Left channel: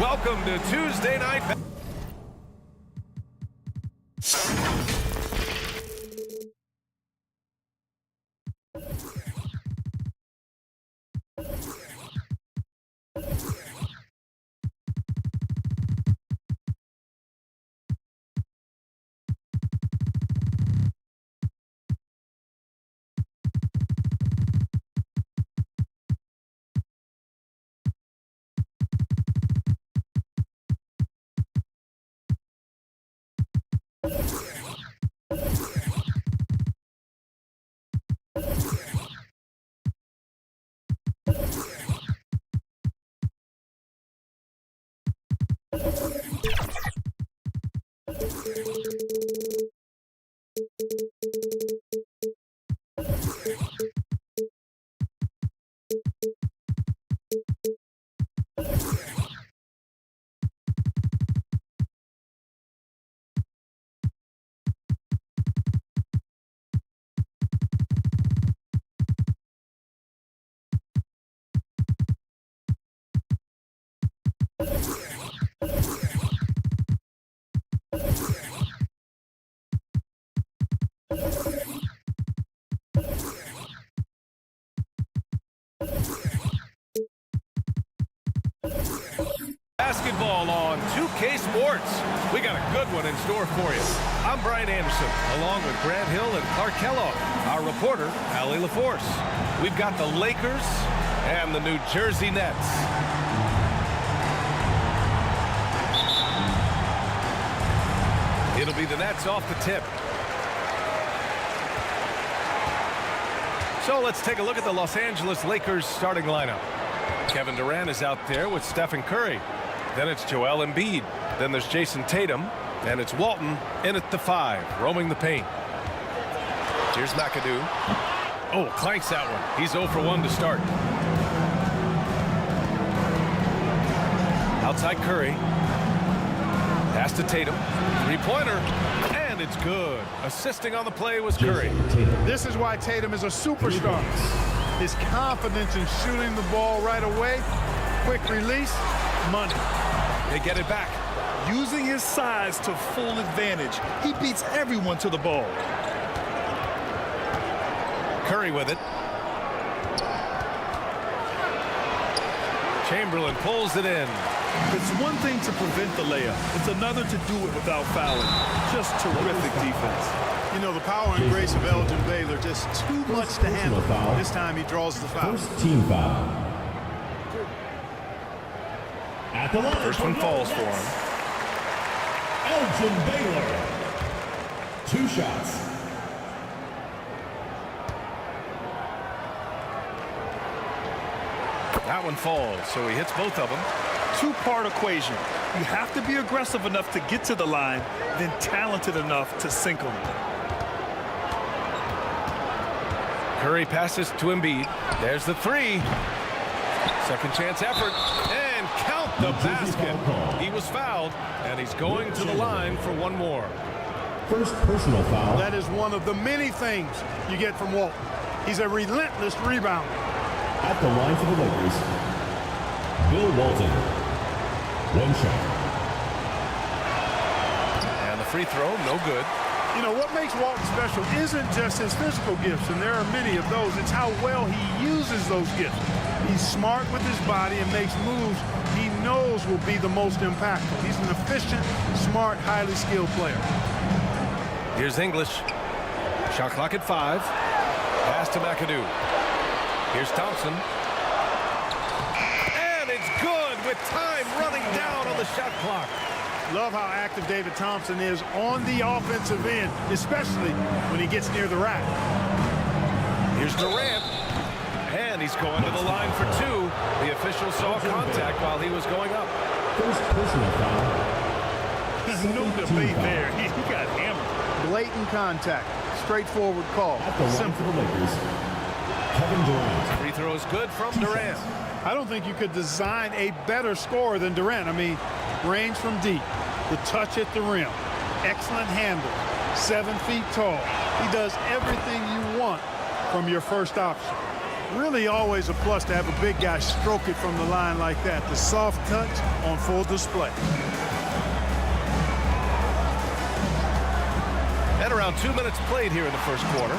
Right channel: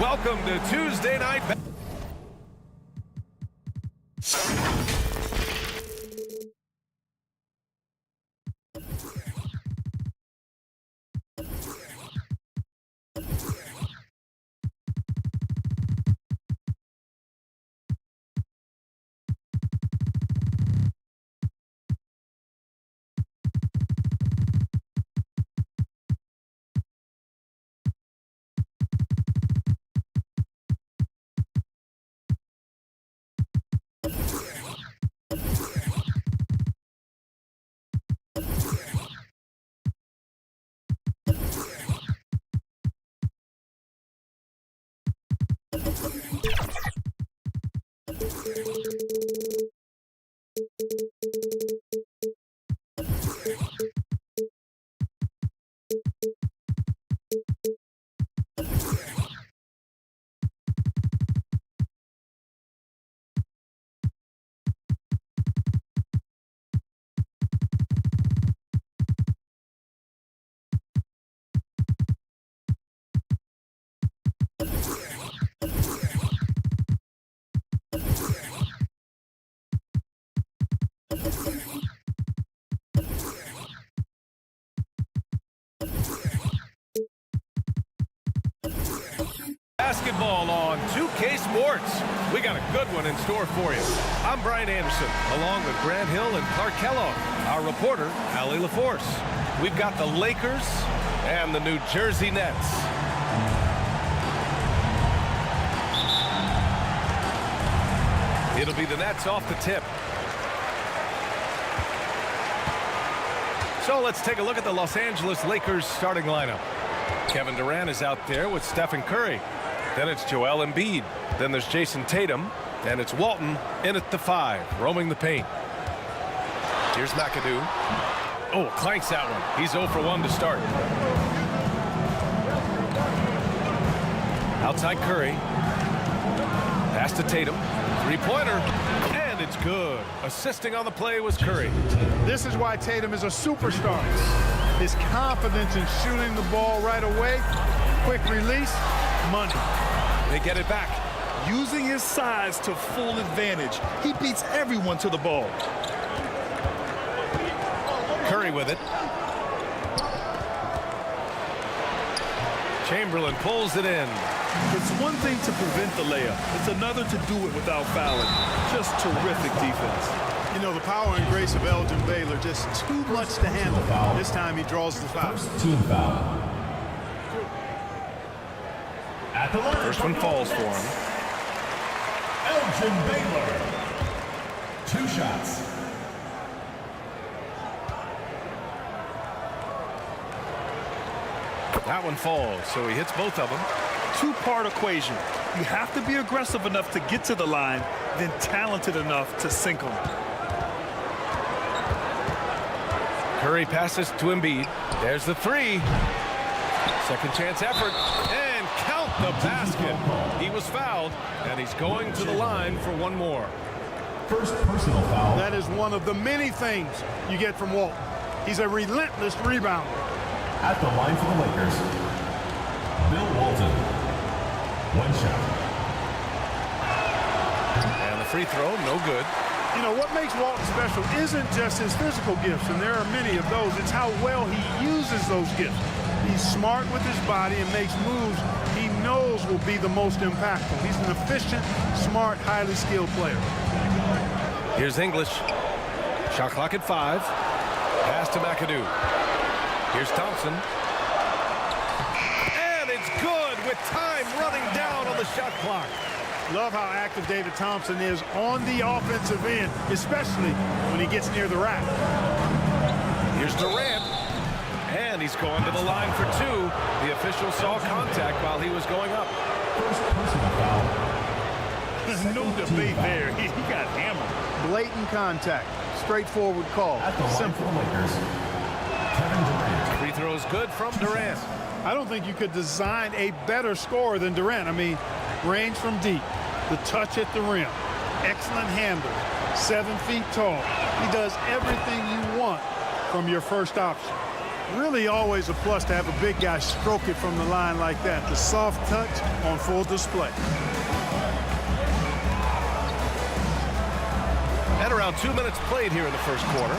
Welcome to Tuesday Night. Basketball on 2K Sports. We got a good one in store for you. I'm Brian Anderson, along with Grant Hill and Clark Kellogg. Our reporter, Allie LaForce. We've got the Lakers and the New Jersey Nets. It'll be the Nets off the tip. So let's take a look at the Los Angeles Lakers starting lineup. Kevin Durant is out there with Stephen Curry. Then it's Joel Embiid. Then there's Jason Tatum. And it's Walton in at the 5, roaming the paint. Here's McAdoo. Oh, clanks that one. He's 0 for 1 to start. Outside Curry. Pass to Tatum. Three-pointer. And it's good. Assisting on the play was Curry. This is why Tatum is a superstar. His confidence in shooting the ball right away. Quick release. Money. They get it back. Using his size to full advantage. He beats everyone to the ball. Curry with it. Chamberlain pulls it in. It's one thing to prevent the layup. It's another to do it without fouling. Just terrific defense. You know, the power and grace of Elgin Baylor, just too much to handle. This time he draws the foul. First team foul. At the line. First one falls for him. Elgin Baylor. 2 shots. That one falls, so he hits both of them. Two-part equation. You have to be aggressive enough to get to the line, then talented enough to sink them. Curry passes to Embiid. There's the 3. Second chance effort. And count the basket. He was fouled, and he's going to the line for one more. First personal foul. That is one of the many things you get from Walton. He's a relentless rebounder. At the line for the Lakers, Bill Walton. 1 shot. And the free throw, no good. You know, what makes Walton special isn't just his physical gifts, and there are many of those. It's how well he uses those gifts. He's smart with his body and makes moves he knows will be the most impactful. He's an efficient, smart, highly skilled player. Here's English. Shot clock at 5. Pass to McAdoo. Here's Thompson. And it's good with time running down on the shot clock. Love how active David Thompson is on the offensive end, especially when he gets near the rack. Here's Durant. And he's going to the line for 2. The official saw contact while he was going up. First personal foul. No debate there. He got hammered. Blatant contact. Straightforward call. At the line for the Lakers, Kevin Durant. Free throw is good from Durant. I don't think you could design a better scorer than Durant. I mean, range from deep, the touch at the rim, excellent handles, 7 feet tall. He does everything you want from your first option. Really always a plus to have a big guy stroke it from the line like that. The soft touch on full display. And around 2 minutes played here in the first quarter.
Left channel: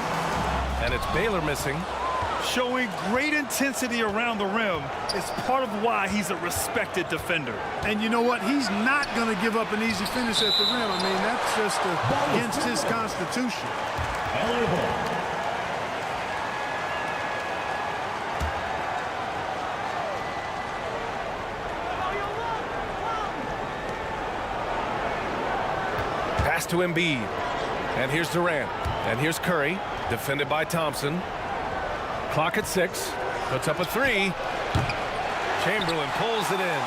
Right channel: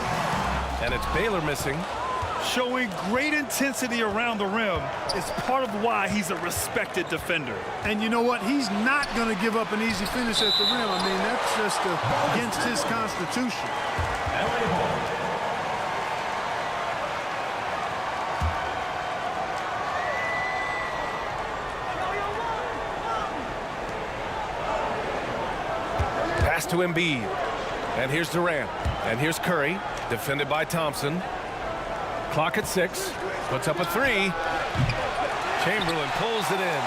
And it's Baylor missing. Showing great intensity around the rim is part of why he's a respected defender. And you know what? He's not going to give up an easy finish at the rim. I mean, that's just against his constitution. LA ball. Pass to Embiid. And here's Durant. And here's Curry, defended by Thompson. Clock at 6. Puts up a 3. Chamberlain pulls it in.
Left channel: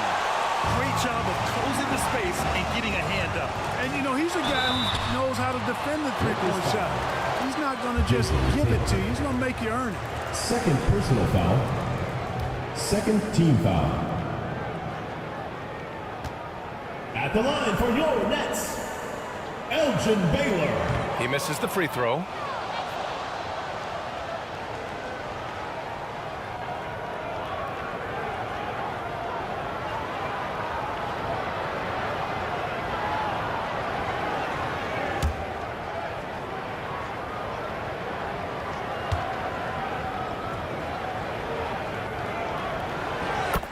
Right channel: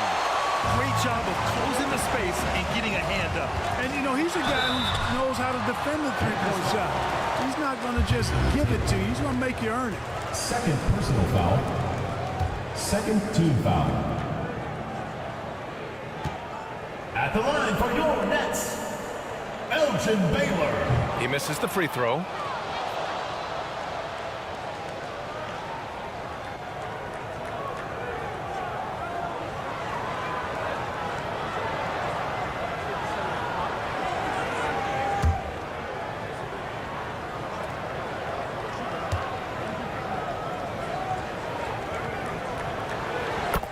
Great job of closing the space and getting a hand up. And, you know, he's a guy who knows how to defend the three-point shot. He's not going to just give it to you. He's going to make you earn it. Second personal foul. Second team foul. At the line for your Nets, Elgin Baylor. He misses the free throw.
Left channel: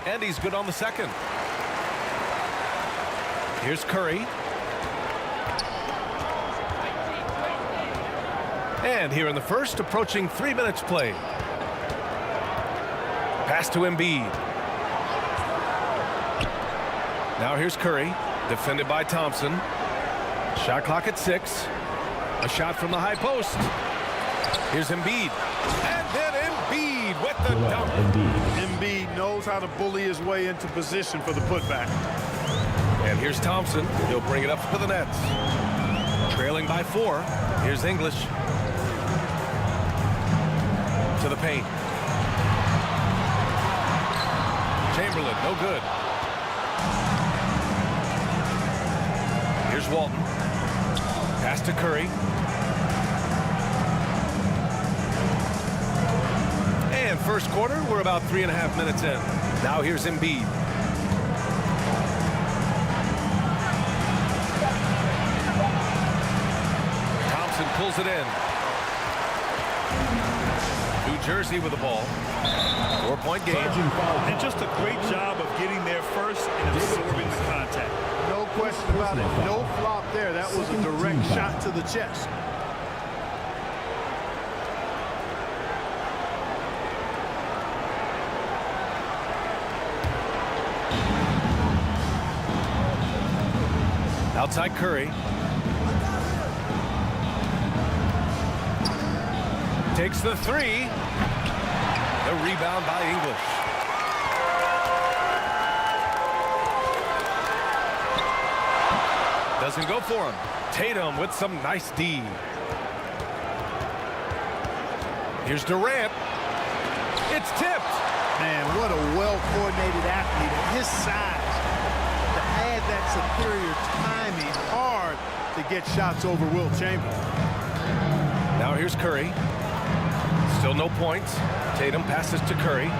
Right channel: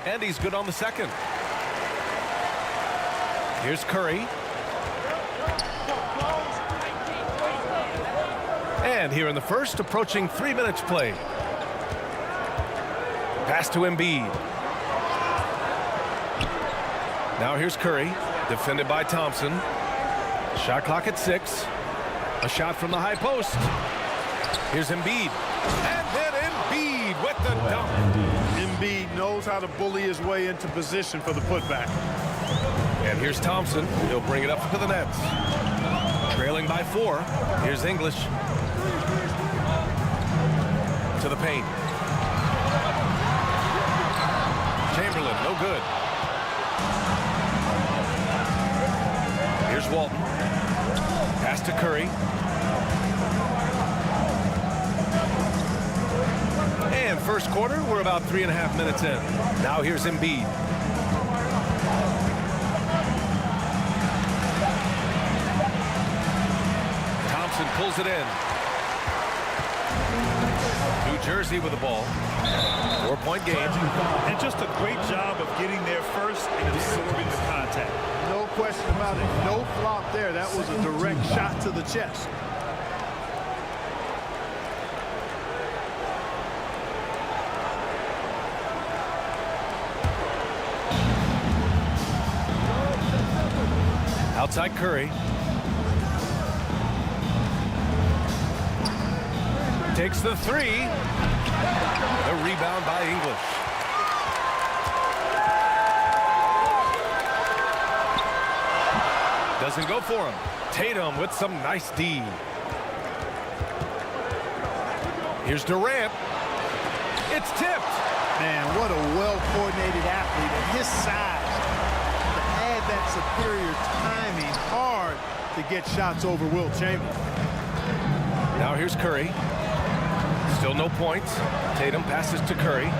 And he's good on the second. Here's Curry. And here in the first, approaching 3 minutes played. Pass to Embiid. Now here's Curry, defended by Thompson. Shot clock at 6. A shot from the high post. Here's Embiid. And then Embiid with the dunk. Embiid knows how to bully his way into position for the putback. And here's Thompson. He'll bring it up to the Nets. Trailing by 4. Here's English. To the paint. Chamberlain, no good. Here's Walton. Pass to Curry. And first quarter, we're about 3.5 minutes in. Now here's Embiid. Thompson pulls it in. New Jersey with the ball. 4-point game. And just a great job of getting there first and absorbing the contact. No question about it. No flop there. That was a direct shot to the chest. Outside Curry. Takes the 3. The rebound by English. Doesn't go for him. Tatum with some nice D. Here's Durant. It's tipped. Man, what a well-coordinated athlete at his size. To add that superior timing, hard to get shots over Wilt Chamberlain. Now here's Curry. Still no points. Tatum passes to Curry.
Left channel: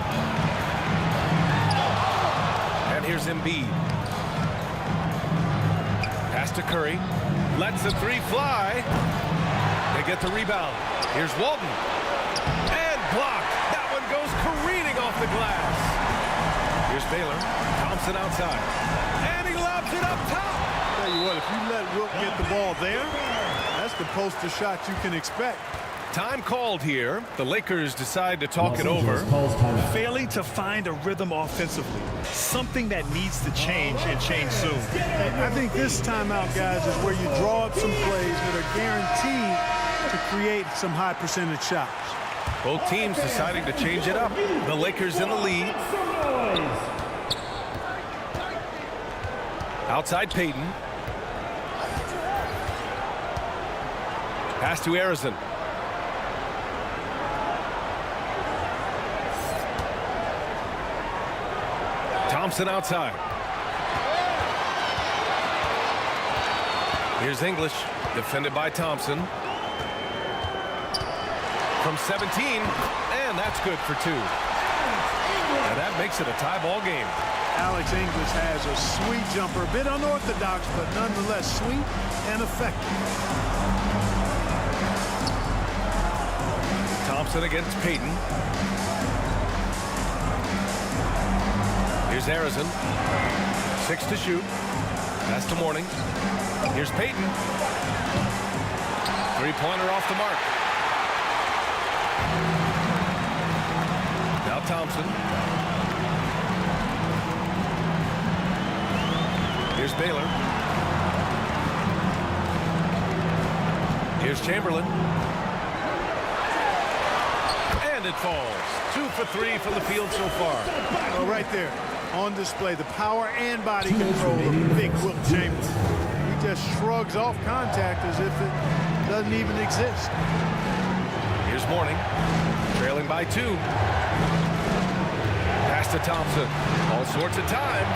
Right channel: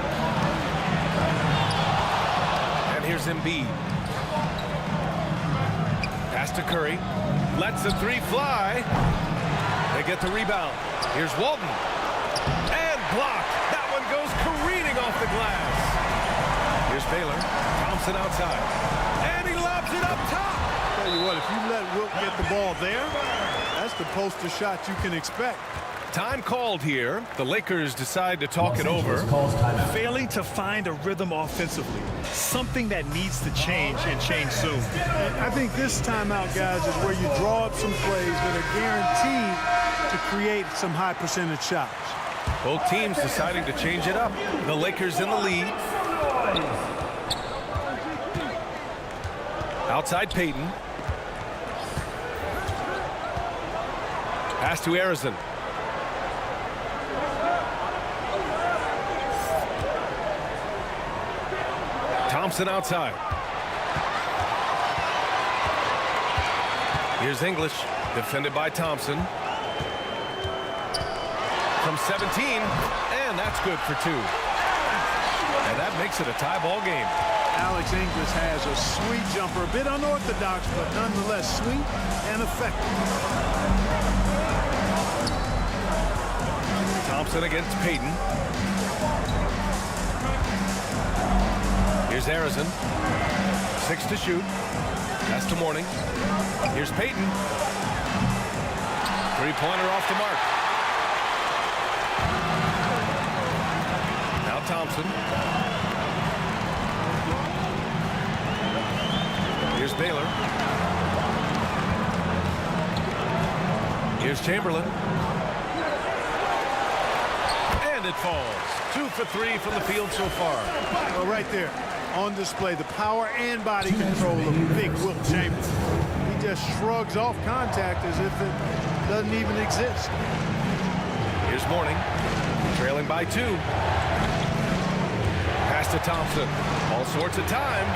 And here's Embiid. Pass to Curry. Lets the 3 fly. They get the rebound. Here's Walton. And blocked. That one goes careening off the glass. Here's Baylor. Thompson outside. And he lobs it up top. Tell you what, if you let Wilt get the ball there, that's the poster shot you can expect. Time called here. The Lakers decide to talk it over. Failing to find a rhythm offensively. Something that needs to change and change soon. And I think this timeout, guys, is where you draw up some plays that are guaranteed to create some high percentage shots. Both teams deciding to change it up. The Lakers in the lead. Outside Payton. Pass to Arizon. Thompson outside. Here's English, defended by Thompson. from 17, and that's good for 2. And that makes it a tie ball game. Alex English has a sweet jumper, a bit unorthodox, but nonetheless sweet and effective. Thompson against Payton. Here's Harrison. 6 to shoot. That's to Morning. Here's Payton. Three-pointer off the mark. Now Thompson. Here's Baylor. Here's Chamberlain. And it falls. 2 for 3 from the field so far. Well, right there on display, the power and body control of big Wilt Chamberlain. He just shrugs off contact as if it doesn't even exist. Here's Morning, trailing by 2. Pass to Thompson. All sorts of time.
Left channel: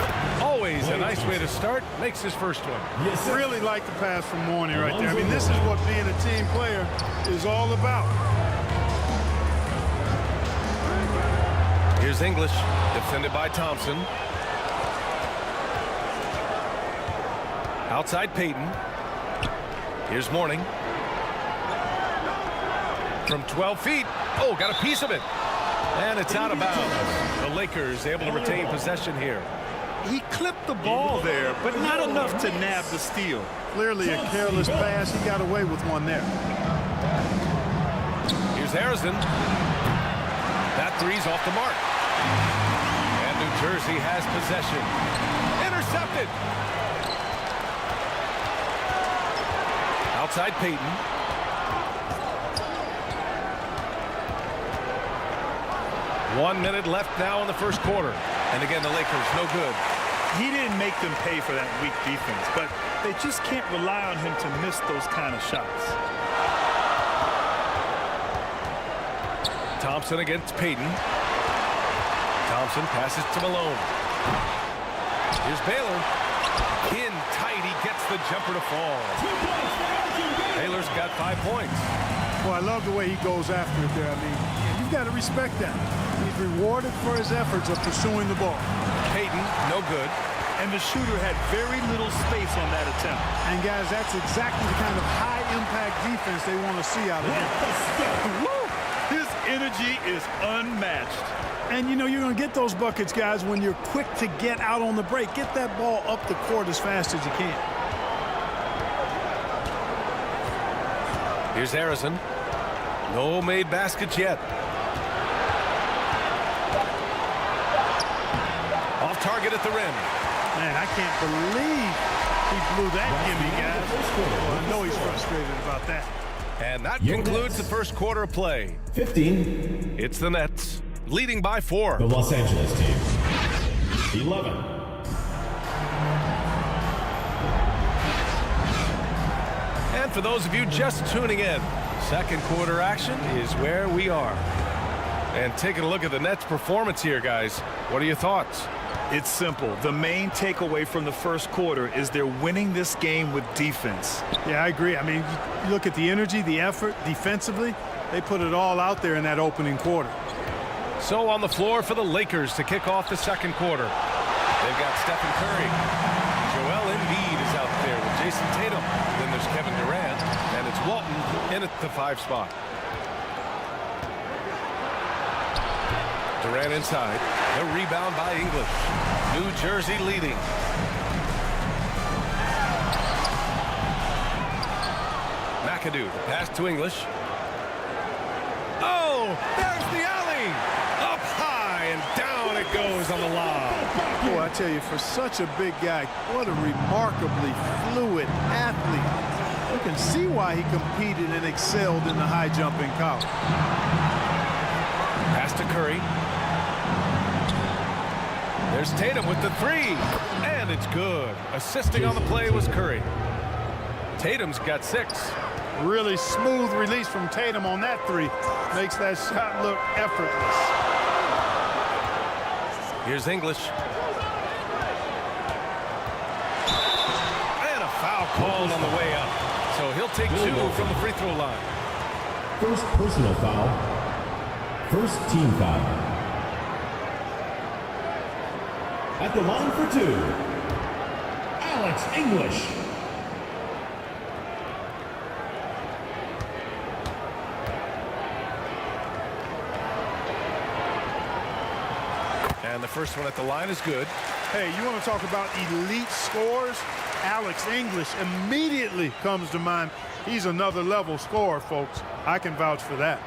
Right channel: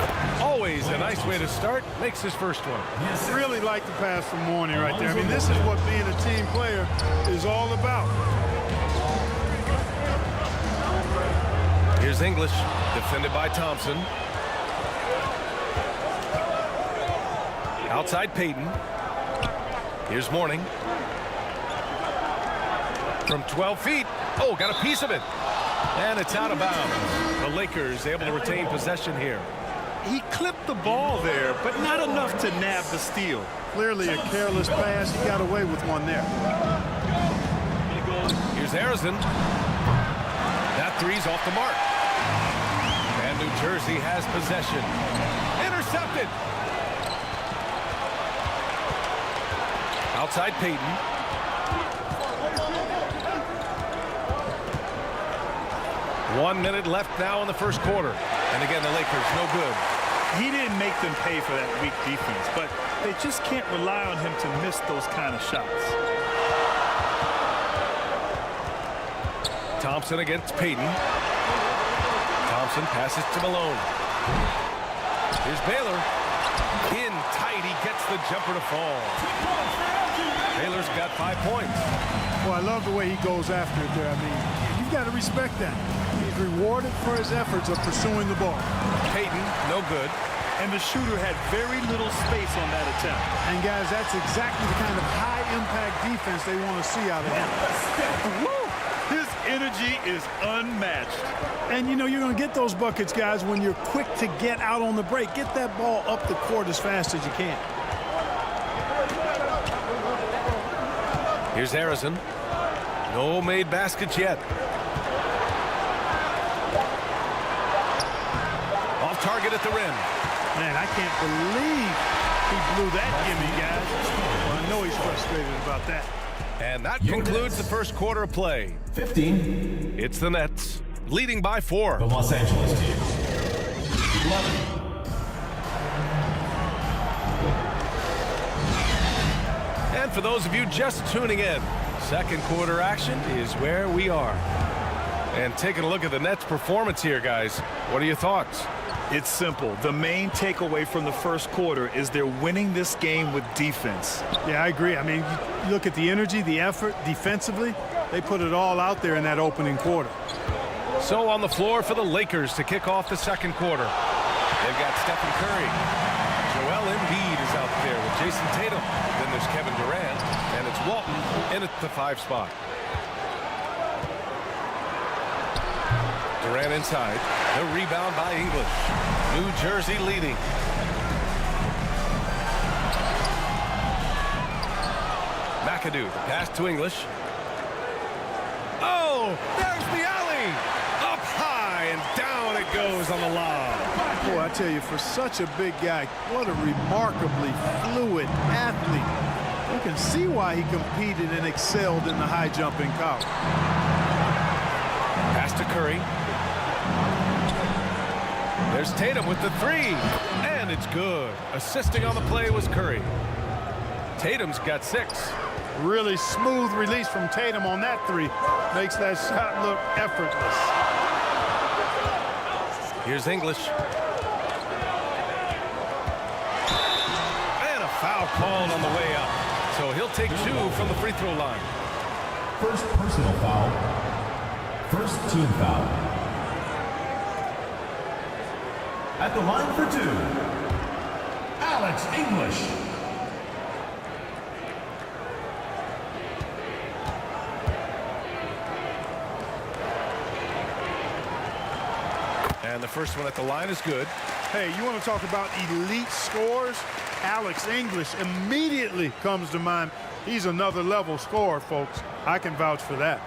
Always a nice way to start. Makes his first one. Yes, really like the pass from Morning right there. I mean, this is what being a team player is all about. Here's English, defended by Thompson. Outside Payton. Here's Morning. From 12 feet. Oh, got a piece of it. And it's out of bounds. The Lakers able to retain possession here. He clipped the ball there, but not enough to nab the steal. Clearly a careless pass. He got away with one there. Here's Harrison. That three's off the mark. And New Jersey has possession. Intercepted. Outside Payton. One minute left now in the first quarter. And again, the Lakers no good. He didn't make them pay for that weak defense, but they just can't rely on him to miss those kind of shots. Thompson against Payton. Thompson passes to Malone. Here's Baylor. In tight, he gets the jumper to fall. Baylor's got 5 points. Well, I love the way he goes after it there. I mean, you've got to respect that. He's rewarded for his efforts of pursuing the ball. Payton, no good. And the shooter had very little space on that attempt. And guys, that's exactly the kind of high-impact defense they want to see out of him. Woo! His energy is unmatched. And, you know, you're going to get those buckets, guys, when you're quick to get out on the break. Get that ball up the court as fast as you can. Here's Harrison. No made baskets yet. Off target at the rim. Man, I can't believe he blew that gimme, guys. Well, I know he's frustrated about that. And that concludes the first quarter of play. 15. It's the Nets, leading by 4. The Los Angeles team. 11. And for those of you just tuning in, second quarter action is where we are. And taking a look at the Nets' performance here, guys. What are your thoughts? It's simple. The main takeaway from the first quarter is they're winning this game with defense. Yeah, I agree. I mean, you look at the energy, the effort, defensively, they put it all out there in that opening quarter. So on the floor for the Lakers to kick off the second quarter. They've got Stephen Curry. Joel Embiid is out there with Jason Tatum. Then there's Kevin Durant, and it's Walton in at the 5 spot. Durant inside. The rebound by English. New Jersey leading. McAdoo, the pass to English. Oh, there's the alley. Up high and down it goes on the lob. Boy, I tell you, for such a big guy, what a remarkably fluid athlete. You can see why he competed and excelled in the high jump in college. Pass to Curry. There's Tatum with the 3, and it's good. Assisting on the play was Curry. Tatum's got 6. Really smooth release from Tatum on that 3. Makes that shot look effortless. Here's English. And a foul called on the way up. So he'll take 2 from the free throw line. First personal foul. First team foul. At the line for two, Alex English. And the first one at the line is good. Hey, you want to talk about elite scores? Alex English immediately comes to mind. He's another level scorer, folks. I can vouch for that.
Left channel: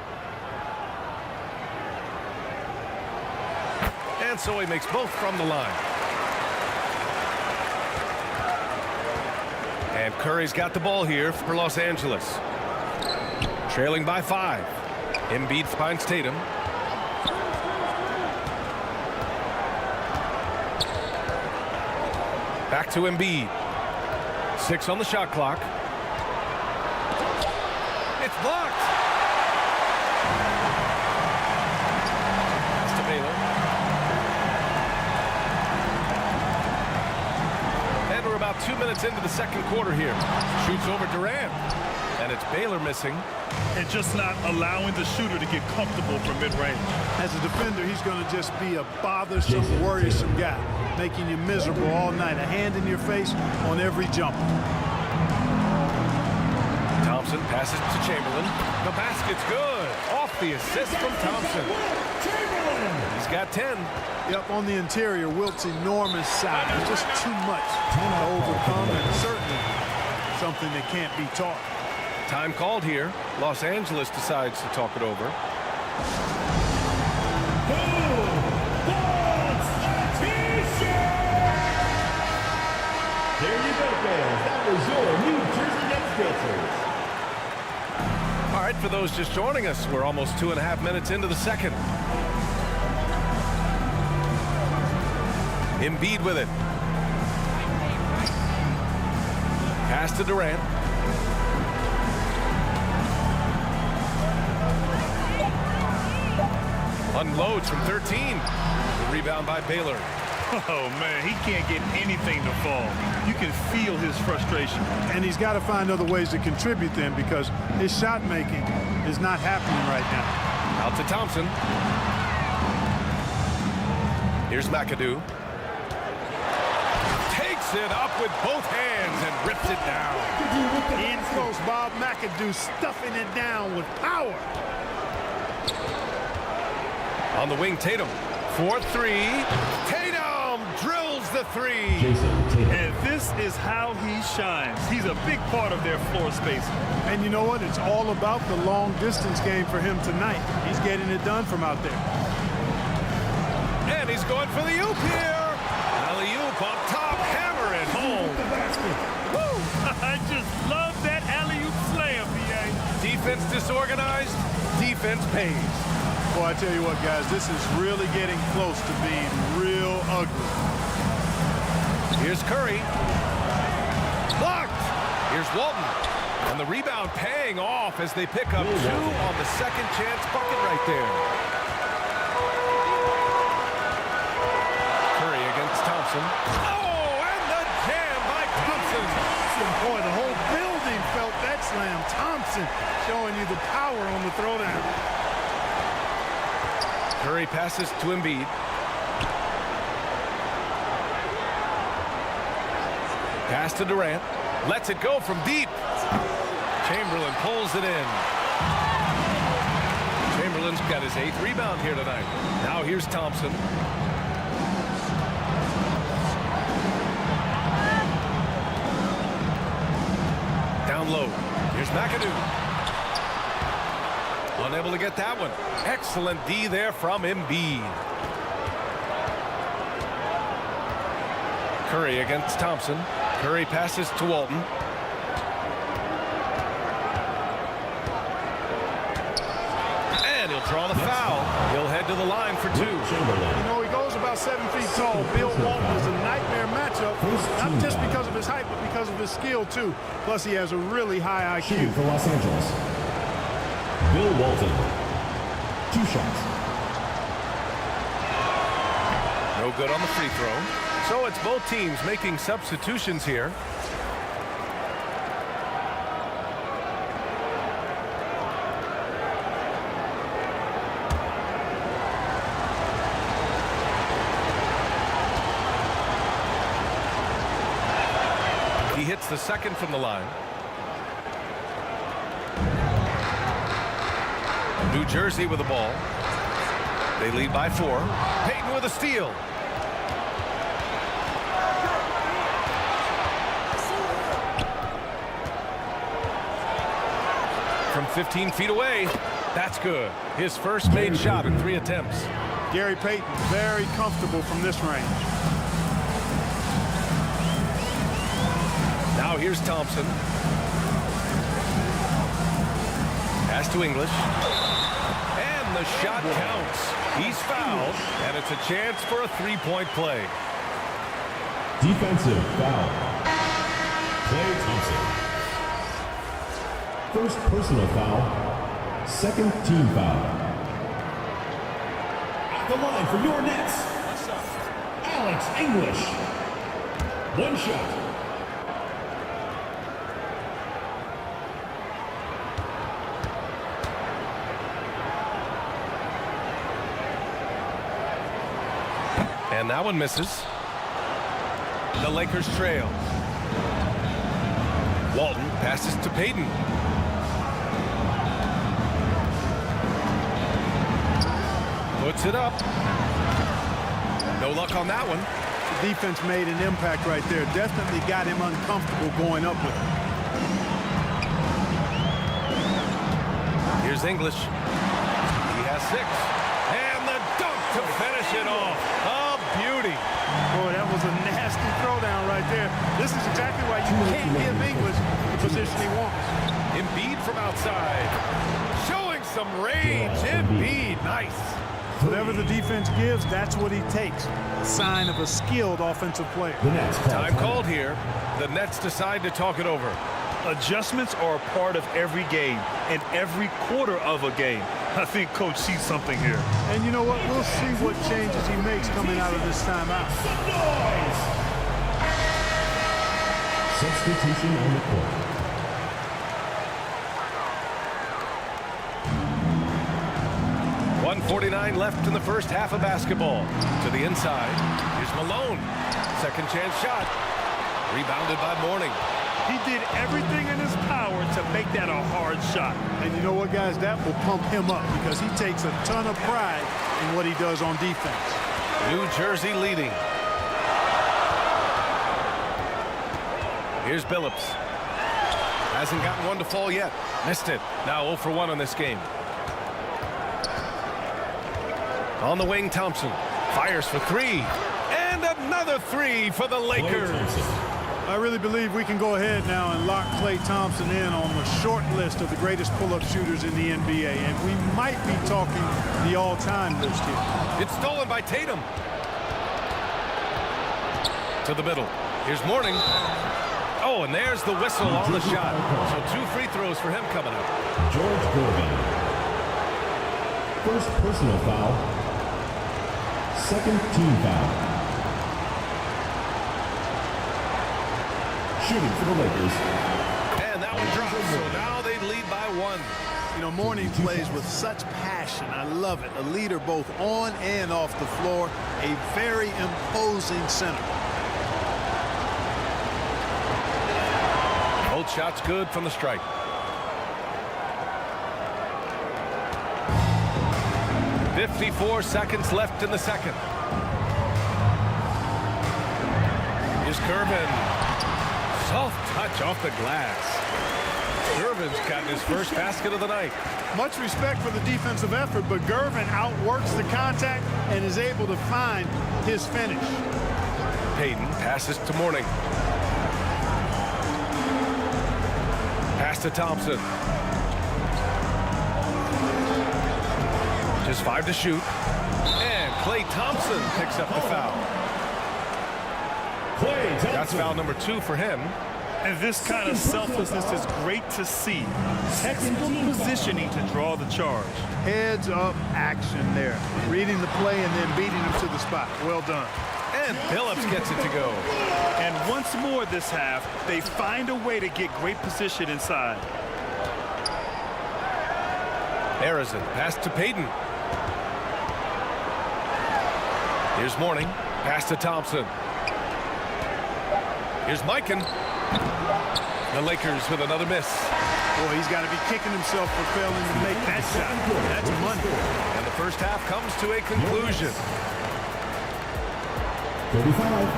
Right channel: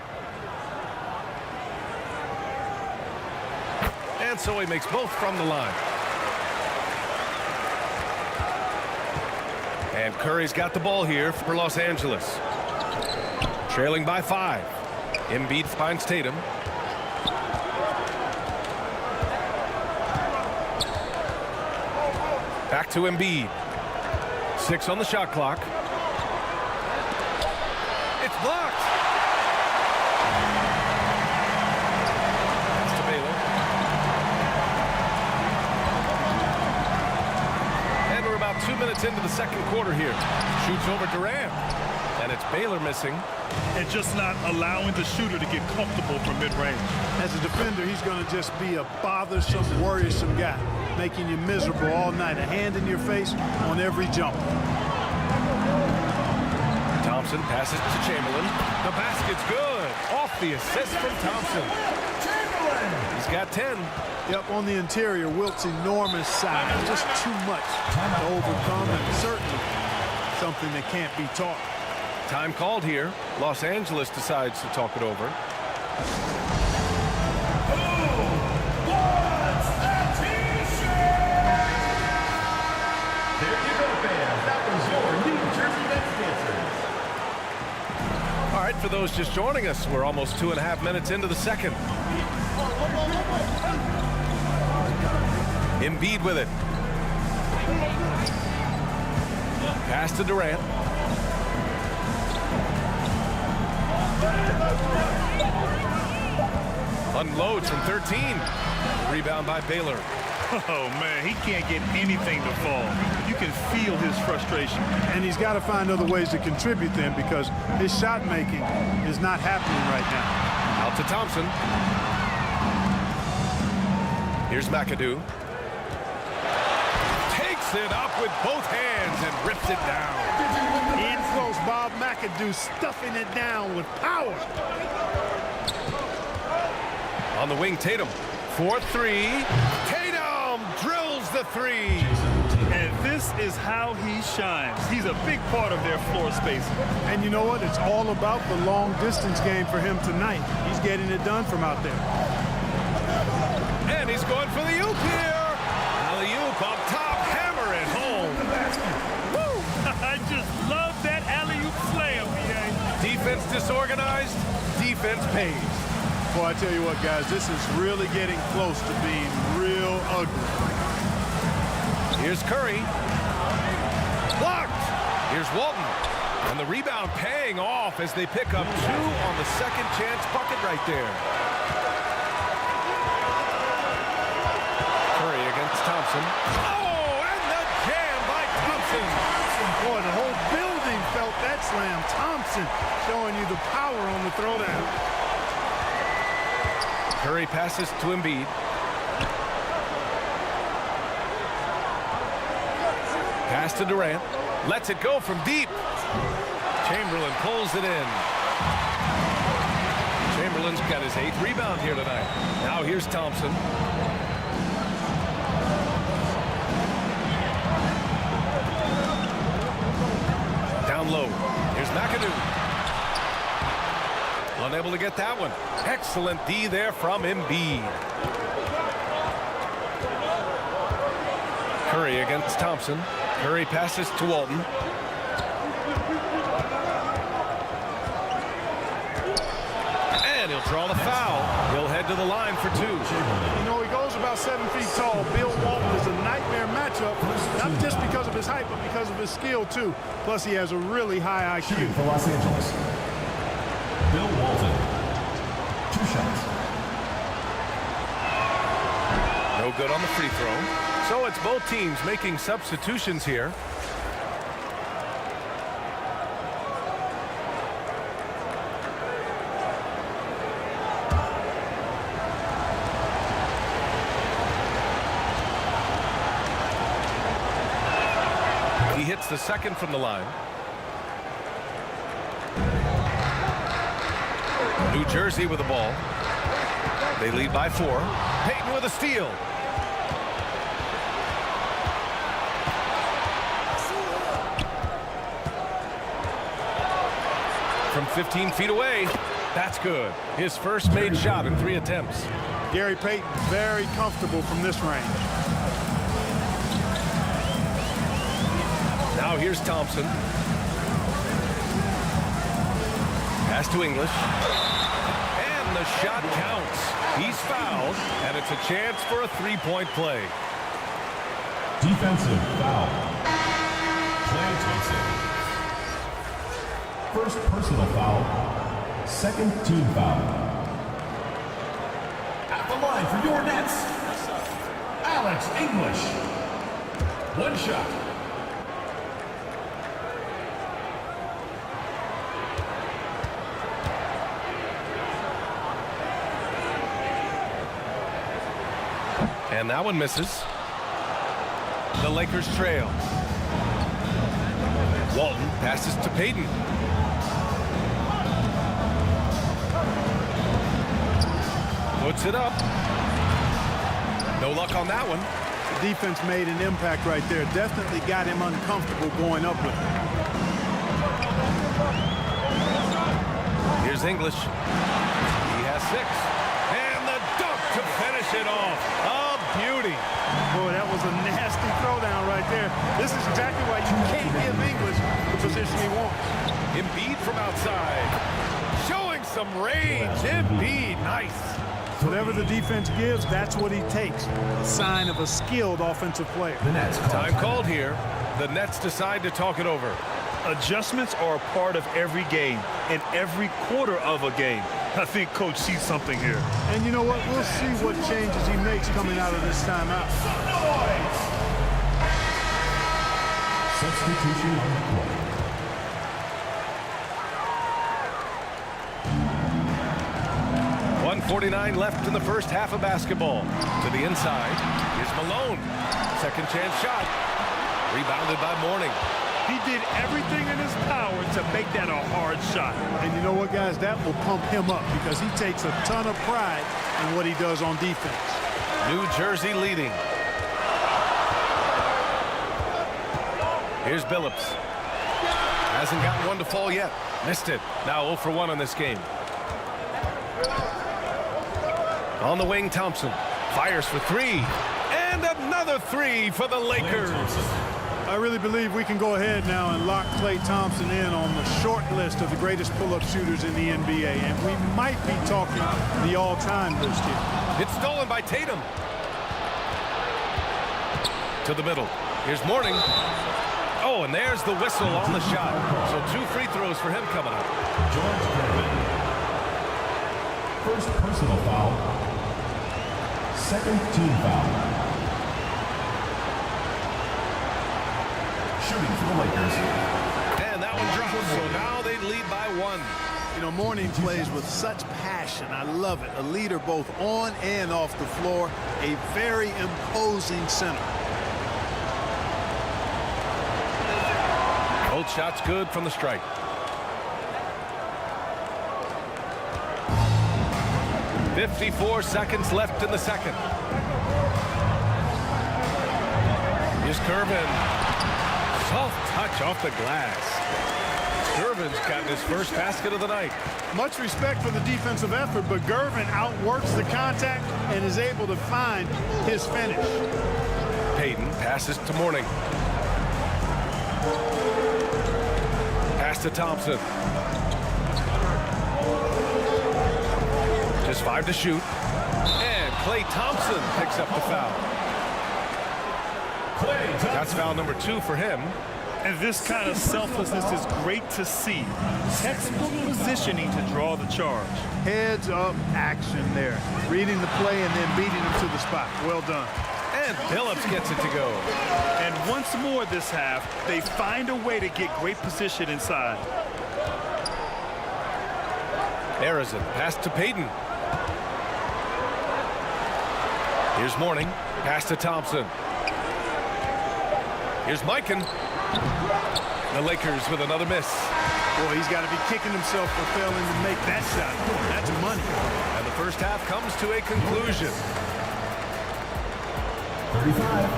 And so he makes both from the line. And Curry's got the ball here for Los Angeles. Trailing by 5. Embiid finds Tatum. Back to Embiid. 6 on the shot clock. It's blocked. Pass to Baylor. And we're about 2 minutes into the second quarter here. Shoots over Durant. And it's Baylor missing. And just not allowing the shooter to get comfortable from mid-range. As a defender, he's going to just be a bothersome, worrisome guy, making you miserable all night. A hand in your face on every jumper. Thompson passes to Chamberlain. The basket's good. Off the assist from Thompson. He's got 10. Yep, on the interior, Wilt's enormous size. Just too much to overcome, and certainly something that can't be taught. Time called here. Los Angeles decides to talk it over. There you go, fans. That was your New Jersey Nets dancers. All right, for those just joining us, we're almost 2.5 minutes into the second. Embiid with it. Pass to Durant. Unloads from 13. Rebound by Baylor. Oh, man, he can't get anything to fall. You can feel his frustration. And he's got to find other ways to contribute then, because his shot making is not happening right now. Out to Thompson. Here's McAdoo. Takes it up with both hands and rips it down. In close, Bob McAdoo stuffing it down with power. On the wing, Tatum. 4-3. Tatum drills the 3. And this is how he shines. He's a big part of their floor space. And you know what? It's all about the long distance game for him tonight. He's getting it done from out there. And he's going for the oop here. Alley-oop up top, hammer it home. Woo! I just love that alley-oop slam, B.A. Defense disorganized, defense pays. Boy, I tell you what, guys, this is really getting close to being real ugly. Here's Curry. Blocked. Here's Walton. And the rebound paying off as they pick up 2 on the second chance bucket right there. Curry against Thompson. Oh, and the jam by Thompson. Boy, the whole building felt that slam. Thompson showing you the power on the throwdown. Curry passes to Embiid. Pass to Durant. Lets it go from deep. Chamberlain pulls it in. Chamberlain's got his 8th rebound here tonight. Now here's Thompson. Down low. Here's McAdoo. Unable to get that one. Excellent D there from Embiid. Curry against Thompson. Curry passes to Walton. And he'll draw the foul. He'll head to the line for 2. You know, he goes about 7 feet tall. Bill Walton is a nightmare matchup, not just because of his height, but because of his skill, too. Plus, he has a really high IQ. Shooting for Los Angeles, Bill Walton. 2 shots. No good on the free throw. So it's both teams making substitutions here. He hits the second from the line. New Jersey with the ball. They lead by 4. Payton with a steal. From 15 feet away. That's good. His first made shot in 3 attempts. Gary Payton very comfortable from this range. Now here's Thompson. Pass to English. And the shot counts. He's fouled, and it's a chance for a 3-point play. Defensive foul. Klay Thompson. First personal foul. Second team foul. At the line for your Nets. What's up? Alex English. 1 shot. And that one misses. The Lakers trail. Walton passes to Payton. Puts it up. No luck on that one. The defense made an impact right there. Definitely got him uncomfortable going up with it. Here's English. He has 6. And the dunk to finish it off. A beauty. Boy, that was a nasty throwdown right there. This is exactly why you can't give English the position he wants. Embiid from outside. Showing some range. Embiid, nice. Whatever the defense gives, that's what he takes. A sign of a skilled offensive player. The Nets call Time called here. The Nets decide to talk it over. Adjustments are a part of every game and every quarter of a game. I think Coach sees something here. And you know what? We'll see what changes he makes coming out of this timeout. Some noise. Substitution on the court. .149 left in the first half of basketball. To the inside. Here's Malone. Second chance shot. Rebounded by Mourning. He did everything in his power to make that a hard shot. And you know what, guys? That will pump him up because he takes a ton of pride in what he does on defense. New Jersey leading. Here's Billups. Hasn't gotten one to fall yet. Missed it. Now 0 for 1 on this game. On the wing, Thompson. Fires for 3. And another 3 for the Lakers. I really believe we can go ahead now and lock Klay Thompson in on the short list of the greatest pull-up shooters in the NBA. And we might be talking the all-time list here. It's stolen by Tatum. To the middle. Here's Mourning. Oh, and there's the whistle on the shot. So 2 free throws for him coming up. George Gervin. First personal foul. Second team foul. Shooting for the Lakers. And that one drops, so now they lead by 1. You know, Mourning plays with such passion. I love it. A leader both on and off the floor. A very imposing center. Both shots good from the strike. .54 seconds left in the second. Here's Gervin. Soft touch off the glass. Gervin's gotten his first basket of the night. Much respect for the defensive effort, but Gervin outworks the contact and is able to find his finish. Payton passes to Mourning. Pass to Thompson. Just 5 to shoot. And Klay Thompson picks up the foul. That's foul number 2 for him. And this kind of selflessness is great to see. Textbook positioning to draw the charge. Heads up action there. Reading the play and then beating him to the spot. Well done. And Billups gets it to go. And once more this half, they find a way to get great position inside. Harrison, pass to Payton. Here's Mourning. Pass to Thompson. Here's Mikan. The Lakers with another miss. Boy, he's got to be kicking himself for failing to make that shot. That's money. And the first half comes to a conclusion. 35.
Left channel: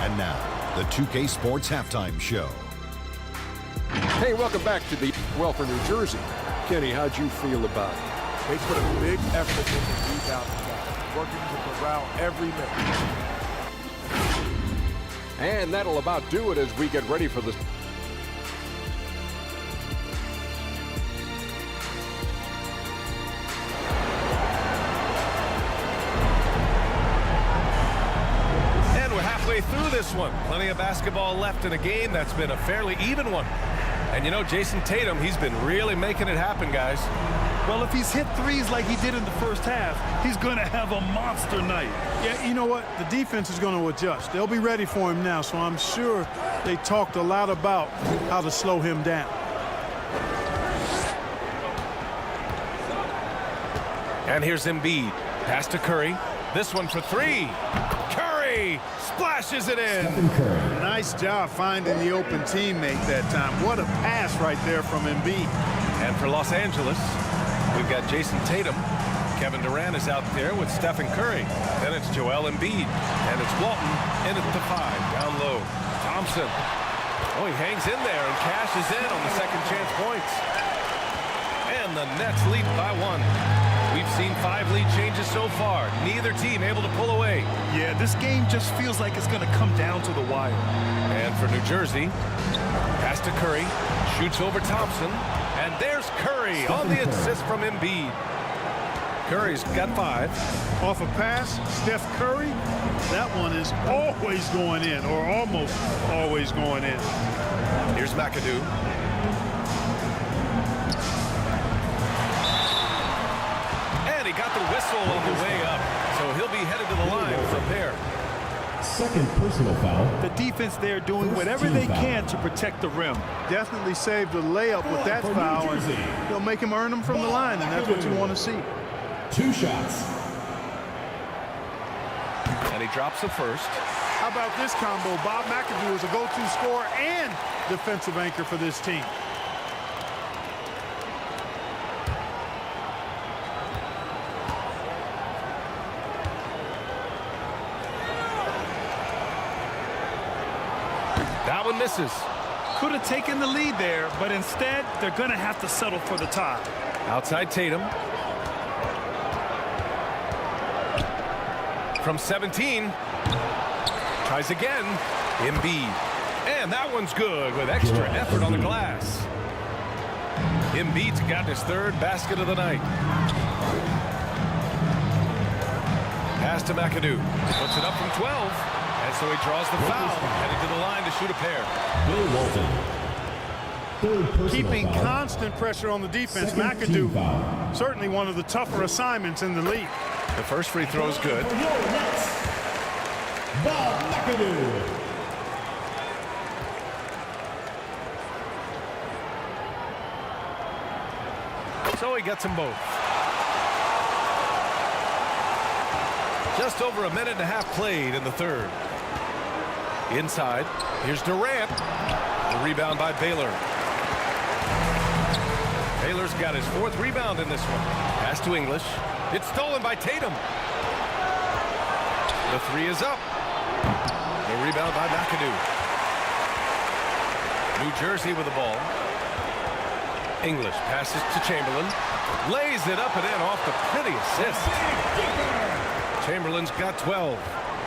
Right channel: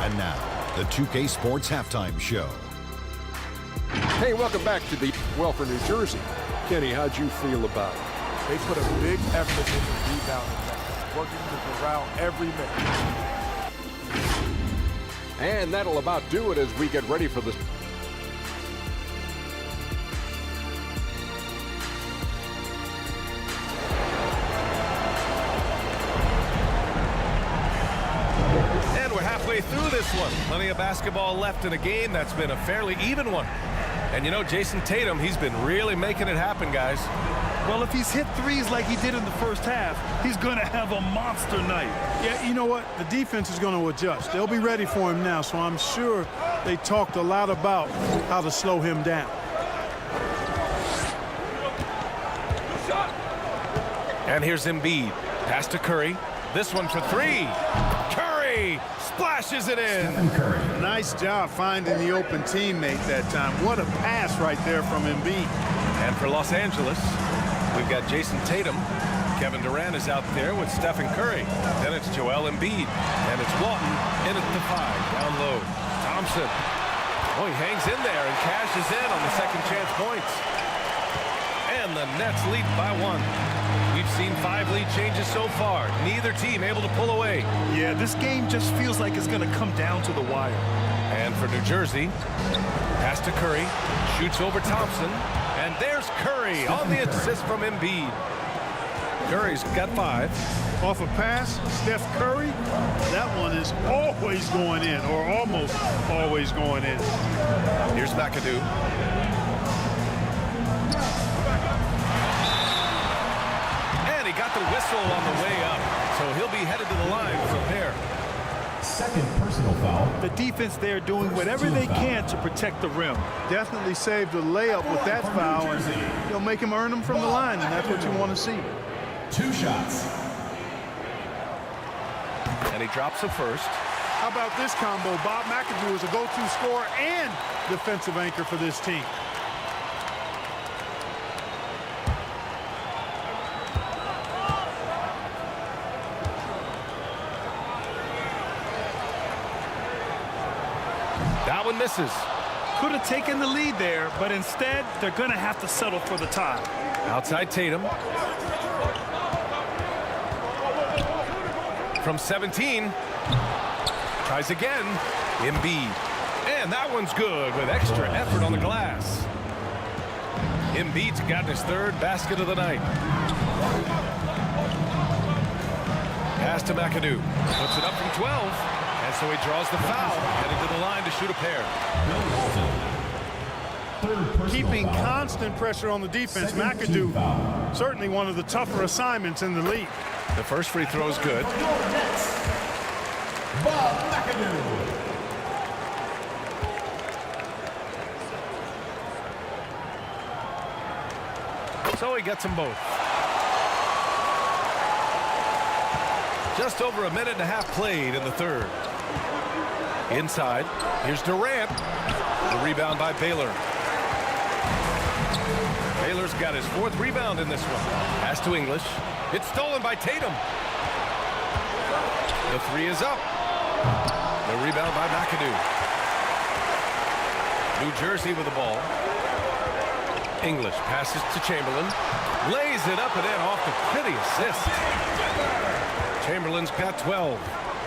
And now, the 2K Sports Halftime Show. Hey, welcome back to the well for New Jersey. Kenny, how'd you feel about it? They put a big effort in the rebounding battle, working to corral every minute. And that'll about do it as we get ready for this. And we're halfway through this one. Plenty of basketball left in a game that's been a fairly even one. And you know, Jason Tatum, he's been really making it happen, guys. Well, if he's hit threes like he did in the first half, he's going to have a monster night. Yeah, you know what? The defense is going to adjust. They'll be ready for him now, so I'm sure they talked a lot about how to slow him down. And here's Embiid. Pass to Curry. This one for three. Curry splashes it in. Stephen Curry. Nice job finding the open teammate that time. What a pass right there from Embiid. And for Los Angeles, we've got Jason Tatum. Kevin Durant is out there with Stephen Curry. Then it's Joel Embiid. And it's Walton in at the 5, down low. Thompson. Oh, he hangs in there and cashes in on the second chance points. And the Nets lead by 1. We've seen 5 lead changes so far. Neither team able to pull away. Yeah, this game just feels like it's going to come down to the wire. And for New Jersey, pass to Curry. Shoots over Thompson. And there's Curry on the assist from Embiid. Curry's got 5. Off a pass, Steph Curry, that one is always going in, or almost always going in. Here's McAdoo. And he got the whistle on the way up, so he'll be headed to the line for a pair. Second personal foul. The defense there doing whatever they can to protect the rim. Definitely saved a layup with that foul, and he'll make him earn them from the line, and that's what you want to see. 2 shots. And he drops the first. How about this combo? Bob McAdoo is a go-to scorer and defensive anchor for this team. That one misses. Could have taken the lead there, but instead, they're going to have to settle for the tie. Outside Tatum. From 17. Tries again. Embiid. And that one's good with extra effort on the glass. Embiid's got his 3rd basket of the night. Pass to McAdoo. Puts it up from 12. And so he draws the foul. Headed to the line to shoot a pair. Bill Walton. 3rd personal Keeping foul. constant pressure on the defense. Second team McAdoo, foul. certainly one of the tougher assignments in the league. The first free throw is good. For your Nets, Bob McAdoo. So he gets them both. Just over a minute and a half played in the 3rd. Inside, here's Durant. The rebound by Baylor. Baylor's got his 4th rebound in this one. Pass to English. It's stolen by Tatum. The 3 is up. The rebound by McAdoo. New Jersey with the ball. English passes to Chamberlain. Lays it up and in off the pretty assist. Chamberlain's got 12.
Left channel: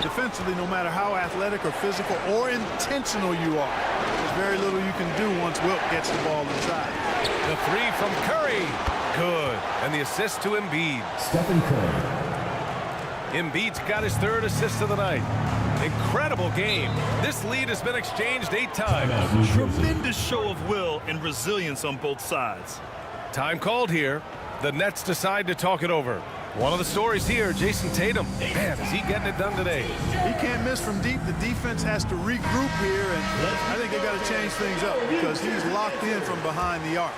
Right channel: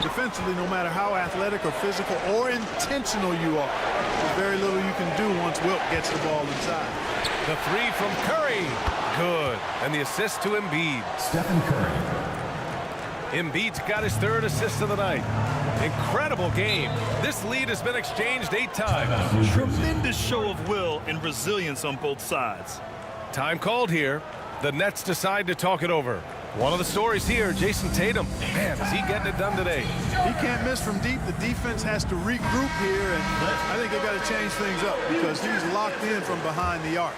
Defensively, no matter how athletic or physical or intentional you are, there's very little you can do once Wilt gets the ball inside. The 3 from Curry. Good. And the assist to Embiid. Stephen Curry. Embiid's got his 3rd assist of the night. Incredible game. This lead has been exchanged 8 times. Timeout, New Jersey. Tremendous show of will and resilience on both sides. Time called here. The Nets decide to talk it over. One of the stories here, Jason Tatum. Man, is he getting it done today? He can't miss from deep. The defense has to regroup here, and I think they've got to change things up because he's locked in from behind the arc.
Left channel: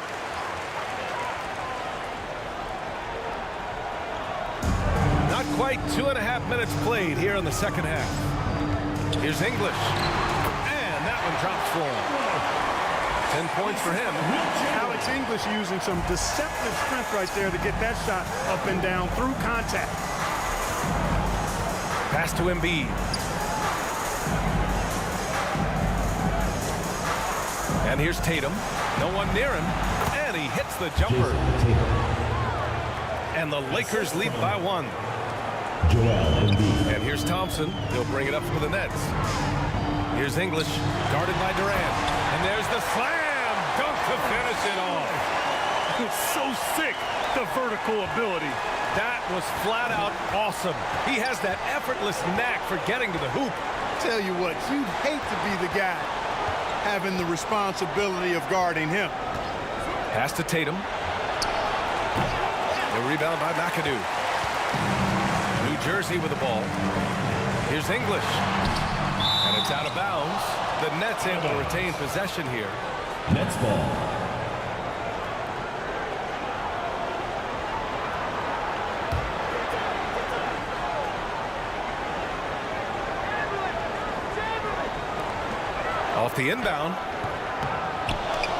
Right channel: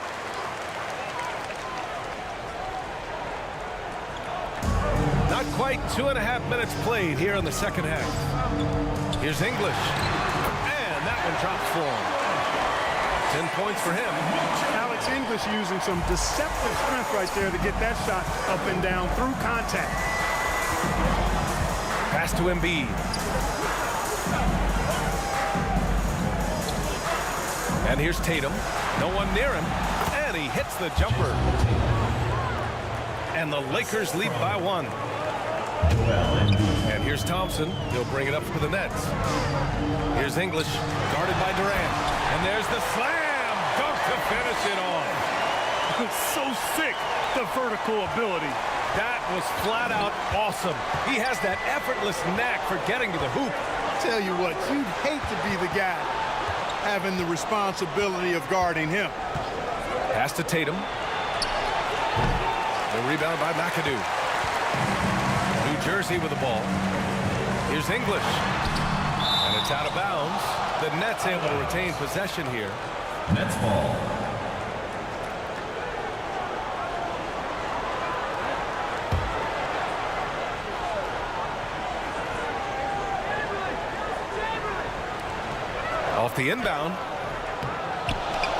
Not quite 2.5 minutes played here in the second half. Here's English. And and that one drops for him. 10 points for him. Alex English using some deceptive strength right there to get that shot up and down through contact. Pass to Embiid. And here's Tatum. No one near him. And he hits the jumper. And the Lakers lead by 1. And here's Thompson. He'll bring it up for the Nets. Here's English, guarded by Durant. And there's the slam dunk to finish it off. So sick, the vertical ability. That was flat out awesome. He has that effortless knack for getting to the hoop. Tell you what, you'd hate to be the guy having the responsibility of guarding him. Pass to Tatum. The rebound by McAdoo. New Jersey with the ball. Here's English. And it's out of bounds. The Nets able to retain possession here. Nets ball. Off the inbound.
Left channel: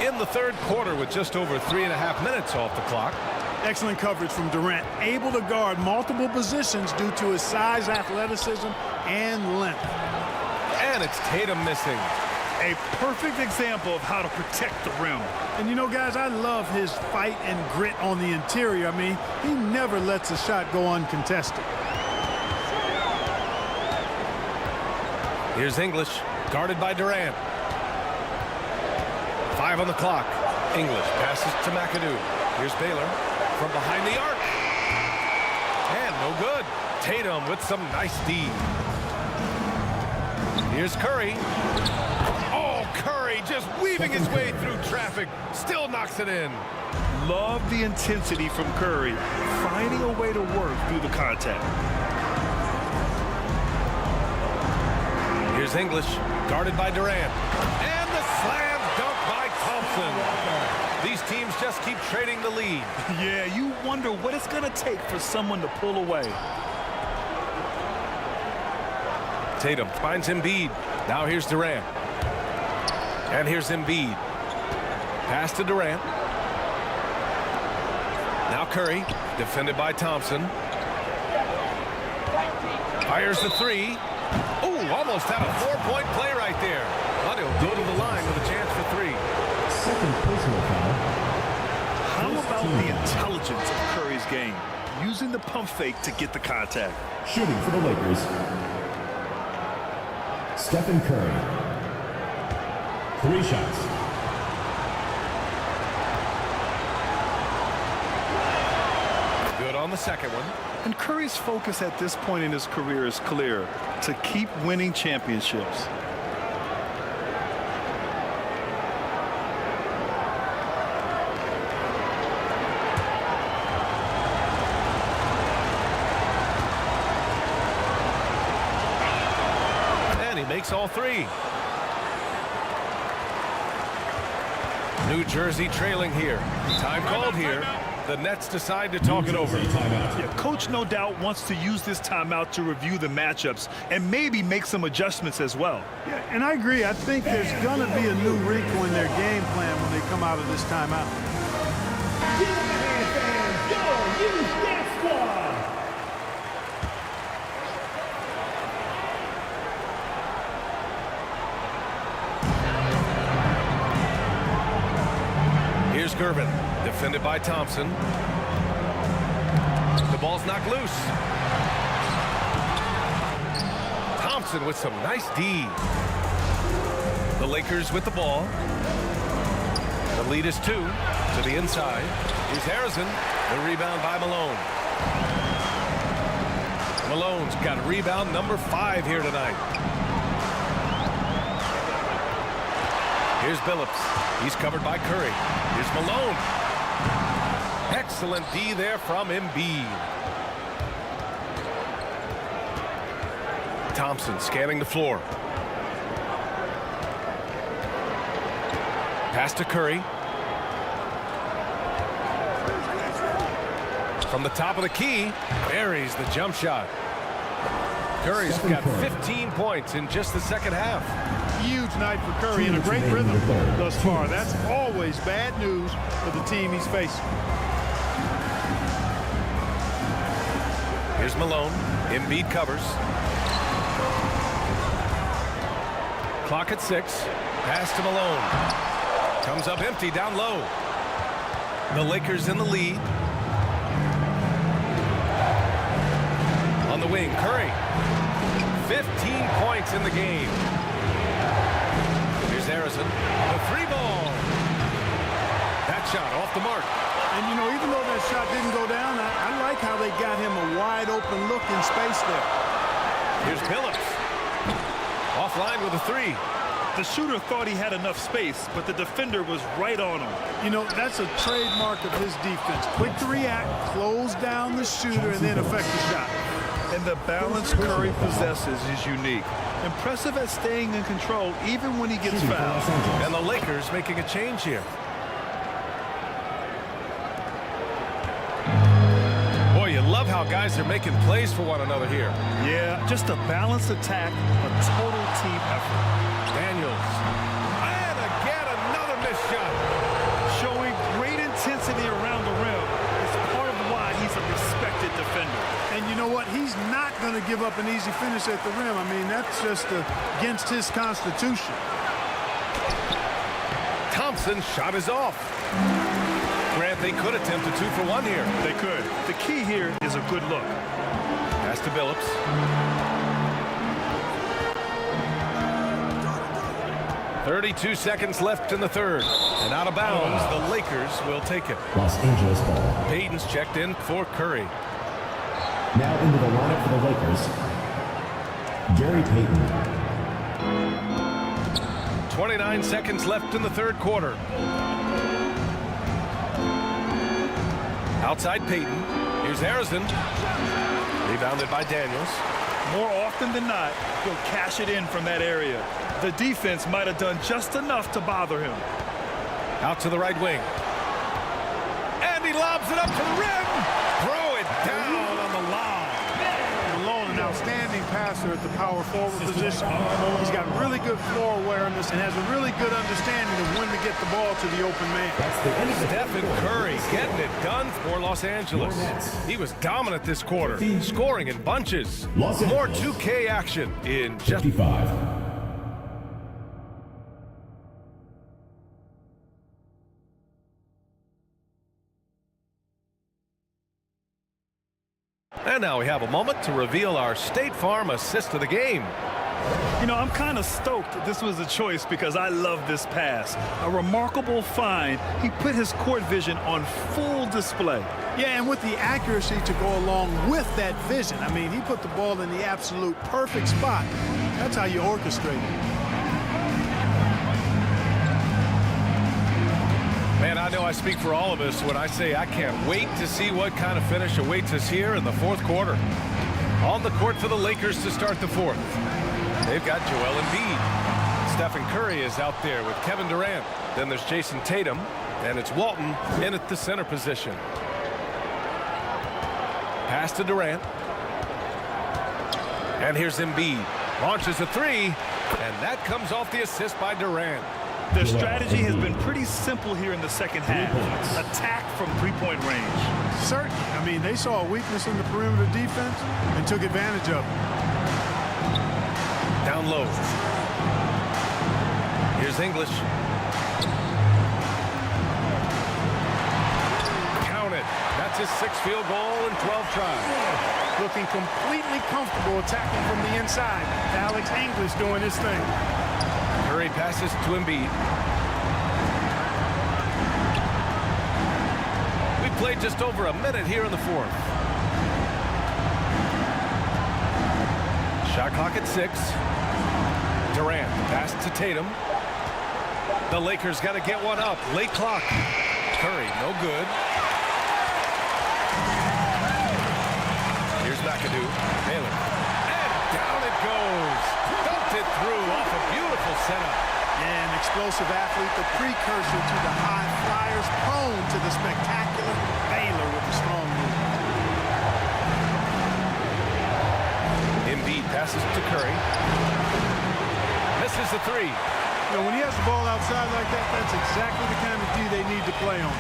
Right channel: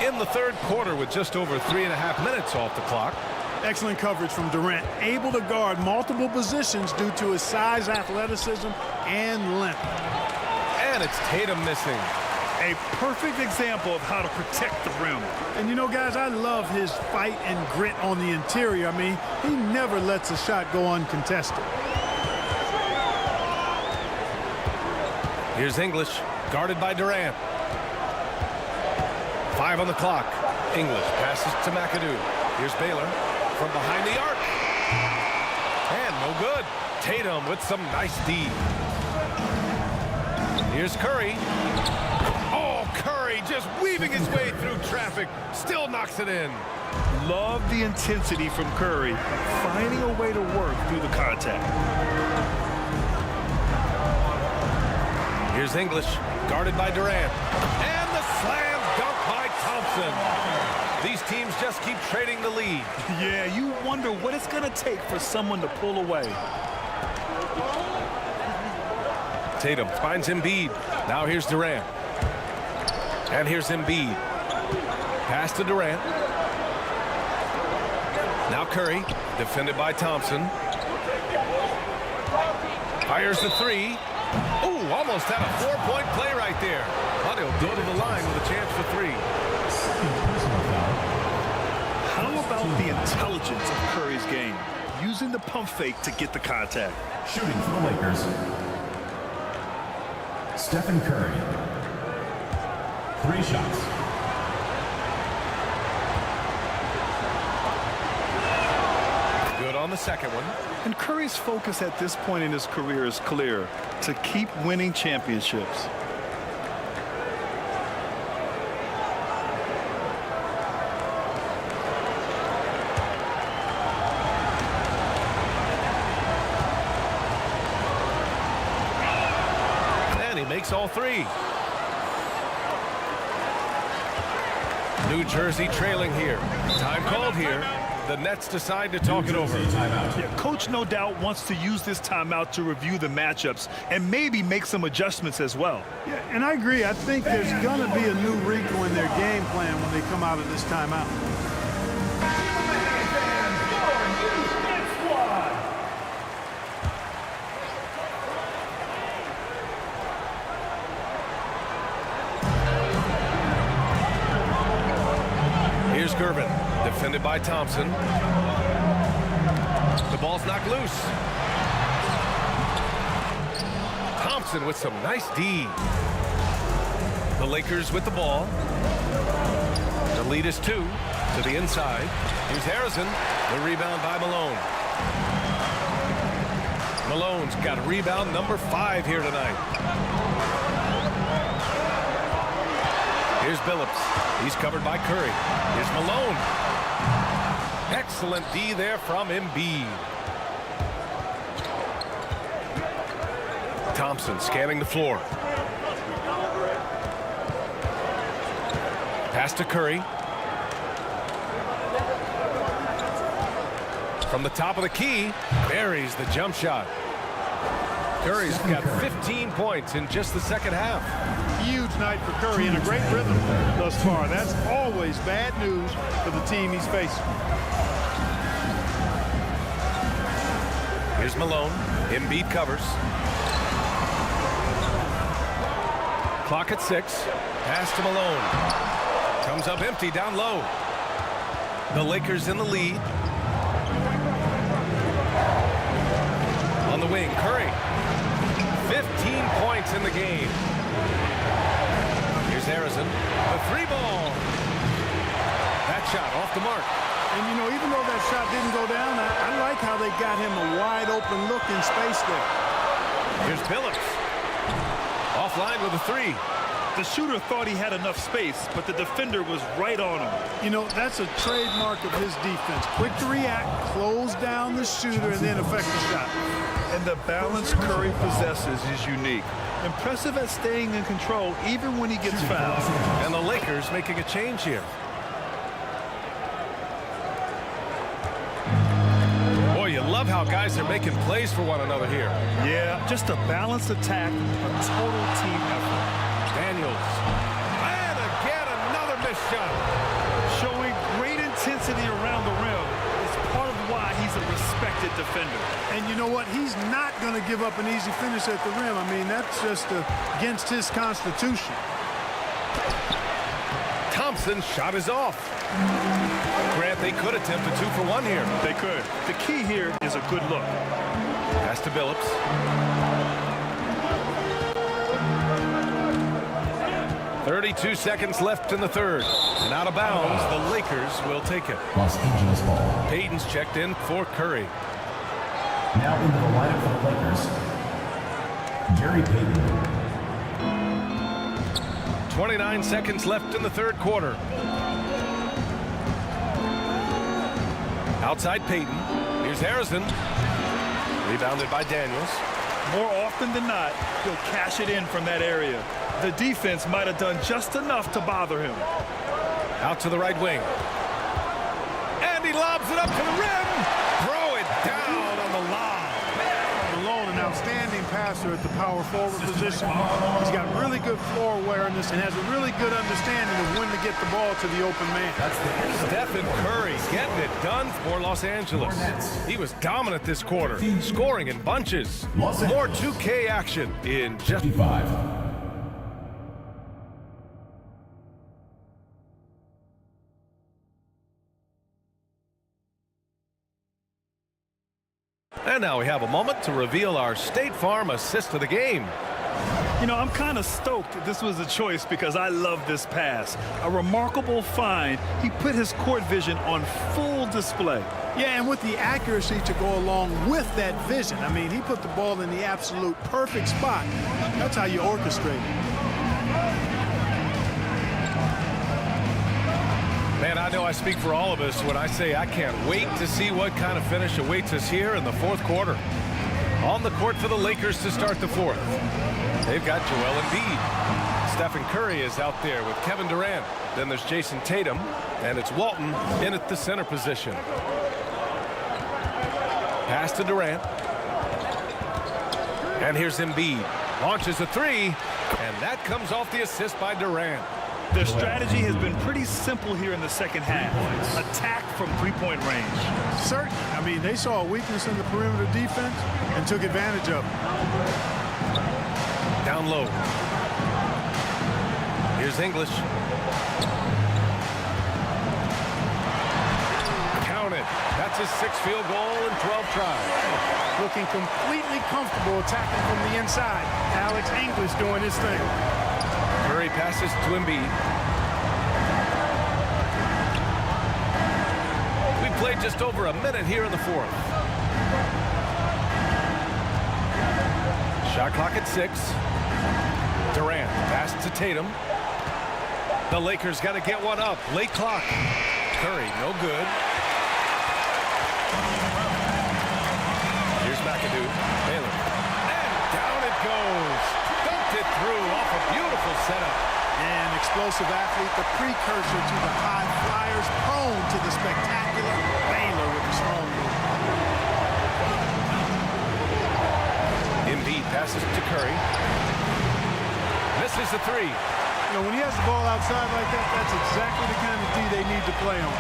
In the third quarter with just over 3.5 minutes off the clock. Excellent coverage from Durant, able to guard multiple positions due to his size, athleticism, and length. And it's Tatum missing. A perfect example of how to protect the rim. And you know, guys, I love his fight and grit on the interior. I mean, he never lets a shot go uncontested. Here's English, guarded by Durant. 5 on the clock. English passes to McAdoo. Here's Baylor from behind the arc. And no good. Tatum with some nice D. Here's Curry. Oh, Curry just weaving his way through traffic. Still knocks it in. Love the intensity from Curry, finding a way to work through the contact. Here's English, guarded by Durant. And the slam dunk by Thompson. These teams just keep trading the lead. Yeah, you wonder what it's going to take for someone to pull away. Tatum finds Embiid. Now here's Durant. And here's Embiid. Pass to Durant. Now Curry, defended by Thompson. Fires the three. Ooh, almost had a 4-point play right there. But he'll go to the line with a chance for 3. Second personal foul. How about the intelligence of Curry's game? Using the pump fake to get the contact. Shooting for the Lakers. Stephen Curry. 3 shots. Good on the second one. And Curry's focus at this point in his career is clear: to keep winning championships. And he makes all 3. New Jersey trailing here. Time called here. The Nets decide to talk it over. Yeah, coach no doubt wants to use this timeout to review the matchups and maybe make some adjustments as well. Yeah, and I agree. I think there's going to be a new wrinkle in their game plan when they come out of this timeout. Here's Gervin, defended by Thompson. The ball's knocked loose. Thompson with some nice D. The Lakers with the ball. The lead is 2 to the inside. Here's Harrison. The rebound by Malone. Malone's got rebound number 5 here tonight. Here's Billups. He's covered by Curry. Here's Malone. Excellent D there from Embiid. Thompson scanning the floor. Pass to Curry. From the top of the key, buries the jump shot. Curry's got 15 points in just the second half. Huge night for Curry and a great rhythm thus far. That's always bad news for the team he's facing. Here's Malone. Embiid covers. Clock at 6. Pass to Malone. Comes up empty down low. The Lakers in the lead. On the wing, Curry. 15 points in the game. Here's Harrison. The 3-ball. That shot off the mark. And, you know, even though that shot didn't go down, I like how they got him a wide open look in space there. Here's Billups. Offline with a 3. The shooter thought he had enough space, but the defender was right on him. You know, that's a trademark of his defense. Quick to react, close down the shooter, and then affect the shot. And the balance Curry possesses is unique. Impressive at staying in control even when he gets fouled. And the Lakers making a change here. Boy, you love how guys are making plays for one another here. Yeah, just a balanced attack, a total team effort. Daniels. And again, another missed shot. Showing great intensity around the rim is part of why he's a respected defender. And you know what? He's not going to give up an easy finish at the rim. I mean, that's just against his constitution. Thompson's shot is off. Grant, they could attempt a 2 for 1 here. They could. The key here is a good look. Pass to Billups. .32 seconds left in the third. And out of bounds, the Lakers will take it. Los Angeles ball. Payton's checked in for Curry. Now into the lineup for the Lakers, Gary Payton. 29 seconds left in the third quarter. Outside Payton. Here's Harrison. Rebounded by Daniels. More often than not, he'll cash it in from that area. The defense might have done just enough to bother him. Out to the right wing. And he lobs it up to the rim. Throw it down on the lob. Malone, an outstanding passer at the power forward position. He's got really good floor awareness and has a really good understanding of when to get the ball to the open man. That's the end of the Stephen Curry getting it done for Los Angeles. He was dominant this quarter, scoring in bunches. More 2K action in just 55. And now we have a moment to reveal our State Farm assist of the game. You know, I'm kind of stoked this was a choice because I love this pass. A remarkable find. He put his court vision on full display. Yeah, and with the accuracy to go along with that vision. I mean, he put the ball in the absolute perfect spot. That's how you orchestrate it. Man, I know I speak for all of us when I say I can't wait to see what kind of finish awaits us here in the fourth quarter. On the court for the Lakers to start the fourth. They've got Joel Embiid. Stephen Curry is out there with Kevin Durant. Then there's Jason Tatum, and it's Walton in at the center position. Pass to Durant. And here's Embiid. Launches a 3, and that comes off the assist by Durant. Their strategy has been pretty simple here in the second half. Attack from three-point range. Certainly. I mean, they saw a weakness in the perimeter defense and took advantage of it. Down low. Here's English. Counted. That's his 6th field goal in 12 tries. Looking completely comfortable attacking from the inside. Alex English doing his thing. Curry passes to Embiid. We played just over a minute here in the fourth. Shot clock at 6. Durant, pass to Tatum. The Lakers got to get one up. Late clock. Curry, no good. Here's McAdoo. Baylor. And down it goes. Dumped it through off a beautiful setup. Yeah, an explosive athlete, the precursor to the high flyers, prone to the spectacular. Baylor with the strong move. Embiid passes to Curry. Misses the three. You know, when he has the ball outside like that, that's exactly the kind of D they need to play on.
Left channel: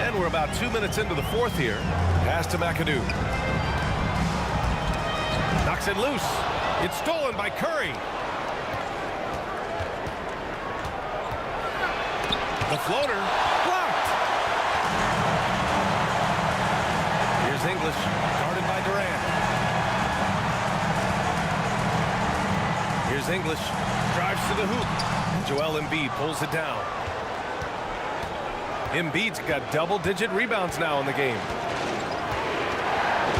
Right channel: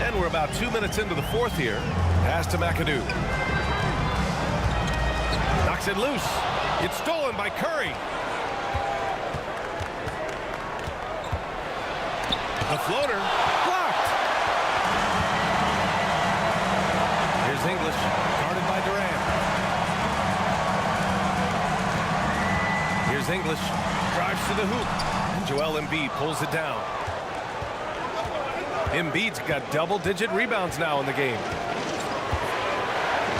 And we're about 2 minutes into the fourth here. Pass to McAdoo. Knocks it loose. It's stolen by Curry. The floater blocked. Here's English, guarded by Durant. Here's English, drives to the hoop, and Joel Embiid pulls it down. Embiid's got double-digit rebounds now in the game.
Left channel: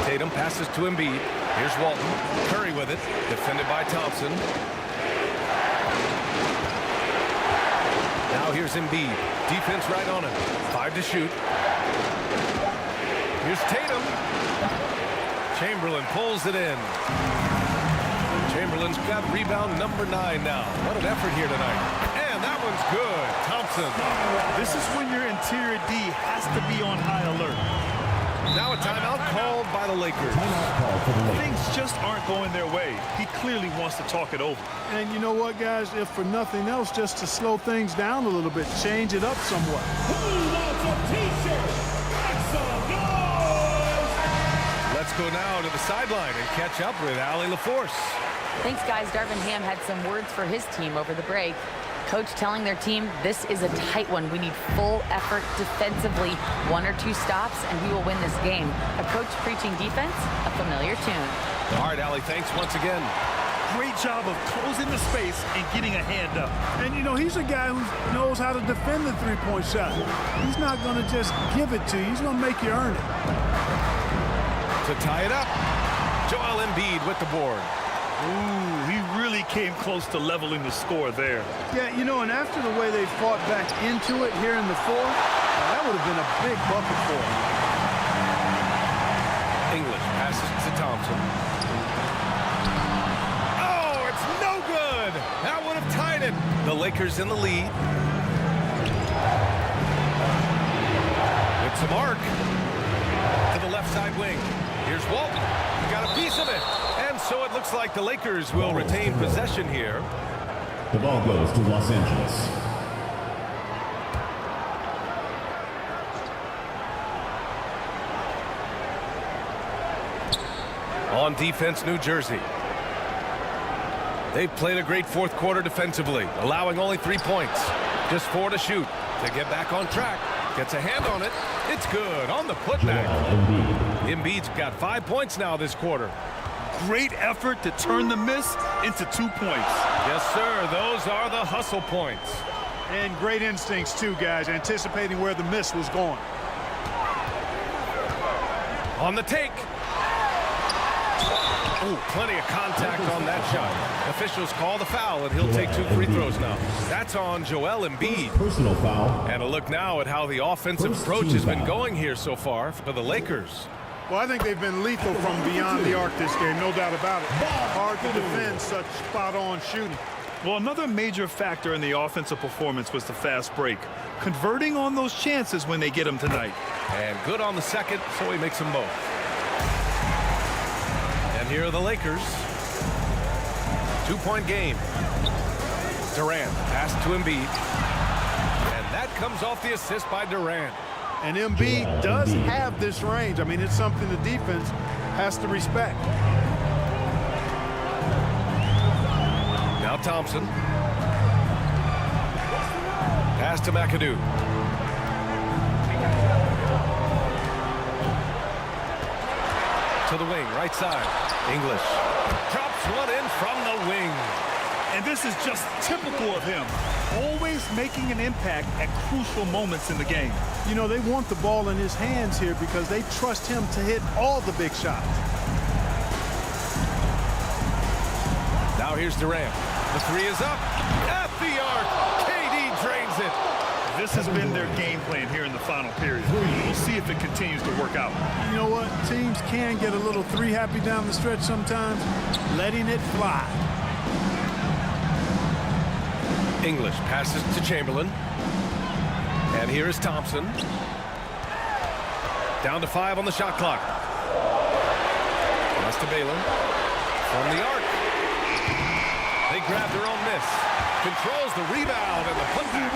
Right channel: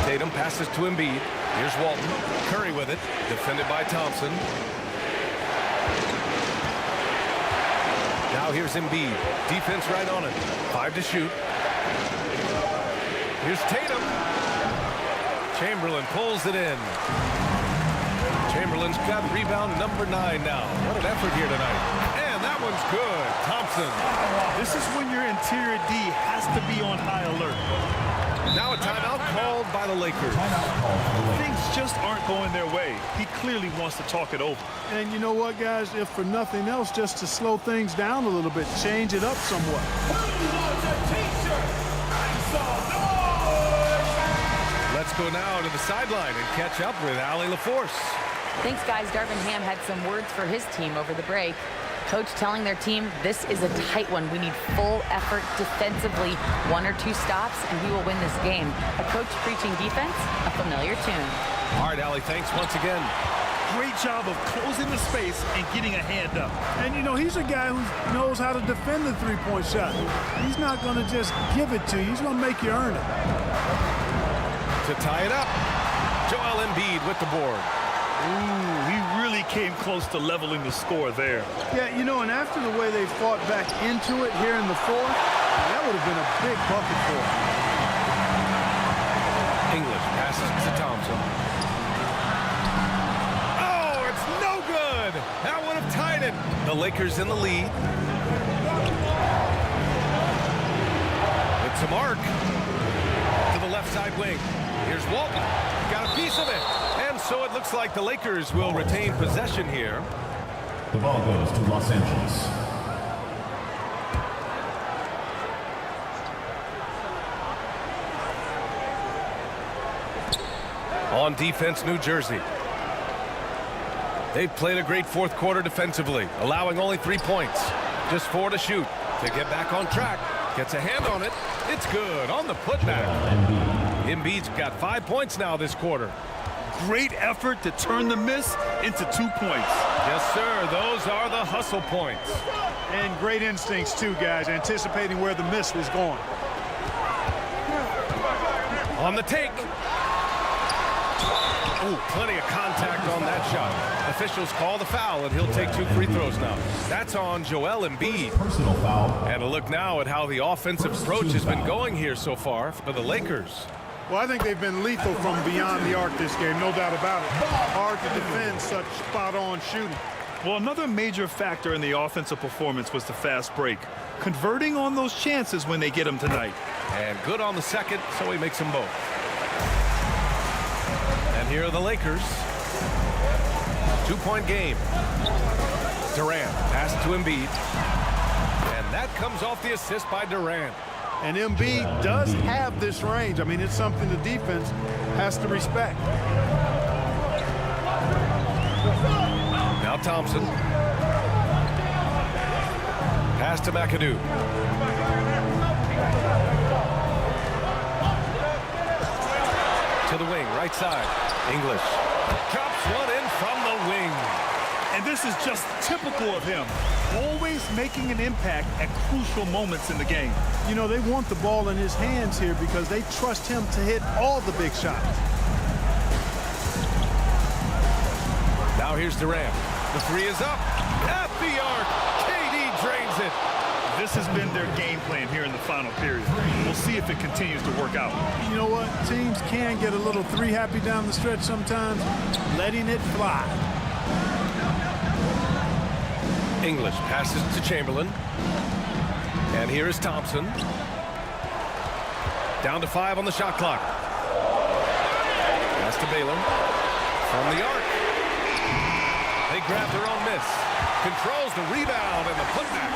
Tatum passes to Embiid. Here's Walton. Curry with it, defended by Thompson. Now here's Embiid. Defense right on him. 5 to shoot. Here's Tatum. Chamberlain pulls it in. Chamberlain's got rebound number 9 now. What an effort here tonight. And that one's good. Thompson. This is when your interior D has to be on high alert. Now a timeout called by the Lakers. Timeout called for the Lakers. Things just aren't going their way. He clearly wants to talk it over. And you know what, guys? If for nothing else, just to slow things down a little bit, change it up somewhat. Let's go now to the sideline and catch up with Allie LaForce. Thanks, guys. Darvin Ham had some words for his team over the break. Coach telling their team, this is a tight one. We need full effort defensively, 1 or 2 stops, and we will win this game. A coach preaching defense, a familiar tune. All right, Allie, thanks once again. Great job of closing the space and getting a hand up. And, you know, he's a guy who knows how to defend the three-point shot. He's not going to just give it to you. He's going to make you earn it. To tie it up, Joel Embiid with the board. Ooh, he really came close to leveling the score there. Yeah, you know, and after the way they fought back into it here in the fourth, that would have been a big bucket for him. English passes to Thompson. Oh, it's no good. That would have tied it. The Lakers in the lead. With some arc to the left side wing. Here's Walton. Got a piece of it. And so it looks like the Lakers will retain possession here. The ball goes to Los Angeles. On defense, New Jersey. They've played a great fourth quarter defensively, allowing only 3 points. Just 4 to shoot. To get back on track. Gets a hand on it. It's good on the putback. Embiid's got 5 points now this quarter. Great effort to turn the miss into 2 points. Yes, sir. Those are the hustle points. And great instincts, too, guys, anticipating where the miss was going. On the take. Ooh, plenty of contact on that shot. Officials call the foul, and he'll take 2 free throws now. That's on Joel Embiid. Personal foul. And a look now at how the offensive approach has been going here so far for the Lakers. Well, I think they've been lethal from beyond the arc this game, no doubt about it. Hard to defend such spot-on shooting. Well, another major factor in the offensive performance was the fast break. Converting on those chances when they get them tonight. And good on the second, so he makes them both. And here are the Lakers. 2-point game. Durant pass to Embiid. And that comes off the assist by Durant. And Embiid does have this range. I mean, it's something the defense has to respect. Now Thompson. Pass to McAdoo. To the wing, right side. English drops one in from the wing. And this is just typical of him. Always making an impact at crucial moments in the game. You know, they want the ball in his hands here because they trust him to hit all the big shots. Now here's Durant. The 3 is up. At the arc. KD drains it. This has been their game plan here in the final period. We'll see if it continues to work out. You know what? Teams can get a little 3 happy down the stretch sometimes, letting it fly. English passes to Chamberlain. And here is Thompson. Down to 5 on the shot clock. Pass to Baylor. From the arc. They grab their own miss. Controls the rebound and the putback.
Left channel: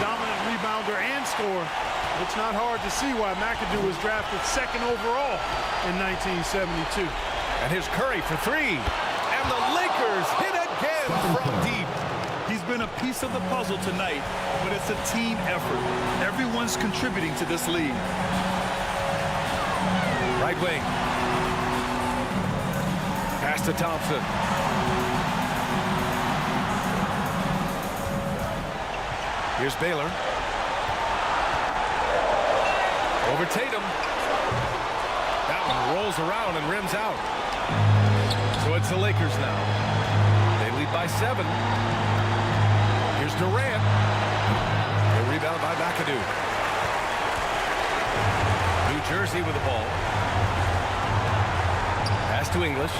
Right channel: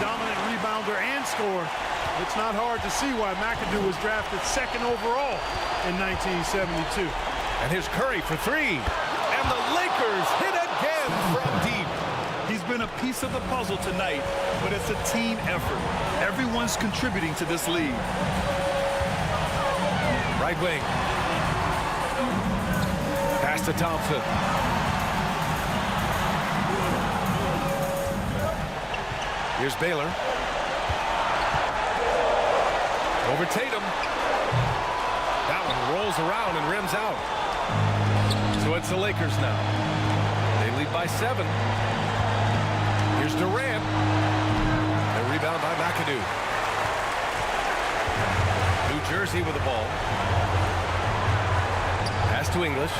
Dominant rebounder and scorer. It's not hard to see why McAdoo was drafted 2nd overall in 1972. And here's Curry for 3. And the Lakers hit again from deep. He's been a piece of the puzzle tonight, but it's a team effort. Everyone's contributing to this lead. Right wing. Pass to Thompson. Here's Baylor. Over Tatum. That one rolls around and rims out. So it's the Lakers now. They lead by 7. Here's Durant. The rebound by McAdoo. New Jersey with the ball. Pass to English.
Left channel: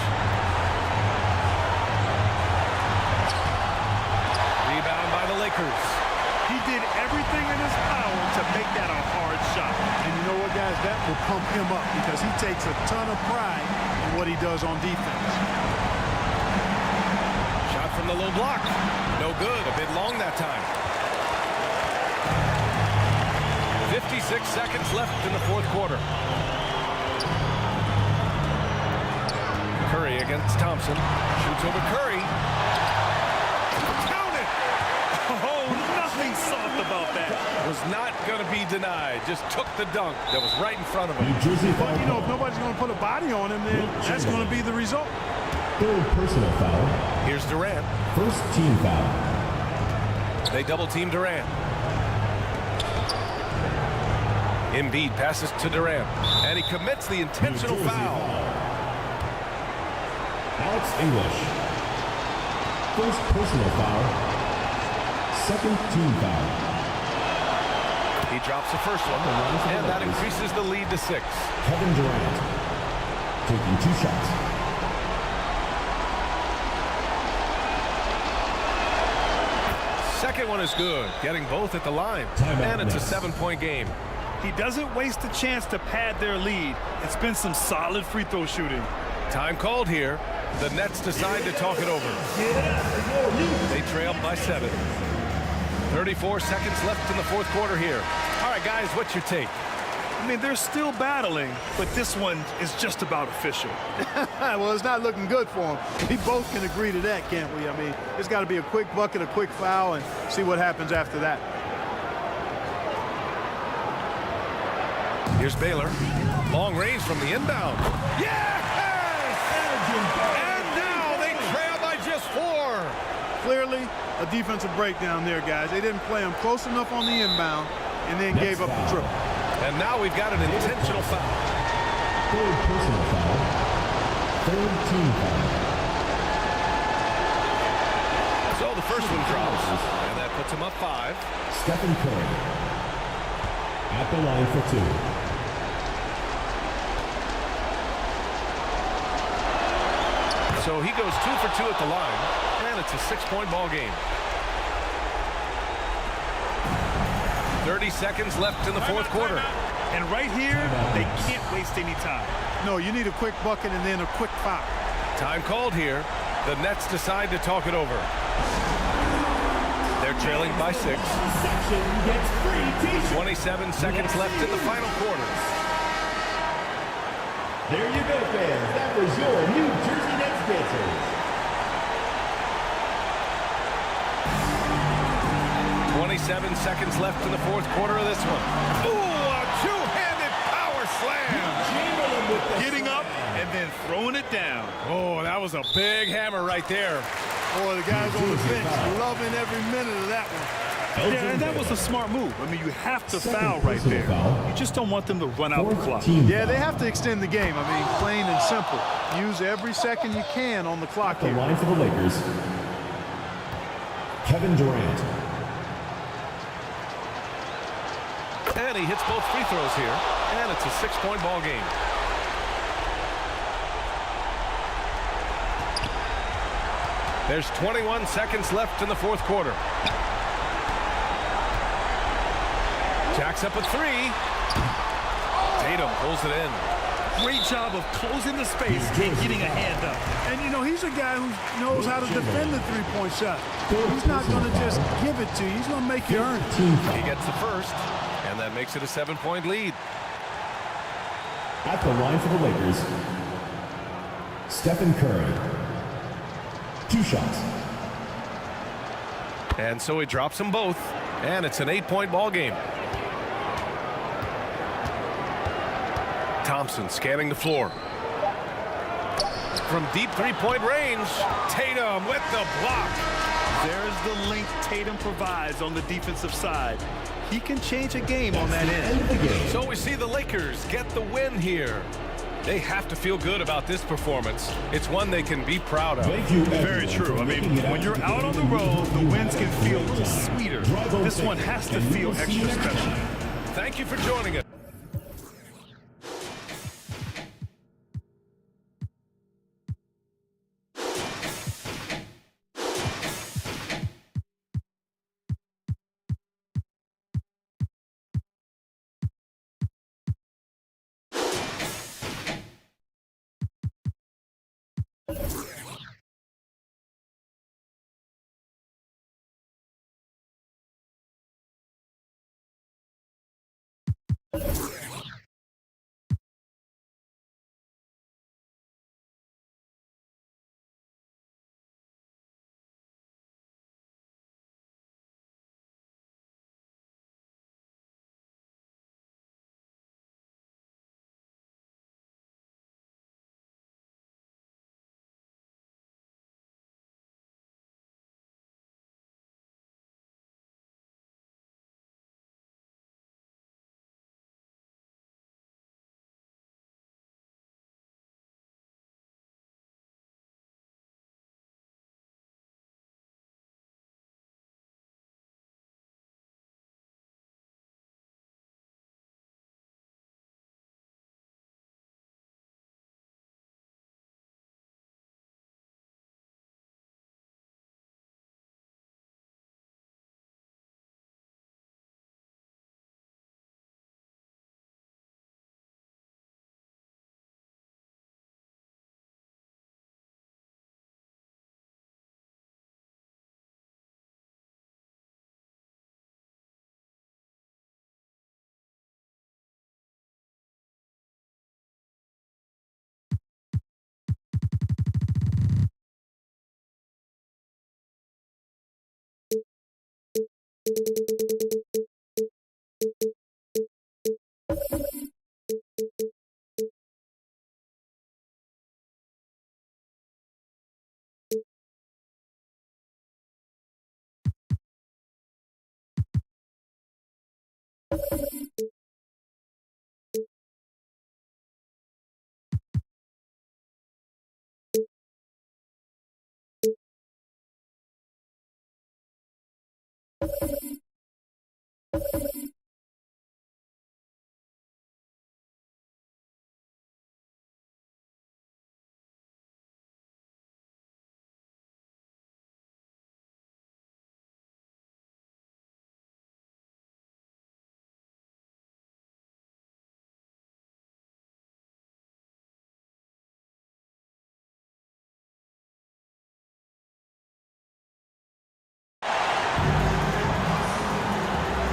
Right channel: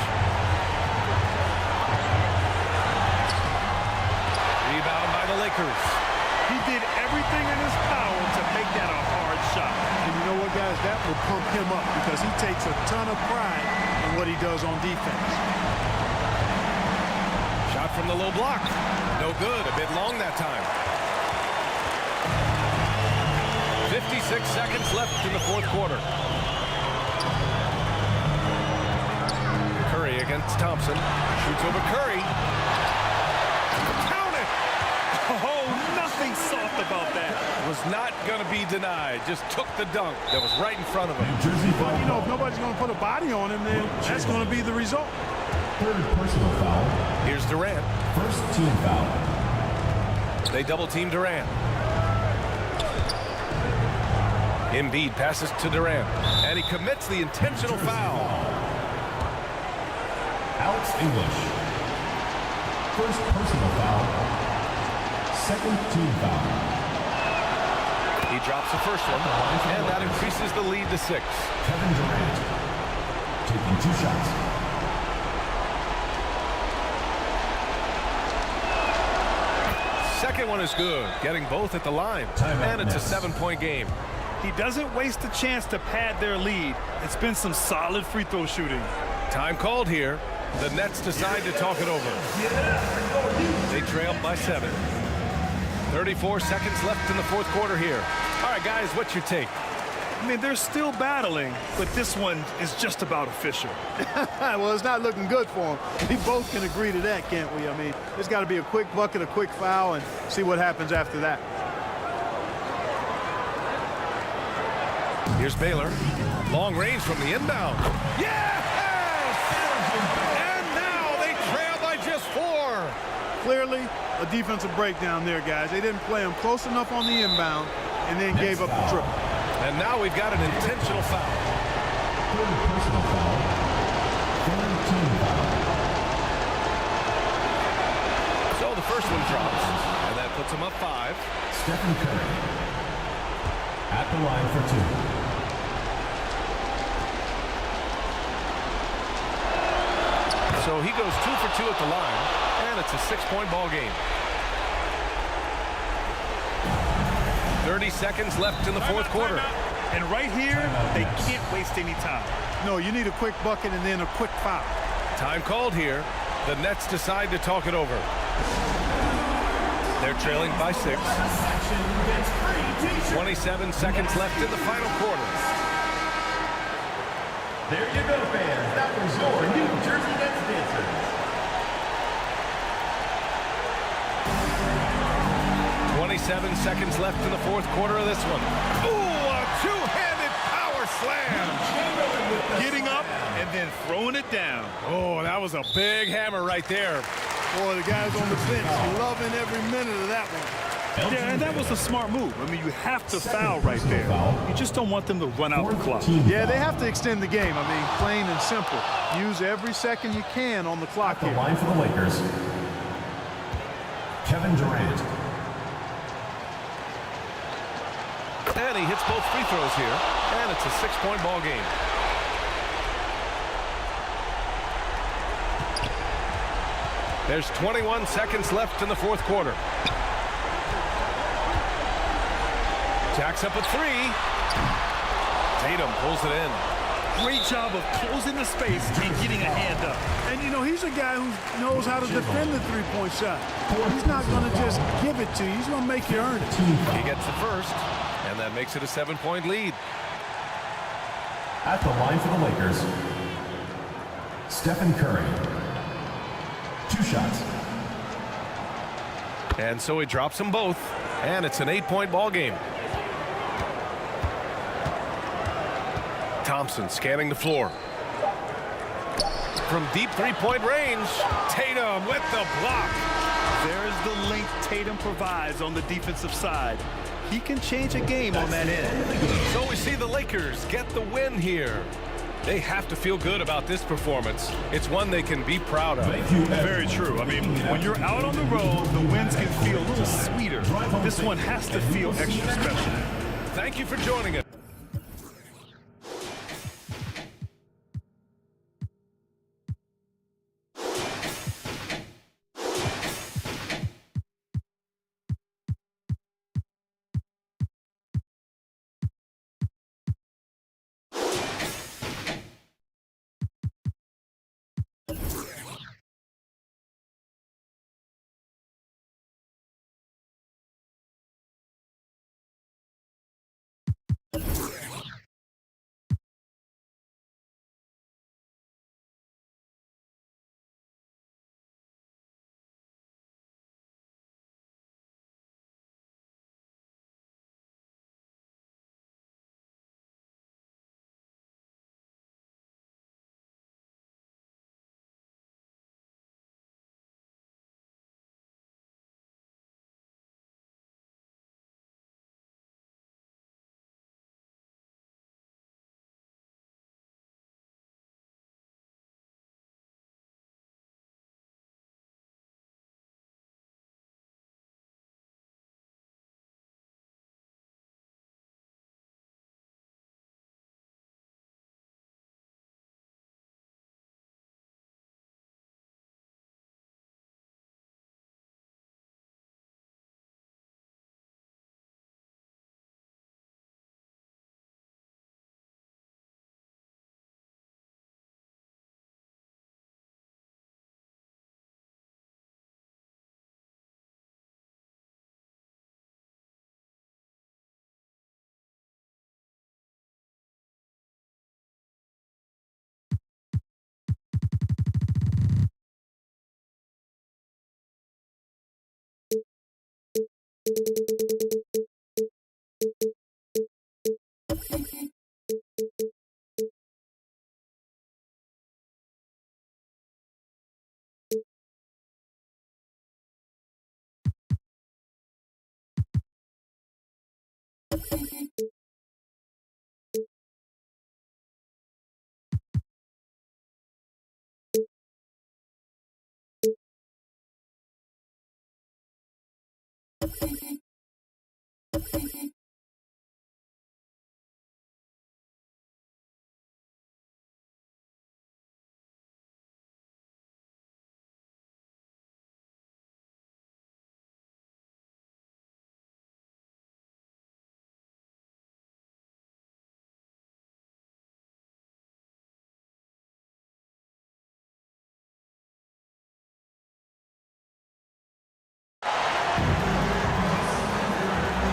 Rebound by the Lakers. He did everything in his power to make that a hard shot. And you know what, guys? That will pump him up because he takes a ton of pride in what he does on defense. Shot from the low block. No good. A bit long that time. 56 seconds left in the 4th quarter. Curry against Thompson. Shoots over Curry. Count it! Oh, nothing soft about that. Was not going to be denied. Just took the dunk that was right in front of him. New Jersey foul. But, you know, if nobody's going to put a body on him, then that's going to be the result. 3rd personal foul. Here's Durant. 1st team foul. They double team Durant. Embiid passes to Durant. And he commits the intentional foul. Alex English. 1st personal foul. 2nd team foul. He drops the first one, and that increases the lead to 6. Kevin Durant taking 2 shots. Second one is good, getting both at the line. And it's a 7-point game. He doesn't waste a chance to pad their lead. It's been some solid free throw shooting. Time called here. The Nets decide to talk it over. They trail by 7. 34 seconds left in the 4th quarter here. All right, guys, what's your take? I mean, they're still battling, but this one is just about official. Well, it's not looking good for him. We both can agree to that, can't we? I mean, it's got to be a quick bucket, a quick foul, and see what happens after that. Here's Baylor. Long range from the inbound. Yes! And now they trail by just 4. Clearly, a defensive breakdown there, guys. They didn't play him close enough on the inbound and then gave up the triple. And now we've got an intentional foul. 3rd personal foul. 3rd team foul. So the first one drops, and that puts him up 5. Stephen Curry at the line for 2. So he goes 2 for 2 at the line, and it's a 6-point ball game. 30 seconds left in the 4th quarter. And right here, they can't waste any time. No, you need a quick bucket and then a quick foul. Time called here. The Nets decide to talk it over. They're trailing by 6. 27 seconds left in the final quarter. There you go, fans. That was your New Jersey Nets dancers. 27 seconds left in the 4th quarter of this one. Ooh, a 2-handed power slam. Getting up and then throwing it down. Oh, that was a big hammer right there. Boy, the guys on the bench loving every minute of that one. Yeah, and that was a smart move. I mean, you have to foul right there. You just don't want them to run out the clock. Yeah, they have to extend the game. I mean, plain and simple. Use every second you can on the clock here. The line for the Lakers. Kevin Durant. And he hits both free throws here, and it's a 6-point ball game. There's 21 seconds left in the 4th quarter. Jacks up a 3. Tatum pulls it in. Great job of closing the space and getting a hand up. And, you know, he's a guy who knows how to defend the three-point shot. He's not going to just give it to you. He's going to make you earn it. He gets the first, and that makes it a 7-point lead. At the line for the Lakers, Stephen Curry. 2 shots. And so he drops them both, and it's an 8-point ball game. Thompson scanning the floor. From deep three-point range, Tatum with the block. There's the length Tatum provides on the defensive side. He can change a game on that end. So we see the Lakers get the win here. They have to feel good about this performance. It's one they can be proud of. Thank you, Very true. I mean, when you're out on the road, the wins can feel a little sweeter. This one has to feel extra special. Thank you for joining us.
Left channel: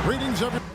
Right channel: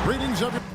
Greetings, everyone.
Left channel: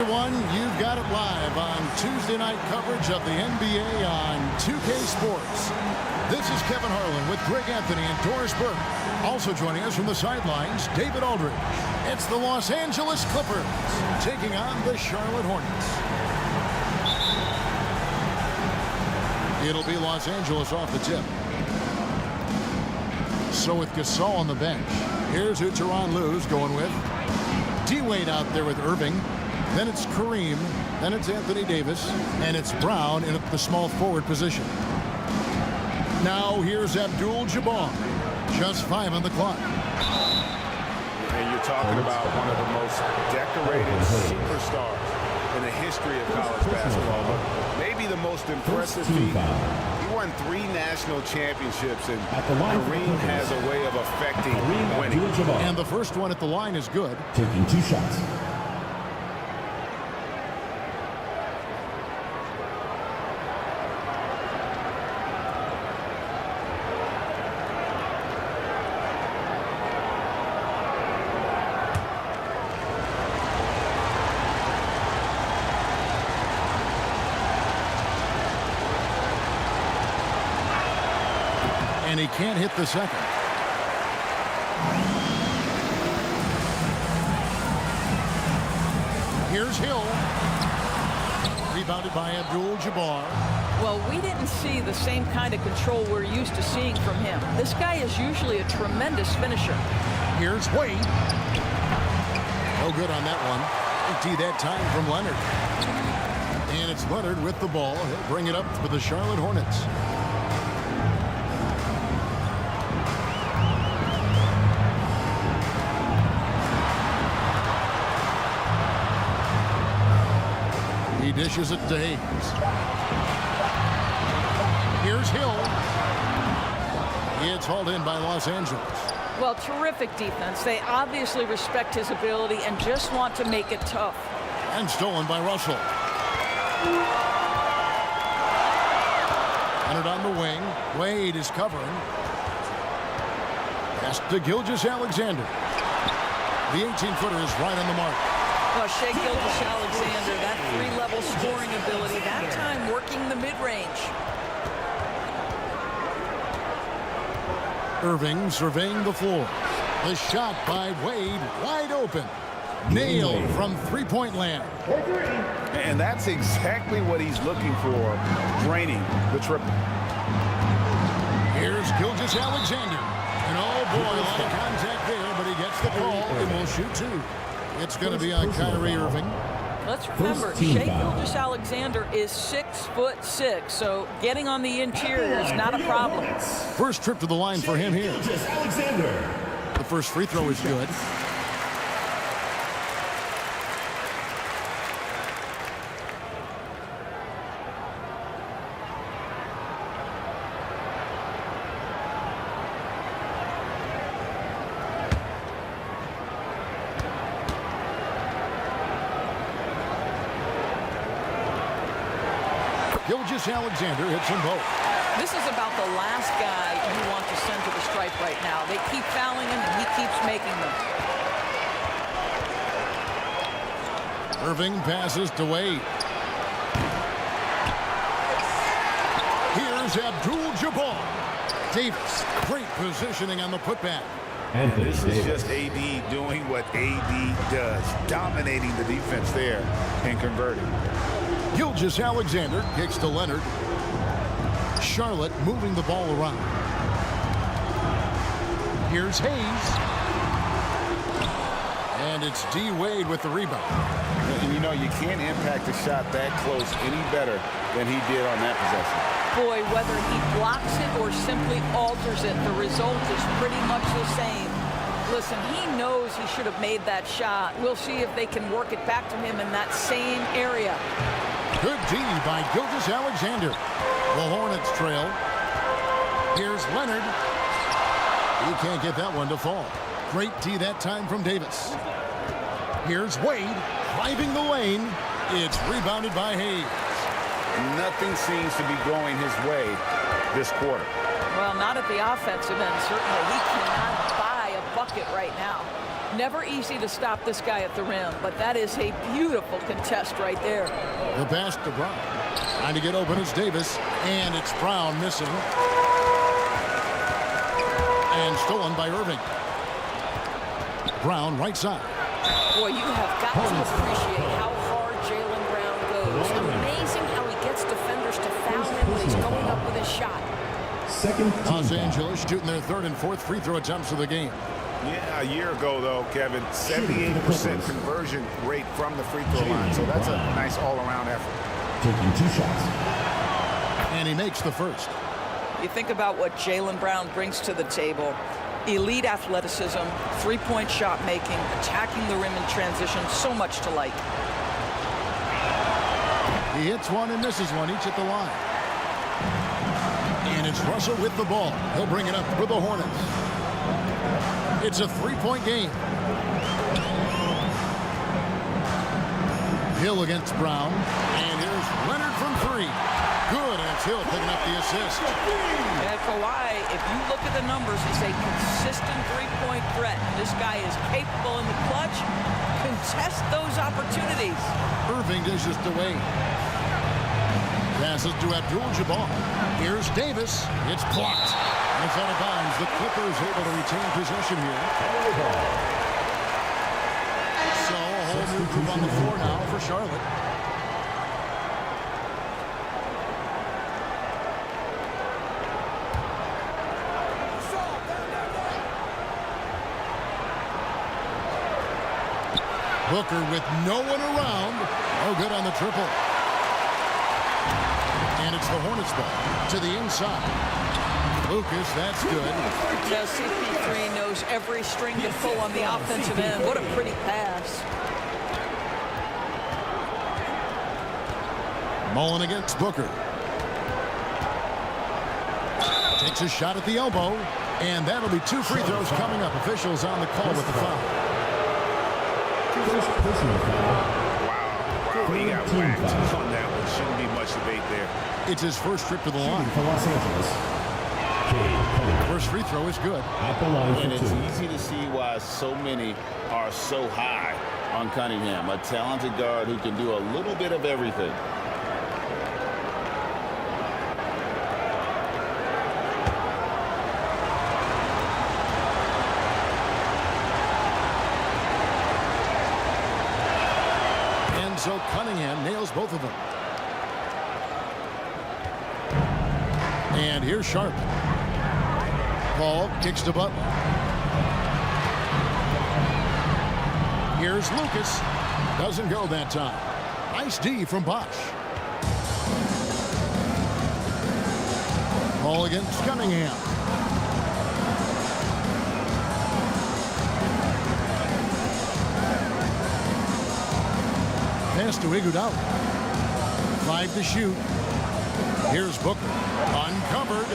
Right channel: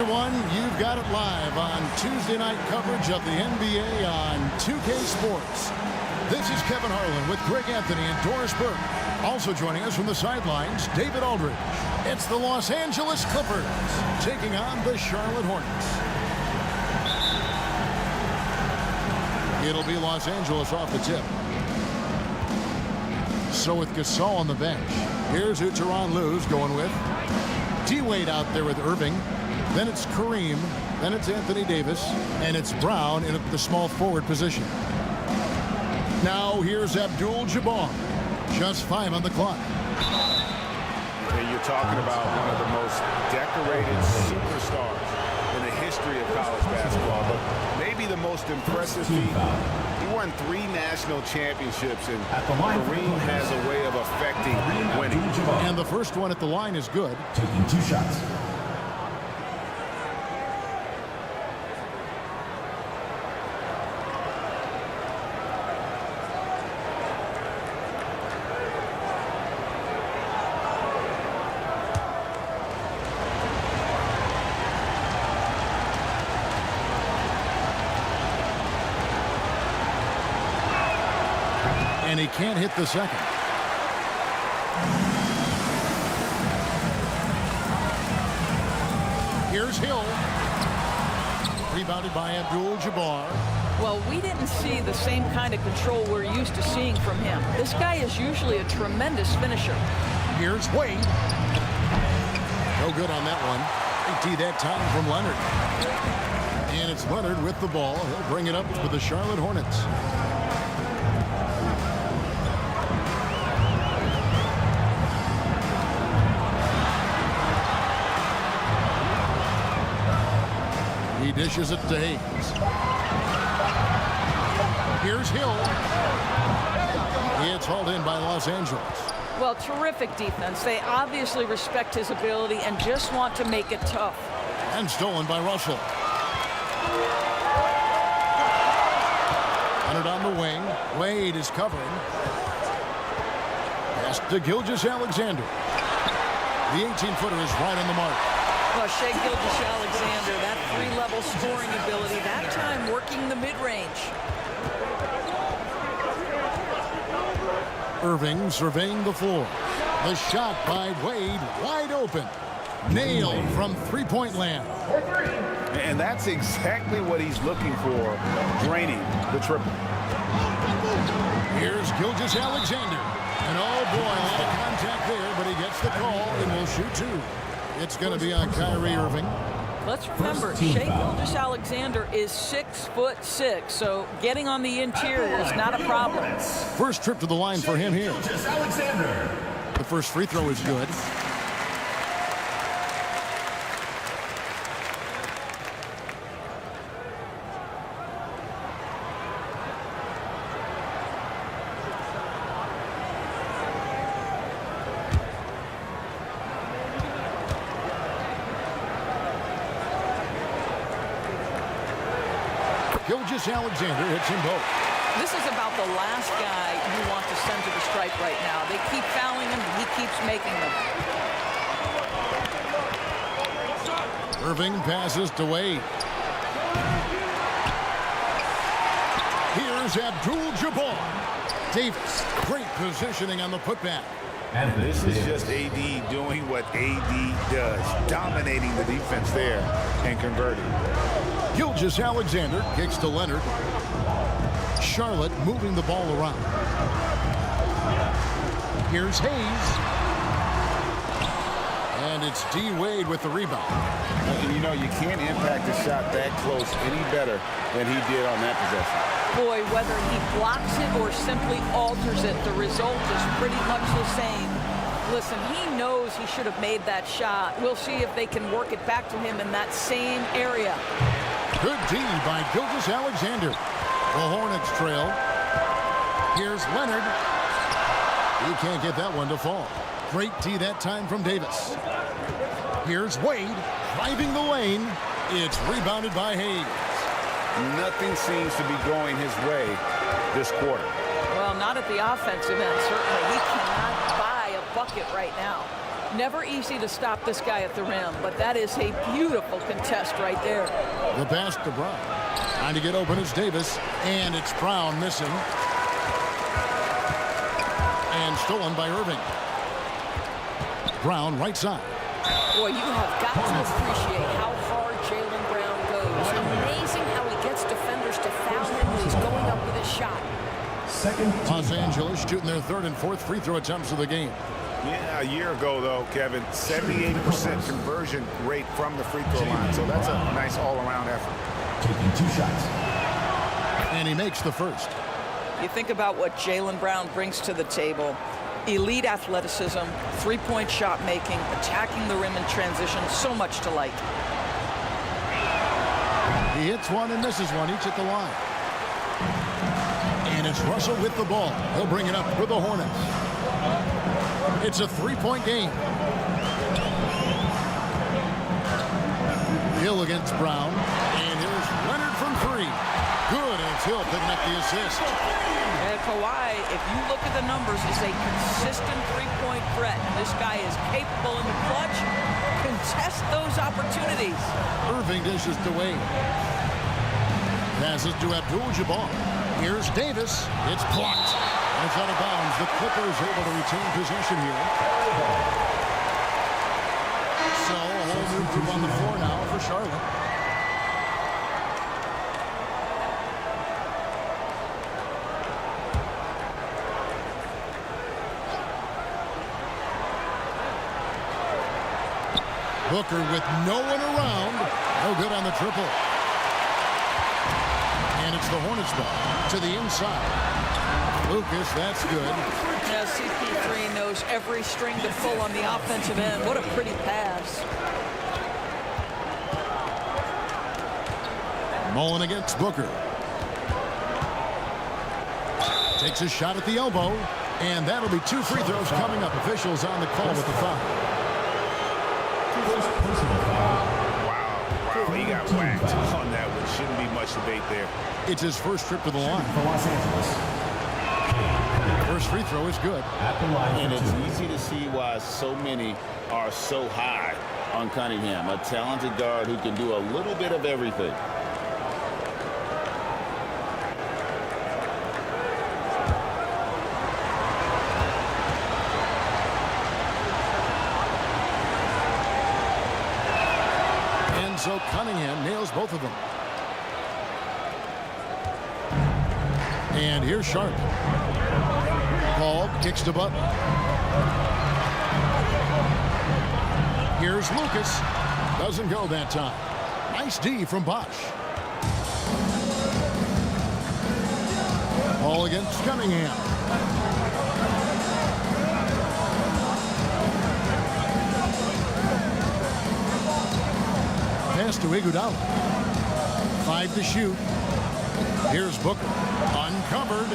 Everyone, you've got it live on Tuesday night coverage of the NBA on 2K Sports. This is Kevin Harlan with Greg Anthony and Doris Burke. Also joining us from the sidelines, David Aldridge. It's the Los Angeles Clippers taking on the Charlotte Hornets. It'll be Los Angeles off the tip. So with Gasol on the bench, here's who Tyronn Lue's going with. DWIGHT out there with Irving. Then it's Kareem, then it's Anthony Davis, and it's Brown in at the small forward position. Now here's ABDUL-JABBAR. Just 5 on the clock. And you're talking about one of the most decorated superstars in the history of college basketball, but maybe the most impressive feat. He won 3 national championships, and Kareem has a way of affecting winning. And the first one at the line is good. Taking 2 shots. And he can't hit the second. Here's Hill. Rebounded by ABDUL-JABBAR. Well, we didn't see the same kind of control we're used to seeing from him. This guy is usually a tremendous finisher. Here's Wade. No good on that one. Big D that time from Leonard. And it's Leonard with the ball. He'll bring it up for the Charlotte Hornets. He dishes it to Hayes. Here's Hill. It's hauled in by Los Angeles. Well, terrific defense. They obviously respect his ability and just want to make it tough. And stolen by Russell. Leonard on the wing. Wade is covering. Pass to Gilgeous-Alexander. The 18-footer is right on the mark. Well, Shai Gilgeous-Alexander, that 3-level scoring ability, that time working the mid-range. Irving surveying the floor. The shot by Wade, wide open. Nailed from three-point land. And that's exactly what he's looking for, draining the triple. Here's Gilgeous-Alexander. And oh boy, a lot of contact there, but he gets the call and will shoot 2. It's going to be on Kyrie Irving. Let's remember, Shai Gilgeous-Alexander is 6'6", so getting on the interior is not a problem. First trip to the line for him here. The first free throw is good. Gilgeous-Alexander hits them both. This is about the last guy you want to send to the stripe right now. They keep fouling him, and he keeps making them. Irving passes to Wade. Here's ABDUL-JABBAR. Davis, great positioning on the putback. And this is just AD doing what AD does, dominating the defense there and converting. Gilgeous-Alexander kicks to Leonard. Charlotte moving the ball around. Here's Hayes. And it's D. Wade with the rebound. And you know, you can't impact a shot that close any better than he did on that possession. Boy, whether he blocks it or simply alters it, the result is pretty much the same. Listen, he knows he should have made that shot. We'll see if they can work it back to him in that same area. Good D by Gilgeous-Alexander. The Hornets trail. Here's Leonard. He can't get that one to fall. Great D that time from Davis. Here's Wade driving the lane. It's rebounded by Hayes. Nothing seems to be going his way this quarter. Well, not at the offensive end, certainly. He cannot buy a bucket right now. Never easy to stop this guy at the rim, but that is a beautiful contest right there. The pass to Brown. Trying to get open is Davis, and it's Brown missing. And stolen by Irving. Brown right side. Boy, you have got to appreciate how hard Jaylen Brown goes. Amazing how he gets defenders to foul him when he's going up with his shot. Los Angeles shooting their third and fourth free throw attempts of the game. Yeah, a year ago, though, Kevin, 78% conversion rate from the free throw line. So that's a nice all-around effort. Taking 2 shots. And he makes the first. You think about what Jaylen Brown brings to the table. Elite athleticism, three-point shot making, attacking the rim in transition, so much to like. He hits one and misses one, each at the line. And it's Russell with the ball. He'll bring it up for the Hornets. It's a 3-point game. Hill against Brown. And here's Leonard from 3. Good, and it's Hill picking up the assist. And Kawhi, if you look at the numbers, is a consistent three-point threat. And this guy is capable in the clutch. Contest those opportunities. Irving dishes to Wade. Passes to ABDUL-JABBAR. Here's Davis. It's blocked. And it's out of bounds. The Clippers able to retain possession here. So a whole new group on the floor now for Charlotte. Booker with no one around. No good on the triple. And it's the Hornets ball to the inside. Lucas, that's good. Yeah, CP3 knows every string to pull on the offensive end. What a pretty pass. Mullen against Booker. Takes a shot at the elbow. And that'll be 2 free throws coming up. Officials on the call with the foul. Wow, he got whacked on that one. Shouldn't be much debate there. It's his first trip to the line. For Los Angeles. First free throw is good. At the line for 2. And it's easy to see why so many are so high on Cunningham, a talented guard who can do a little bit of everything. And so Cunningham nails both of them. And here's Sharp. Paul kicks to Butler. Here's Lucas. Doesn't go that time. Nice D from Bosch. Paul against Cunningham. Pass to Iguodala. 5 to shoot. Here's Booker. Uncovered.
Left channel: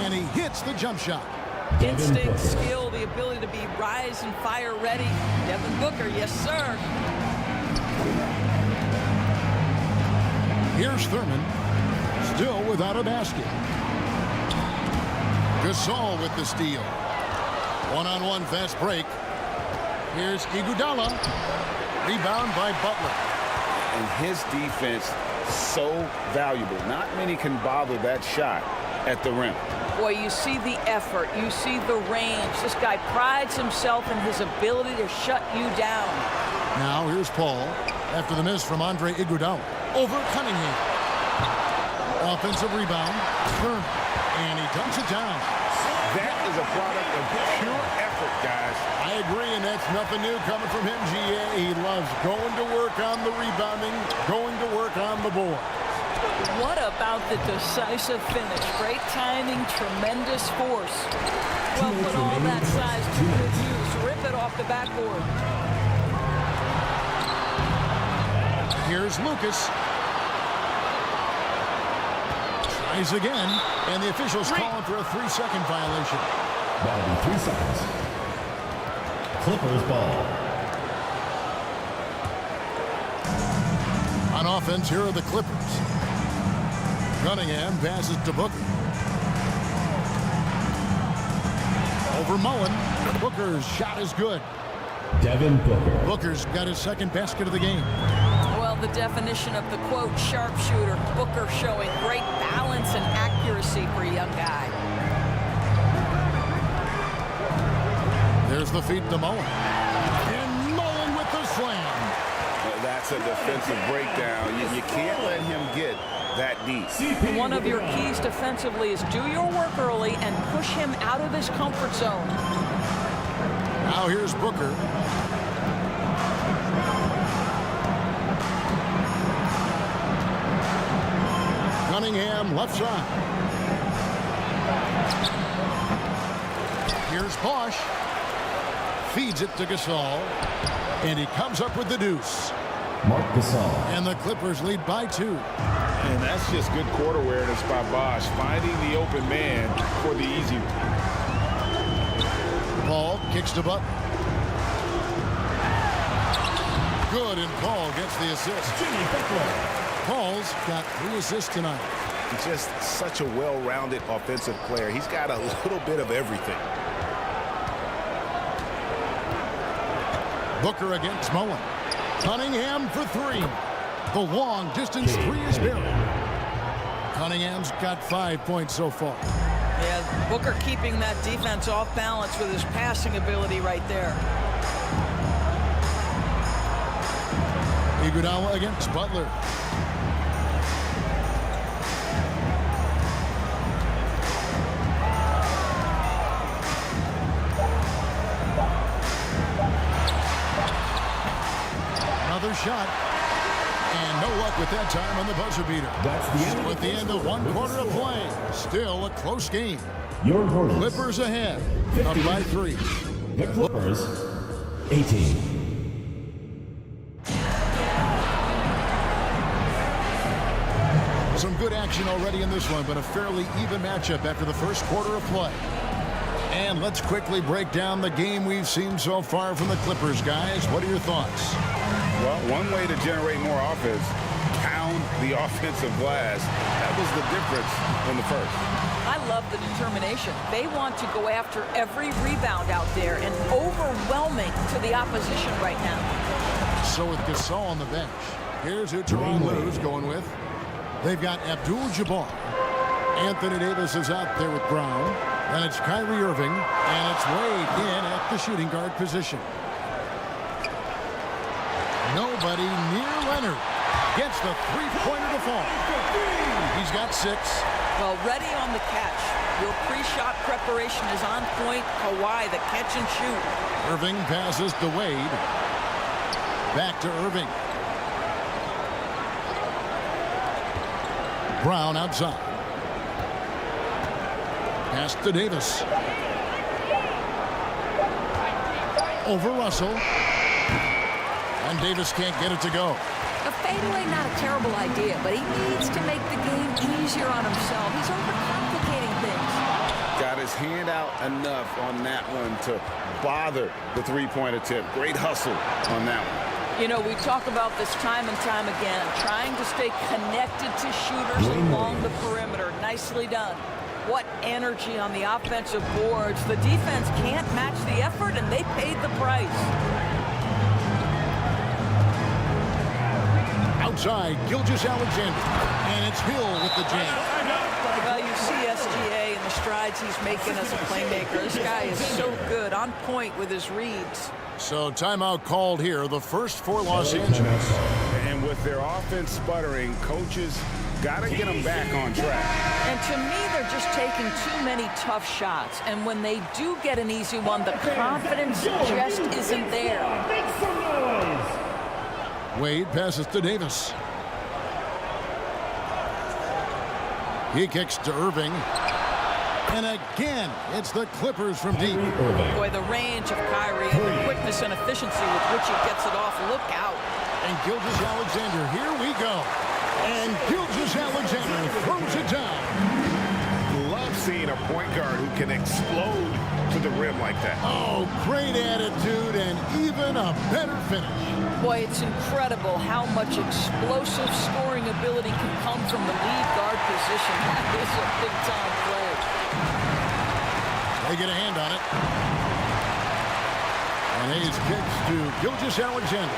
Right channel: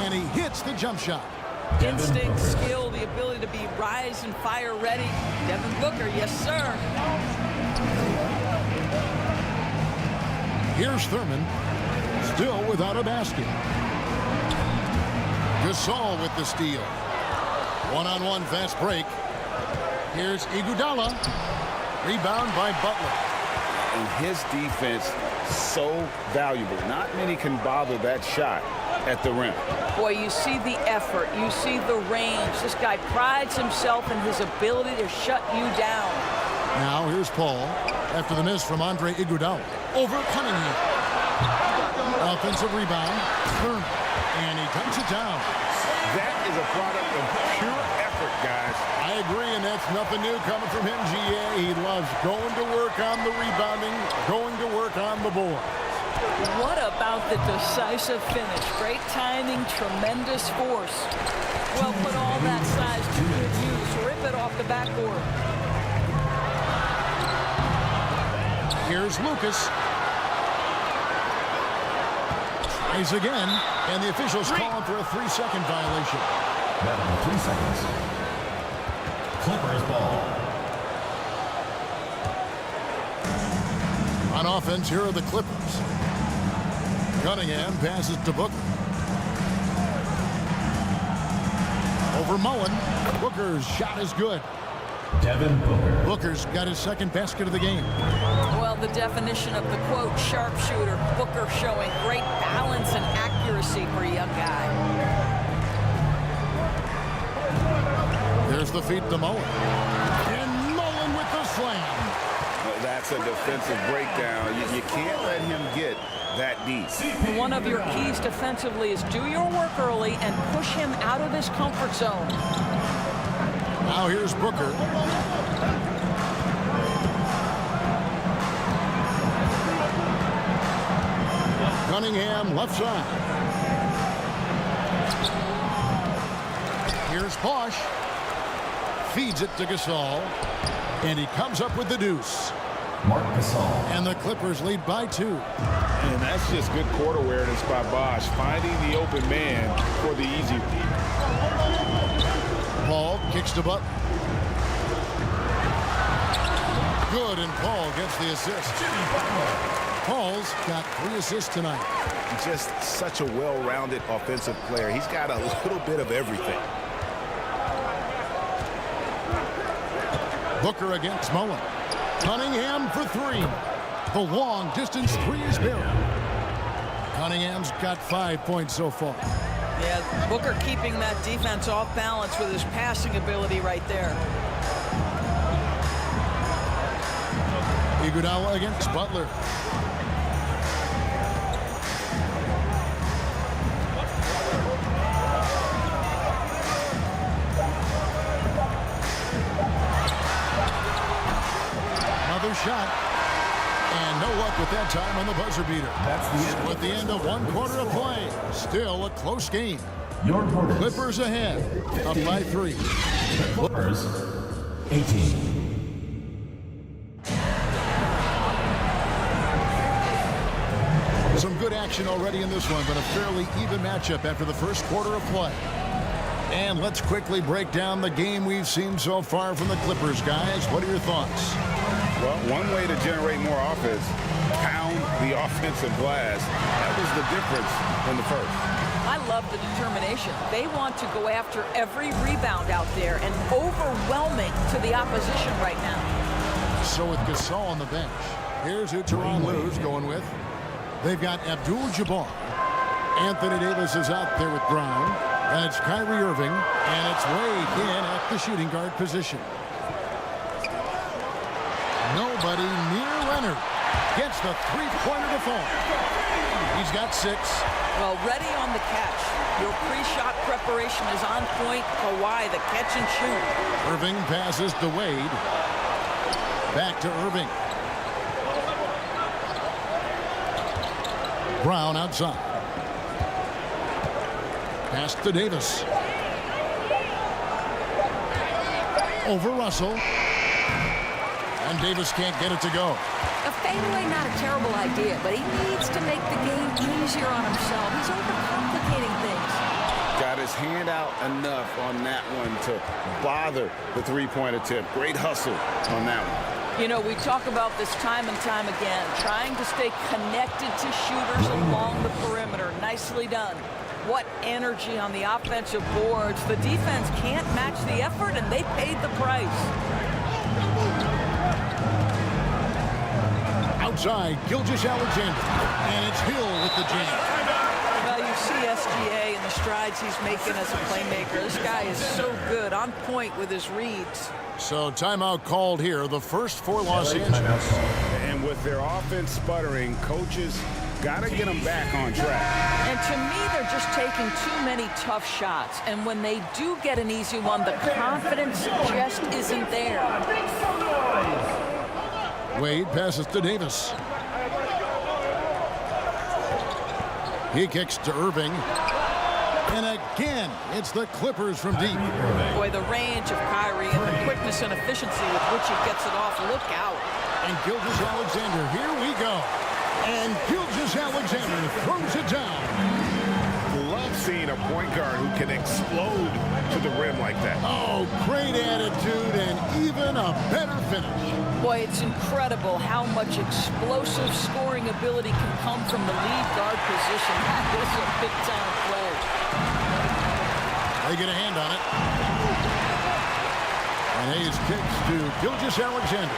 And he hits the jump shot. Instinct, skill, the ability to be rise and fire ready. Devin Booker, yes, sir. Here's Thurman. Still without a basket. Gasol with the steal. One-on-one fast break. Here's Iguodala. Rebound by Butler. And his defense so valuable. Not many can bother that shot at the rim. Boy, you see the effort. You see the range. This guy prides himself in his ability to shut you down. Now here's Paul after the miss from Andre Iguodala. Over Cunningham. Offensive rebound. Thurman. And he dunks it down. That is a product of pure effort, guys. I agree, and that's nothing new coming from him, GA. He loves going to work on the rebounding, going to work on the board. What about the decisive finish? Great timing, tremendous force. Well, put all that size to good use. Rip it off the backboard. Here's Lucas. Tries again, and the officials calling for a 3-second violation. That'll be 3 seconds. Clippers ball. On offense, here are the Clippers. Cunningham passes to Booker. Over Mullen. Booker's shot is good. Devin Booker. Booker's got his second basket of the game. Well, the definition of the quote sharpshooter. Booker showing great balance and accuracy for a young guy. There's the feed to Mullen. And Mullen with the slam. That's a defensive breakdown. You can't let him get that deep. One of your keys defensively is do your work early and push him out of his comfort zone. Now here's Booker. Cunningham left side. Here's Bosch. Feeds it to Gasol. And he comes up with the deuce. Marc Gasol. And the Clippers lead by 2. And that's just good court awareness by Bosch, finding the open man for the easy one. Paul kicks to Butler. Good, and Paul gets the assist. Jimmy Butler. Paul's got 3 assists tonight. Just such a well-rounded offensive player. He's got a little bit of everything. Booker against Mullen. Cunningham for 3. The long distance 3 is buried. Cunningham's got 5 points so far. Yeah, Booker keeping that defense off balance with his passing ability right there. Iguodala against Butler. Another shot. And no luck with that time on the buzzer beater. That's the end. With the end of 1 quarter of play. Still a close game. Your Hornets. Clippers ahead. Up by 3. The Clippers, 18. Some good action already in this one, but a fairly even matchup after the first quarter of play. And let's quickly break down the game we've seen so far from the Clippers, guys. What are your thoughts? Well, one way to generate more offense, pound the offensive glass. That was the difference in the first. I love the determination. They want to go after every rebound out there and overwhelming to the opposition right now. So with Gasol on the bench, here's who Tyronn Lue's going with. They've got ABDUL-JABBAR. Anthony Davis is out there with Brown. And it's Kyrie Irving. And it's Wade in at the shooting guard position. Nobody near Leonard. Gets the three-pointer to fall. He's got 6. Well, ready on the catch. Your pre-shot preparation is on point. Kawhi, the catch and shoot. Irving passes to Wade. Back to Irving. Brown outside. Pass to Davis. Over Russell. And Davis can't get it to go. A fadeaway, not a terrible idea, but he needs to make the game easier on himself. He's overcomplicating things. Got his hand out enough on that one to bother the three-point attempt. Great hustle on that one. You know, we talk about this time and time again, trying to stay connected to shooters along the perimeter. Nicely done. What energy on the offensive boards. The defense can't match the effort, and they paid the price. Outside, Gilgeous-Alexander. And it's Hill with the jam. Well, you see SGA and the strides he's making as a playmaker. This guy is so good, on point with his reads. So timeout called here, the first for Los Angeles. And with their offense sputtering, coaches got to get them back on track. And to me, they're just taking too many tough shots. And when they do get an easy one, the confidence just isn't there. Make some noise. Wade passes to Davis. He kicks to Irving. And again, it's the Clippers from deep. Boy, the range of Kyrie and the quickness and efficiency with which he gets it off. Look out. And Gilgeous-Alexander, here we go. And Gilgeous-Alexander throws it down. Love seeing a point guard who can explode to the rim like that. Oh, great attitude and even a better finish. Boy, it's incredible how much explosive scoring ability can come from the lead guard position. That is a big-time play. They get a hand on it. And Hayes kicks to Gilgeous-Alexander.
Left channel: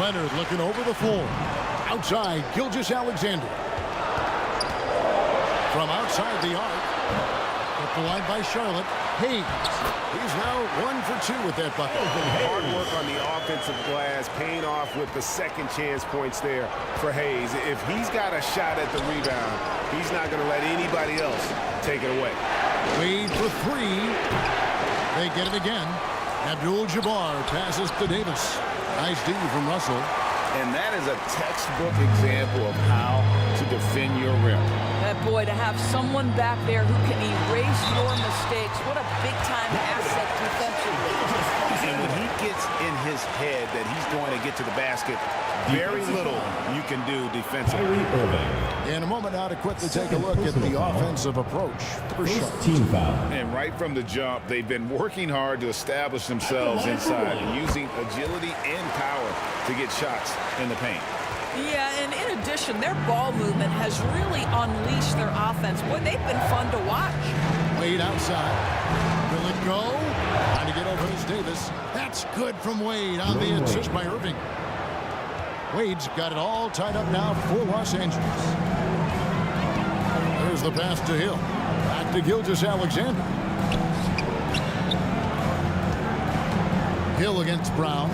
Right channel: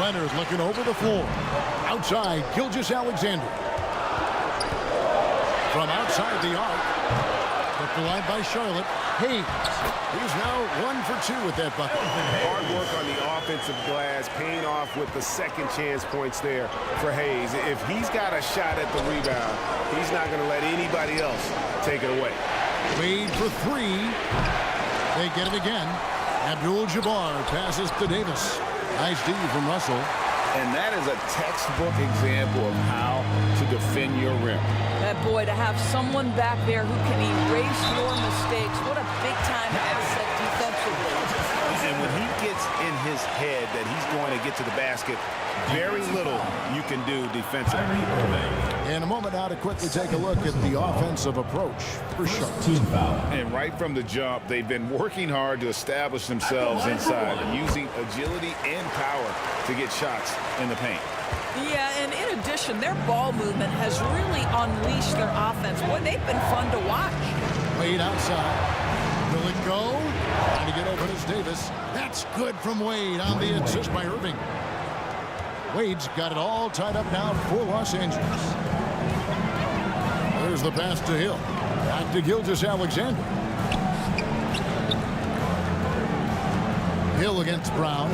Leonard looking over the floor. Outside, Gilgeous-Alexander. From outside the arc. Kept the line by Charlotte. Hayes. He's now 1 for 2 with that bucket. Hard work on the offensive glass, paying off with the second chance points there for Hayes. If he's got a shot at the rebound, he's not going to let anybody else take it away. Wade for 3. They get it again. ABDUL-JABBAR passes to Davis. Nice D from Russell. And that is a textbook example of how to defend your rim. Boy, to have someone back there who can erase your mistakes, what a big-time asset defensively. And when he gets in his head that he's going to get to the basket, very little you can do defensively. In a moment now to quickly take a look at the offensive approach for Charlotte. Team foul. And right from the jump, they've been working hard to establish themselves inside, using agility and power to get shots in the paint. Yeah, and in addition, their ball movement has really unleashed their offense. Boy, they've been fun to watch. Wade outside. Will it go? Trying to get open is Davis. That's good from Wade on the assist by Irving. Wade's got it all tied up now for Los Angeles. There's the pass to Hill. Back to Gilgeous-Alexander. Hill against Brown.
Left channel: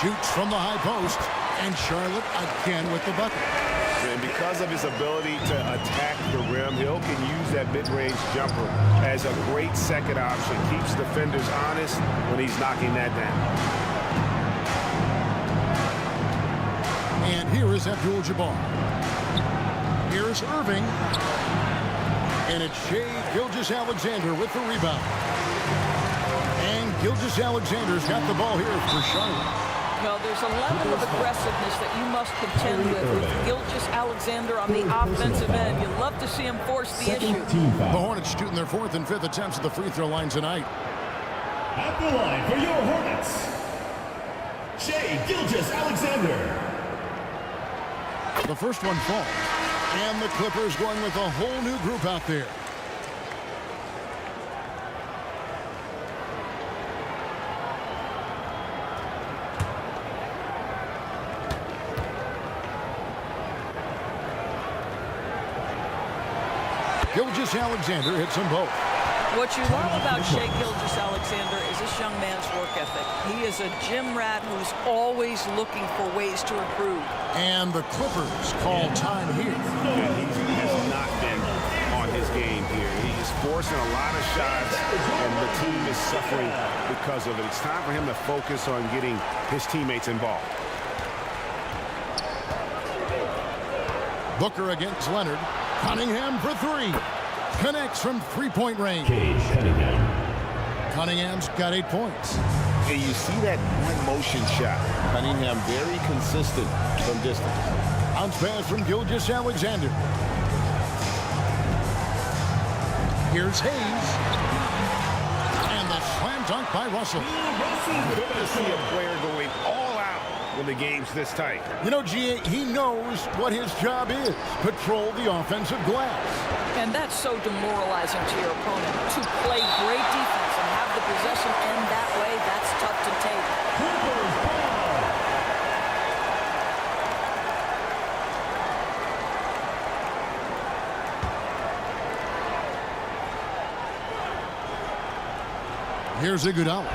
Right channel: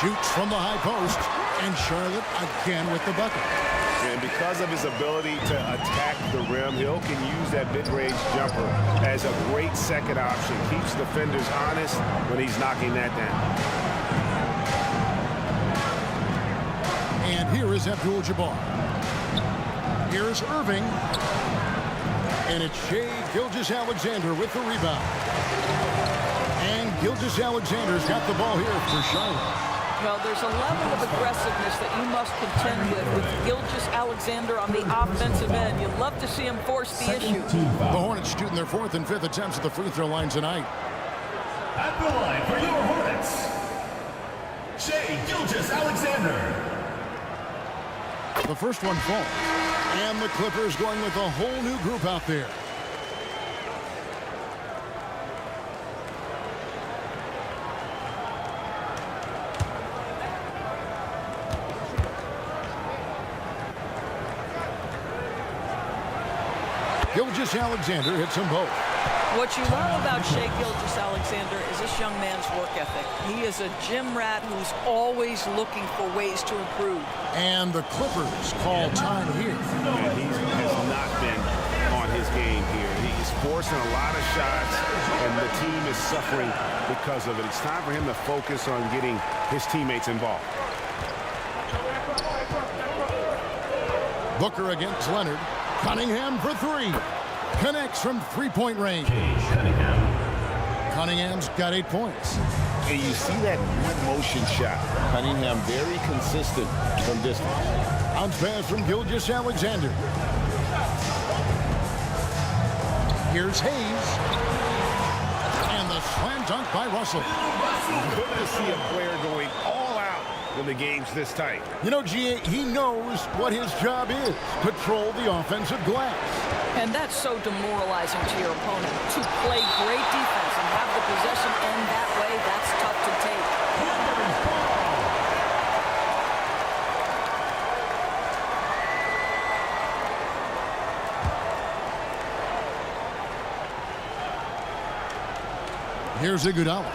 Shoots from the high post. And Charlotte again with the bucket. And because of his ability to attack the rim, Hill can use that mid-range jumper as a great second option. Keeps defenders honest when he's knocking that down. And here is ABDUL-JABBAR. Here's Irving. And it's Shai Gilgeous-Alexander with the rebound. And Gilgeous-Alexander's got the ball here for Charlotte. Well, there's a level of aggressiveness that you must contend with Gilgeous-Alexander on the offensive end. You love to see him force the issue. The Hornets shooting their 4th and 5th attempts at the free throw line tonight. At the line for your Hornets, Shai Gilgeous-Alexander. The first one falls. And the Clippers going with a whole new group out there. Gilgeous-Alexander hits them both. What you love about Shai Gilgeous-Alexander is this young man's work ethic. He is a gym rat who's always looking for ways to improve. And the Clippers call time here. And he has not been on his game here. He's forcing a lot of shots, and the team is suffering because of it. It's time for him to focus on getting his teammates involved. Booker against Leonard. Cunningham for 3. Connects from 3-point range. Cunningham's got 8 points. And you see that one motion shot. Cunningham very consistent from distance. Bounce pass from Gilgeous-Alexander. Here's Hayes. And the slam dunk by Russell. Good to see a player going all out when the game's this tight. You know, G.A., he knows what his job is. Patrol the offensive glass. And that's so demoralizing to your opponent. To play great defense and have the possession end that way, that's tough to take. Here's Iguodala.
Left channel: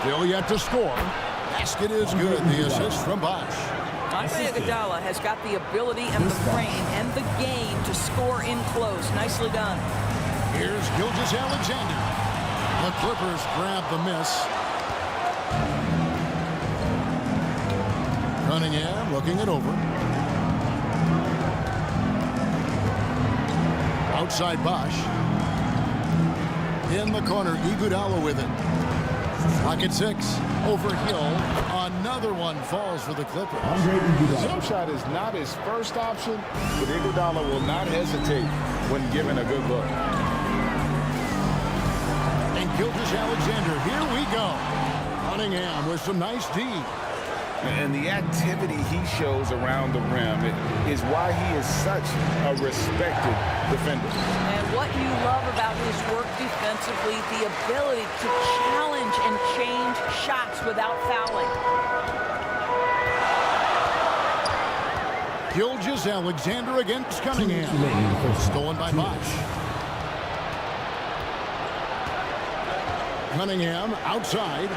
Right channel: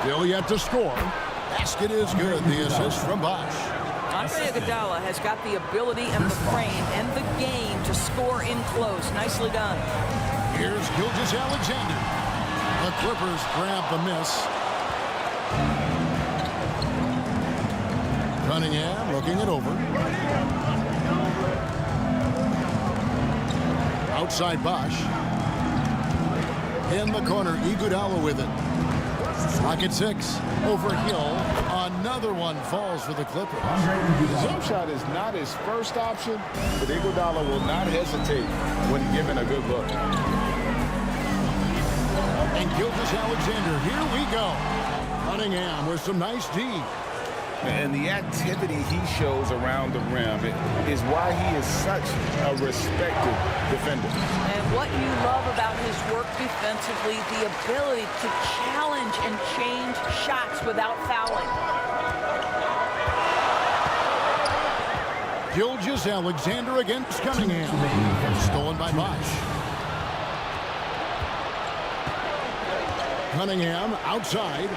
Still yet to score. Basket is good. The assist from Bosh. Andre Iguodala has got the ability and the frame and the game to score in close. Nicely done. Here's Gilgeous-Alexander. The Clippers grab the miss. Cunningham looking it over. Outside Bosh. In the corner, Iguodala with it. Clock at 6. Over Hill. Another one falls for the Clippers. The jump shot is not his first option, but Iguodala will not hesitate when given a good look. And Gilgeous-Alexander, here we go. Cunningham with some nice D. And the activity he shows around the rim is why he is such a respected defender. And what you love about his work defensively, the ability to challenge and change shots without fouling. Gilgeous-Alexander against Cunningham. Stolen by Bosch. Cunningham outside.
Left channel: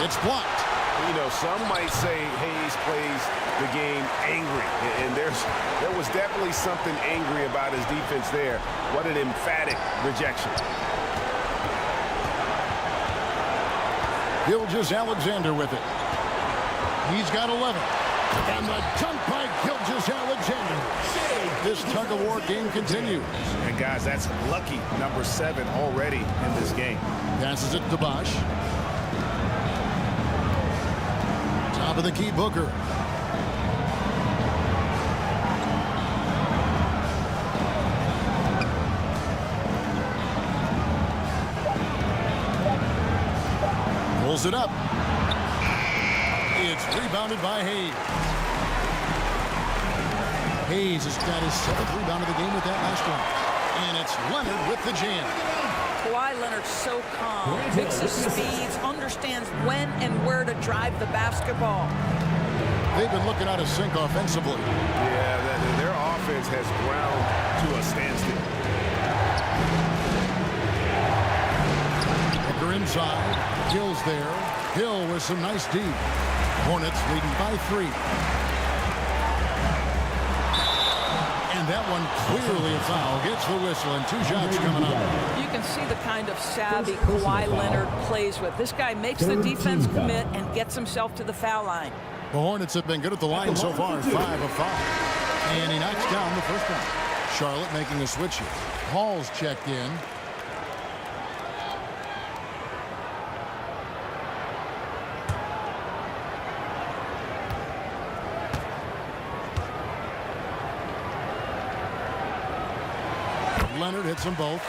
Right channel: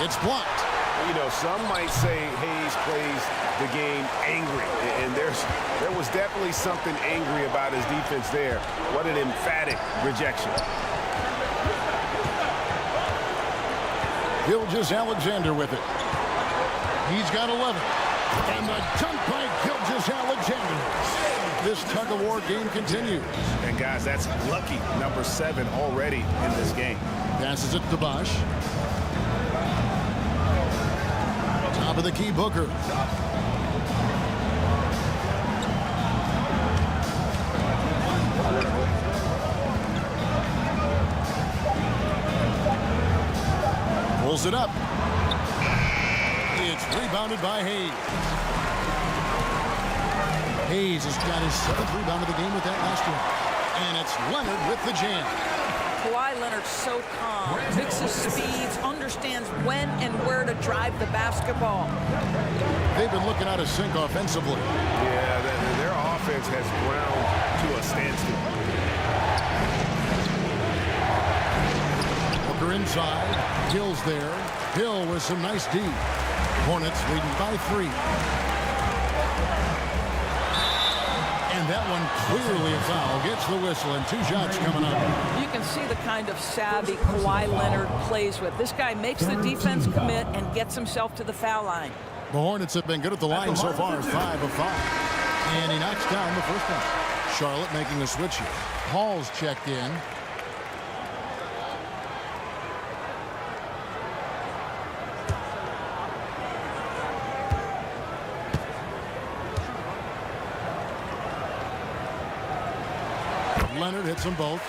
It's blocked. You know, some might say Hayes plays the game angry, and there was definitely something angry about his defense there. What an emphatic rejection. Gilgeous-Alexander with it. He's got 11. And the dunk by Gilgeous-Alexander. This tug-of-war game continues. And guys, that's lucky number 7 already in this game. Passes it to Bosch. Top of the key, Booker. Pulls it up. It's rebounded by Hayes. Hayes has got his 7th rebound of the game with that last one. And it's Leonard with the jam. Kawhi Leonard's so calm, mixes speeds, understands when and where to drive the basketball. They've been looking out of sync offensively. Yeah, their offense has ground to a standstill. Booker inside. Hill's there. Hill with some nice D. Hornets leading by 3. And that one clearly a foul. Gets the whistle and 2 shots coming up. You can see the kind of savvy Kawhi Leonard plays with. This guy makes the defense commit and gets himself to the foul line. The Hornets have been good at the line so far, 5 of 5. And he knocks down the first one. Charlotte making a switch here. Hall's checked in. Leonard hits them both.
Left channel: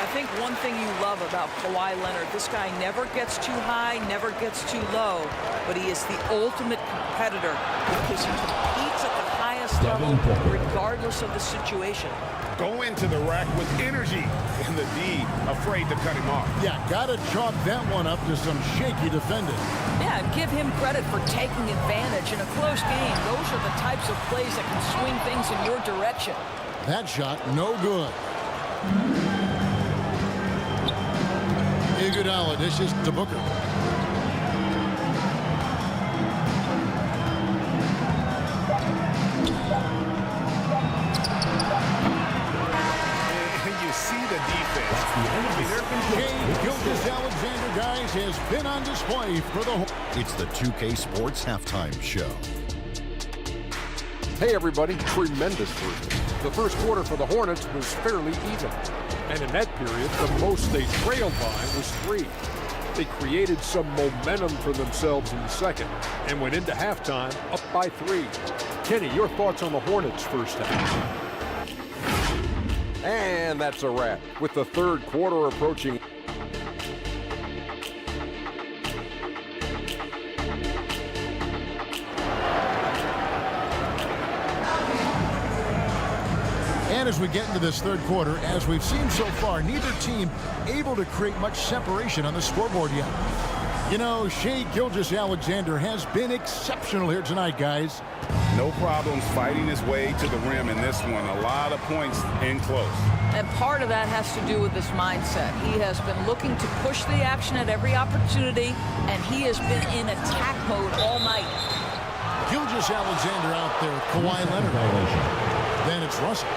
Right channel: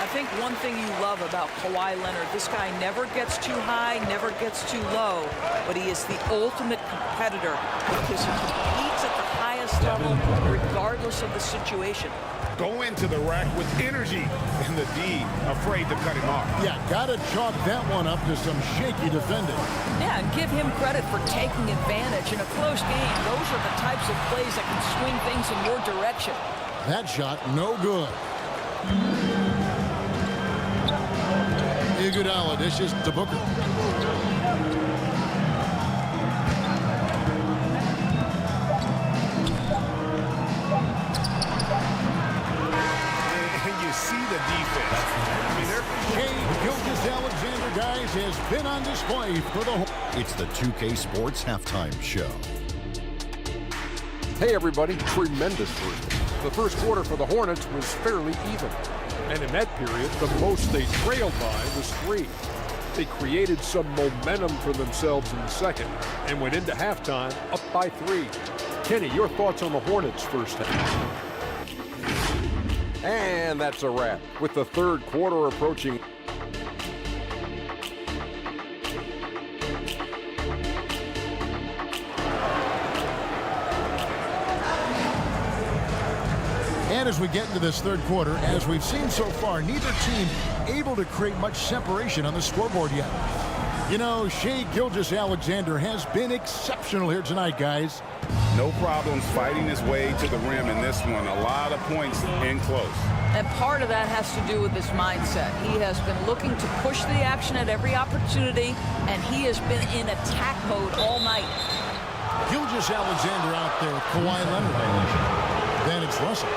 I think one thing you love about Kawhi Leonard, this guy never gets too high, never gets too low, but he is the ultimate competitor because he competes at the highest level regardless of the situation. Go into the rack with energy, and the D afraid to cut him off. Yeah, gotta chalk that one up to some shaky defending. Yeah, and give him credit for taking advantage in a close game. Those are the types of plays that can swing things in your direction. That shot, no good. Iguodala dishes to Booker. And you see the defense. I mean, Shea Gilgeous-Alexander, guys, has been on display for the... It's the 2K Sports Halftime Show. Hey, everybody. Tremendous first. The first quarter for the Hornets was fairly even. And in that period, the most they trailed by was 3. They created some momentum for themselves in the second and went into halftime up by 3. Kenny, your thoughts on the Hornets' first half? And that's a wrap. With the third quarter approaching. And as we get into this third quarter, as we've seen so far, neither team able to create much separation on the scoreboard yet. You know, Shea Gilgeous-Alexander has been exceptional here tonight, guys. No problems fighting his way to the rim in this one. A lot of points in close. And part of that has to do with his mindset. He has been looking to push the action at every opportunity, and he has been in attack mode all night. Gilgeous-Alexander out there with Kawhi Leonard. Then it's Russell.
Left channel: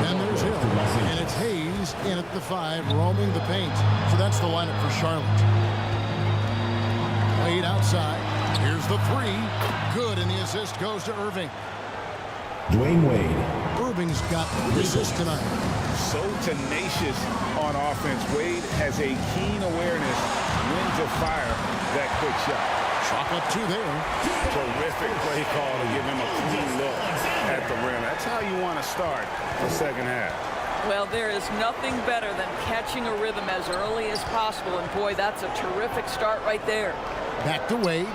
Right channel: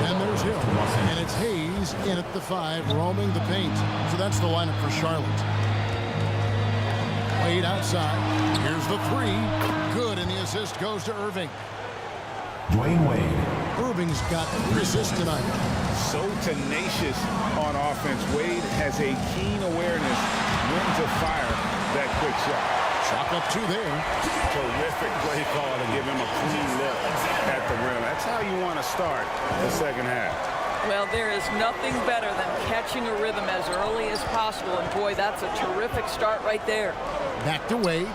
Then there's Hill. And it's Hayes in at the 5, roaming the paint. So that's the lineup for Charlotte. Wade outside. Here's the 3. Good, and the assist goes to Irving. Dwayne Wade. Irving's got 3 assists tonight. So tenacious on offense. Wade has a keen awareness when to fire that quick shot. Chalk up 2 there. Terrific play call to give him a clean look at the rim. That's how you want to start the second half. Well, there is nothing better than catching a rhythm as early as possible. And boy, that's a terrific start right there. Back to Wade.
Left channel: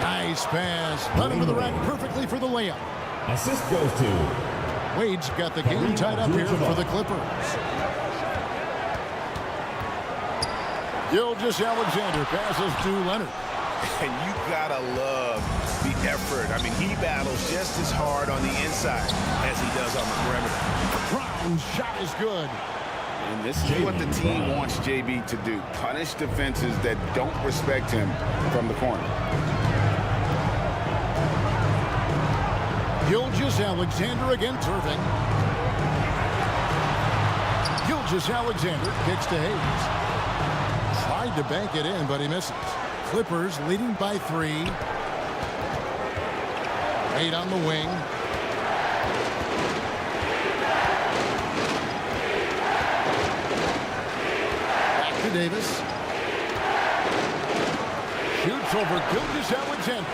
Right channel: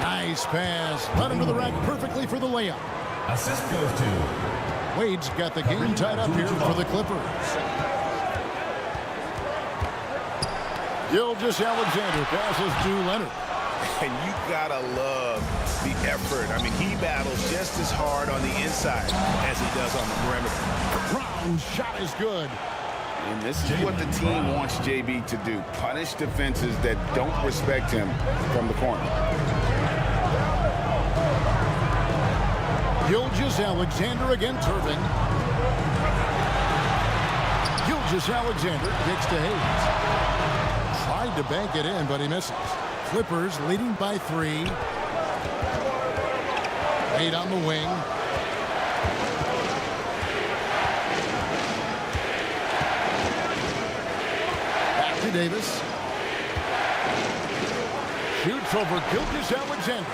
Nice pass. Led him to the rack perfectly for the layup. Assist goes to Wade's got the game tied up here for the Clippers. Gilgeous-Alexander passes to Leonard. And you gotta love the effort. I mean, he battles just as hard on the inside as he does on the perimeter. Brown's shot is good. And this is what the team wants JB to do. Punish defenses that don't respect him from the corner. Gilgeous-Alexander against Irving. Gilgeous-Alexander kicks to Hayes. Tried to bank it in, but he misses. Clippers leading by 3. Wade on the wing. Back to Davis. Shoots over Gilgeous-Alexander.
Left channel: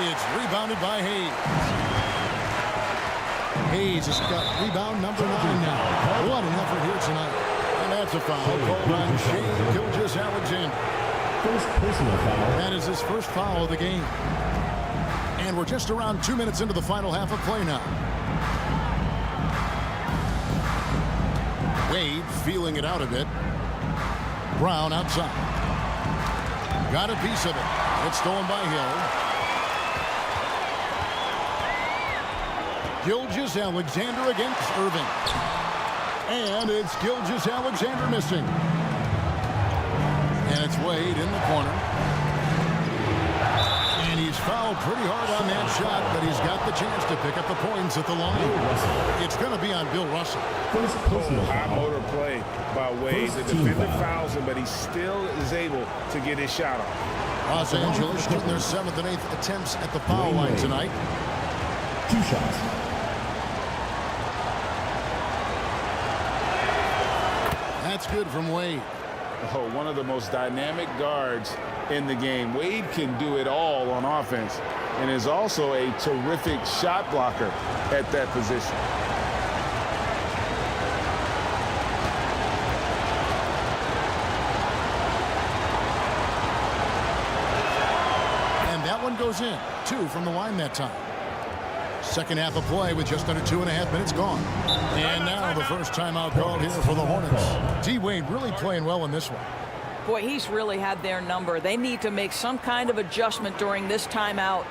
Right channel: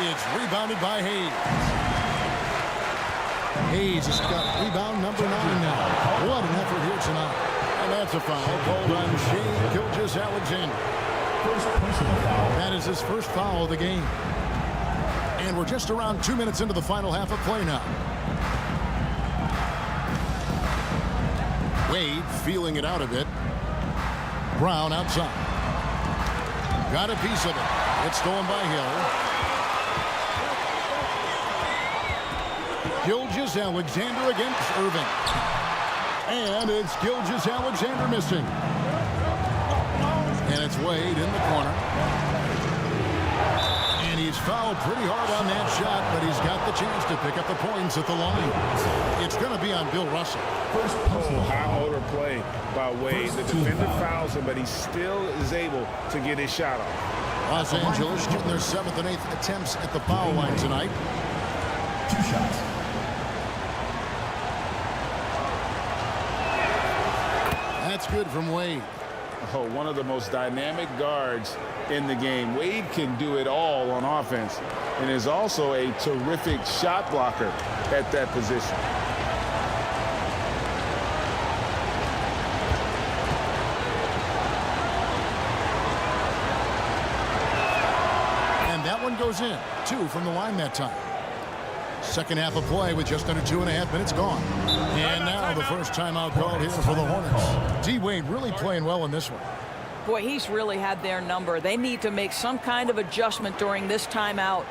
It's rebounded by Hayes. Hayes has got rebound number 9 now. What an effort here tonight. And that's a foul called on Shane Gilgeous-Alexander. first personal foul. That is his first foul of the game. And we're just around 2 minutes into the final half of play now. Wade feeling it out a bit. Brown outside. Got a piece of it. It's stolen by Hill. Gilgeous-Alexander against Irving. And it's Gilgeous-Alexander missing. And it's Wade in the corner. And he's fouled pretty hard on that shot, but he's got the chance to pick up the points at the line. It's going to be on Bill Russell. High motor play by Wade. The defender fouls him, but he still is able to get his shot off. Los Angeles shooting their 7th and 8th attempts at the foul line tonight. 2 shots. That's good from Wade. Oh, one of the most dynamic guards in the game. Wade can do it all on offense and is also a terrific shot blocker at that position. And that one goes in. 2 from the line that time. Second half of play with just under 2.5 minutes gone. And now the first timeout called here for the Hornets. D. Wade really playing well in this one. Boy, he's really had their number. They need to make some kind of adjustment during this timeout.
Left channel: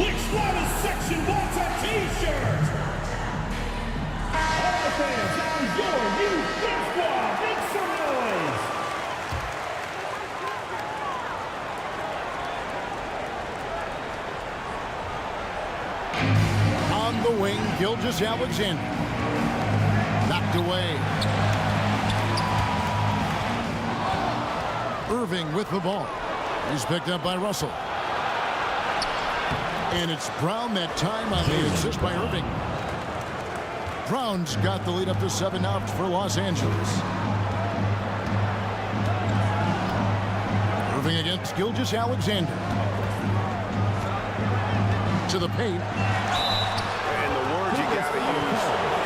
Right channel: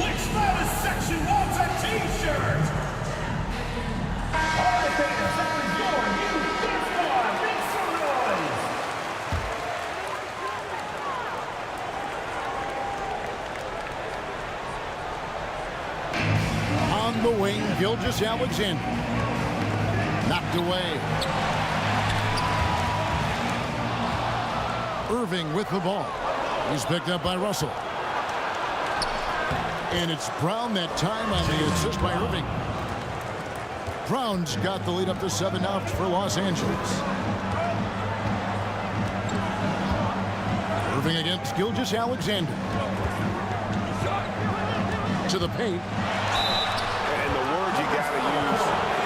Which loudest section wants a T-shirt? All the fans, now your new Fifth Squad. Make some noise. On the wing, Gilgeous-Alexander. Knocked away. Irving with the ball. He's picked up by Russell. And it's Brown that time on the assist by Irving. Brown's got the lead up to 7 now for Los Angeles. Irving against Gilgeous-Alexander. To the paint. And the word you got to use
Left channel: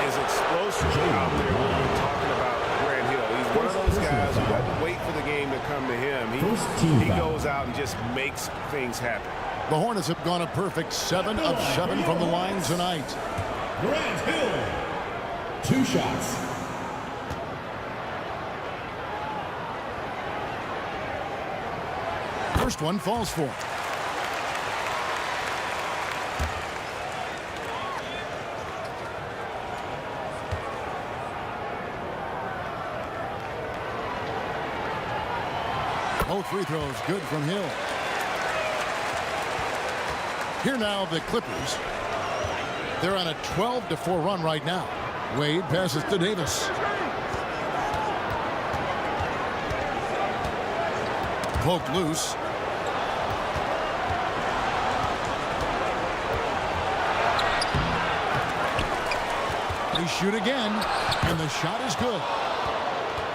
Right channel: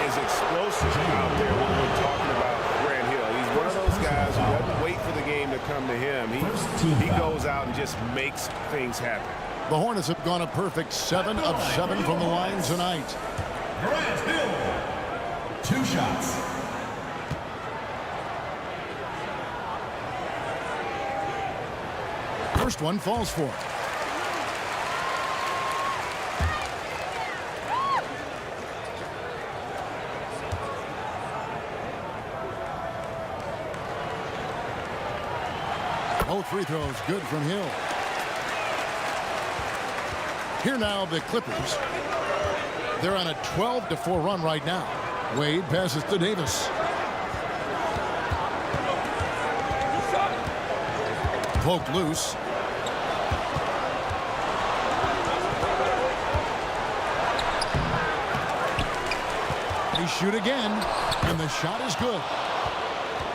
is explosive out there when we're talking about Grant Hill. He's one of those guys who doesn't wait for the game to come to him. He goes out and just makes things happen. The Hornets have gone a perfect 7 of 7 from the line tonight. Grant Hill. 2 shots. First one falls for him. Both free throws good from Hill. Here now the Clippers. They're on a 12-4 run right now. Wade passes to Davis. Poked loose. They shoot again, and the shot is good.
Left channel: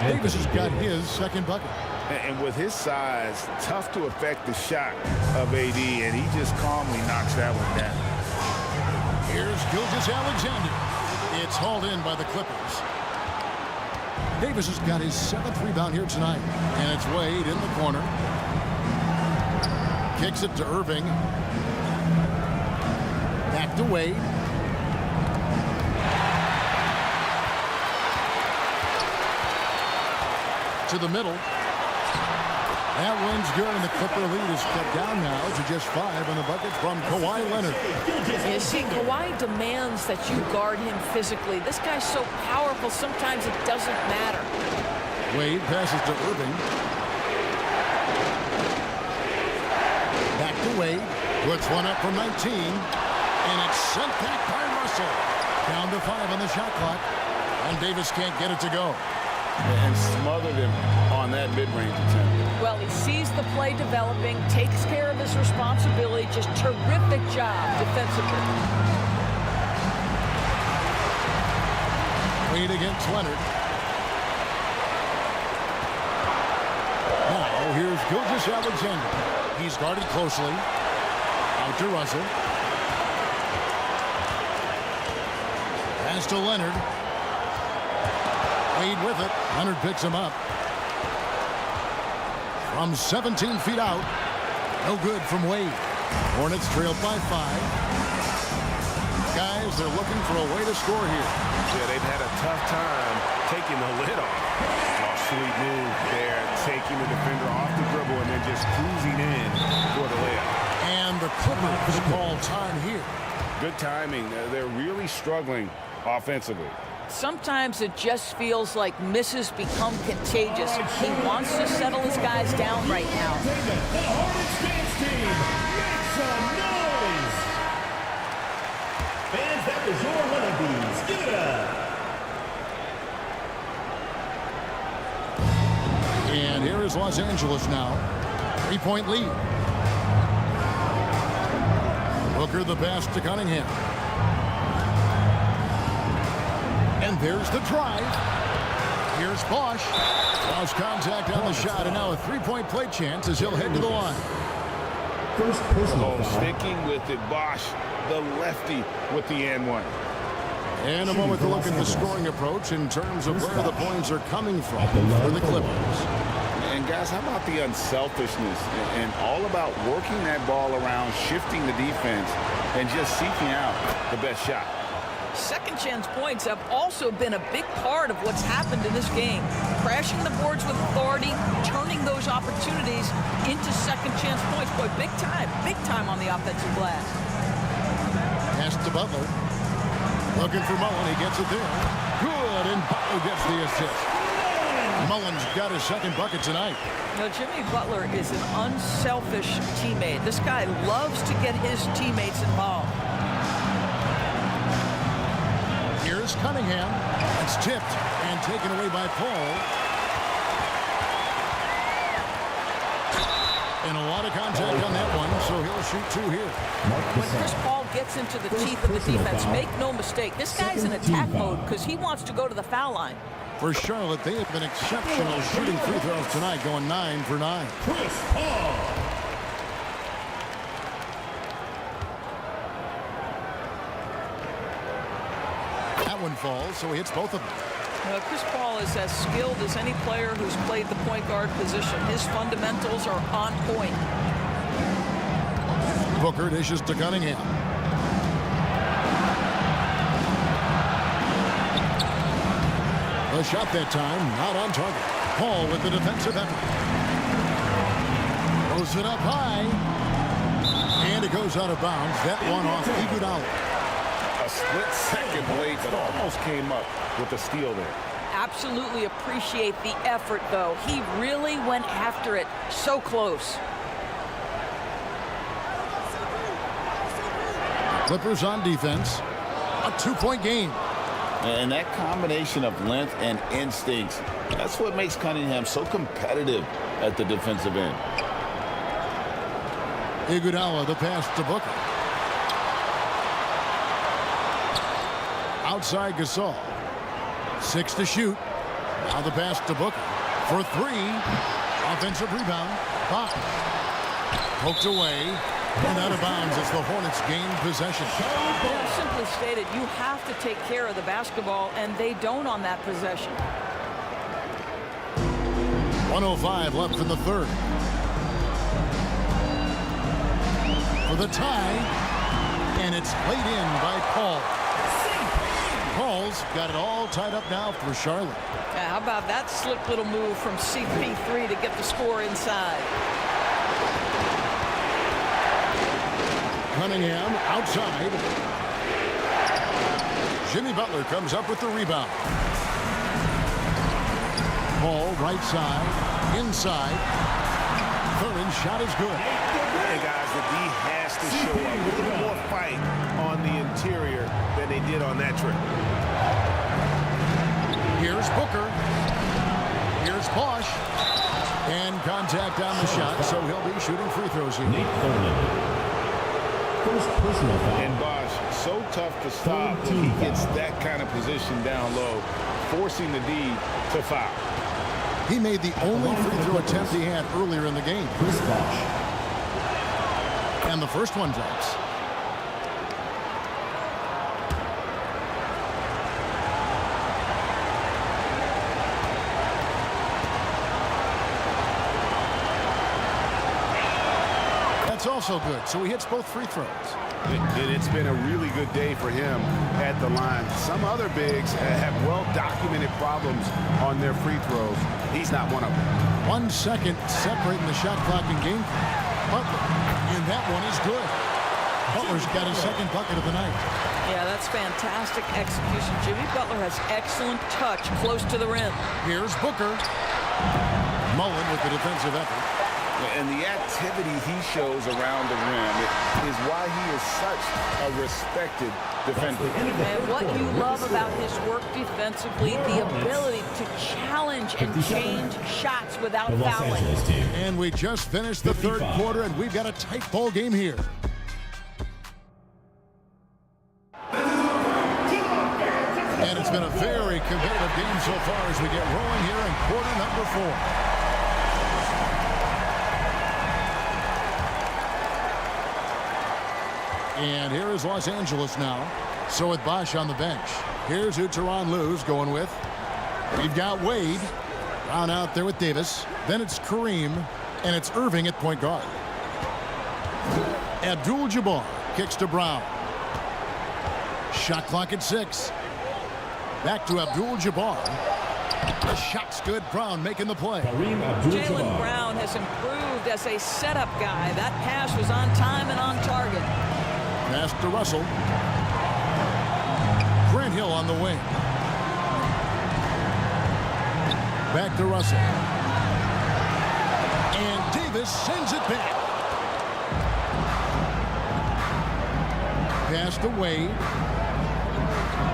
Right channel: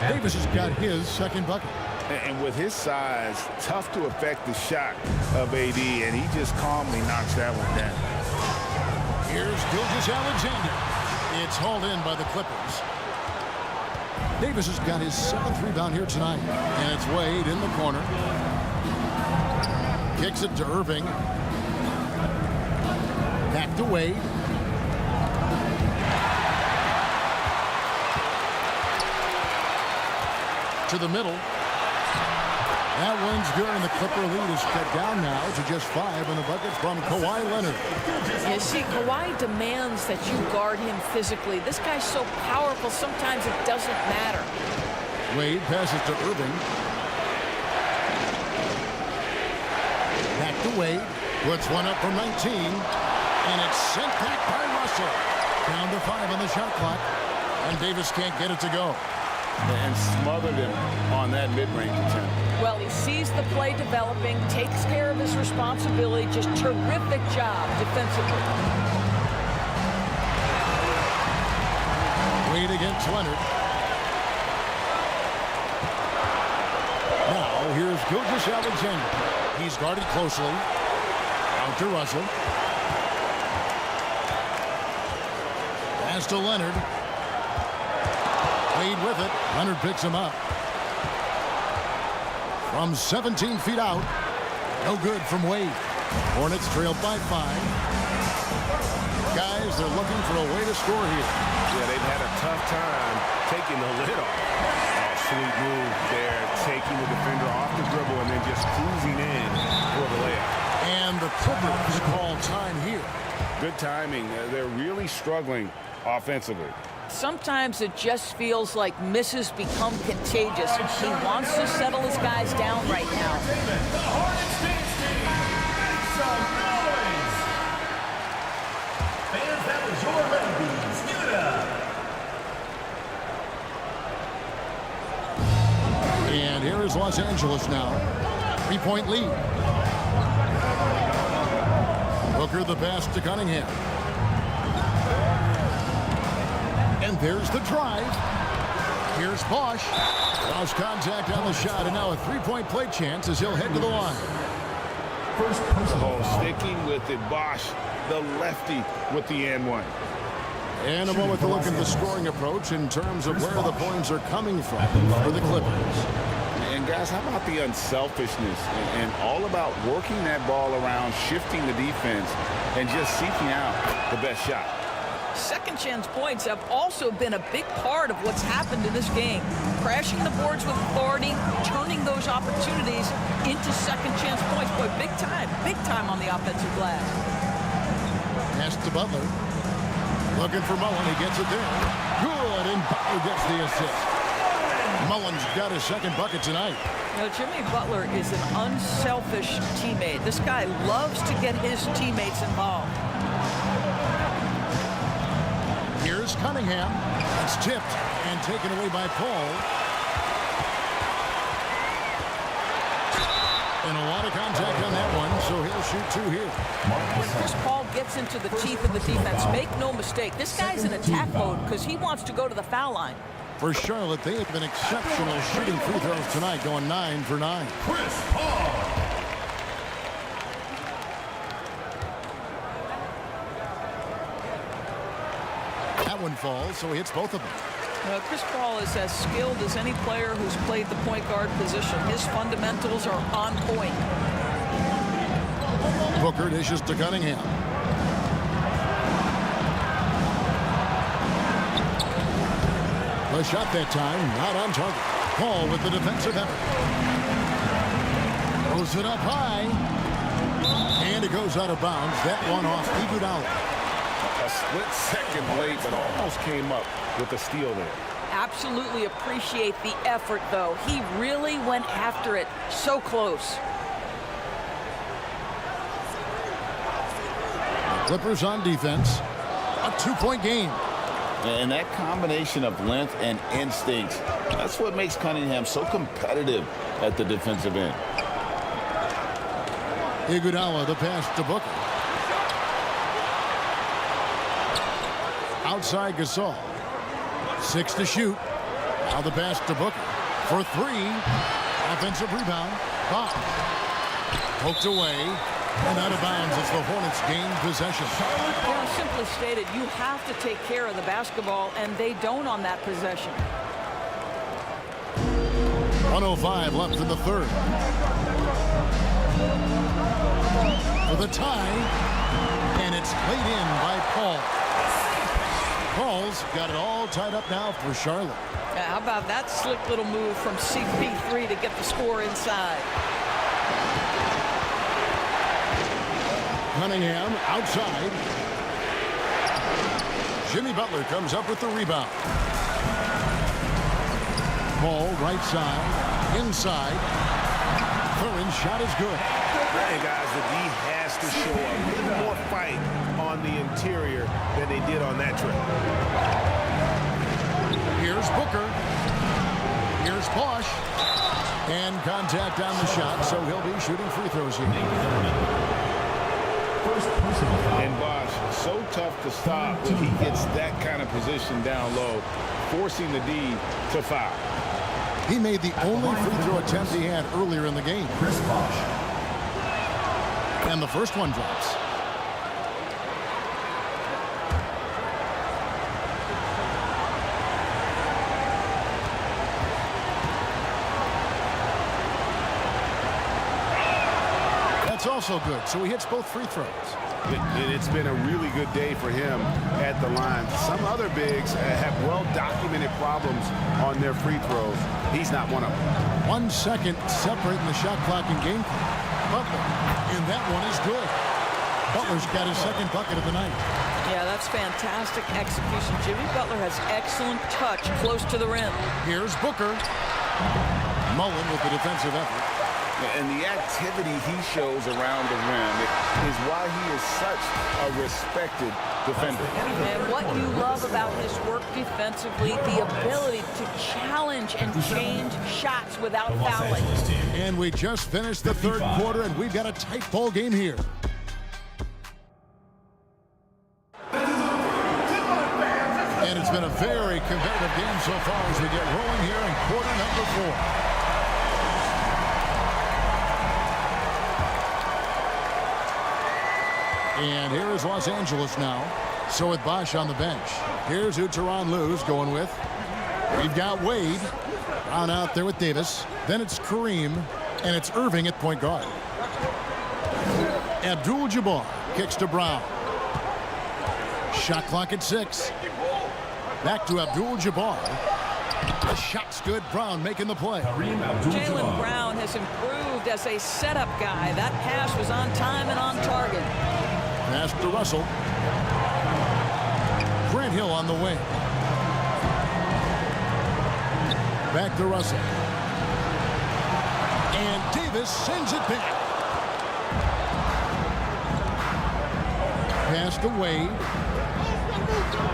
Davis has got his second bucket. And with his size, tough to affect the shot of AD, and he just calmly knocks that one down. Here's Gilgeous-Alexander. It's hauled in by the Clippers. Davis has got his 7th rebound here tonight, and it's Wade in the corner. kicks it to Irving. Back to Wade. To the middle. That one's good, and the Clipper lead is cut down now to just 5 on the bucket from Kawhi Leonard. You see, Kawhi demands that you guard him physically. This guy's so powerful, sometimes it doesn't matter. Wade passes to Irving. Back to Wade. Puts one up from 19. And it's sent back by Russell. Down to 5 on the shot clock. And Davis can't get it to go. And smothered him on that mid-range attempt. Well, he sees the play developing, takes care of his responsibility. Just terrific job defensively. Wade against Leonard. Now, here's Gilgeous-Alexander. He's guarded closely. Out to Russell. Pass to Leonard. Wade with it. Leonard picks him up. From 17 feet out. No good from Wade. Hornets trailed by 5. Guys, they're looking for a way to score here. Yeah, they've had a tough time taking the lid off. Oh, sweet move there, taking the defender off the dribble and then just cruising in for the layup. And the Clippers call time here. Good timing. They're really struggling offensively. Sometimes it just feels like misses become contagious. He wants to settle his guys down right now. The Hornets dance team, make some noise! Fans, that was your honeybees. Give it up! And here is Los Angeles now. 3-point lead. Booker the pass to Cunningham. And there's the drive. Here's Bosch. Lost contact on the shot, and now a 3-point play chance as he'll head to the line. First personal foul. Sticking with it, Bosch, the lefty with the and-one. And a moment to look at the scoring approach in terms of where the points are coming from for the Clippers. And guys, how about the unselfishness and all about working that ball around, shifting the defense, and just seeking out the best shot. Second chance points have also been a big part of what's happened in this game. Crashing the boards with authority, turning those opportunities into second chance points. Boy, big time on the offensive glass. Pass to Butler. Looking for Mullen, he gets it there. Good, and Butler gets the assist. Mullen's got his second bucket tonight. You know, Jimmy Butler is an unselfish teammate. This guy loves to get his teammates involved. Here's Cunningham. That's tipped and taken away by Paul. And a lot of contact on that one, so he'll shoot 2 here. When Chris Paul gets into the teeth of the defense, make no mistake, this guy's in attack mode because he wants to go to the foul line. For Charlotte, they have been exceptional shooting free throws tonight, going 9 for 9. Chris Paul. That one falls, so he hits both of them. Well, Chris Paul is as skilled as any player who's played the point guard position. His fundamentals are on point. Booker dishes to Cunningham. The shot that time, not on target. Paul with the defensive effort. Throws it up high. And it goes out of bounds. That one off Iguodala. A split second late, but almost came up with a steal there. Absolutely appreciate the effort, though. He really went after it. So close. The Clippers on defense. A 2-point game. And that combination of length and instincts, that's what makes Cunningham so competitive at the defensive end. Iguodala, the pass to Booker. Outside Gasol. 6 to shoot. Now the pass to Booker. For 3. Offensive rebound. Bosch. Poked away. And out of bounds as the Hornets gain possession. Yeah, simply stated, you have to take care of the basketball, and they don't on that possession. 1:05 left in the third. for the tie, and it's laid in by Paul. Paul's got it all tied up now for Charlotte. Yeah, how about that slick little move from CP3 to get the score inside? Cunningham outside. Jimmy Butler comes up with the rebound. Ball right side, inside. Thurin's shot is good. And guys, the D has to show a little more fight on the interior than they did on that trip. Here's Booker. Here's Bosch. And contact on the shot, so he'll be shooting free throws here. First personal foul. And Bosch, so tough to stop when he gets that kind of position down low, forcing the D to foul. He made the only free throw attempt he had earlier in the game. Chris Bosch. And the first one drops. That's also good, so he hits both free throws. It's been a really good day for him at the line. Some other bigs have well-documented problems on their free throws. He's not one of them. 1 second separating the shot clock and game clock. Butler, and that one is good. Butler's got his second bucket of the night. Yeah, that's fantastic execution. Jimmy Butler has excellent touch close to the rim. Here's Booker. Mullen with the defensive effort. And the activity he shows around the rim is why he is such a respected defender. And what you love about his work defensively, the ability to challenge and change shots without fouling. And we just finished the third quarter, and we've got a tight ball game here. And it's been a very competitive game so far as we get rolling here in quarter number 4. And here is Los Angeles now. So with Bosch on the bench, here's who Tyronn Lue's going with. We've got Wade. Brown out there with Davis. Then it's Kareem, and it's Irving at point guard. ABDUL-JABBAR kicks to Brown. Shot clock at 6. Back to ABDUL-JABBAR. The shot's good. Brown making the play. Jaylen Brown has improved as a setup guy. That pass was on time and on target. Pass to Russell. Grant Hill on the wing. Back to Russell. And Davis sends it back. Pass to Wade.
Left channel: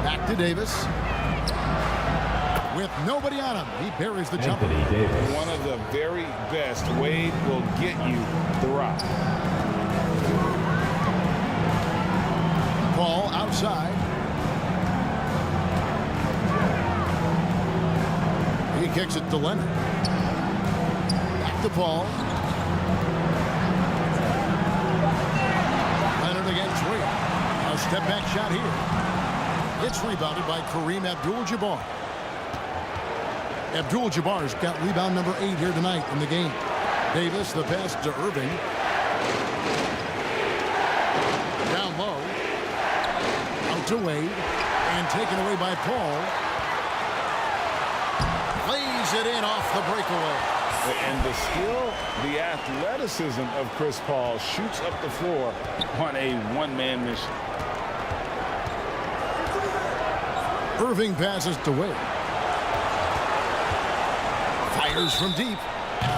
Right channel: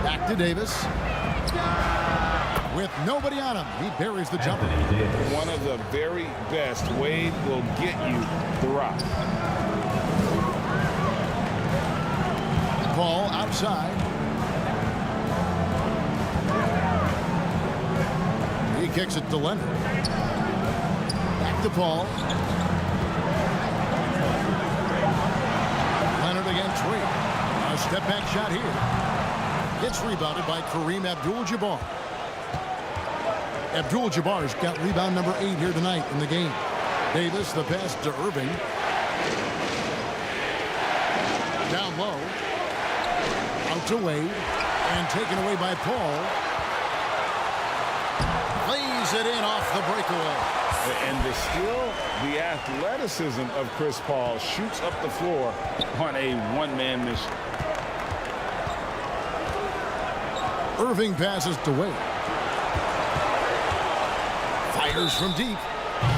Back to Davis. With nobody on him, he buries the jumper. One of the very best. Wade will get you the rock. Paul outside. He kicks it to Leonard. Back to Paul. Leonard against Wade. A step back shot here. It's rebounded by Kareem ABDUL-JABBAR. ABDUL-JABBAR's got rebound number 8 here tonight in the game. Davis, the pass to Irving. Down low. Out to Wade. And taken away by Paul. Lays it in off the breakaway. And the skill, the athleticism of Chris Paul shoots up the floor on a one-man mission. Irving passes to Wade. Fires from deep.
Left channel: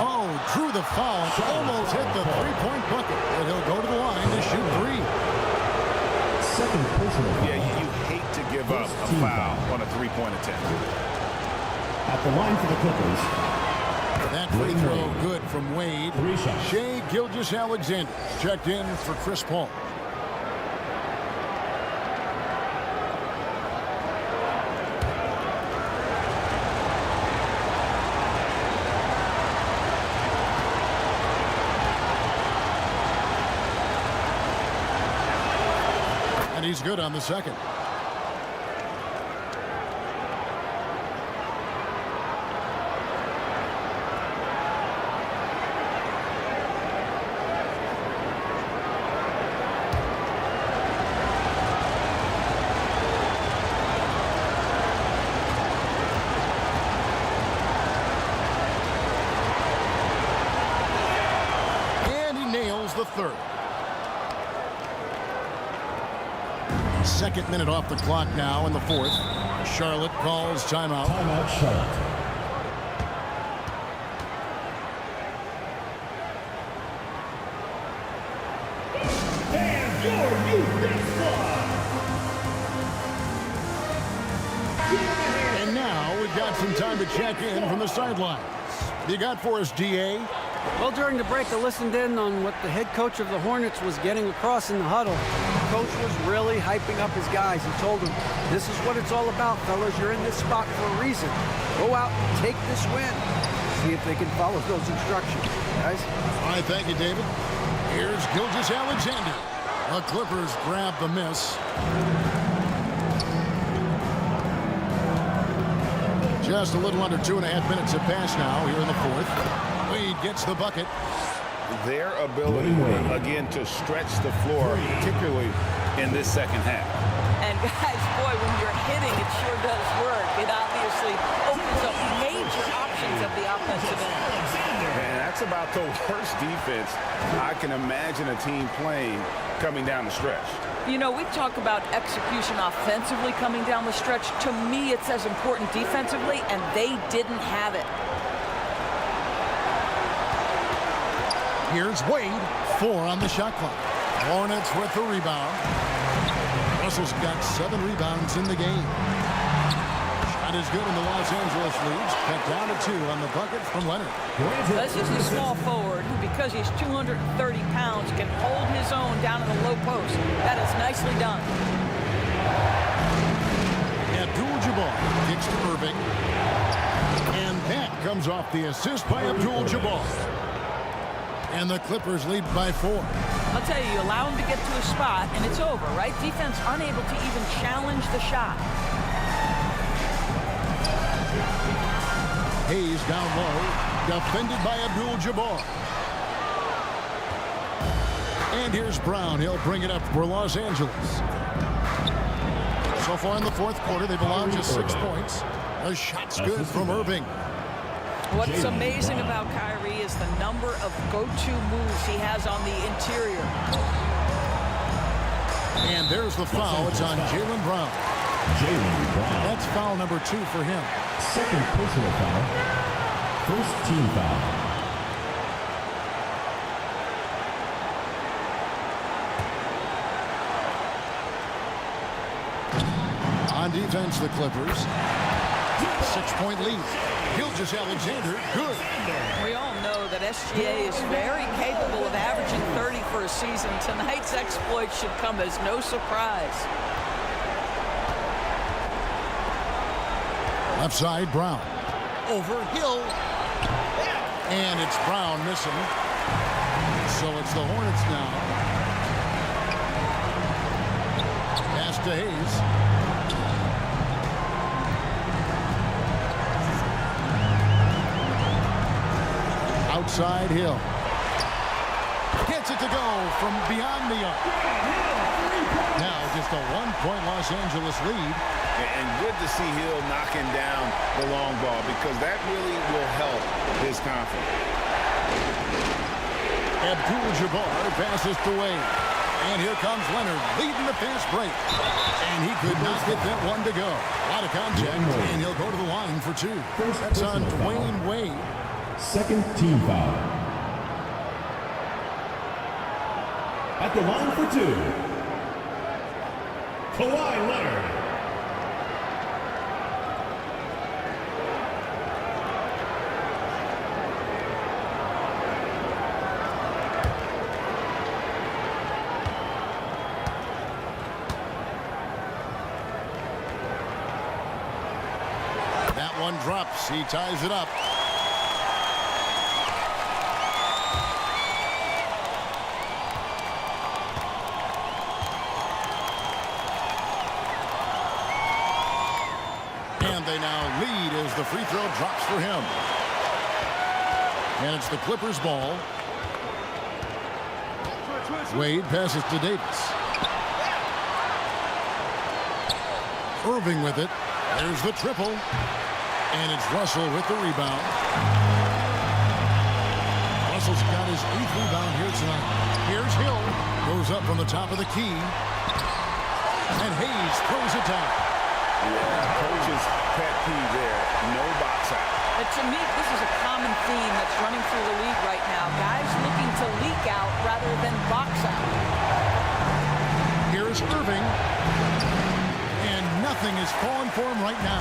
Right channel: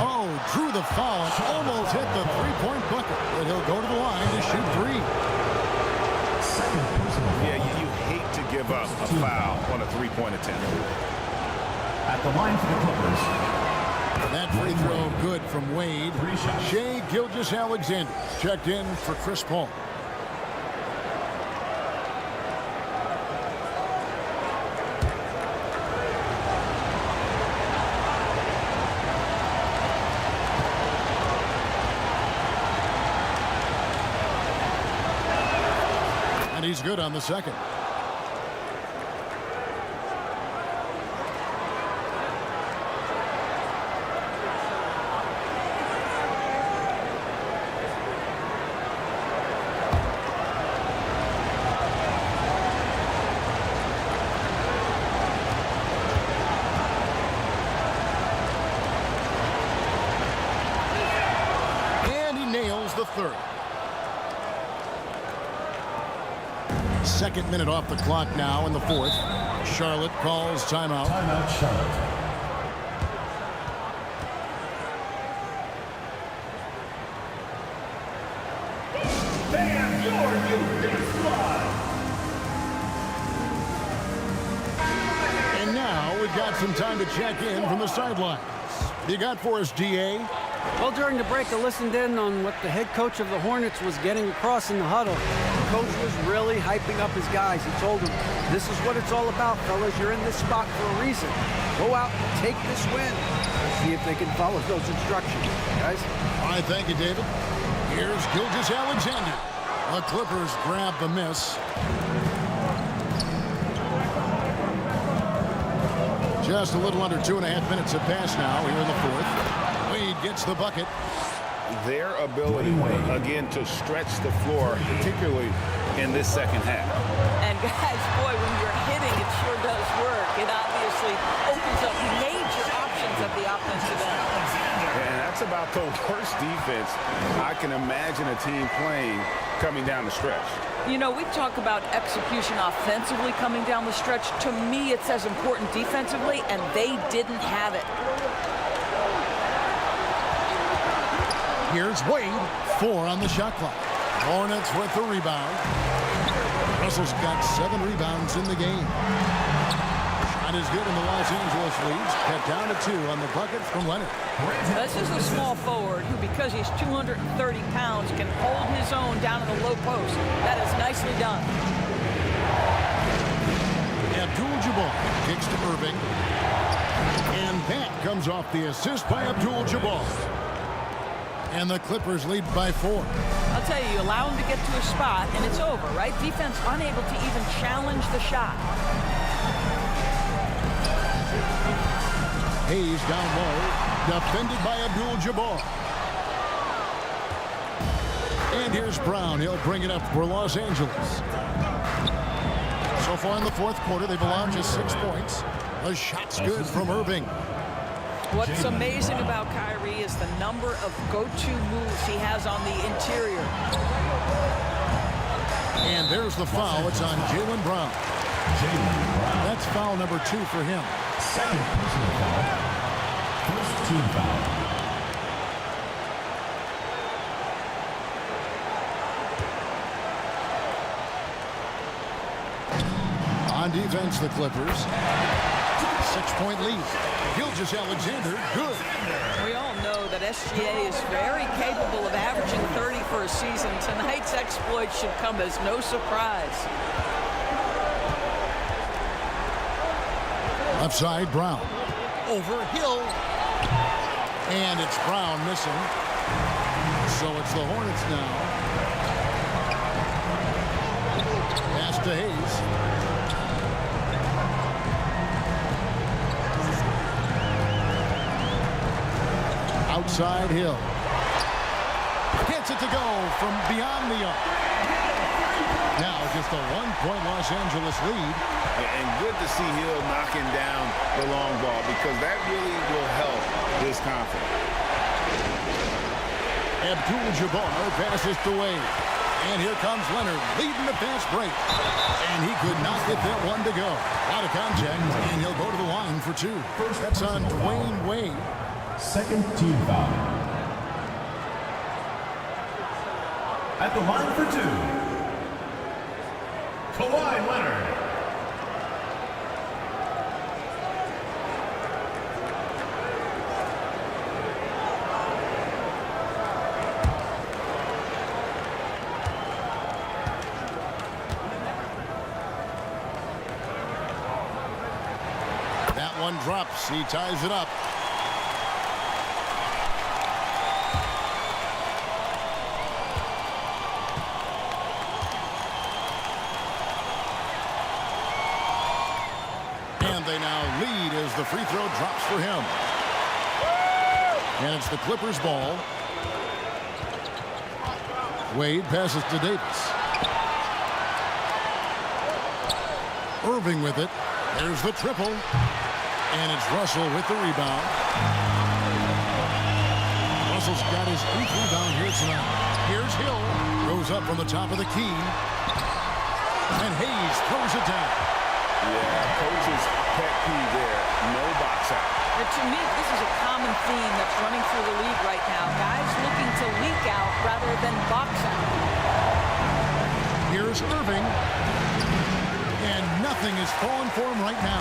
Oh, drew the foul and almost hit the three-point bucket. But he'll go to the line to shoot 3. Second personal foul. Yeah, you hate to give up a foul on a three-point attempt. At the line for the Clippers. That free throw good from Wade. 3 shots. Shai Gilgeous-Alexander checked in for Chris Paul. And he's good on the second. the third. Second minute off the clock now in the fourth. Charlotte calls timeout. Timeout, Charlotte. And your new big squad. And now we've got some time to check in from the sidelines. What do you got for us, DA? Well, during the break, I listened in on what the head coach of the Hornets was getting across in the huddle. The coach was really hyping up his guys. He told them, this is what it's all about, fellas. You're in this spot for a reason. Go out and take this win. See if they can follow those instructions, guys. All right, thank you, David. Here's Gilgeous-Alexander. The Clippers grab the miss. Just a little under 2.5 minutes have passed now here in the fourth. Wade gets the bucket. Their ability, again, to stretch the floor, particularly in this second half. And guys, boy, when you're hitting, it sure does work. It obviously opens up major options at the offensive end. And that's about the worst defense I can imagine a team playing coming down the stretch. You know, we talk about execution offensively coming down the stretch. To me, it's as important defensively, and they didn't have it. Here's Wade, 4 on the shot clock. Hornets with the rebound. Russell's got 7 rebounds in the game. Shot is good, and the Los Angeles leads cut down to 2 on the bucket from Leonard. This is a small forward who, because he's 230 pounds, can hold his own down in the low post. That is nicely done. ABDUL-JABBAR kicks to Irving. And that comes off the assist by ABDUL-JABBAR. And the Clippers lead by 4. I'll tell you, you allow him to get to a spot, and it's over, right? Defense unable to even challenge the shot. Hayes down low, defended by ABDUL-JABBAR. And here's Brown. He'll bring it up for Los Angeles. So far in the fourth quarter, they've allowed just 6 points. A shot's good from Irving. What's amazing about Kyrie is the number of go-to moves he has on the interior. And there's the foul. It's on Jaylen Brown. Jaylen Brown. That's foul number 2 for him. Second personal foul. First team foul. On defense, the Clippers. 6-point lead. Gilgeous-Alexander, good. We all know that SGA is very capable of averaging 30 for a season. Tonight's exploit should come as no surprise. Left side, Brown. Over Hill. And it's Brown missing. So it's the Hornets now. Pass to Hayes. Outside Hill. Gets it to go from beyond the arc. Now just a 1-point Los Angeles lead. And good to see Hill knocking down the long ball, because that really will help his confidence. ABDUL-JABBAR passes to Wade. And here comes Leonard leading the fast break. And he could not get that one to go. A lot of contact, and he'll go to the line for 2. That's on Dwayne Wade. Second team foul. At the line for 2, Kawhi Leonard. That one drops. He ties it up. They now lead as the free throw drops for him. And it's the Clippers' ball. Wade passes to Davis. Irving with it. There's the triple. And it's Russell with the rebound. Russell's got his 8th rebound here tonight. Here's Hill. Goes up from the top of the key. And Hayes throws it down. Yeah, coach's pet peeve there. No box out. To me, this is a common theme that's running through the league right now. Guys looking to leak out rather than box out. Here's Irving. And nothing is falling for him right now.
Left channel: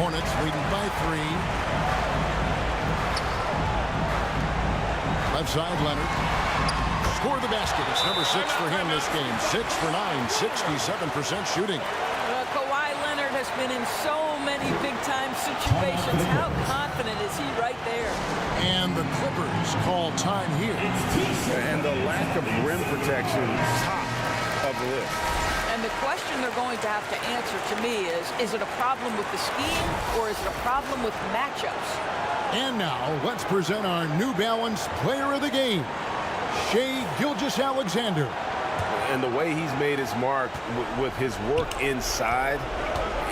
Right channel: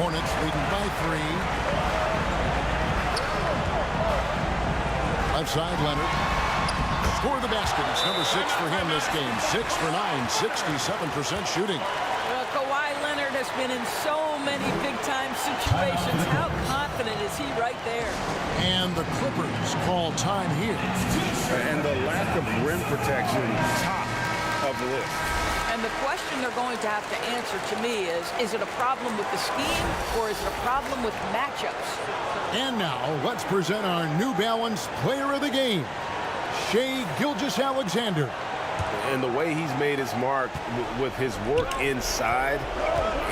Hornets leading by 3. Left side, Leonard. Score the basket. It's number 6 for him this game. 6 for 9, 67% shooting. Kawhi Leonard has been in so many big-time situations. How confident is he right there? And the Clippers call time here. And the lack of rim protection, top of the list. And the question they're going to have to answer to me is it a problem with the scheme or is it a problem with matchups? And now let's present our New Balance player of the game, Shai Gilgeous-Alexander. And the way he's made his mark with his work inside,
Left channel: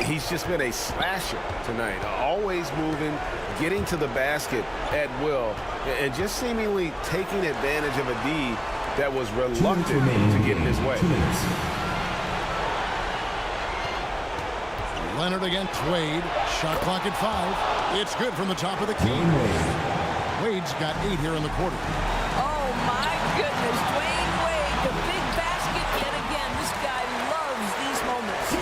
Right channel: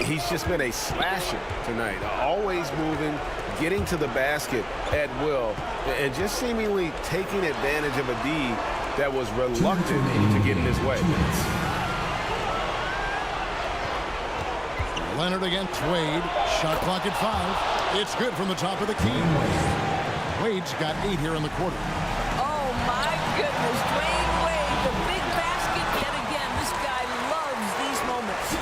he's just been a slasher tonight. Always moving, getting to the basket at will, and just seemingly taking advantage of a D that was reluctant to get in his way. 2 minutes. Leonard against Wade. Shot clock at 5. It's good from the top of the key. Wade's got 8 here in the quarter. Oh, my goodness. Dwayne Wade, the big basket yet again. This guy loves these moments.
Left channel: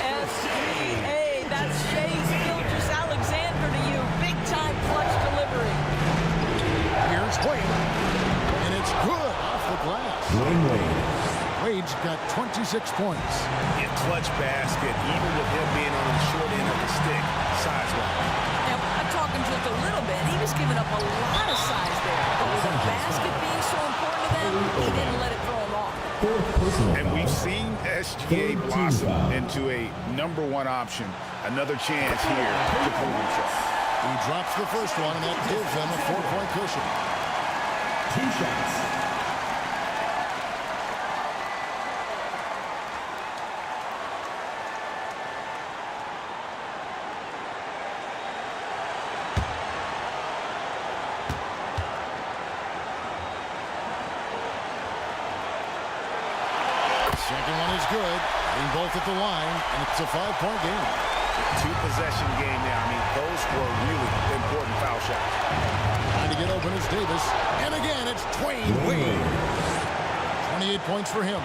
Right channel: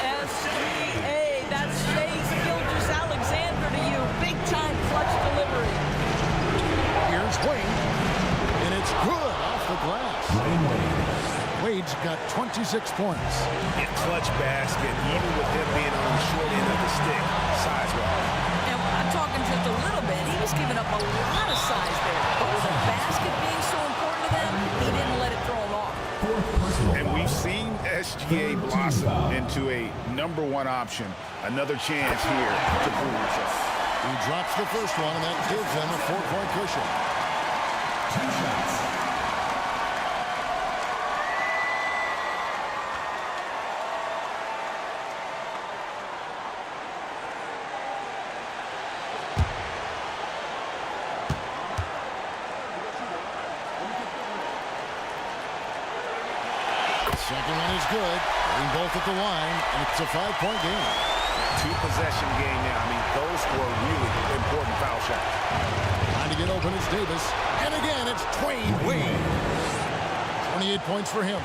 SGA, that's Shai Gilgeous-Alexander to you. Big-time clutch delivery. Here's Wade. And it's good off the glass. Dwayne Wade. Wade's got 26 points. Yeah, clutch basket, even with him being on the short end of the stick, size-wise. Now, I'm talking just a little bit. He was giving up a lot of size there. But with a basket being so important to them, he didn't let it throw him off. And we've seen SGA blossom into a #1 option. Another chance here to prove himself. He drops the first one, and that gives him a 4-point cushion. 2 shots. Second one is good. Getting both at the line, and it's a 5-point game. 2-possession game now. I mean, those were really important foul shots. Trying to get open is Davis. And again, it's Dwayne Wade. 28 points for him.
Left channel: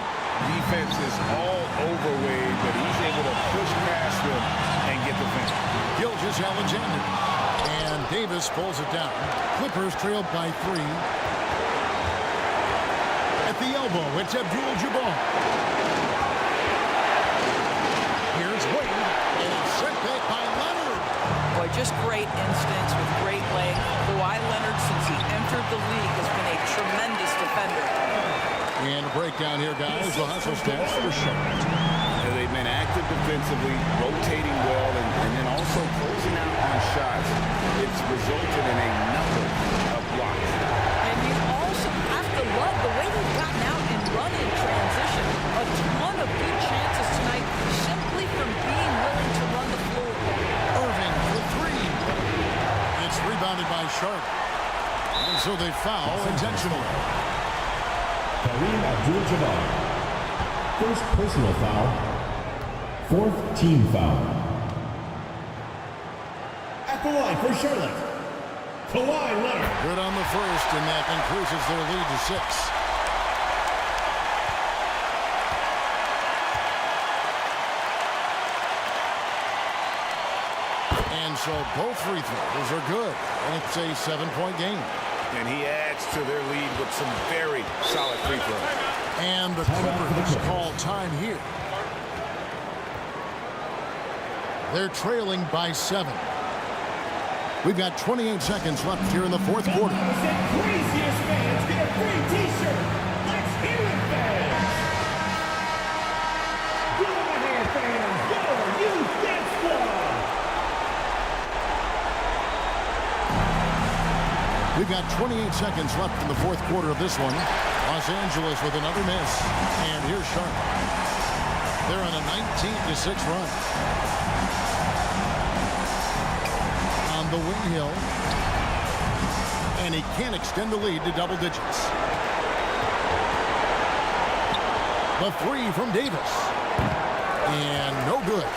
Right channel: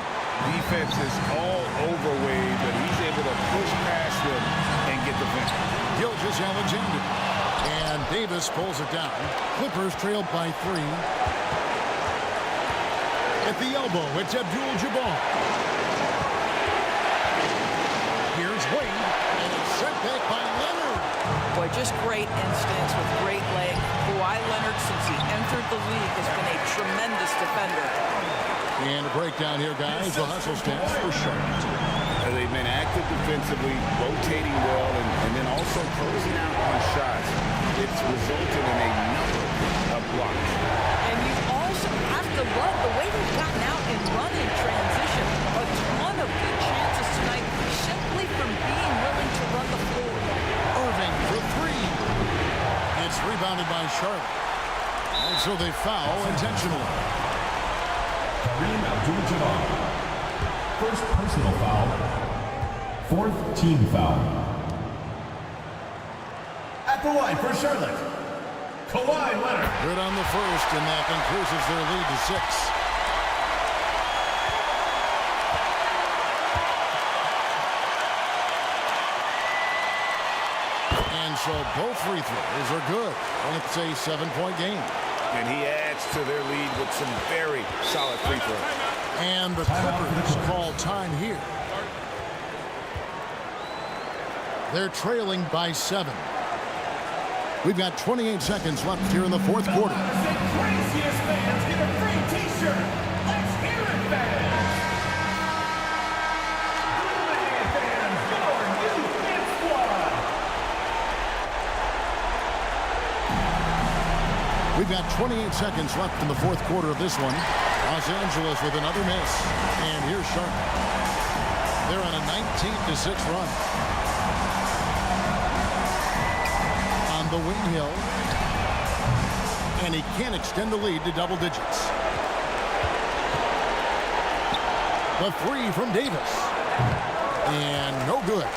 Defense is all over Wade, but he's able to push past them and get the finish. Gilgeous-Alexander. And Davis pulls it down. Clippers trailed by 3. At the elbow, it's ABDUL-JABBAR. Here's Wade, and it's sent back by Leonard. Boy, just great instincts with great leg. Kawhi Leonard, since he entered the league, has been a tremendous defender. And a breakdown here, guys. The hustle stats for Charlotte. They've been active defensively, rotating well, and then also closing out on shots. It's resulted in a number of blocks. And you also have to love the way they've gotten out and run in transition. A ton of good chances tonight simply from being willing to run the floor. Irving for 3. It's rebounded by Charlotte. And so they foul intentionally. Kareem Abdul-Jabbar. First personal foul. 4th team foul. At the line for Charlotte, Kawhi Leonard. Good on the first, and that increases their lead to 6. And so both free throws are good, and it's a 7-point game. And he adds to their lead with some very solid free throws. And the Clippers call time here. They're trailing by 7. We've got 28 seconds left here in the 4th quarter. The craziest fans get a free T-shirt. Let's hear it, fans. Give them a hand, fans. Your youth dance squad. We've got 28 seconds left in the 4th quarter of this one. Los Angeles with another miss. And here's Charlotte. They're on a 19-6 run. On the wing, Hill. And he can't extend the lead to double digits. The three from Davis. And no good.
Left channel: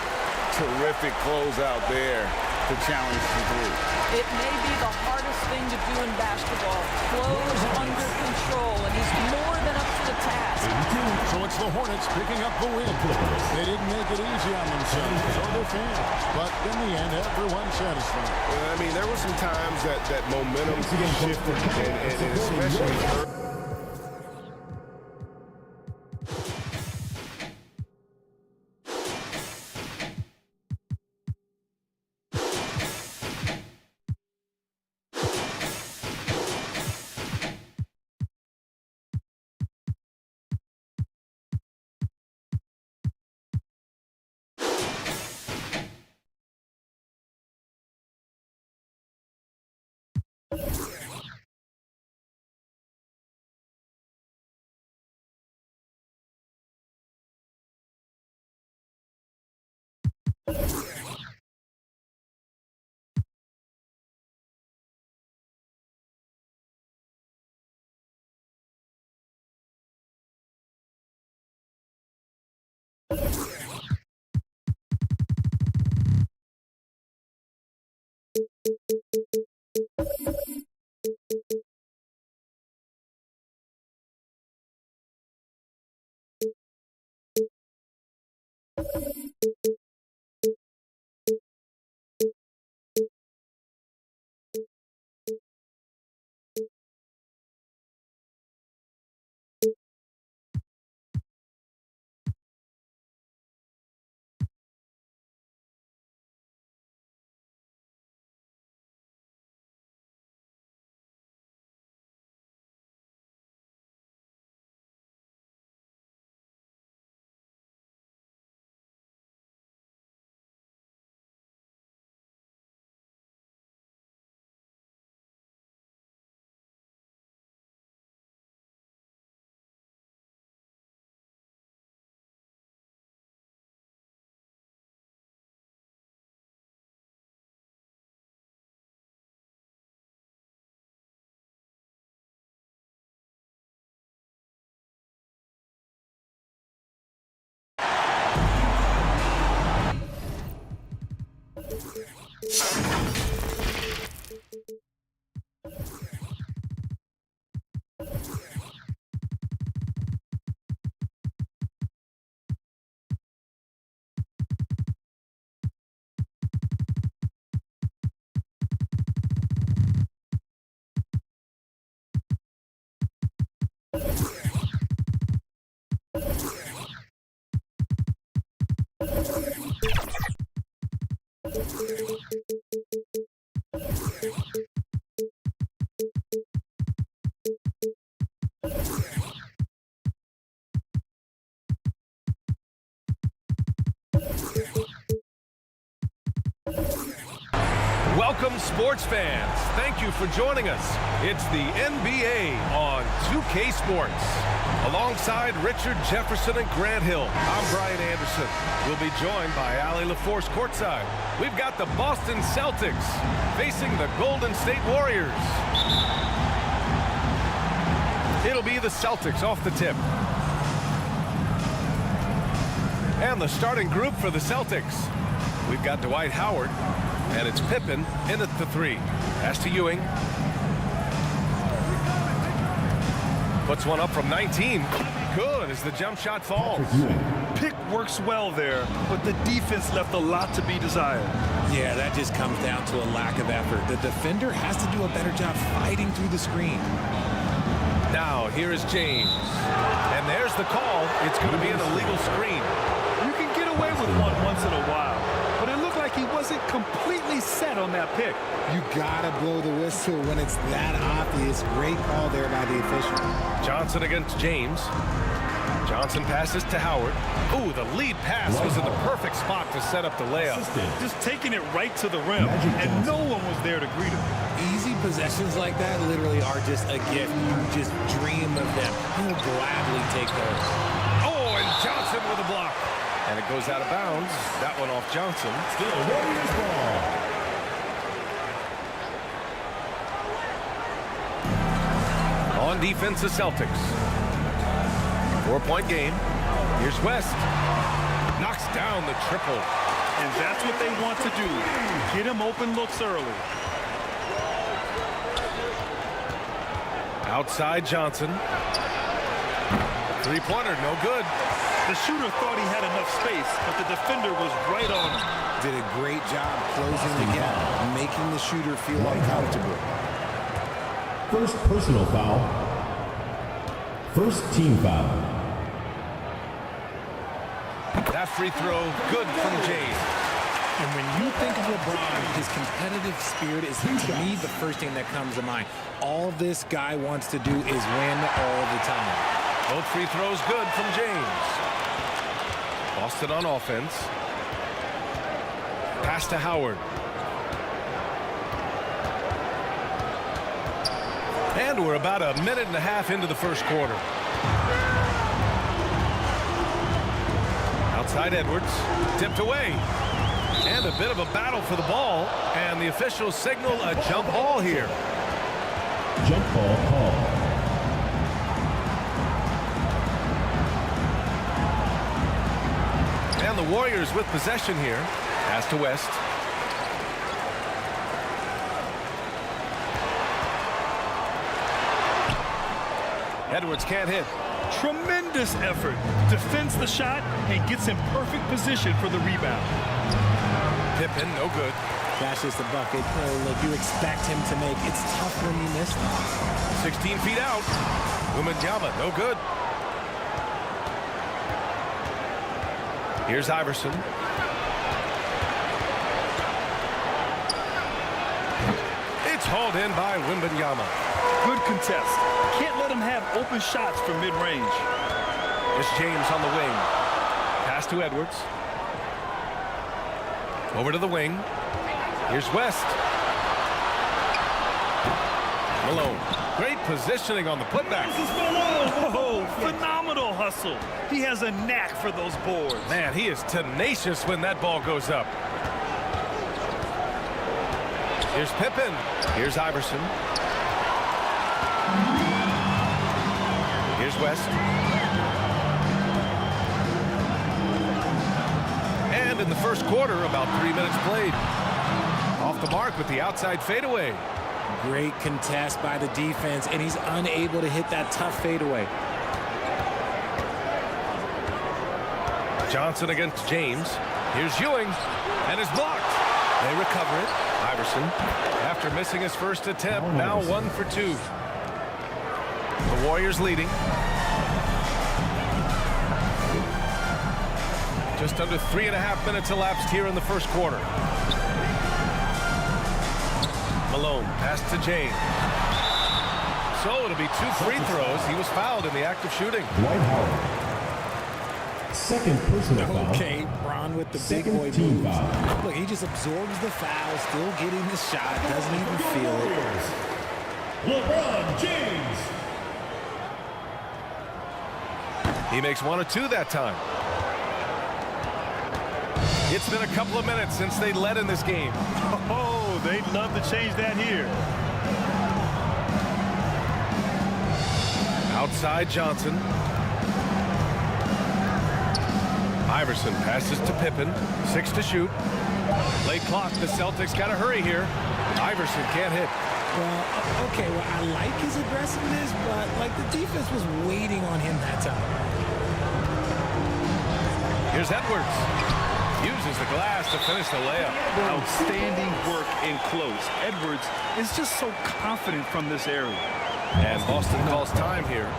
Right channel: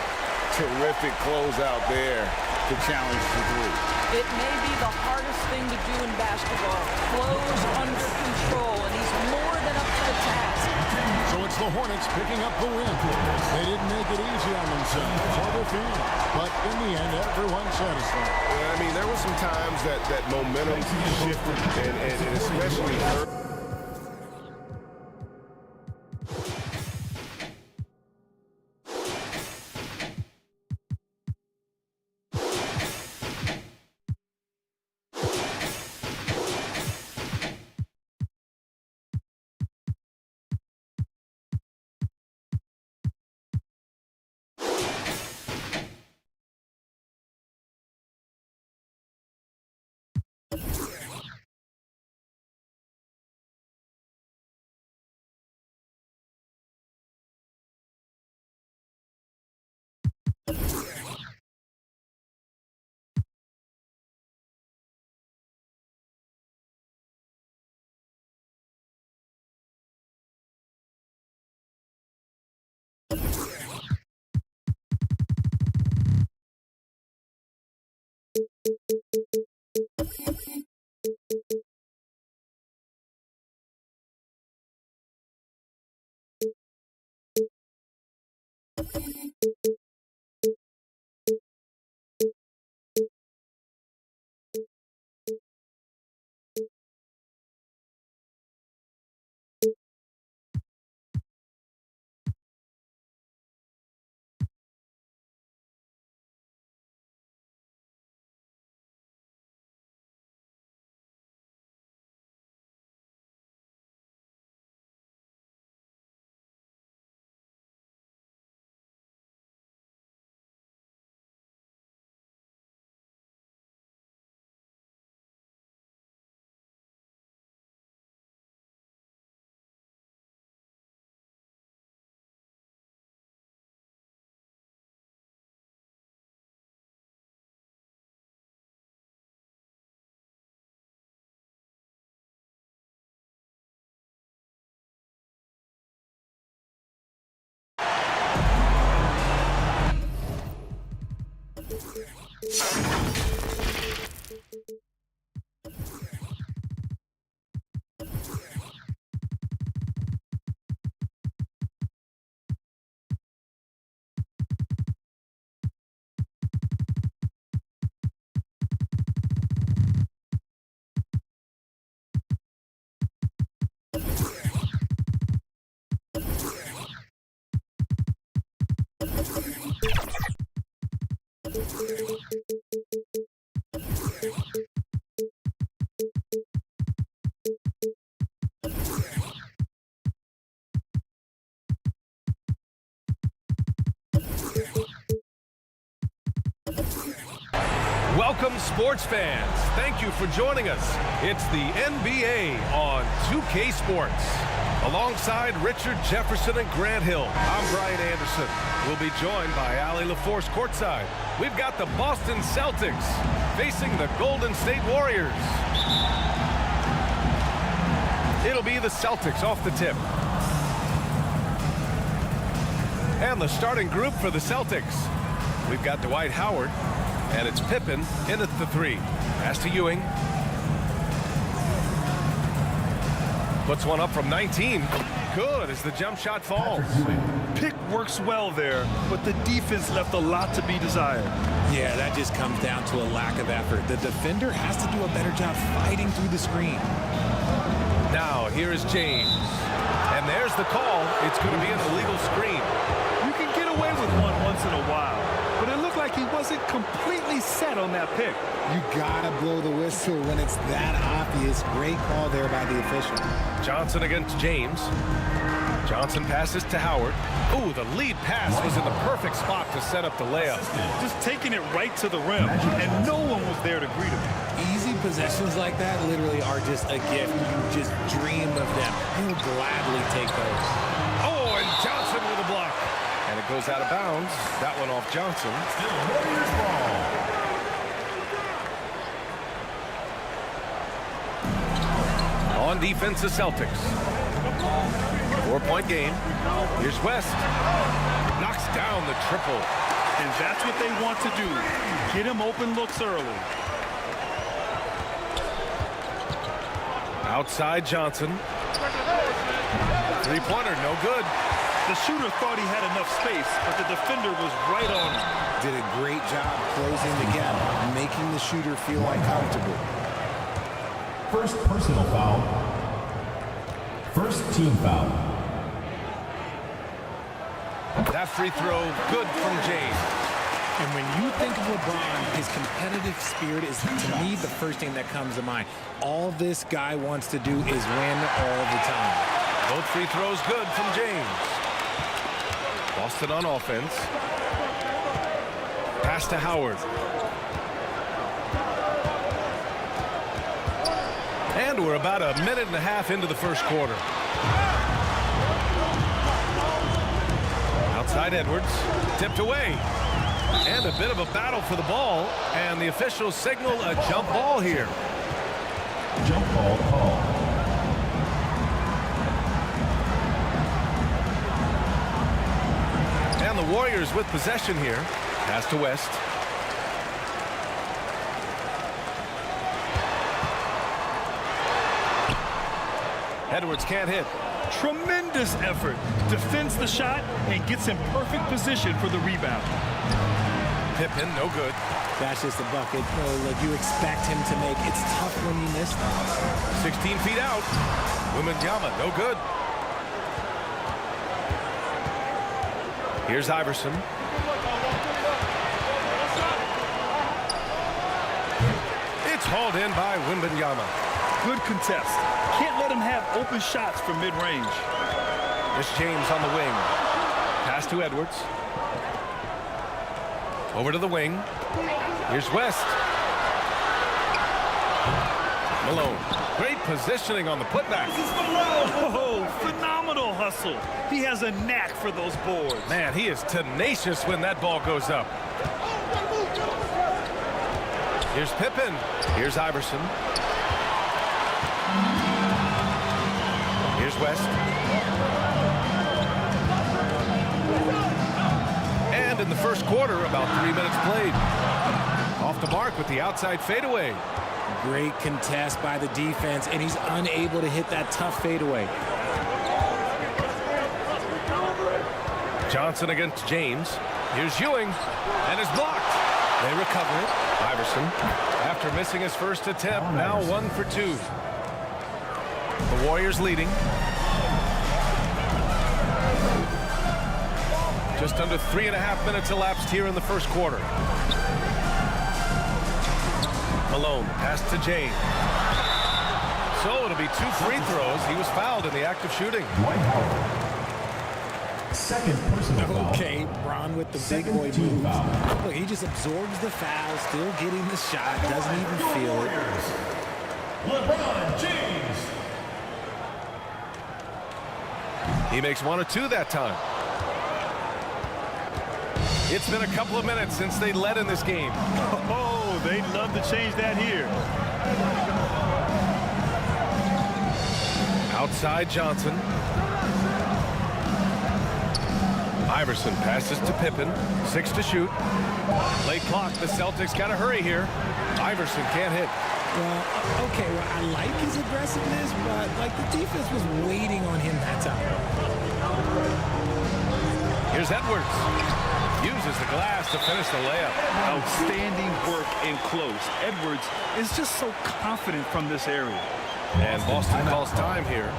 Terrific closeout there to challenge the three. It may be the hardest thing to do in basketball. Close under control, and he's more than up to the task. So it's the Hornets picking up the win. They didn't make it easy on themselves or their fans. But in the end, everyone's satisfied. I mean, there were some times that momentum shifted, and especially early. Welcome, sports fans. Thank you for joining us. It's the NBA on 2K Sports. Alongside Richard Jefferson and Grant Hill, I'm Brian Anderson. We'll be joined by Allie LaForce courtside. We've got the Boston Celtics facing the Golden State Warriors. It'll be the Celtics off the tip. And the starting group for the Celtics. We've got Dwight Howard, and it's Pippen in at the three. Pass to Ewing. Puts one up from 19. Good as the jump shot falls. Pick works well there, but the defense left a lot to be desired. Yeah, that just comes down to a lack of effort. The defender has to do a better job fighting through the screen. Now, here is James. And there's the call. It's going to be an illegal screen. You can get away with one once in a while, but it looked like he wasn't completely set on that pick. You gotta blow the whistle when it's that obvious. Great call there by the official. Johnson against James. Johnson passes to Howard. Ooh, the lead pass was in the perfect spot to set up the layup. Just taking it right to the rim, and no one was there to greet him. Easy possessions like that literally are just a gift. You just dream of them. He'll gladly take those. Oh, and Johnson with a block. And it goes out of bounds. That one off Johnson. Still Warriors ball. On defense, the Celtics. 4-point game. Here's West. Knocks down the triple. And that's what they want to do. Get him open looks early. Outside Johnson. Three-pointer, no good. The shooter thought he had enough space, but the defender was right on him. Did a great job closing the gap, making the shooter feel uncomfortable. First personal foul. First team foul. That free throw, good from James. And when you think of LeBron, his competitive spirit is, to me, the first thing that comes to mind. All this guy wants to do is win all the time. Both free throws good from James. Boston on offense. Pass to Howard. And we're about a minute and a half into the first quarter. Outside Edwards, tipped away. And a bit of a battle for the ball. And the officials signal a jump ball here. Jump ball call. And the Warriors with possession here. Pass to West. Edwards can't hit. Tremendous effort. Defends the shot and gets in perfect position for the rebound. Pippen, no good. That's just a bucket. Like you expect him to make. It's tough when you miss them. 16 feet out. Wembanyama, no good. Here's Iverson. It's hauled in by Wembanyama. Good contest. Can't let him have open shots from mid-range. It's James on the wing. Pass to Edwards. Over to the wing. Here's West. Malone. Great positioning on the putback. Oh, phenomenal hustle. He has a knack for those boards. Man, he is tenacious when that ball goes up. Here's Pippen. Here's Iverson. Here's West. And in the first quarter, about 3 minutes played. Off the mark with the outside fadeaway. Great contest by the defense, and he's unable to hit that tough fadeaway. Johnson against James. Here's Ewing, and it's blocked. They recover it. Iverson, after missing his first attempt, now 1 for 2. The Warriors leading. Just under 3.5 minutes elapsed here in the first quarter. Malone, pass to James. So it'll be 2 free throws. He was fouled in the act of shooting. Dwight Howard. Second personal foul. Okay, Bron with the big boy moves. Look, he just absorbs the foul, still getting the shot, doesn't even feel it. LeBron James. He makes 1 or 2 that time. It's been a couple of minutes since they led in this game. Oh, they'd love to change that here. Outside Johnson. Iverson passes to Pippen. 6 to shoot. Late clock. The Celtics got to hurry here. Iverson can't hit. Well, okay, well, I like his aggressiveness, but, like, the defense was waiting on him that time. Here's Edwards. Uses the glass to finish the layup. Outstanding work in close. Edwards is just so confident from this area. And Boston calls time here.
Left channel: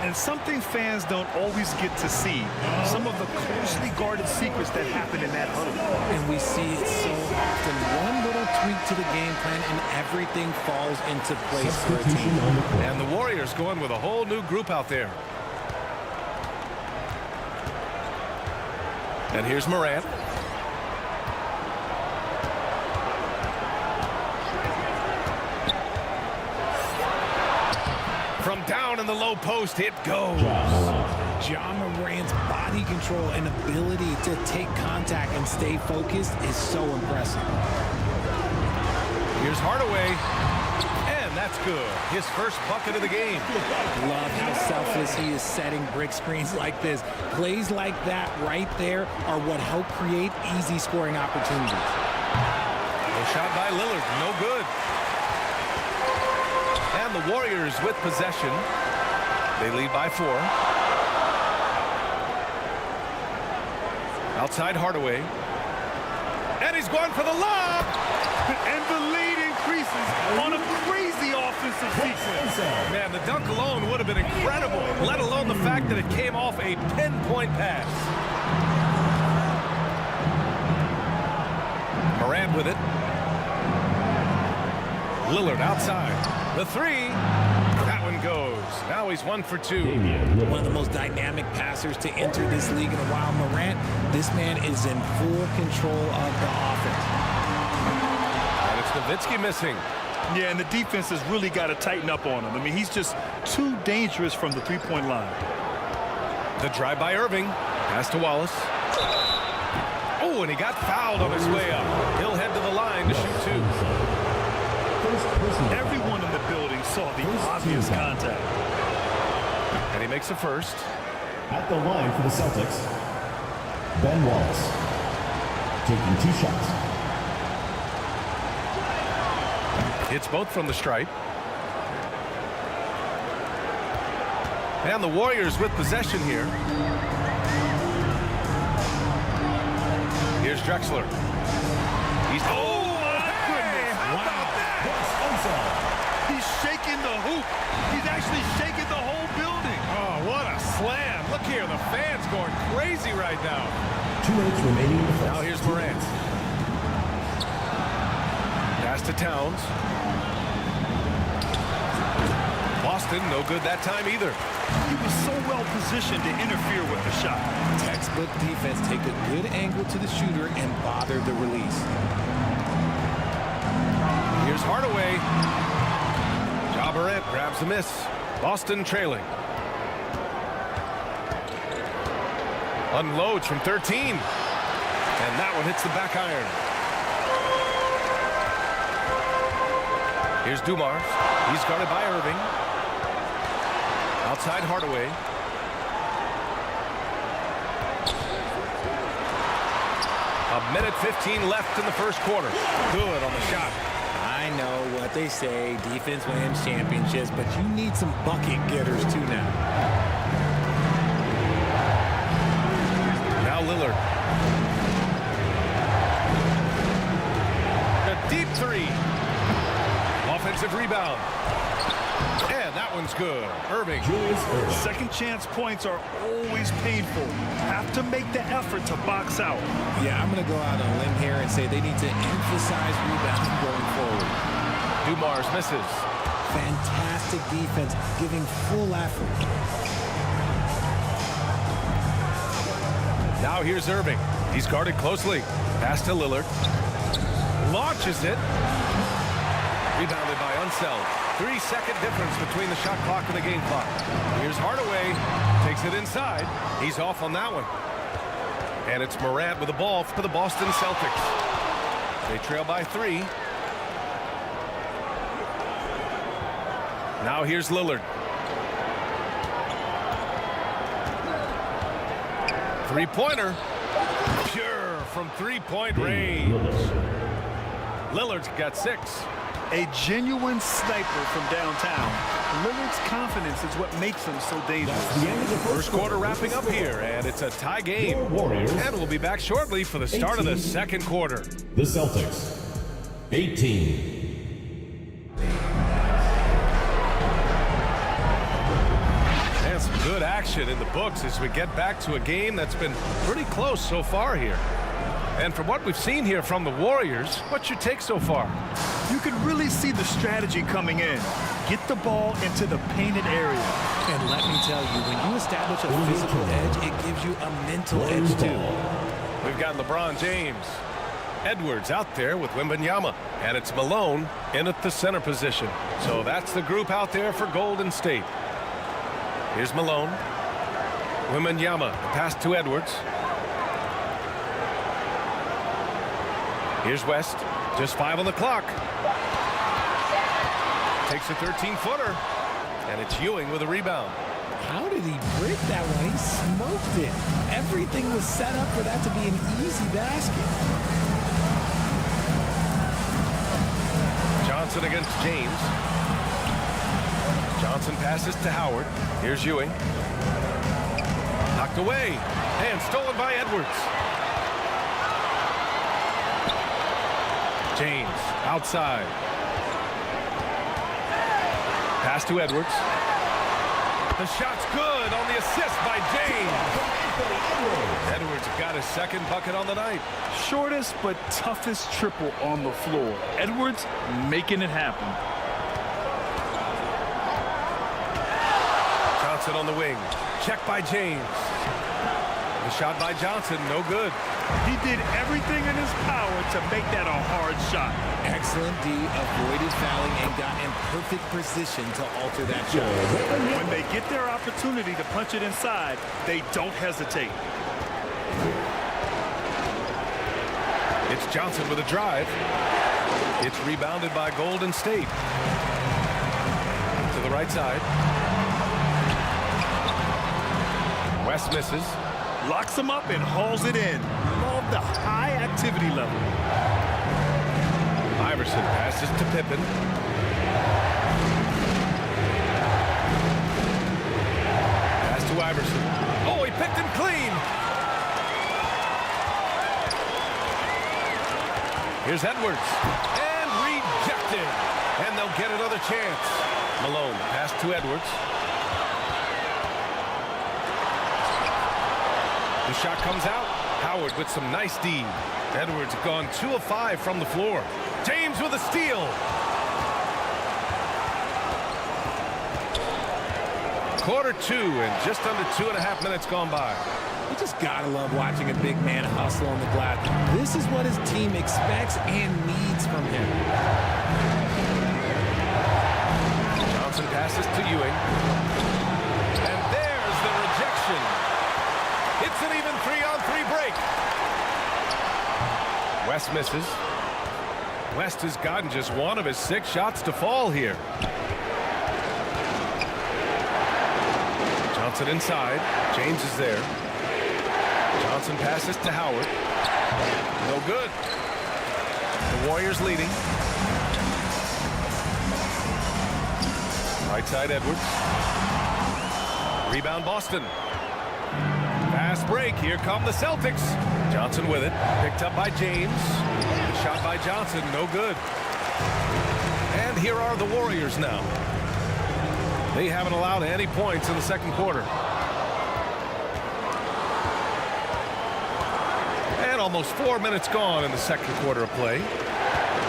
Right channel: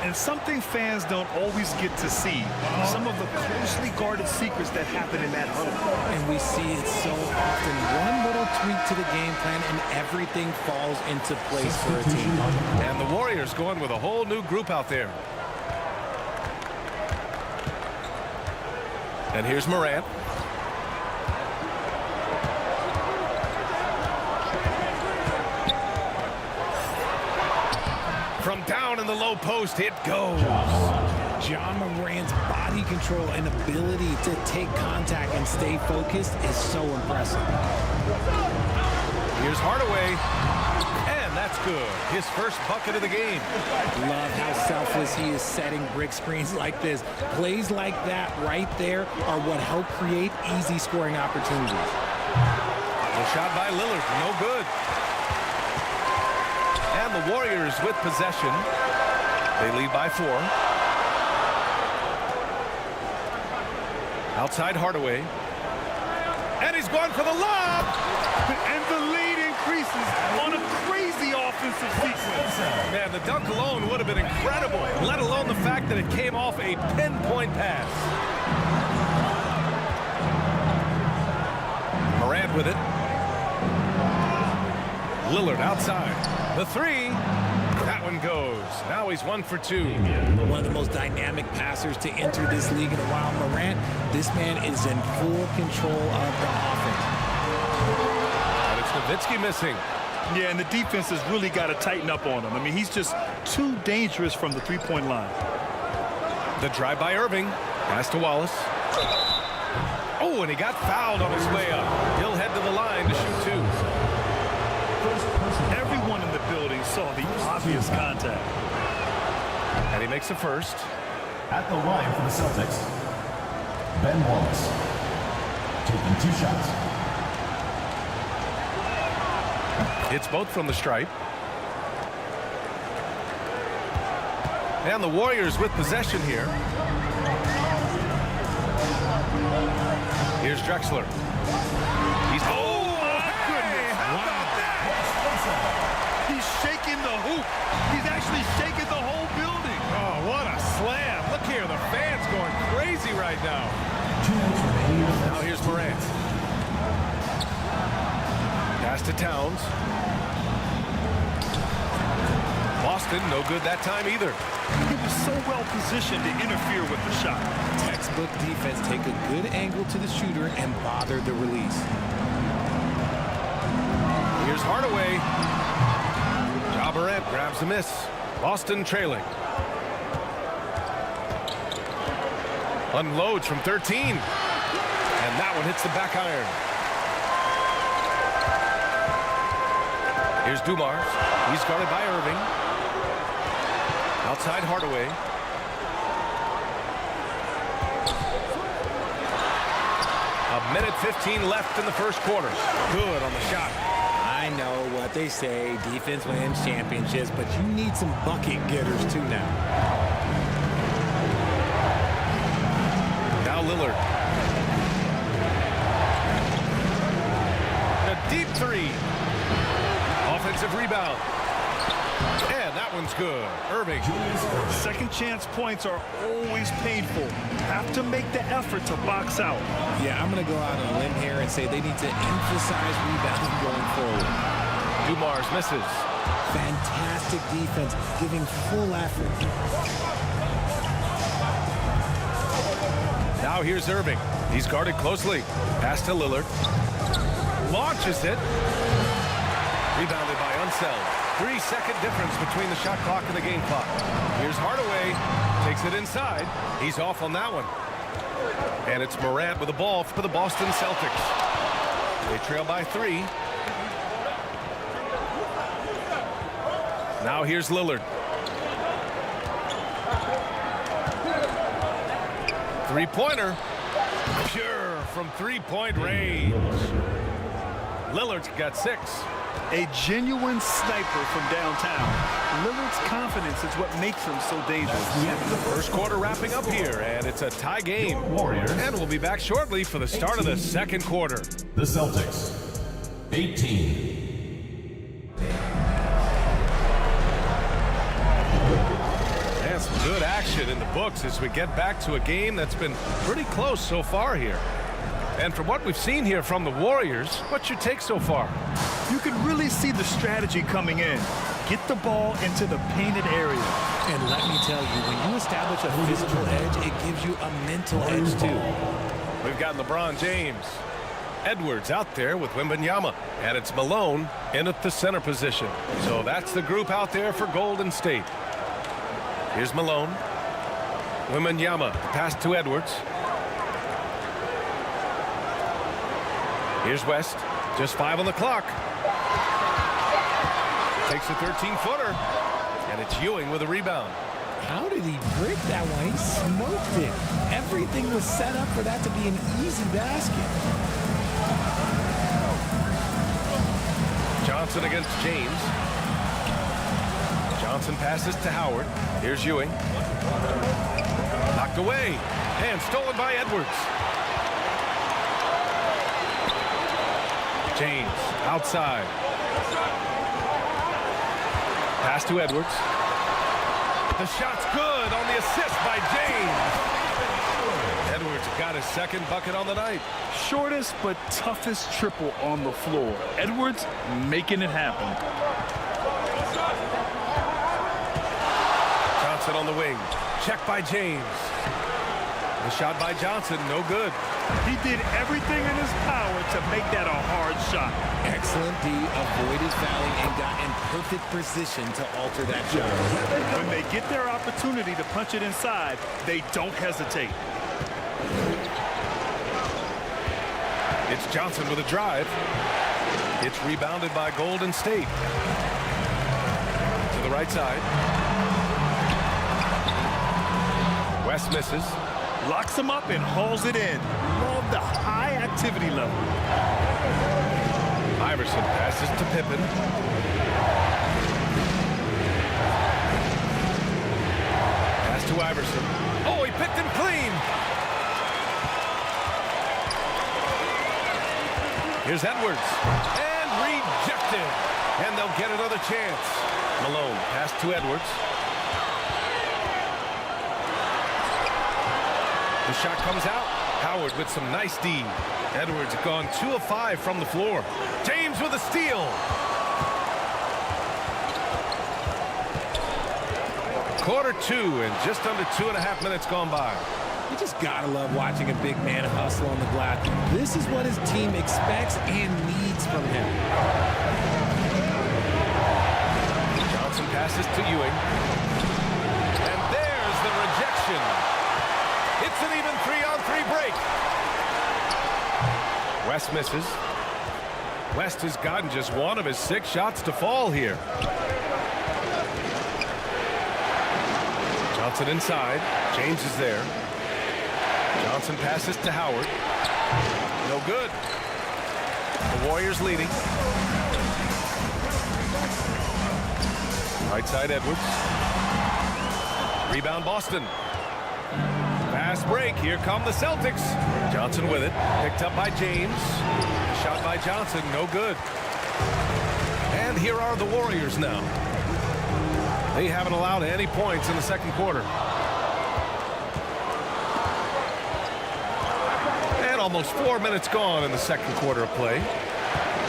And something fans don't always get to see. Some of the closely guarded secrets that happen in that huddle. And we see it so often. One little tweak to the game plan and everything falls into place for a team. And the Warriors going with a whole new group out there. And here's Morant. From down in the low post, it goes. Ja Morant's body control and ability to take contact and stay focused is so impressive. Here's Hardaway. And that's good. His first bucket of the game. Love how selfless he is setting brick screens like this. Plays like that right there are what help create easy scoring opportunities. The shot by Lillard, no good. And the Warriors with possession. They lead by 4. Outside Hardaway. And he's going for the lob. And the lead increases on a crazy offensive sequence. Man, the dunk alone would have been incredible, let alone the fact that it came off a pinpoint pass. Morant with it. Lillard outside. The 3. That one goes. Now he's 1 for 2. One of the most dynamic passers to enter this league in a while. Morant, this man is in full control of the offense. And it's Nowitzki missing. Yeah, and the defense has really got to tighten up on him. I mean, he's just too dangerous from the three-point line. The drive by Irving. Pass to Wallace. Oh, and he got fouled on his way up. He'll head to the line to shoot 2. Everyone in the building saw the obvious contact. And he makes the first. At the line for the Celtics, Ben Wallace, taking 2 shots. Hits both from the stripe. And the Warriors with possession here. Here's Drexler. He's He's shaking the hoop. He's actually shaking the whole building. Oh, what a slam. Look here, the fans going crazy right now. 2 minutes remaining in the first. Now here's Morant. Pass to Towns. Boston, no good that time either. He was so well positioned to interfere with the shot. Textbook defense, take a good angle to the shooter and bother the release. Here's Hardaway. Ja Morant grabs the miss. Boston trailing. Unloads from 13. And that one hits the back iron. Here's Dumars. He's guarded by Irving. Outside Hardaway. A minute 15 left in the first quarter. Good on the shot. I know what they say, defense wins championships, but you need some bucket getters too now. Now Lillard. A deep 3. Offensive rebound. And that one's good. Irving. Julius Irving. Second chance points are always painful. Have to make the effort to box out. Yeah, I'm going to go out on a limb here and say they need to emphasize rebounding going forward. Dumars misses. Fantastic defense, giving full effort. Now here's Irving. He's guarded closely. Pass to Lillard. Launches it. Rebounded by Unseld. 3-second difference between the shot clock and the game clock. Here's Hardaway. Takes it inside. He's off on that one. And it's Morant with the ball for the Boston Celtics. They trail by 3. Now here's Lillard. 3-pointer. Pure from 3-point range. Lillard's got 6. A genuine sniper from downtown. Lillard's confidence is what makes him so dangerous. The end of the First quarter wrapping up here, and it's a tie game. Warriors. And we'll be back shortly for the start of the second quarter. The Celtics, 18. And some good action in the books as we get back to a game that's been pretty close so far here. And from what we've seen here from the Warriors, what's your take so far? You can really see the strategy coming in. Get the ball into the painted area. And let me tell you, when you establish a physical edge, it gives you a mental edge too. We've got LeBron James. Edwards out there with Wembanyama. And it's Malone in at the center position. So that's the group out there for Golden State. Here's Malone. Wembanyama, the pass to Edwards. Here's West. Just 5 on the clock. takes a 13-footer. And it's Ewing with a rebound. How did he brick that one? He smoked it. Everything was set up for that to be an easy basket. Johnson against James. Johnson passes to Howard. Here's Ewing. Knocked away. And stolen by Edwards. James outside. Pass to Edwards. The shot's good on the assist by James. Edwards got his second bucket on the night. Shortest but toughest triple on the floor. Edwards making it happen. Johnson on the wing. Check by James. The shot by Johnson, no good. He did everything in his power to make that a hard shot. Excellent D, avoided fouling and got in perfect position to alter that shot. When they get their opportunity to punch it inside, they don't hesitate. It's Johnson with a drive. It's rebounded by Golden State. To the right side. West misses. Locks him up and hauls it in. Love the high activity level. Iverson passes to Pippen. Pass to Iverson. Oh, he picked him clean. Here's Edwards. And rejected. And they'll get another chance. Malone pass to Edwards. The shot comes out. Howard with some nice D. Edwards gone 2 of 5 from the floor. James with a steal. Quarter 2 and just under 2.5 minutes gone by. You just gotta love watching a big man hustle on the glass. This is what his team expects and needs from him. Johnson passes to Ewing. And there's the rejection. It's an even 3-on-3 break. West misses. West has gotten just 1 of his 6 shots to fall here. Johnson inside. James is there. Johnson passes to Howard. No good. The Warriors leading. Right side Edwards. Rebound Boston. Fast break. Here come the Celtics. Johnson with it. Picked up by James. The shot by Johnson. No good. And here are the Warriors now. They haven't allowed any points in the second quarter. And almost 4 minutes gone in the second quarter of play.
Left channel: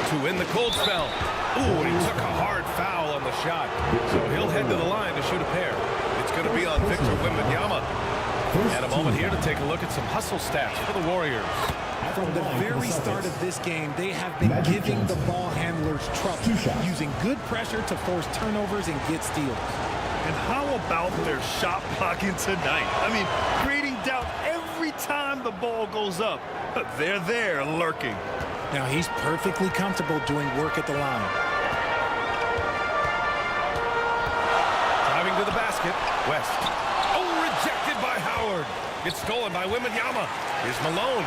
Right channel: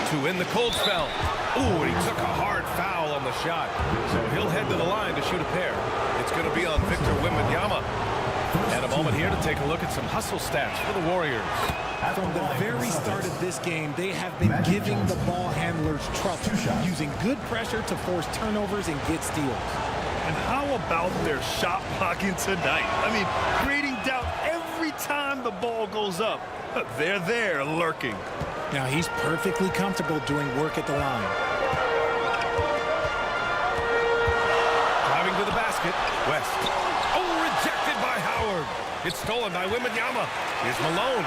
To win the cold spell. Ooh, and he took a hard foul on the shot. So he'll head to the line to shoot a pair. It's going to be on Victor Wembanyama. And a moment here to take a look at some hustle stats for the Warriors. From the very start of this game, they have been giving the ball handlers trouble, using good pressure to force turnovers and get steals. And how about their shot blocking tonight? I mean, creating doubt every time the ball goes up. They're there lurking. Now he's perfectly comfortable doing work at the line. Driving to the basket, West. Oh, rejected by Howard. It's stolen by Wembanyama. Here's Malone.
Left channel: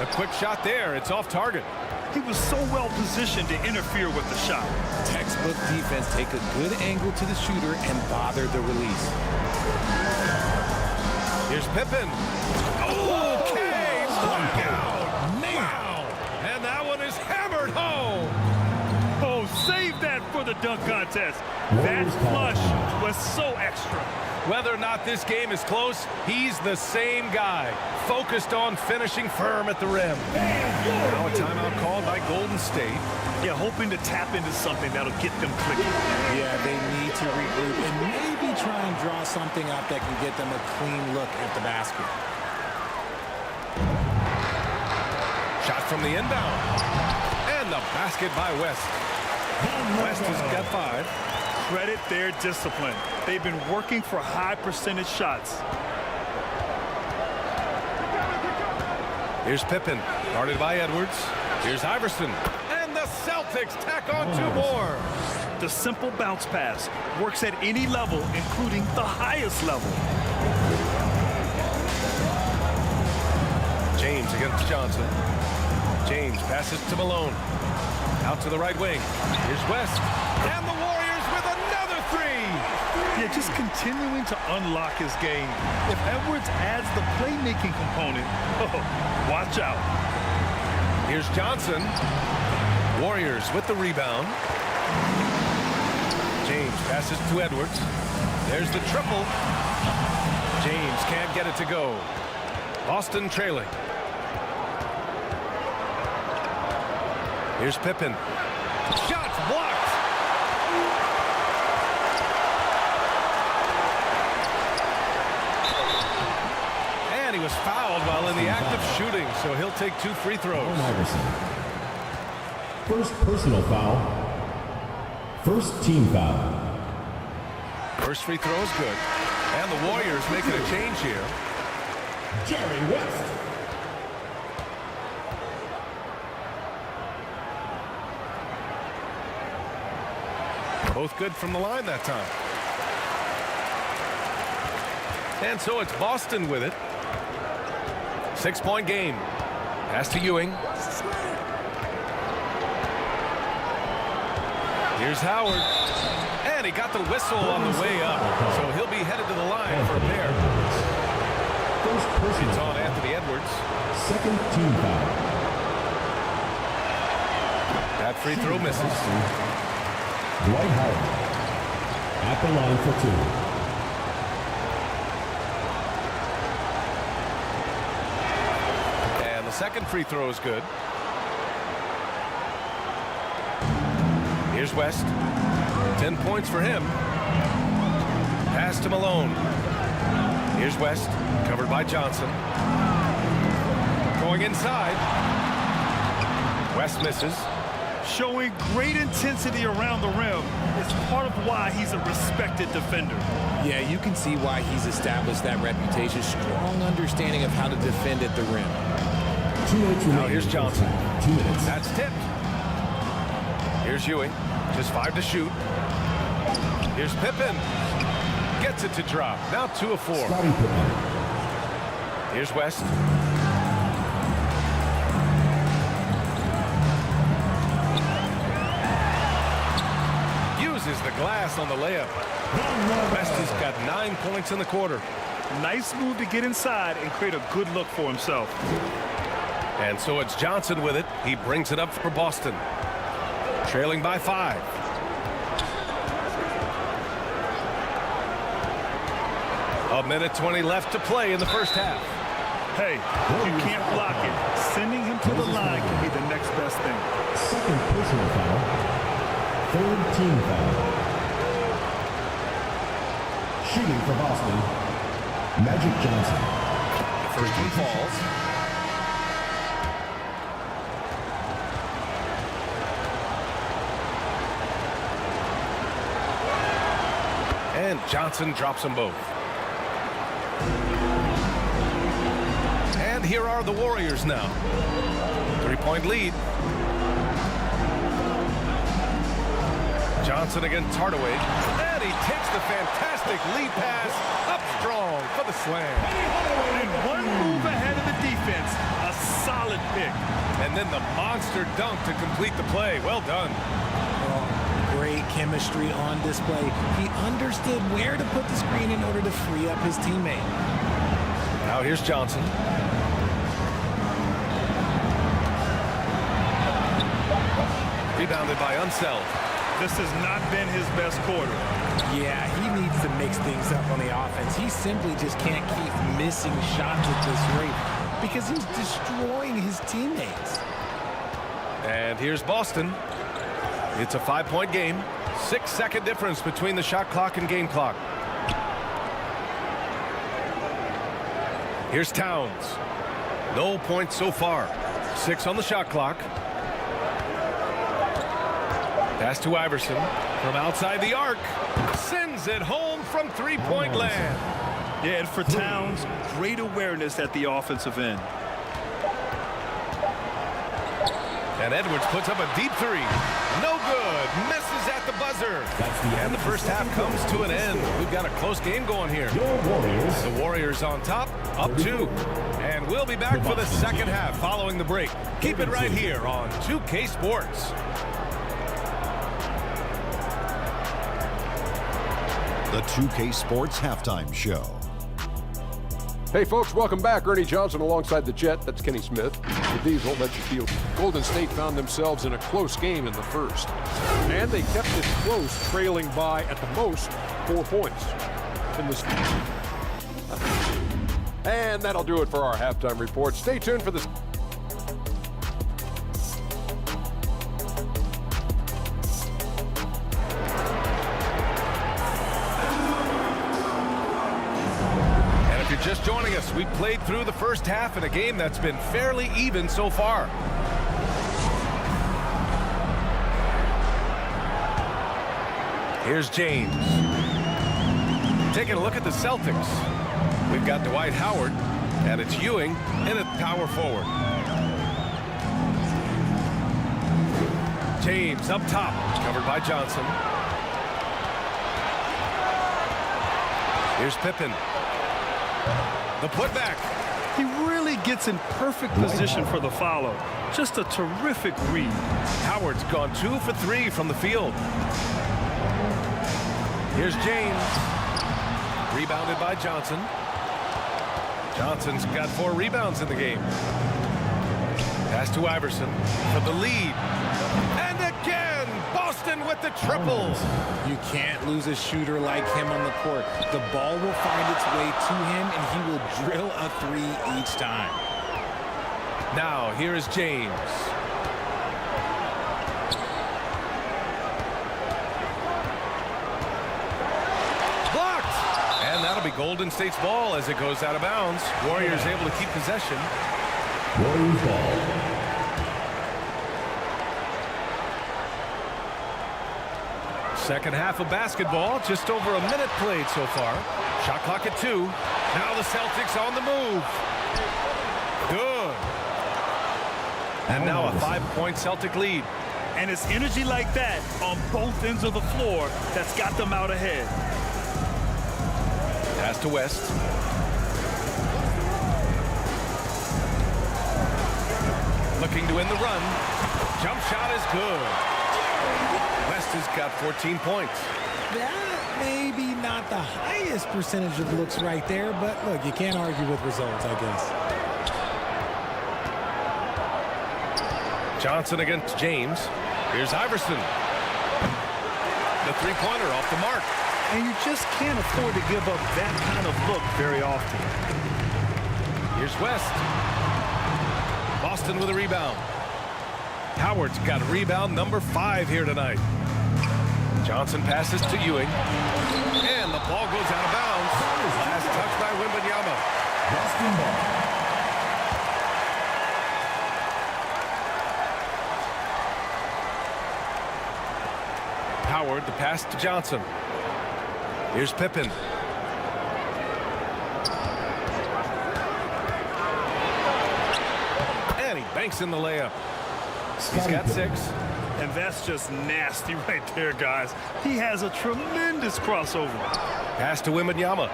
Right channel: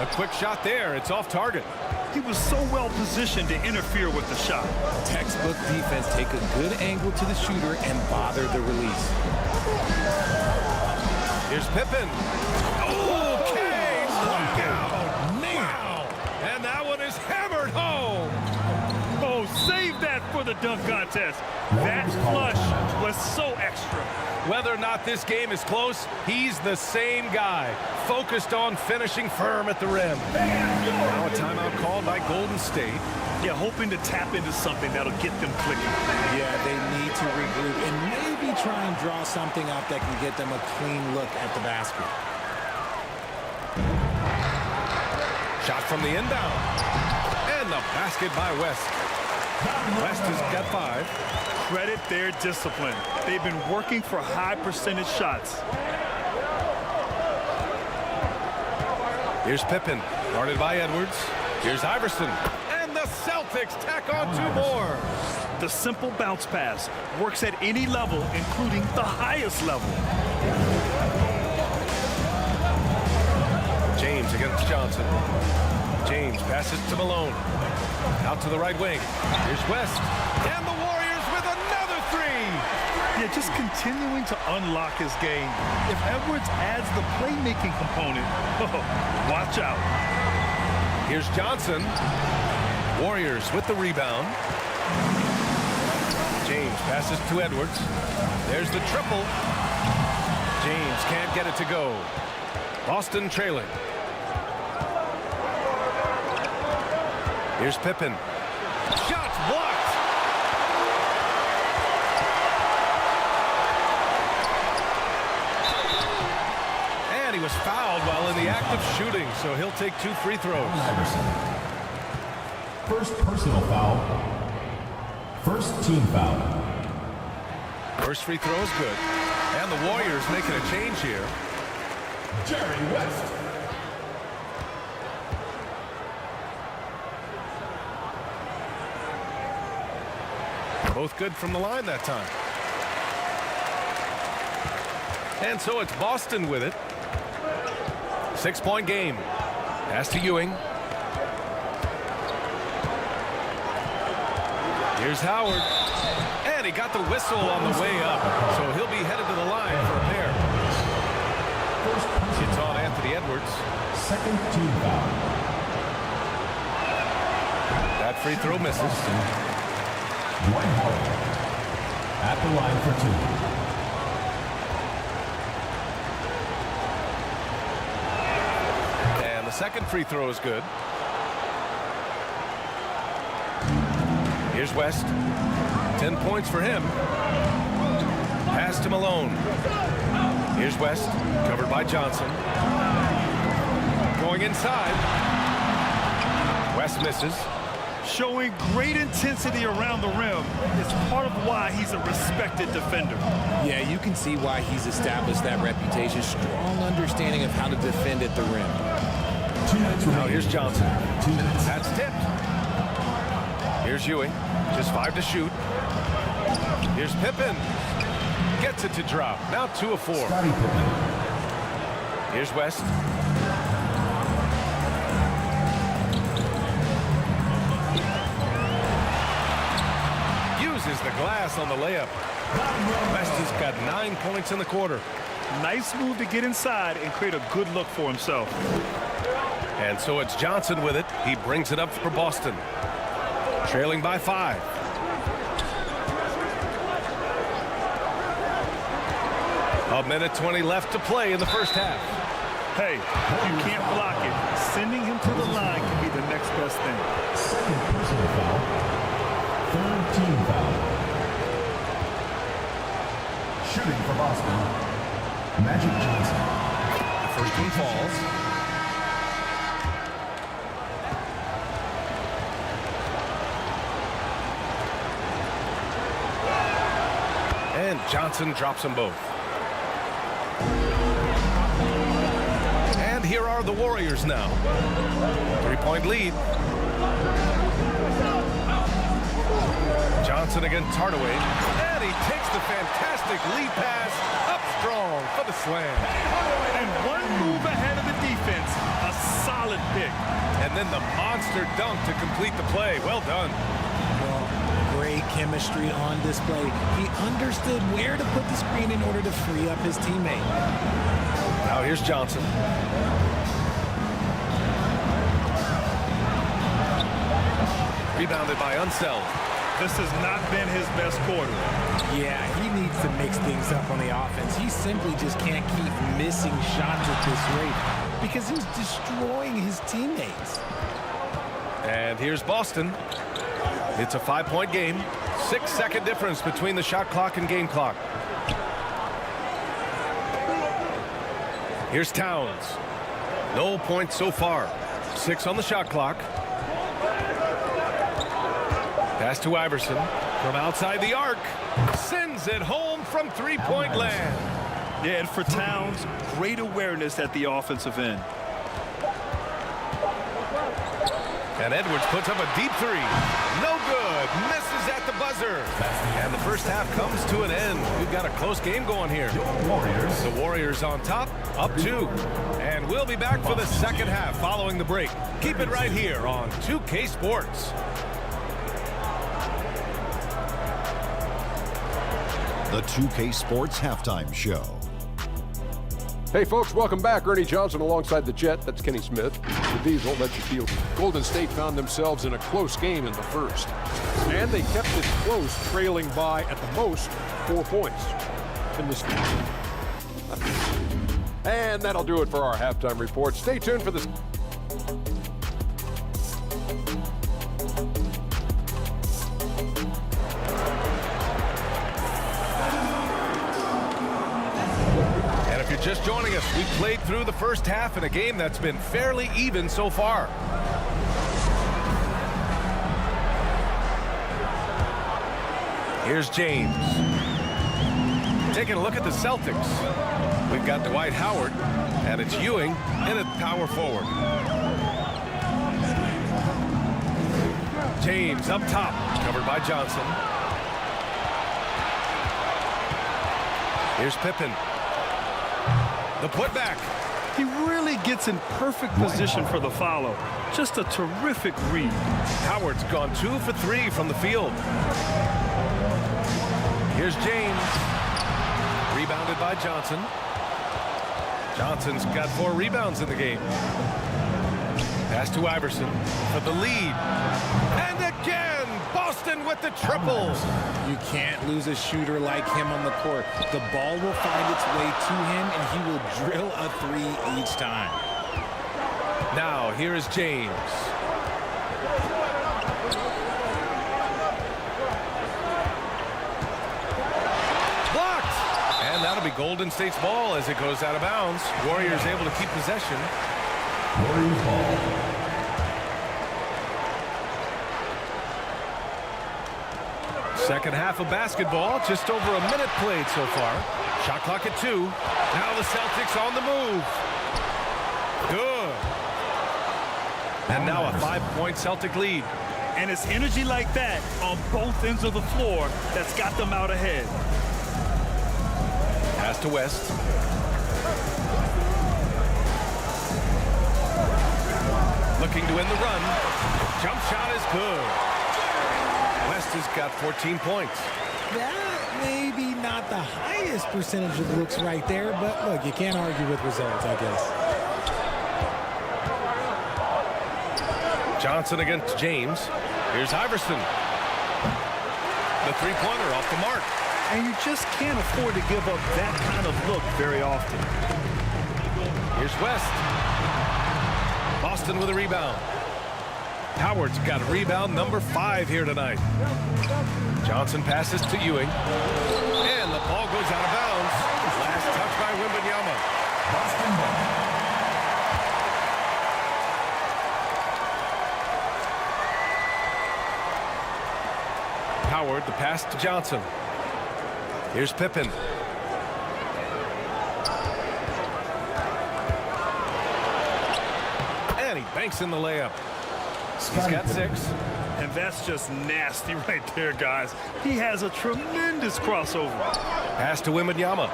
A quick shot there. It's off target. He was so well positioned to interfere with the shot. Textbook defense. Take a good angle to the shooter and bother the release. Here's Pippen. Okay, knockout. Man. Wow. And that one is hammered home. Oh, save that for the dunk contest. That flush was so extra. Whether or not this game is close, he's the same guy, focused on finishing firm at the rim. Now a timeout called by Golden State. Yeah, hoping to tap into something that'll get them clicking. Yeah, they need to regroup and maybe try and draw something up that can get them a clean look at the basket. Shot from the inbound. And the basket by West. West has got 5. Credit their discipline. They've been working for high percentage shots. Here's Pippen, guarded by Edwards. Here's Iverson. And the Celtics tack on 2 more. The simple bounce pass works at any level, including the highest level. James against Johnson. James passes to Malone. Out to the right wing. Here's West. And the Warriors with another three. Yeah, just continuing to unlock his game. If Edwards adds the playmaking component, watch out. Here's Johnson. Warriors with the rebound. James passes to Edwards. There's the triple. James can't get it to go. Boston trailing. Here's Pippen. Shots blocked. And he was fouled while in the act of shooting, so he'll take 2 free throws. Iverson. First personal foul. First team foul. First free throw is good. And the Warriors making a change here. Jerry West. Both good from the line that time. And so it's Boston with it. 6-point game. Pass to Ewing. Here's Howard. And he got the whistle on the way up. So he'll be headed to the line for a pair. It's on Anthony Edwards. Second team foul. That free throw misses. Dwight Howard at the line for 2. And the second free throw is good. Here's West. 10 points for him. Pass to Malone. Here's West, covered by Johnson. Going inside. West misses. Showing great intensity around the rim is part of why he's a respected defender. Yeah, you can see why he's established that reputation. Strong understanding of how to defend at the rim. 2 minutes remaining. Now here's Johnson. 2 minutes. That's tipped. Here's Ewing. Just 5 to shoot. Here's Pippen. Gets it to drop. Now 2 of 4. Scottie Pippen. Here's West. Uses the glass on the layup. West has got 9 points in the quarter. Nice move to get inside and create a good look for himself. And so it's Johnson with it. He brings it up for Boston. Trailing by 5. A minute 20 left to play in the first half. Hey, if you can't block it, sending him to the line can be the next best thing. Second personal foul. Third team foul. Shooting for Boston, Magic Johnson. The first one falls. And Johnson drops them both. And here are the Warriors now. 3-point lead. Johnson against Hardaway. And he takes the fantastic lead pass up strong for the slam. And one move ahead of the defense. A solid pick. And then the monster dunk to complete the play. Well done. Well, great chemistry on display. He understood where to put the screen in order to free up his teammate. Now here's Johnson. Rebounded by Unseld. This has not been his best quarter. Yeah, he needs to mix things up on the offense. He simply just can't keep missing shots at this rate because he's destroying his teammates. And here's Boston. It's a 5-point game. 6-second difference between the shot clock and game clock. Here's Towns. No points so far. 6 on the shot clock. Pass to Iverson from outside the arc. Sends it home from 3-point land. Yeah, and for Towns, great awareness at the offensive end. And Edwards puts up a deep 3. No good. Misses at the buzzer. And the first half comes to an end. We've got a close game going here. The Warriors on top, up 2. And we'll be back for the second half following the break. Keep it right here on 2K Sports. The 2K Sports Halftime Show. Hey folks, welcome back. Ernie Johnson alongside the Jet. That's Kenny Smith. The Diesel, that's your field. Golden State found themselves in a close game in the first. And they kept it close, trailing by, at the most, 4 points. In this. And that'll do it for our halftime report. Stay tuned for this. If you're just joining us, we've played through the first half in a game that's been fairly even so far. Here's James. Taking a look at the Celtics. We've got Dwight Howard, and it's Ewing in at power forward. James up top, covered by Johnson. Here's Pippen. The putback. He really gets in perfect position for the follow. Just a terrific read. Howard's gone 2 for 3 from the field. Here's James. Rebounded by Johnson. Johnson's got 4 rebounds in the game. Pass to Iverson for the lead. And again, Boston with the triple. You can't lose a shooter like him on the court. The ball will find its way to him, and he will drill a 3 each time. Now, here is James. Blocked! And that'll be Golden State's ball as it goes out of bounds. Warriors able to keep possession. Warriors ball. Second half of basketball, just over a minute played so far. Shot clock at 2. Now the Celtics on the move. Good. And now a 5-point Celtic lead. And it's energy like that on both ends of the floor that's got them out ahead. Pass to West. Looking to win the run. Jump shot is good. West has got 14 points. That maybe not the highest percentage of looks right there, but look, you can't argue with results, I guess. Johnson against James. Here's Iverson. The three-pointer off the mark. And you just can't afford to give up that kind of look very often. Here's West. Boston with a rebound. Howard's got a rebound number 5 here tonight. Johnson passes to Ewing. And the ball goes out of bounds. Last touch by Wembanyama. Boston ball. Howard, the pass to Johnson. Here's Pippen. And he banks in the layup. He's got 6. And that's just nasty right there, guys. He has a tremendous crossover. Pass to Wembanyama.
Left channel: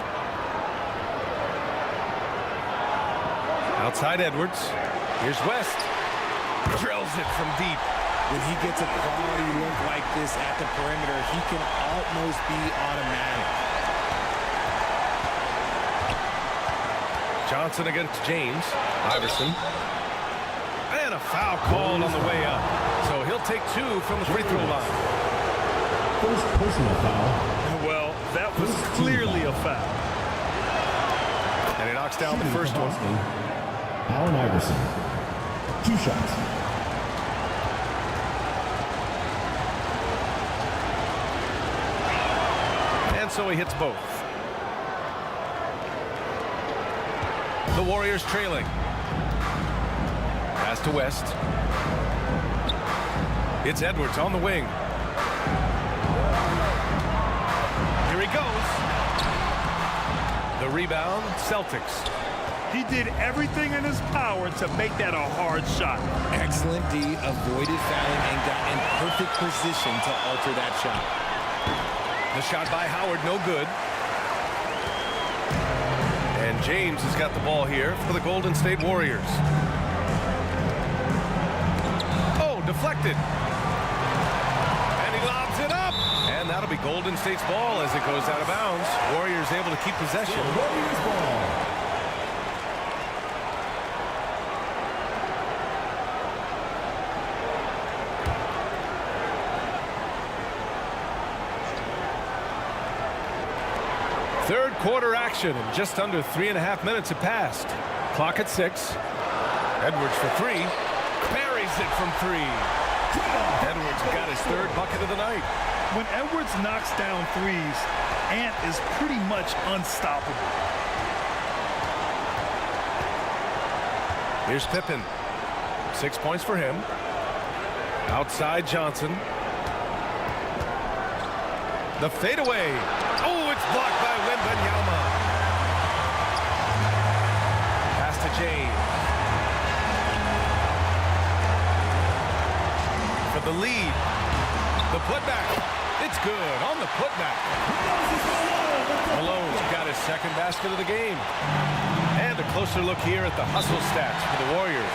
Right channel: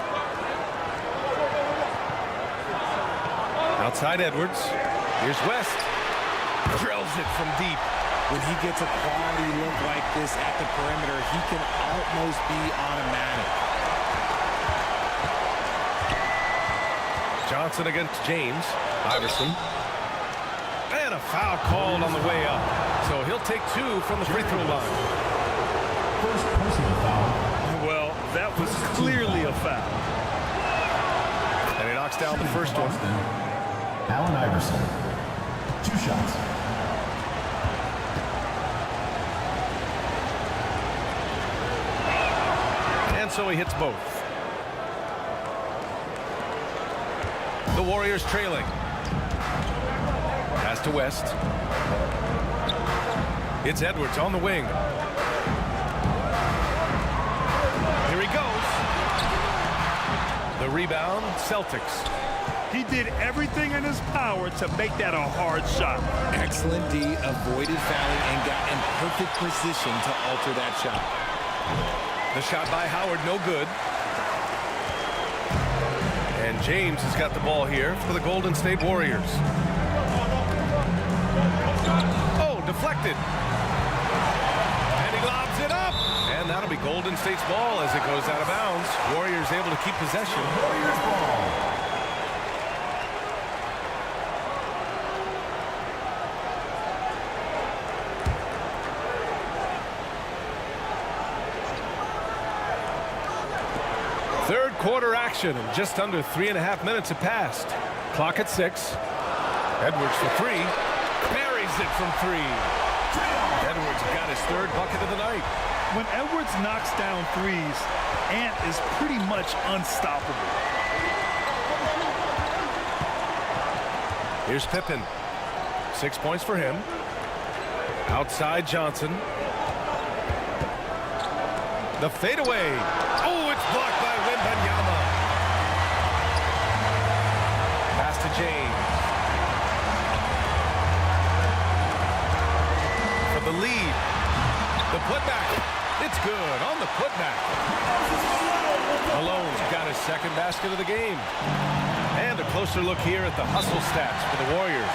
Outside Edwards. Here's West. Drills it from deep. When he gets a quality look like this at the perimeter, he can almost be automatic. Johnson against James. Iverson. And a foul called on the way up. So he'll take 2 from the free throw line. First personal foul. Well, that was clearly a foul. And he knocks down the first one. Allen Iverson. 2 shots. And so he hits both. The Warriors trailing. Pass to West. It's Edwards on the wing. Here he goes. The rebound, Celtics. He did everything in his power to make that a hard shot. Excellent D, avoided fouling and got in perfect position to alter that shot. The shot by Howard, no good. And James has got the ball here for the Golden State Warriors. Oh, deflected. And he lobs it up. And that'll be Golden State's ball as it goes out of bounds. Warriors able to keep possession. Warriors ball. Third quarter action, and just under 3.5 minutes have passed. Clock at 6. Edwards for 3. Buries it from 3. Edwards got his third bucket of the night. When Edwards knocks down threes, Ant is pretty much unstoppable. Here's Pippen. 6 points for him. Outside Johnson. The fadeaway. Oh, it's blocked by Wembanyama. Pass to James. For the lead. The putback. It's good on the putback. Malone's got his second basket of the game. And a closer look here at the hustle stats for the Warriors.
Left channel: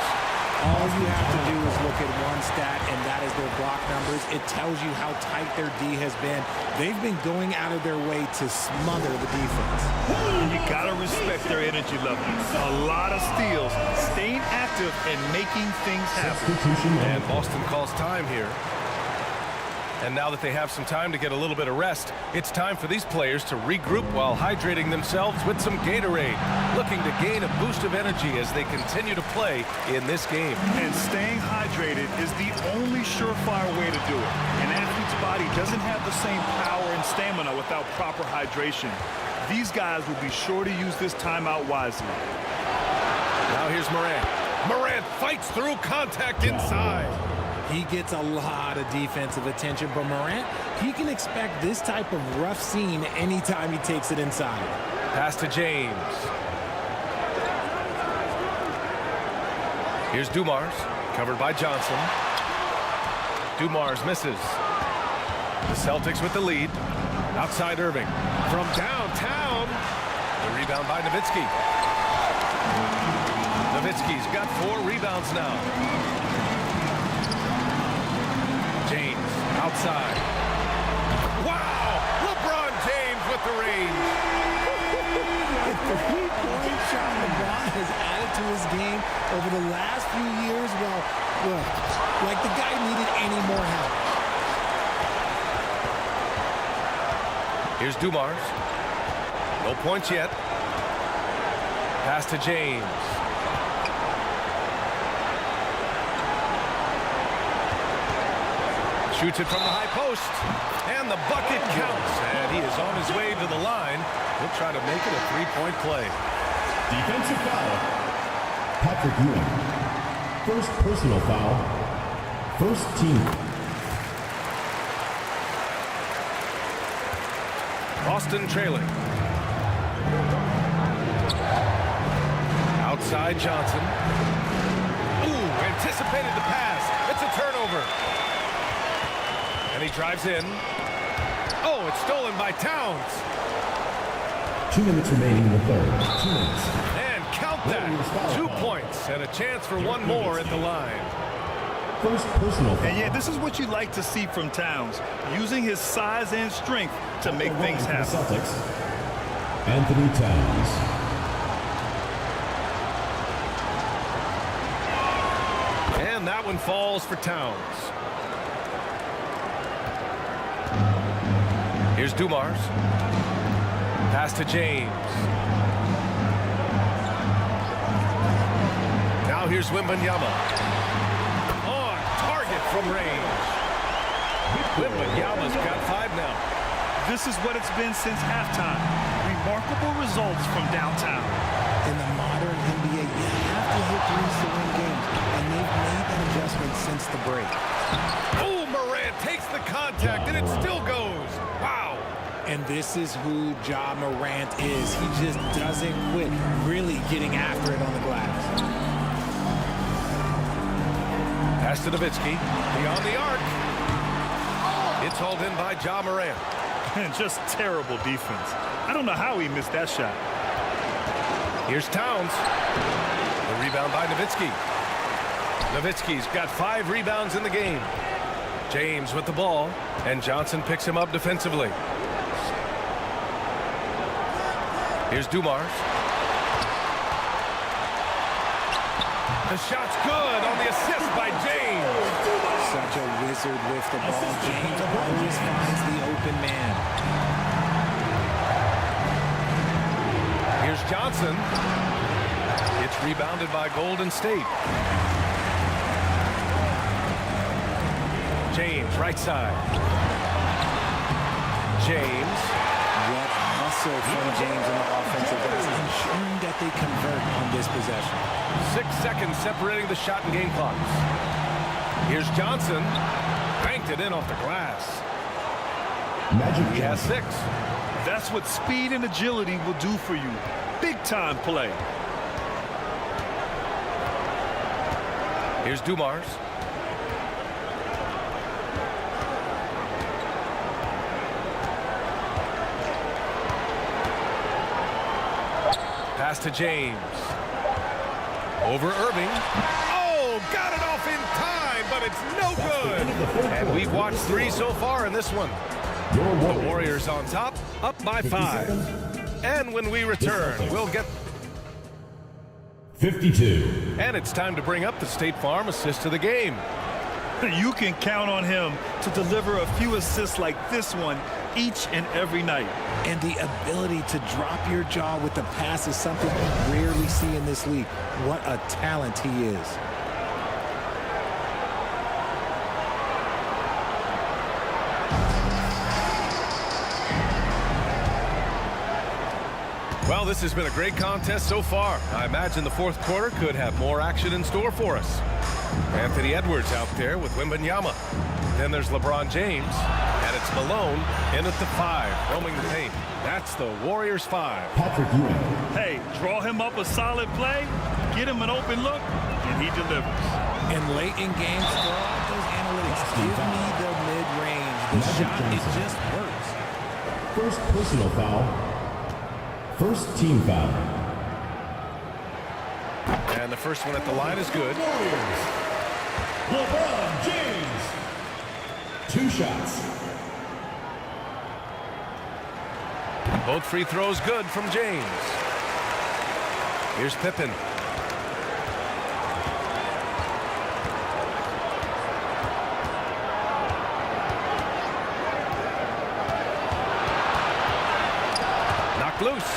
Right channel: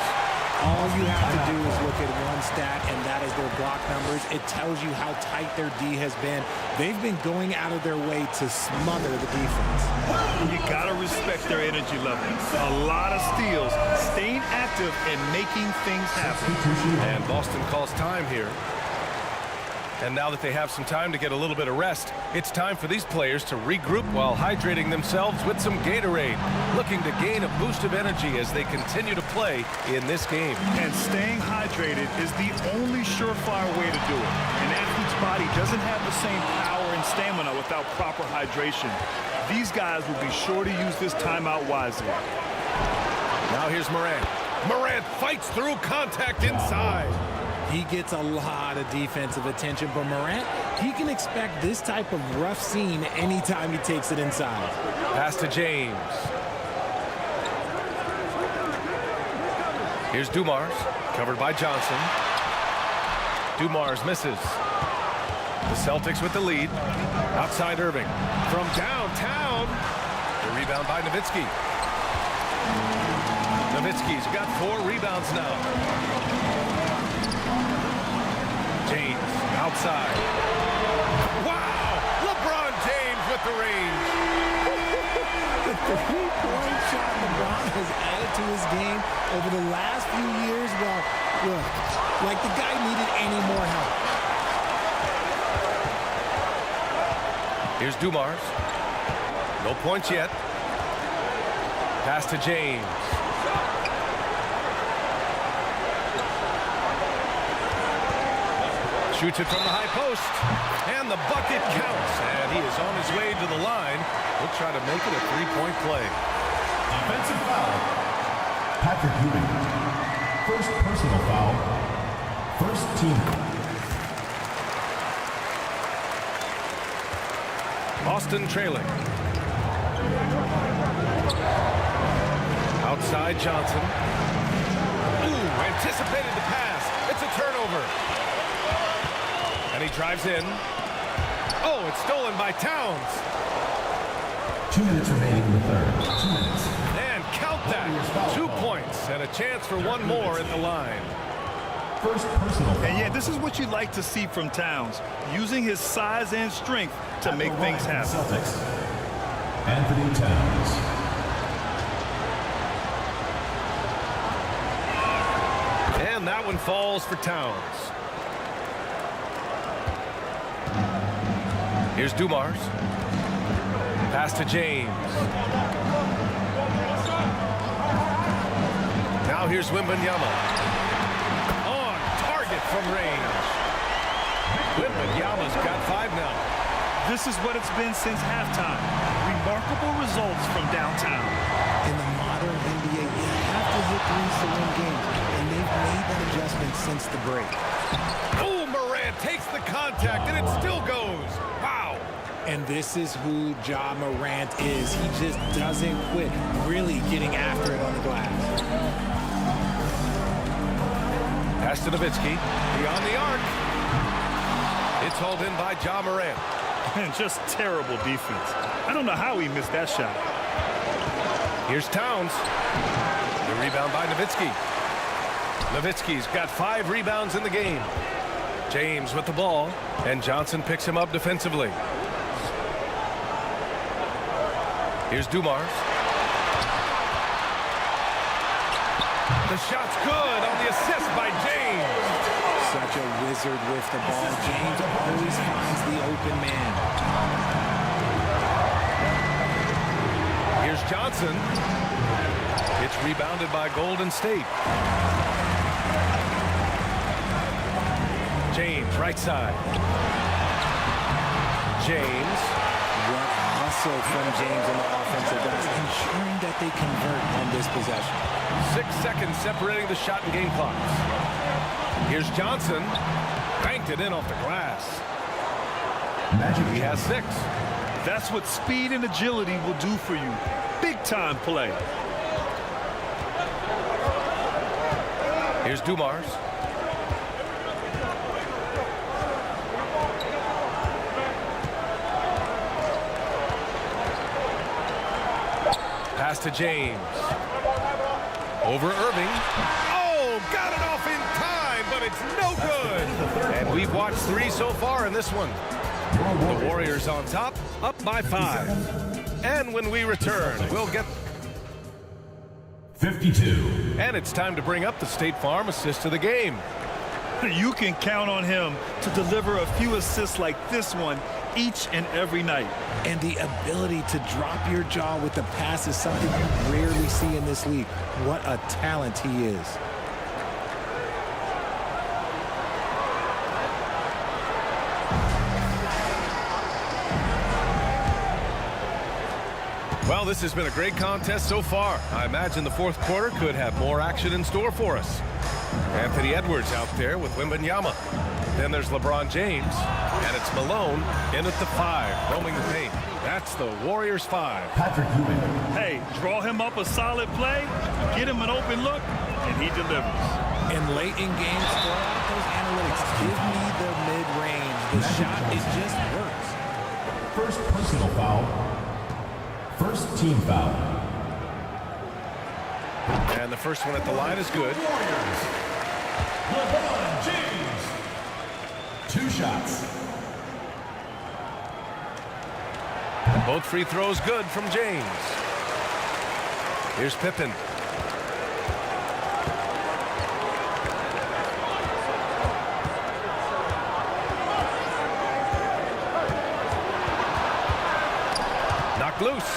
All you have to do is look at one stat, and that is their block numbers. It tells you how tight their D has been. They've been going out of their way to smother the defense. And you got to respect their energy level. A lot of steals, staying active and making things happen. And Boston calls time here. And now that they have some time to get a little bit of rest, it's time for these players to regroup while hydrating themselves with some Gatorade, looking to gain a boost of energy as they continue to play in this game. And staying hydrated is the only surefire way to do it. An athlete's body doesn't have the same power and stamina without proper hydration. These guys will be sure to use this timeout wisely. Now here's Morant. Morant fights through contact inside. He gets a lot of defensive attention, but Morant, he can expect this type of rough scene anytime he takes it inside. Pass to James. Here's Dumars, covered by Johnson. Dumars misses. The Celtics with the lead. Outside Irving. From downtown. The rebound by Nowitzki. Nowitzki's got 4 rebounds now. James outside. Wow! LeBron James with the range. The three-point shot LeBron has added to his game over the last few years. Well, look, like the guy needed any more help. Here's Dumars. No points yet. Pass to James. Shoots it from the high post. And the bucket counts. And he is on his way to the line. He'll try to make it a 3-point play. Defensive foul. Patrick Ewing. First personal foul. First team. Boston trailing. Outside Johnson. Ooh, anticipated the pass. It's a turnover. And he drives in. Oh, it's stolen by Towns. 2 minutes remaining in the third. 2 minutes. And count that. 2 points and a chance for one more at the line. First personal foul. And yeah, this is what you like to see from Towns, using his size and strength to make things happen. Celtics. Anthony Towns. And that one falls for Towns. Here's Dumars. Pass to James. Now here's Wembanyama. On target from range. Wembanyama's got 5 now. This is what it's been since halftime. Remarkable results from downtown. In the modern NBA, you have to hit threes to win games, and they've made that adjustment since the break. Oh, Morant takes the contact, and it still goes. Wow. And this is who Ja Morant is. He just doesn't quit, really getting after it on the glass. Pass to Nowitzki, beyond the arc. It's hauled in by Ja Morant. And just terrible defense. I don't know how he missed that shot. Here's Towns. The rebound by Nowitzki. Nowitzki's got 5 rebounds in the game. James with the ball, and Johnson picks him up defensively. Here's Dumars. The shot's good on the assist by James. Such a wizard with the ball. James always finds the open man. Here's Johnson. It's rebounded by Golden State. James, right side. James. What hustle from James on the offensive glass, ensuring that they convert on this possession. 6 seconds separating the shot and game clocks. Here's Johnson. Banked it in off the glass. He has 6. That's what speed and agility will do for you. Big time play. Here's Dumars. Pass to James. Over Irving. Oh, got it off in time, but it's no good. And we've watched 3 so far in this one. The Warriors on top, up by 5. And when we return, we'll get 52. And it's time to bring up the State Farm assist of the game. You can count on him to deliver a few assists like this one each and every night. And the ability to drop your jaw with the pass is something you rarely see in this league. What a talent he is. Well, this has been a great contest so far. I imagine the 4th quarter could have more action in store for us. Anthony Edwards out there with Wembanyama. Then there's LeBron James, and it's Malone in at the 5, roaming the paint. That's the Warriors 5. Patrick Ewing. Hey, draw him up a solid play, get him an open look, and he delivers. And late in games, throw out those analytics. Give me the mid-range. The shot, it just works. First personal foul. First team foul. And the first one at the line is good. Warriors. LeBron James. 2 shots. And both free throws good from James. Here's Pippen. Knocked loose.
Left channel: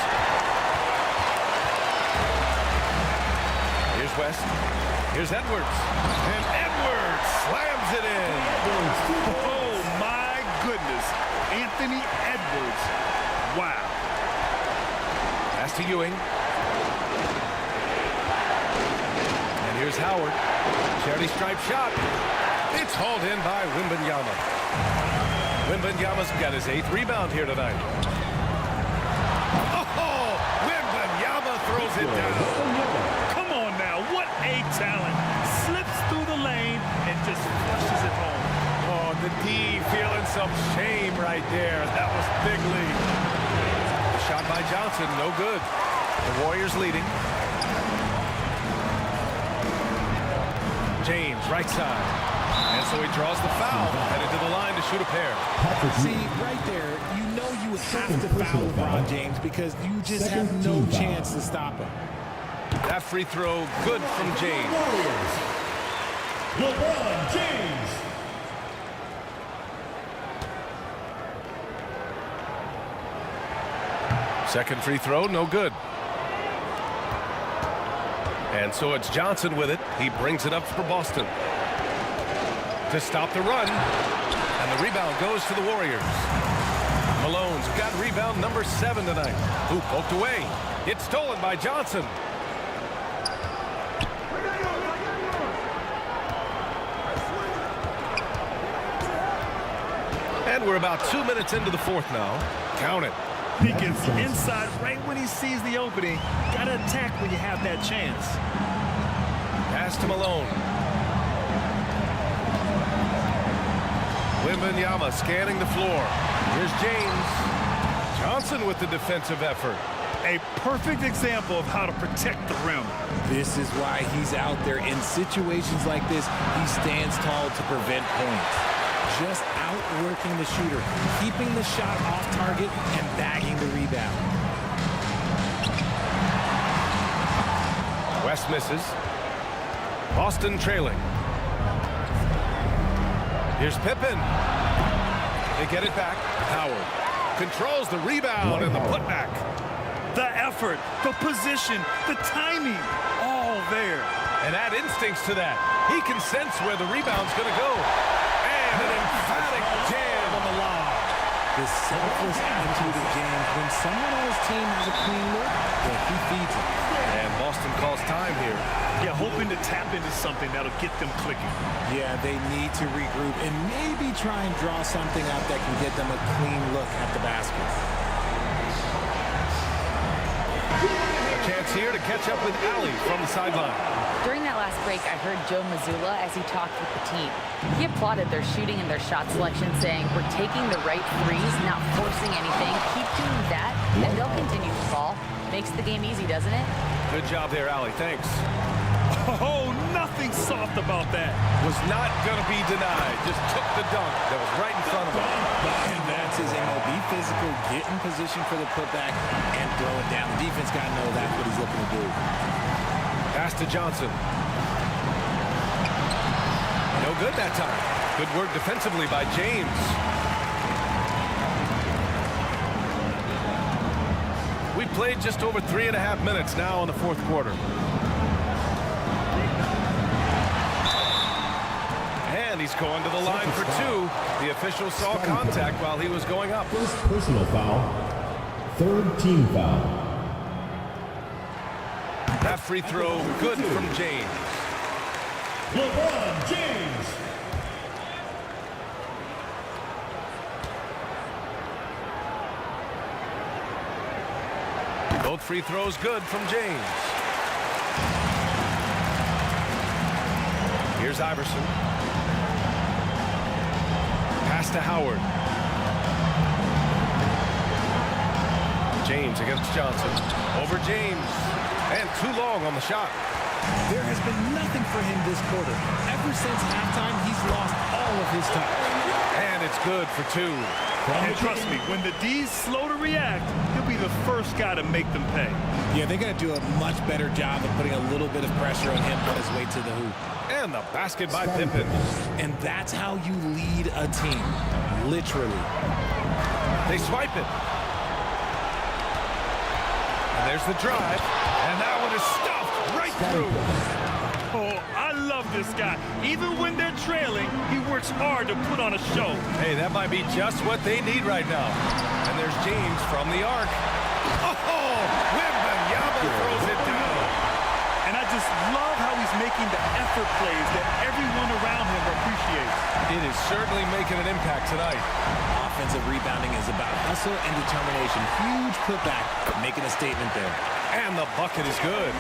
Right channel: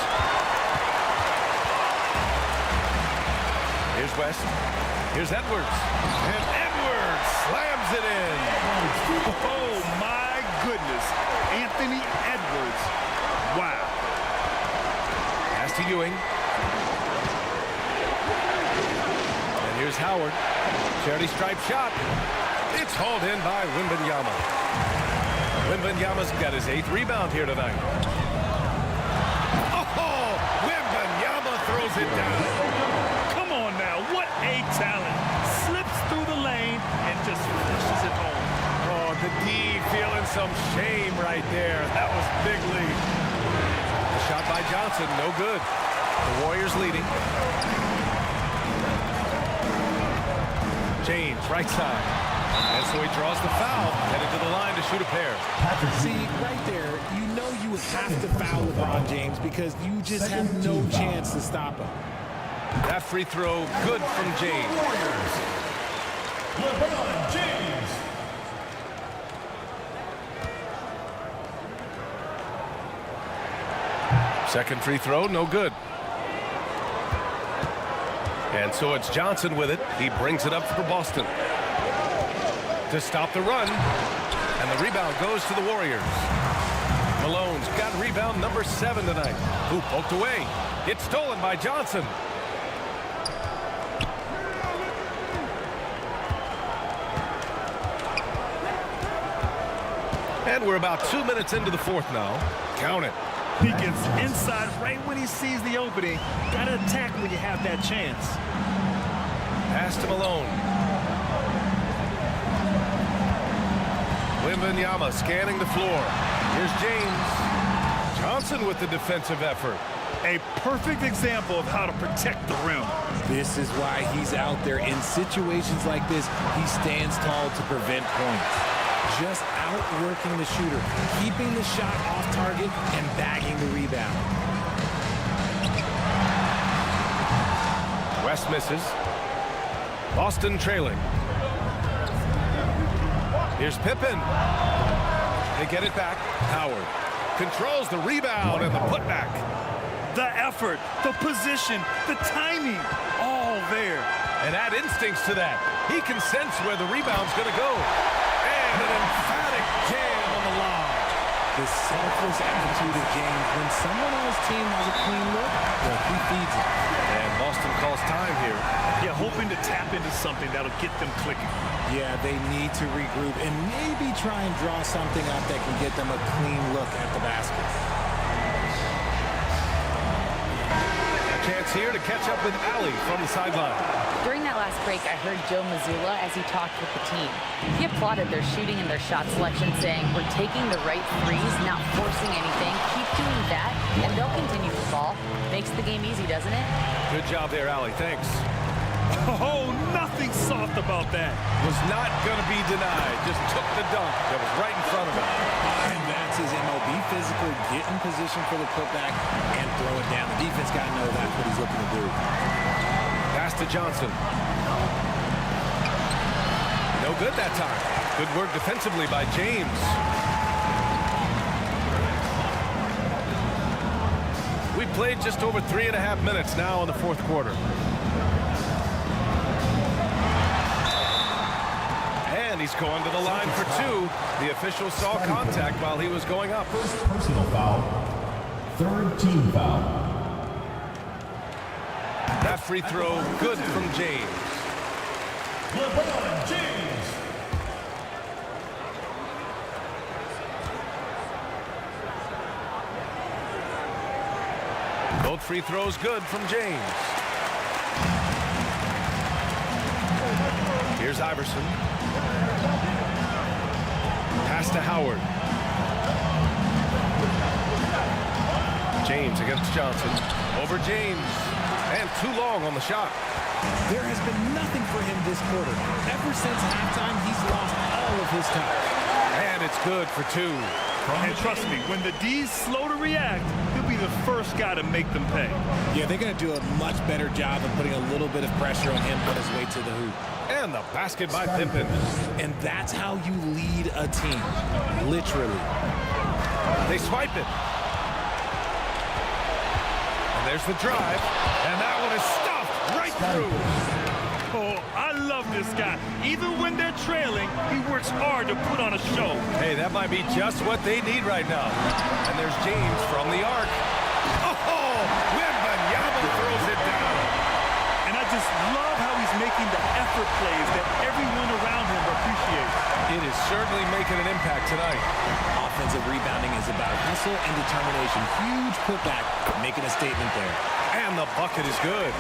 Here's West. Here's Edwards. And Edwards slams it in. Oh, my goodness. Anthony Edwards. Wow. Pass to Ewing. And here's Howard. Charity stripe shot. It's hauled in by Wembanyama. Wembanyama's got his 8th rebound here tonight. Oh, Wembanyama throws it down. Come on now, what a talent. Slips through the lane and just flushes it home. Oh, the D feeling some shame right there. That was big lead. The shot by Johnson, no good. The Warriors leading. James, right side. And so he draws the foul, headed to the line to shoot a pair. See, right there, you know you have to foul LeBron James because you just have no chance to stop him. That free throw good from James. Warriors. LeBron James. Second free throw, no good. And so it's Johnson with it. He brings it up for Boston to stop the run. And the rebound goes to the Warriors. Malone's got rebound number 7 tonight. Who poked away. It's stolen by Johnson. And we're about 2 minutes into the 4th now. Count it. He gets inside right when he sees the opening. Gotta attack when you have that chance. Pass to Malone. Wembanyama scanning the floor. Here's James. Johnson with the defensive effort. A perfect example of how to protect the rim. This is why he's out there. In situations like this, he stands tall to prevent points. Just outworking the shooter, keeping the shot off target, and bagging the rebound. West misses. Boston trailing. Here's Pippen. They get it back. Howard controls the rebound and the putback. The effort, the position, the timing, all there. And add instincts to that. He can sense where the rebound's going to go. And an emphatic jam on the lob. The selfless attitude of James. When someone on his team has a clean look, well, he feeds it. And Boston calls time here. Yeah, hoping to tap into something that'll get them clicking. Yeah, they need to regroup and maybe try and draw something up that can get them a clean look at the basket. A chance here to catch up with Ali from the sideline. During that last break, I heard Joe Mazzulla as he talked with the team. He applauded their shooting and their shot selection, saying, "We're taking the right threes, not forcing anything. Keep doing that, and they'll continue to fall." Makes the game easy, doesn't it? Good job there, Ali. Thanks. Oh, nothing soft about that. Was not going to be denied. Just took the dunk that was right in front of him. And that's his MO. Be physical, get in position for the putback, and throw it down. The defense got to know that's what he's looking to do. Pass to Johnson. No good that time. Good work defensively by James. We played just over 3.5 minutes now in the fourth quarter. And he's going to the line for two. The official saw contact while he was going up. First personal foul. Third team foul. That free throw good from James. LeBron James. Both free throws good from James. Here's Iverson. Pass to Howard. James against Johnson. Over James. And too long on the shot. There has been nothing for him this quarter. Ever since halftime, he's lost all of his touch. And it's good for two. And trust me, when the D's slow to react, he'll be the first guy to make them pay. Yeah, they're going to do a much better job of putting a little bit of pressure on him on his way to the hoop. And the basket by Pippen. And that's how you lead a team. Literally. They swipe it. And there's the drive. And that one is stuffed right through. Oh, I love this guy. Even when they're trailing, he works hard to put on a show. Hey, that might be just what they need right now. And there's James from the arc. Oh, Wembanyama throws it down. And I just love how he's making the effort plays that everyone around him appreciates. It is certainly making an impact tonight. Offensive rebounding is about hustle and determination. Huge putback, making a statement there. And the bucket is good.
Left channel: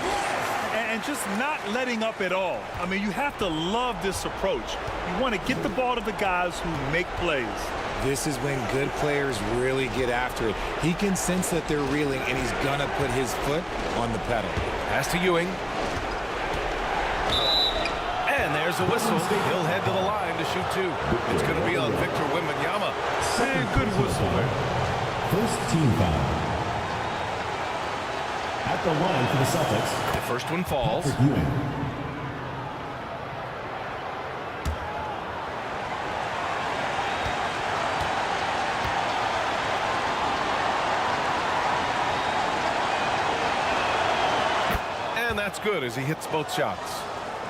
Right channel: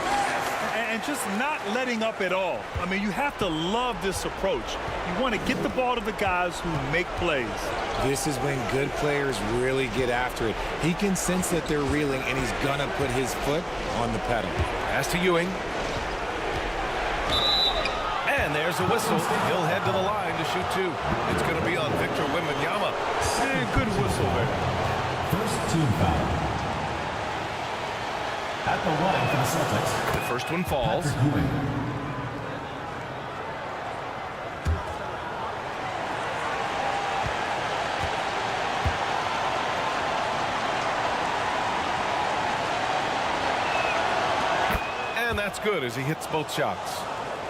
And just not letting up at all. I mean, you have to love this approach. You want to get the ball to the guys who make plays. This is when good players really get after it. He can sense that they're reeling, and he's going to put his foot on the pedal. Pass to Ewing. And there's a whistle. He'll head to the line to shoot two. It's going to be on Victor Wembanyama. And good whistle there. First team foul. At the line for the Celtics. The first one falls. Ewing. And that's good as he hits both shots.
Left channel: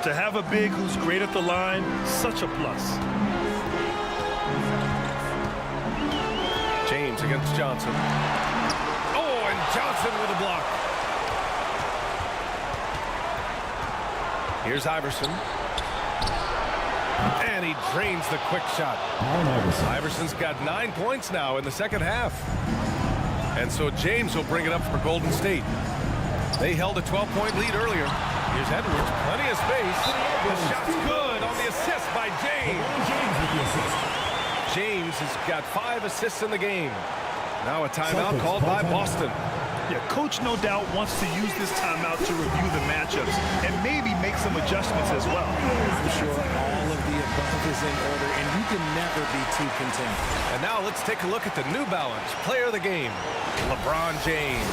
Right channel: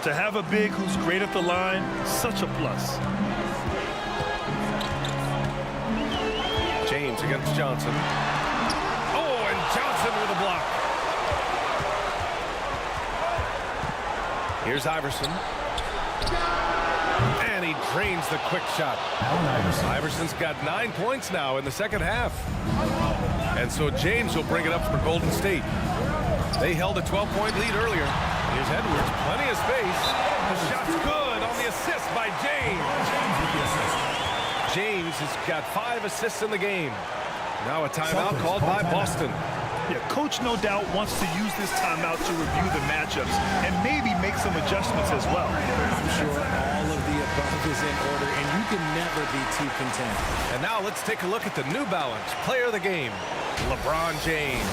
To have a big who's great at the line, such a plus. James against Johnson. Oh, and Johnson with a block. Here's Iverson. And he drains the quick shot. Iverson's got 9 points now in the second half. And so James will bring it up for Golden State. They held a 12-point lead earlier. Here's Edwards, plenty of space. The shot's good on the assist by James. James has got 5 assists in the game. Now a timeout called by Boston. Yeah, coach no doubt wants to use this timeout to review the matchups and maybe make some adjustments as well. I'm sure all of the above is in order, and you can never be too content. And now let's take a look at the New Balance player of the game, LeBron James.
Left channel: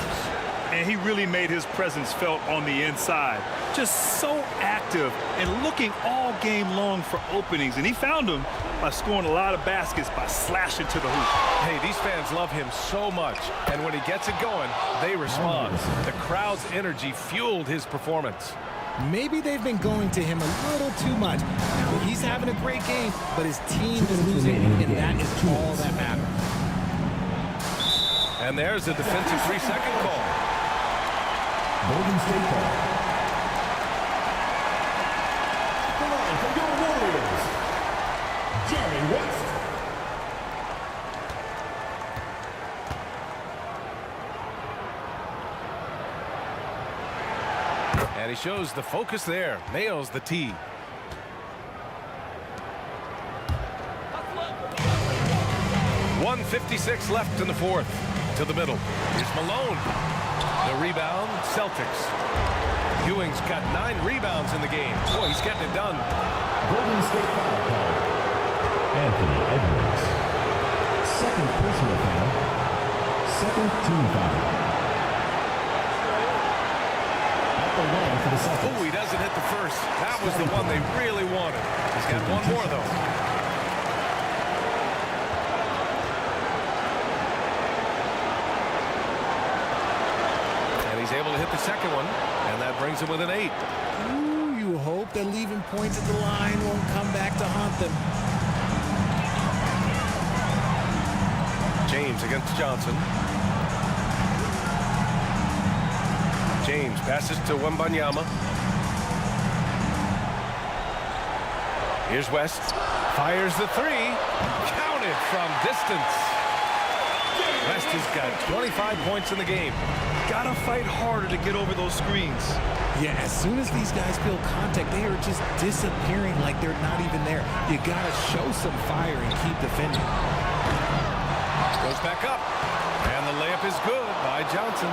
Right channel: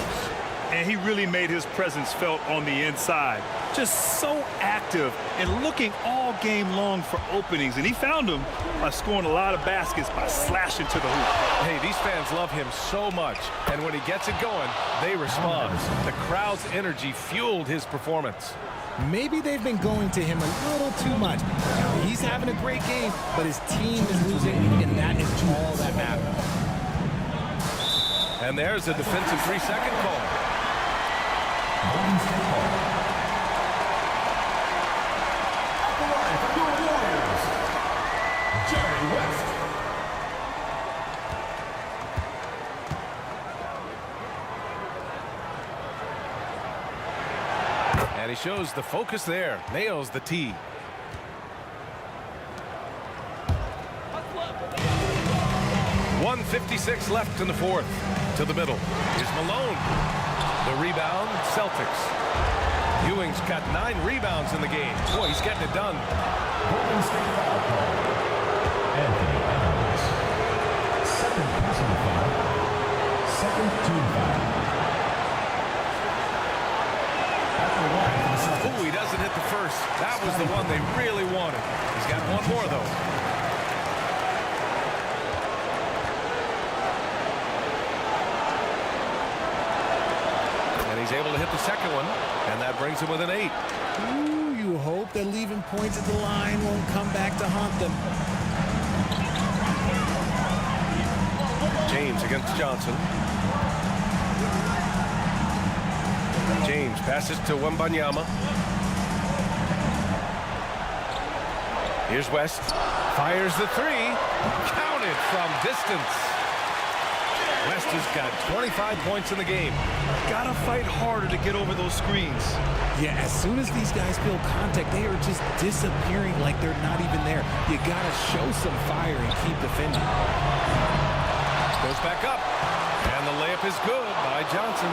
And he really made his presence felt on the inside. Just so active and looking all game long for openings. And he found them by scoring a lot of baskets by slashing to the hoop. Hey, these fans love him so much. And when he gets it going, they respond. The crowd's energy fueled his performance. Maybe they've been going to him a little too much. Now, he's having a great game, but his team is losing, and that is all that matters. And there's a defensive 3-second call. Golden State ball. At the line for your Warriors, Jerry West. And he shows the focus there. Nails the tee. .156 left in the fourth. To the middle. Here's Malone. The rebound, Celtics. Ewing's got 9 rebounds in the game. Boy, he's getting it done. Golden State foul called. Anthony Edwards. Second personal foul. Second team foul. At the line for the Celtics. Oh, he doesn't hit the first. That was the one they really wanted. He's got one more, though. And he's able to hit the second one, and that brings him with an 8. Ooh, you hope that leaving points at the line won't come back to haunt them. James against Johnson. James passes to Wembanyama. Here's West. Fires the 3. Counted from distance. West has got 25 points in the game. Gotta fight harder to get over those screens. Yeah, as soon as these guys feel contact, they are just disappearing like they're not even there. You gotta show some fire and keep defending. Goes back up. And the layup is good by Johnson.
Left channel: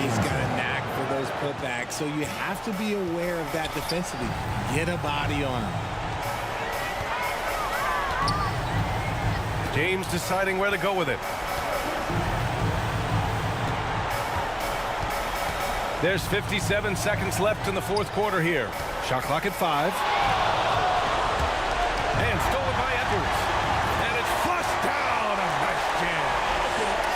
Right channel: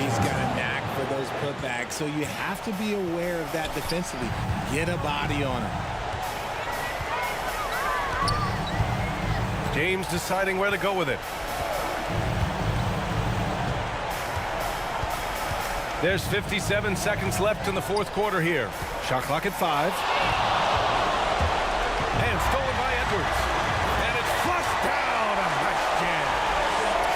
He's got a knack for those putbacks, so you have to be aware of that defensively. Get a body on him. James deciding where to go with it. There's 57 seconds left in the fourth quarter here. Shot clock at 5. And stolen by Edwards. And it's flushed down. A nice jam.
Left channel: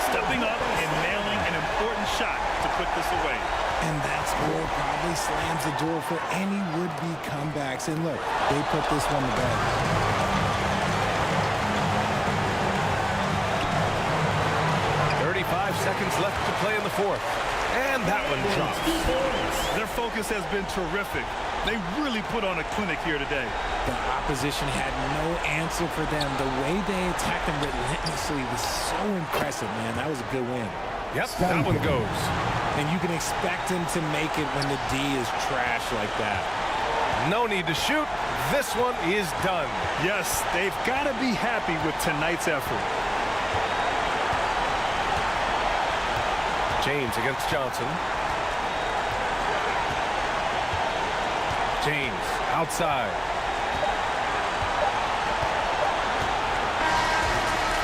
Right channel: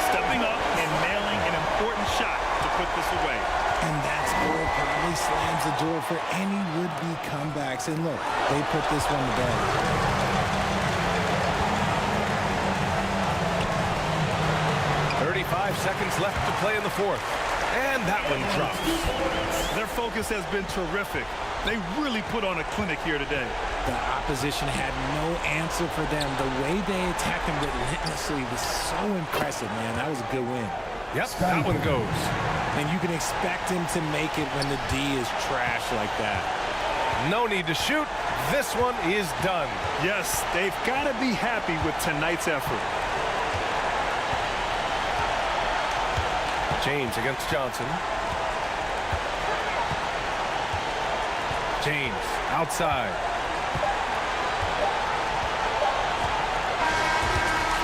Stepping up and nailing an important shot to put this away. And that score probably slams the door for any would-be comebacks. And look, they put this one to bed. .35 seconds left to play in the fourth. And that one drops. Their focus has been terrific. They really put on a clinic here today. The opposition had no answer for them. The way they attacked them relentlessly was so impressive, man. That was a good win. Yep, that one goes. And you can expect him to make it when the D is trash like that. No need to shoot. This one is done. Yes, they've got to be happy with tonight's effort. James against Johnson. James outside.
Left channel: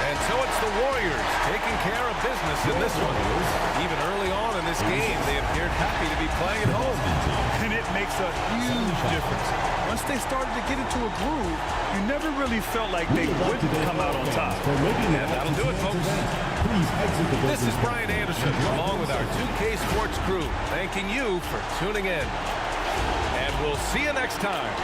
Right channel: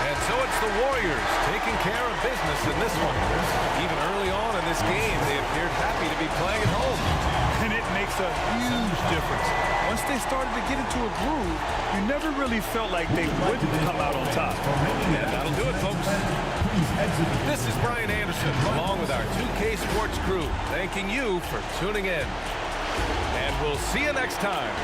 And so it's the Warriors taking care of business in this one. Even early on in this game, they appeared happy to be playing at home. And it makes a huge difference. Once they started to get into a groove, you never really felt like they wouldn't come out on top. And that'll do it, folks. This is Brian Anderson, along with our 2K Sports crew, thanking you for tuning in. And we'll see you next time.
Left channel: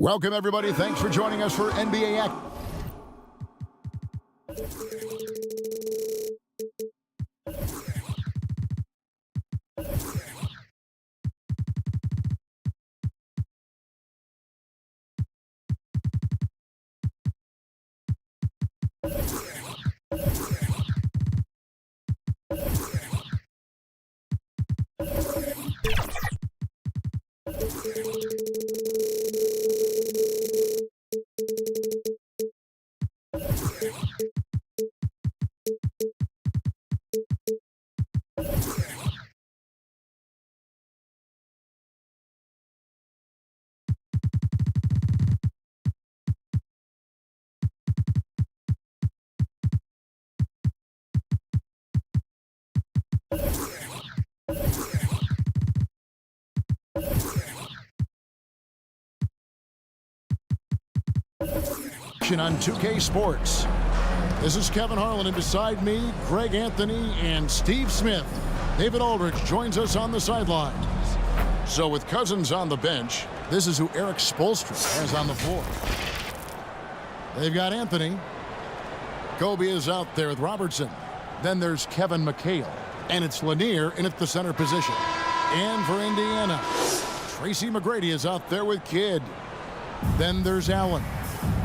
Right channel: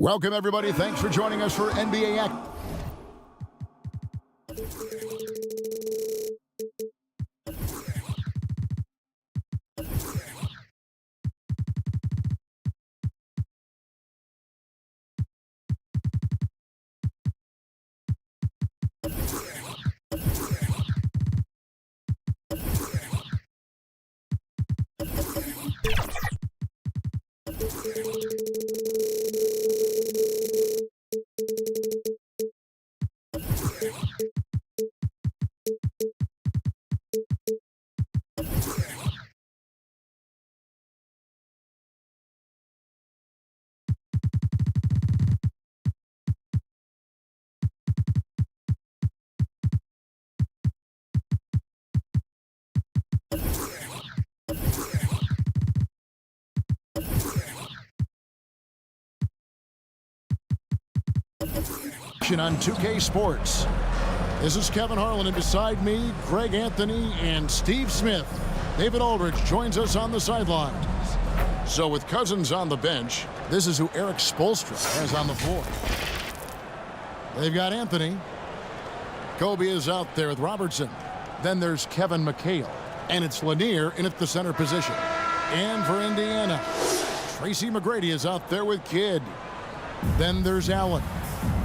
Welcome, everybody. Thanks for joining us for NBA Act. On 2K Sports. This is Kevin Harlan, and beside me, Greg Anthony and Steve Smith. David Aldridge joins us on the sidelines. So with Cousins on the bench, this is who Eric Spoelstra has on the floor. They've got Anthony. Kobe is out there with Robertson. Then there's Kevin McHale, and it's Lanier in at the center position. And for Indiana, Tracy McGrady is out there with Kidd. Then there's Allen.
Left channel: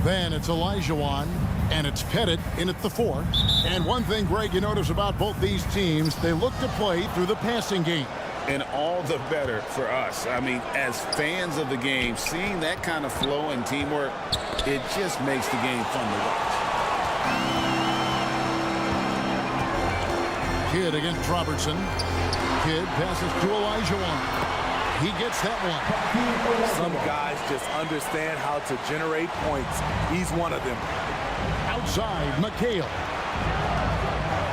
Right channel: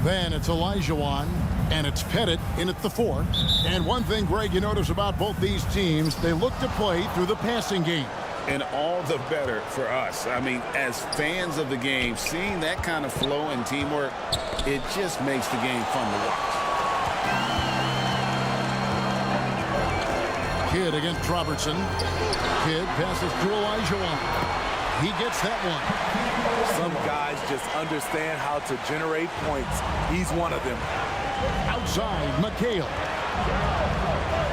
Then it's Olajuwon, and it's Pettit in at the 4. And one thing, Greg, you notice about both these teams, they look to play through the passing game. And all the better for us. I mean, as fans of the game, seeing that kind of flow and teamwork, it just makes the game fun to watch. Kidd against Robertson. Kidd passes to Olajuwon. He gets that one. Some guys just understand how to generate points. He's one of them. Outside, McHale.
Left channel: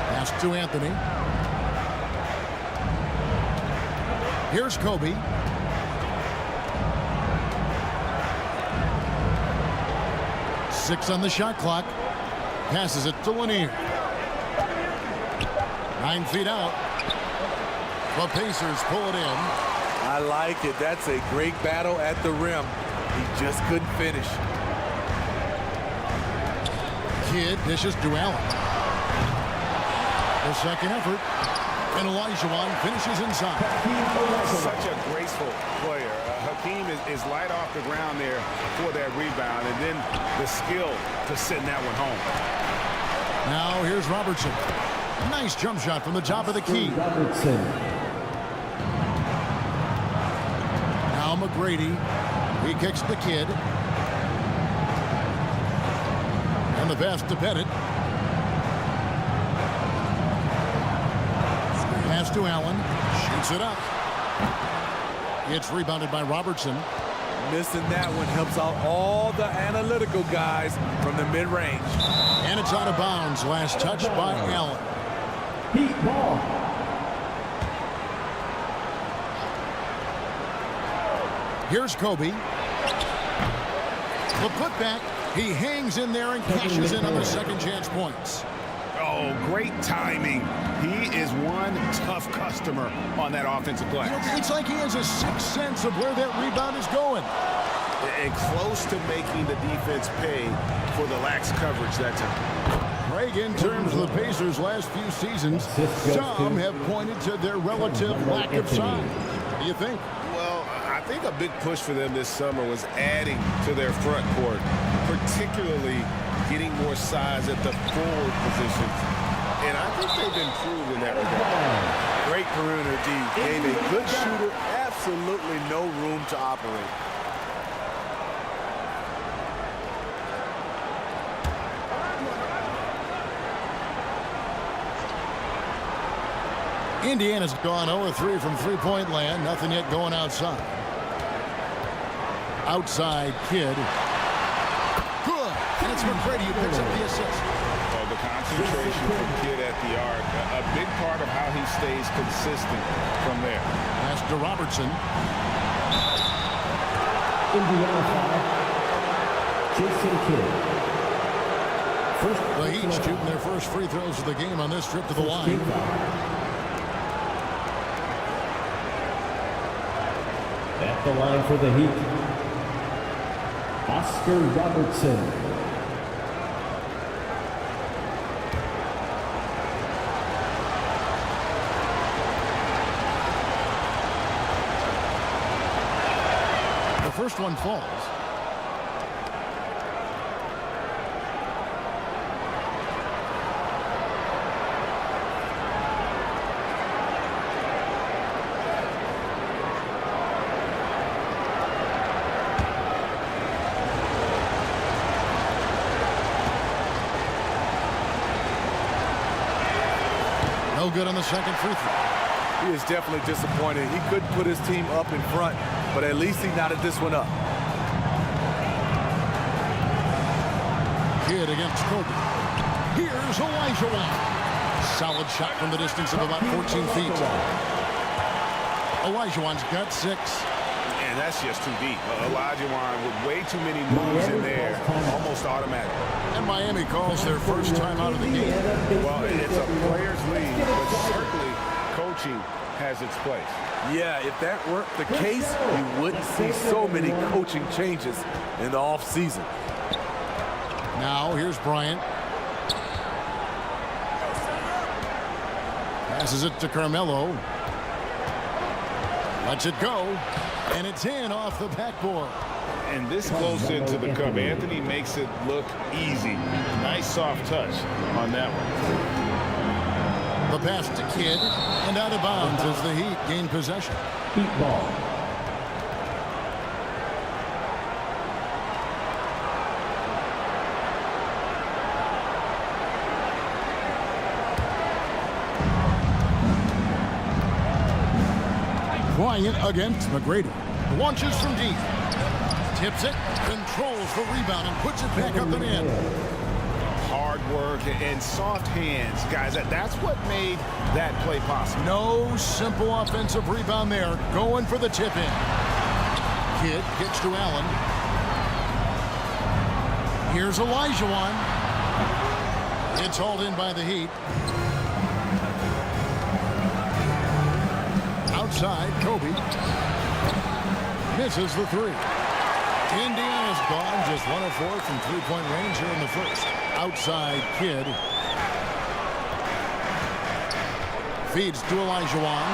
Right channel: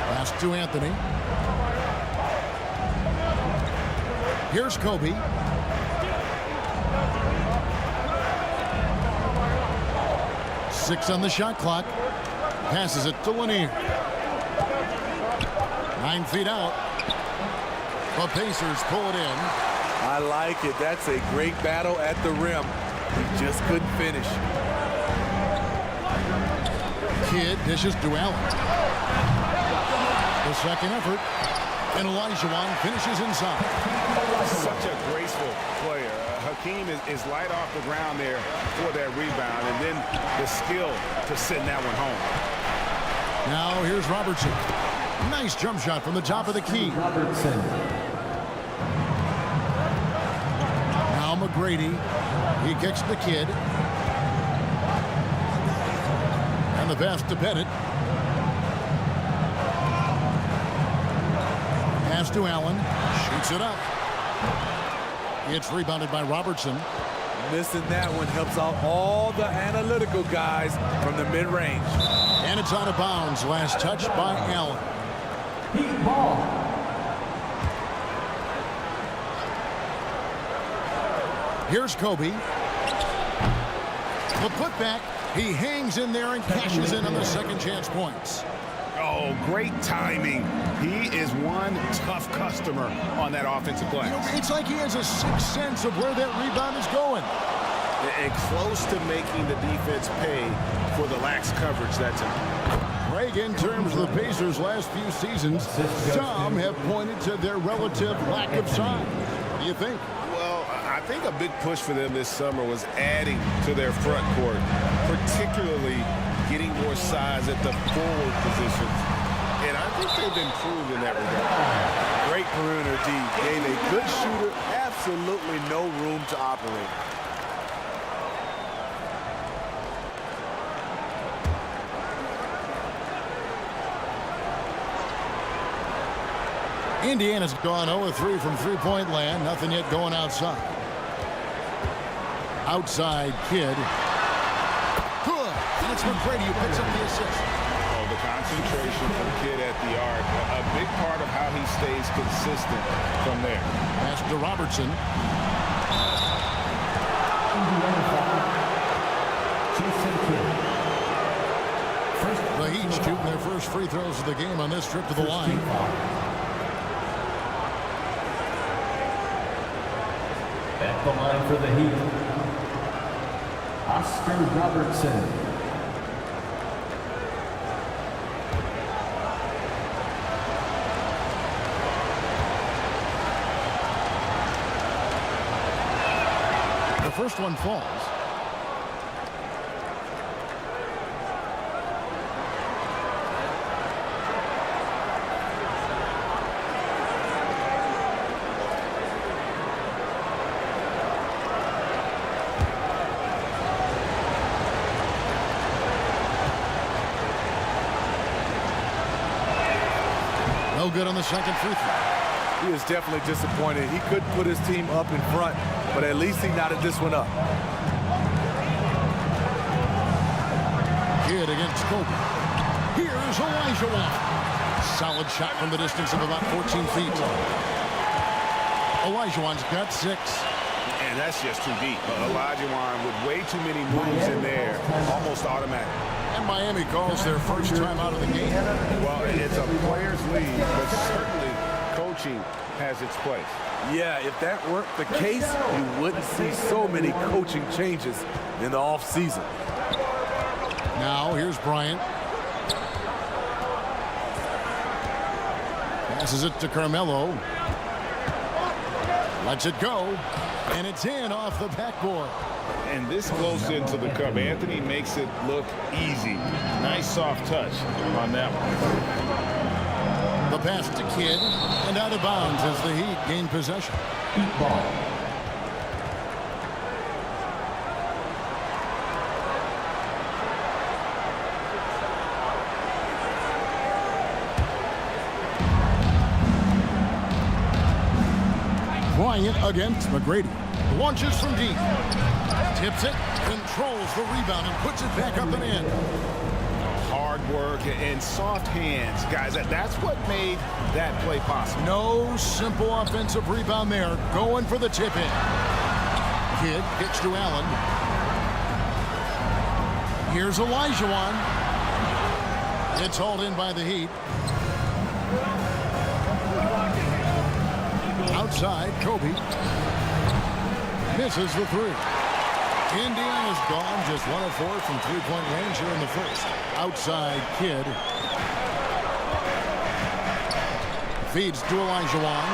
Pass to Anthony. Here's Kobe. Six on the shot clock. Passes it to Lanier. 9 feet out. The Pacers pull it in. I like it. That's a great battle at the rim. He just couldn't finish. Kidd dishes to Allen. The second effort. And Olajuwon finishes inside. Such a graceful player. Hakeem is light off the ground there for that rebound, and then the skill to send that one home. Now here's Robertson. Nice jump shot from the top of the key. Robertson. Now McGrady. He kicks the Kidd. And the pass to Pettit. Pass to Allen. Shoots it up. It's rebounded by Robertson. Missing that one helps out all the analytical guys from the mid-range. And it's out of bounds. Last touch by Allen. Heat ball. Here's Kobe. The putback. He hangs in there and cashes in on the second chance points. Oh, great timing. He is one tough customer on that offensive glass. You know, it's like he has a sixth sense of where that rebound is going. And close to making the defense pay for the lax coverage that time. Greg, in terms of the Pacers' last few seasons, some have pointed to their relative lack of size. What do you think? Well, I think a big push for them this summer was adding to their front court, particularly getting more size at the forward positions. And I think they've improved in that regard. Great perimeter D. Gave a good shooter absolutely no room to operate. Indiana's gone 0-3 from three-point land. Nothing yet going outside. Outside Kidd. Good. And it's McGrady who picks up the assist. Well, the concentration from Kidd at the arc, a big part of how he stays consistent from there. Pass to Robertson. Indiana foul. Jason Kidd. The Heat shooting their first free throws of the game on this trip to the line. At the line for the Heat, Oscar Robertson. The first one falls. No good on the second free throw. He is definitely disappointed. He couldn't put his team up in front, but at least he knotted this one up. Kidd against Kobe. Here's Olajuwon. Solid shot from the distance of about 14 feet. Olajuwon's got 6. And that's just too deep. Olajuwon with way too many moves in there, almost automatic. And Miami calls their first time out of the game. Well, it's a player's league, but certainly coaching has its place. Yeah, if that weren't the case, you wouldn't see so many coaching changes in the offseason. Now, here's Bryant. Passes it to Carmelo. Lets it go. And it's in off the backboard. And this close into the cup, Anthony makes it look easy. Nice soft touch on that one. The pass to Kidd, and out of bounds as the Heat gain possession. Heat ball. Bryant against McGrady. Launches from deep. Tips it, controls the rebound, and puts it back up and in. Hard work and soft hands. Guys, that's what made that play possible. No simple offensive rebound there. Going for the tip-in. Kidd kicks to Allen. Here's Olajuwon. It's hauled in by the Heat. Outside, Kobe. Misses the 3. Indiana's gone just 1 of 4 from three-point range here in the first. Outside, Kidd. Feeds to Olajuwon.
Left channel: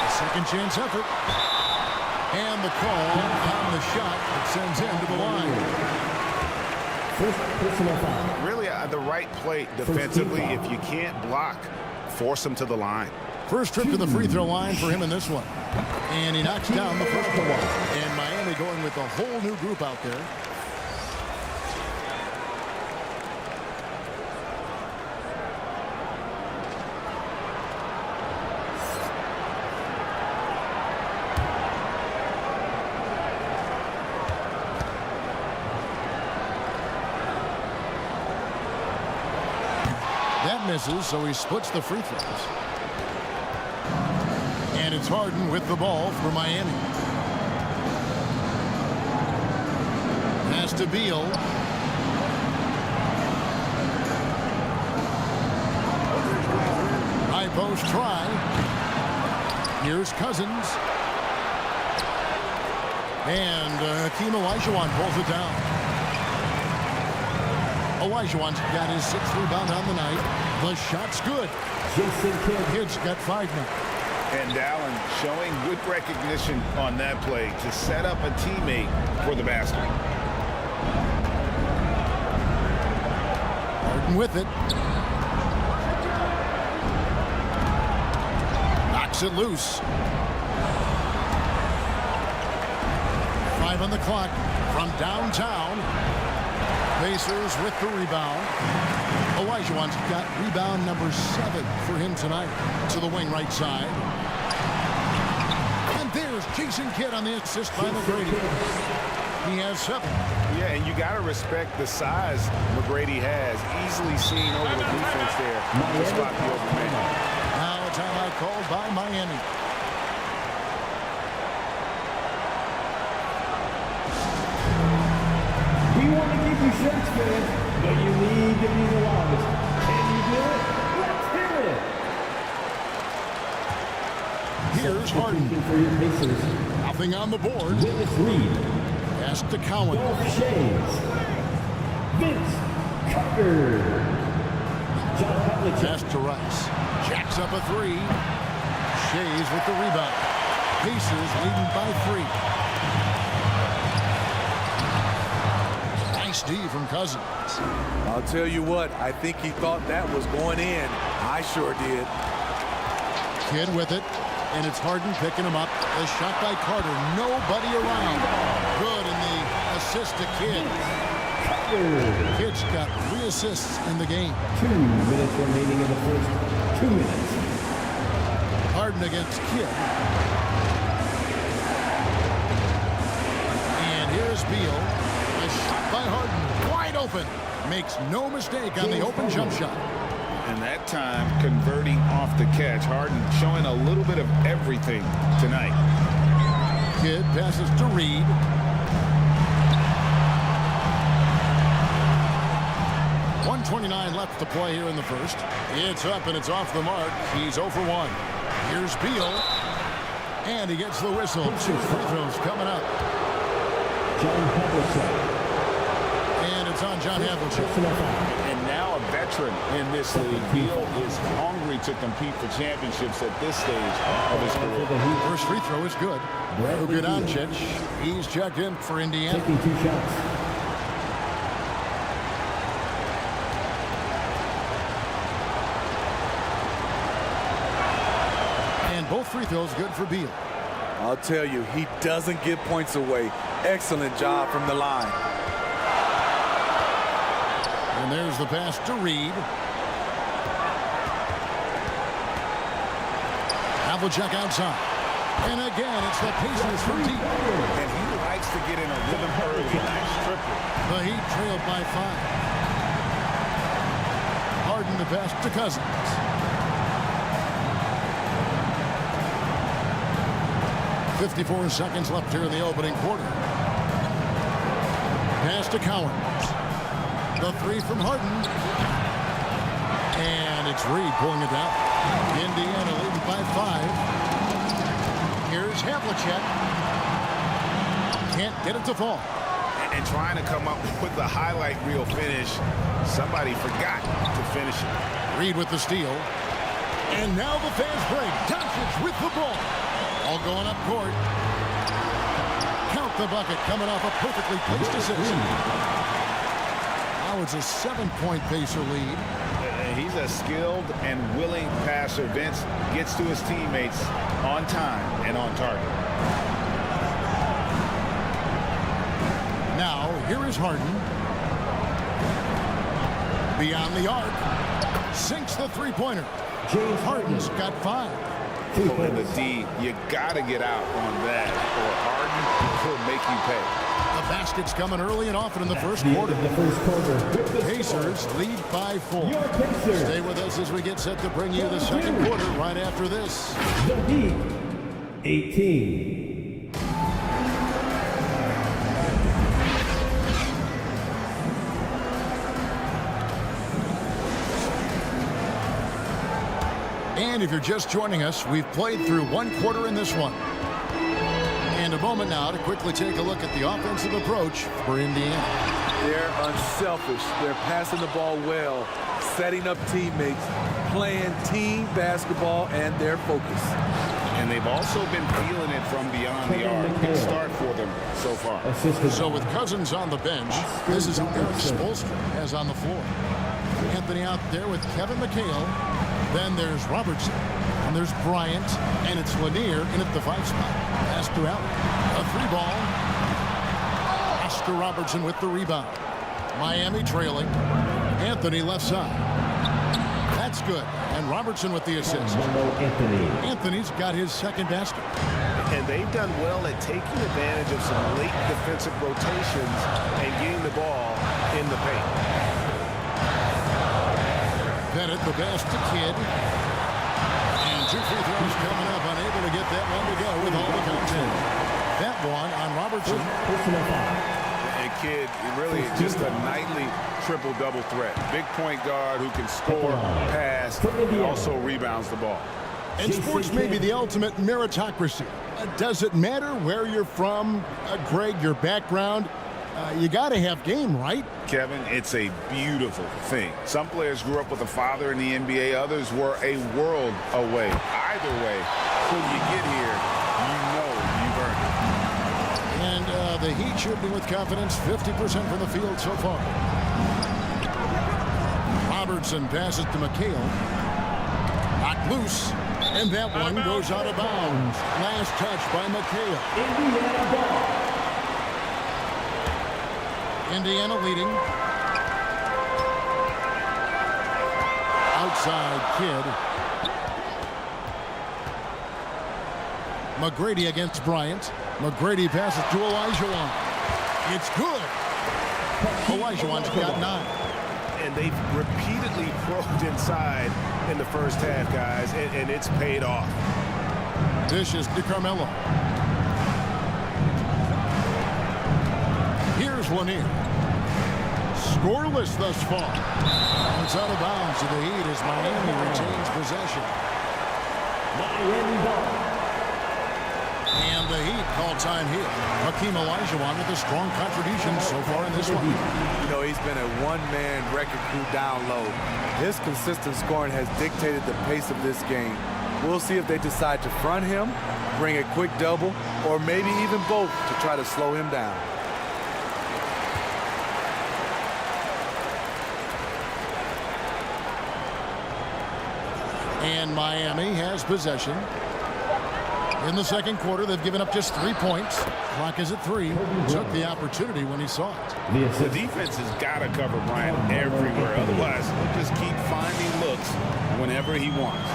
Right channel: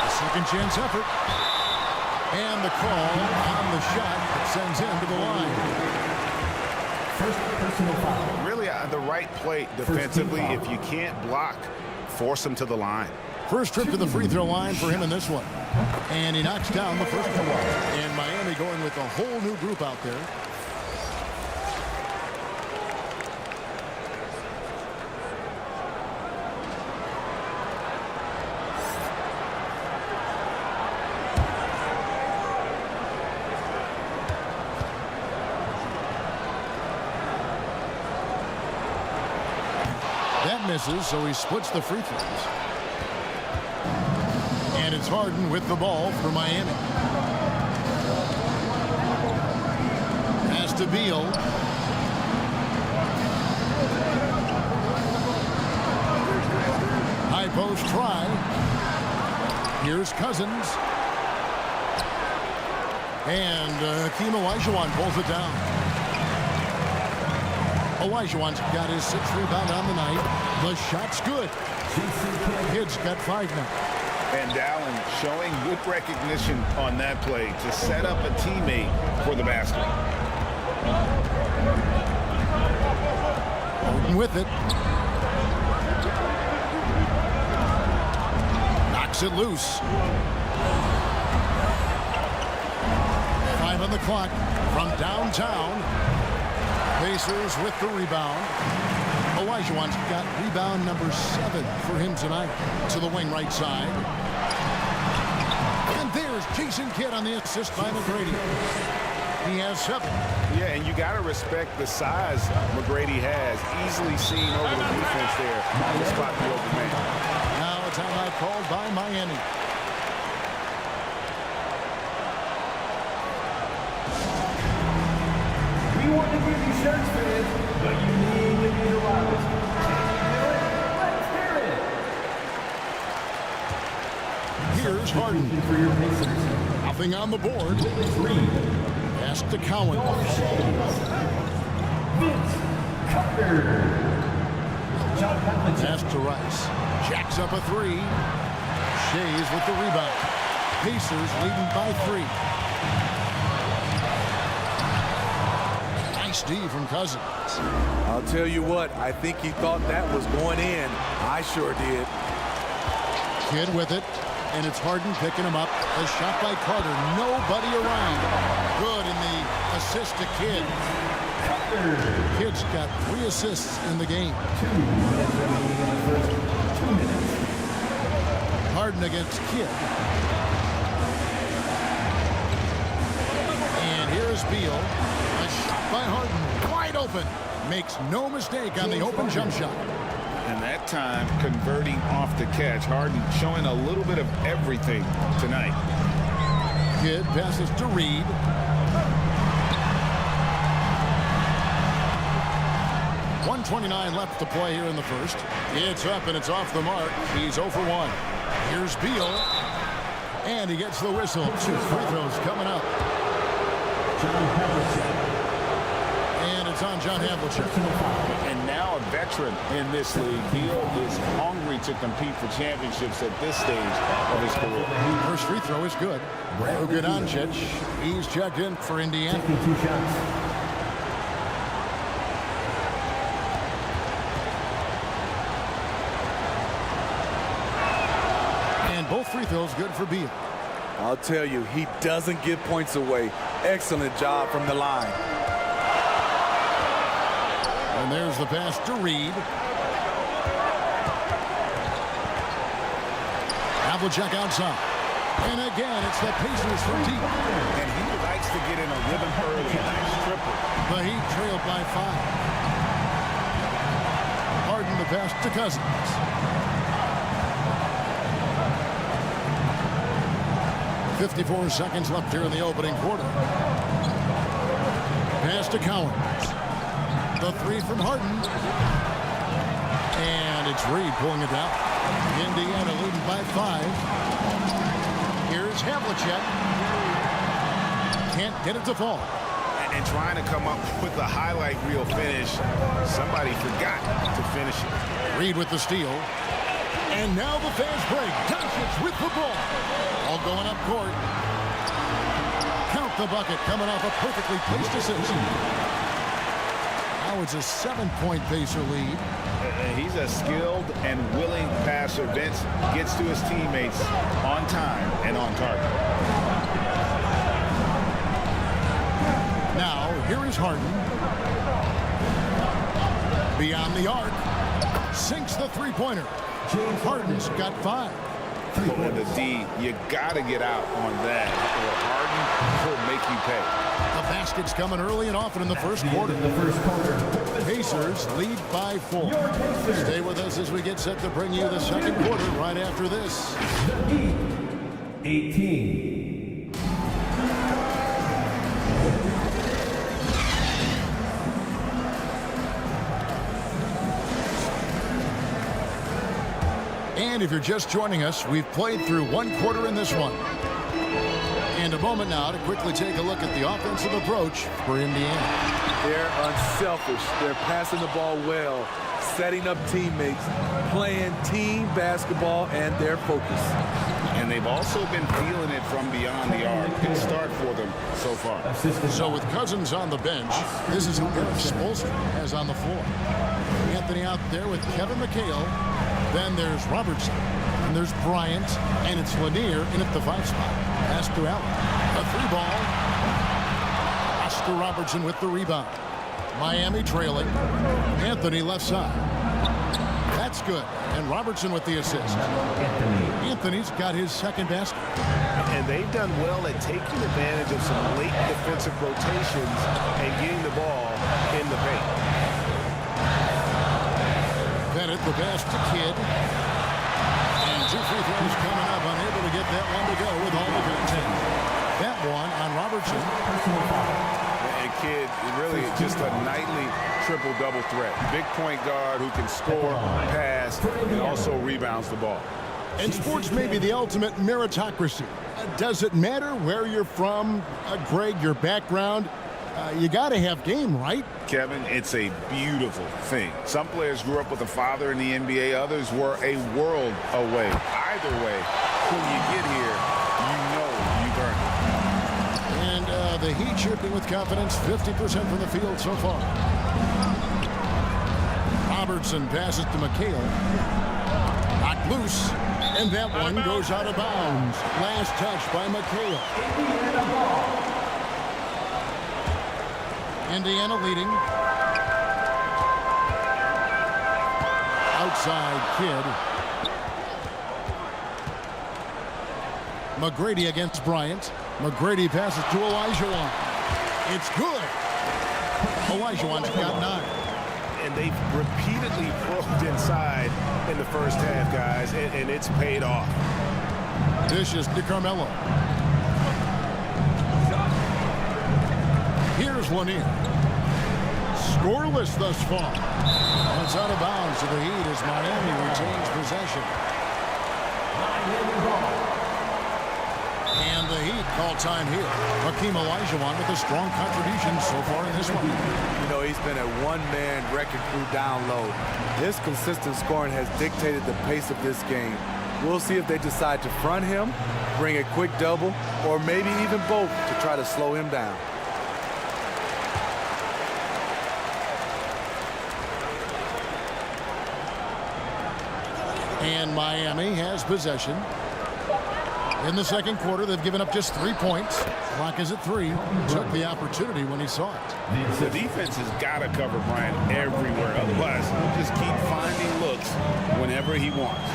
A second chance effort. And the call on the shot that sends him to the line. First personal foul. Really the right play defensively. If you can't block, force him to the line. First trip to the free throw line for him in this one. And he knocks down the first one. And Miami going with a whole new group out there. That misses, so he splits the free throws. And it's Harden with the ball for Miami. Pass to Beal. High post try. Here's Cousins. And Hakeem Olajuwon pulls it down. Olajuwon's got his 6th rebound on the night. The shot's good. Jason Kidd. Kidd's got 5 now. And Dallin showing good recognition on that play to set up a teammate for the basket. Harden with it. Knocks it loose. 5 on the clock from downtown. Pacers with the rebound. Olajuwon's got rebound number 7 for him tonight. To the wing right side. And there's Jason Kidd on the assist by McGrady. He has 7. Yeah, and you got to respect the size McGrady has. Easily seen over the defense there to spot the open man. Now a timeout called by Miami. We want to give you shirts, fans, but you need to be the loudest. Can you do it? Let's hear it. Here's Harden. For your Pacers. Nothing on the board. Willis Reed. Pass to Cowan. Shays. Vince Carter. John Havlicek. Pass to Rice. Jacks up a 3. Shays with the rebound. Pacers leading by 3. Nice D from Cousins. I'll tell you what, I think he thought that was going in. I sure did. Kidd with it, and it's Harden picking him up. A shot by Carter. Nobody around. Good in the assist to Kidd. Kidd's got 3 assists in the game. 2 minutes remaining in the first 2 minutes. Harden against Kidd. And here's Beal. A shot by Harden. Wide open. Makes no mistake on the open jump shot. And that time converting off the catch. Harden showing a little bit of everything tonight. Kidd passes to Reed. .129 left to play here in the first. It's up and it's off the mark. He's 0 for 1. Here's Beal. And he gets the whistle. 2 free throws coming up. John Havlicek. And it's on John Havlicek. And now a veteran in this league. Beal is hungry to compete for championships at this stage of his career. First free throw is good. Bogdancic, he's checked in for Indiana. Taking 2 shots. And both free throws good for Beal. I'll tell you, he doesn't give points away. Excellent job from the line. And there's the pass to Reed. Havlicek outside. And again, it's the Pacers from deep. And he likes to get in a rhythm early. Nice triple. The Heat trailed by 5. Harden the pass to Cousins. .54 seconds left here in the opening quarter. Pass to Cowens. The 3 from Harden. And it's Reed pulling it down. Indiana leading by 5. Here's Havlicek. Can't get it to fall. And trying to come up with the highlight reel finish. Somebody forgot to finish it. Reed with the steal. And now the fast break. Doncic with the ball. All going up court. Count the bucket coming off a perfectly placed assist. Now it's a 7-point Pacer lead. He's a skilled and willing passer. Vince gets to his teammates on time and on target. Now here is Harden. Beyond the arc. Sinks the three-pointer. James Harden's got 5. Oh, and the D, you got to get out on that, or Harden will make you pay. The basket's coming early and often in the first quarter. Pacers lead by 4. Stay with us as we get set to bring you the second quarter right after this. The Heat, 18. And if you're just joining us, we've played through 1 quarter in this one. And a moment now to quickly take a look at the offensive approach for Indiana. They're unselfish. They're passing the ball well, setting up teammates, playing team basketball, and their focus. And they've also been feeling it from beyond the arc. Good start for them so far. So with Cousins on the bench, this is who Eric Spoelstra has on the floor. Anthony out there with Kevin McHale. Then there's Robertson. And there's Bryant. And it's Lanier in at the 5 spot. Pass to Allen. A 3-ball. Oscar Robertson with the rebound. Miami trailing. Anthony left side. That's good. And Robertson with the assist. Anthony's got his second basket. And they've done well at taking advantage of some late defensive rotations and getting the ball in the paint. Bennett, the pass to Kidd. And 2 free throws coming up. Unable to get that one to go with all the content. That one on Robertson. Personal foul. And Kidd, really just a nightly triple-double threat. Big point guard who can score, pass, and also rebounds the ball. And sports may be the ultimate meritocracy. Does it matter where you're from, Greg, your background? You got to have game, right? Kevin, it's a beautiful thing. Some players grew up with a father in the NBA. Others were a world away. Either way, when you get here, you know you've earned it. And the Heat shooting with confidence, 50% from the field so far. Robertson passes to McHale. Knocked loose. And that one goes out of bounds. Last touch by McHale. Indiana ball. Indiana leading. Outside Kidd. McGrady against Bryant. McGrady passes to Olajuwon. It's good. Olajuwon's got 9. And they've repeatedly probed inside in the first half, guys, and it's paid off. Dishes to Carmelo. Here's Lanier. Scoreless thus far. It's out of bounds to the Heat as Miami retains possession. Miami ball. And the Heat call time here. Hakeem Olajuwon with a strong contribution so far in this one. You know, he's been a one-man wrecking crew down low. His consistent scoring has dictated the pace of this game. We'll see if they decide to front him, bring a quick double, or maybe even both to try to slow him down. And Miami has possession. In the second quarter, they've given up just 3 points. Clock is at 3. Took the opportunity when he saw it. The defense has got to cover Bryant everywhere. Otherwise, he'll just keep finding looks whenever he wants.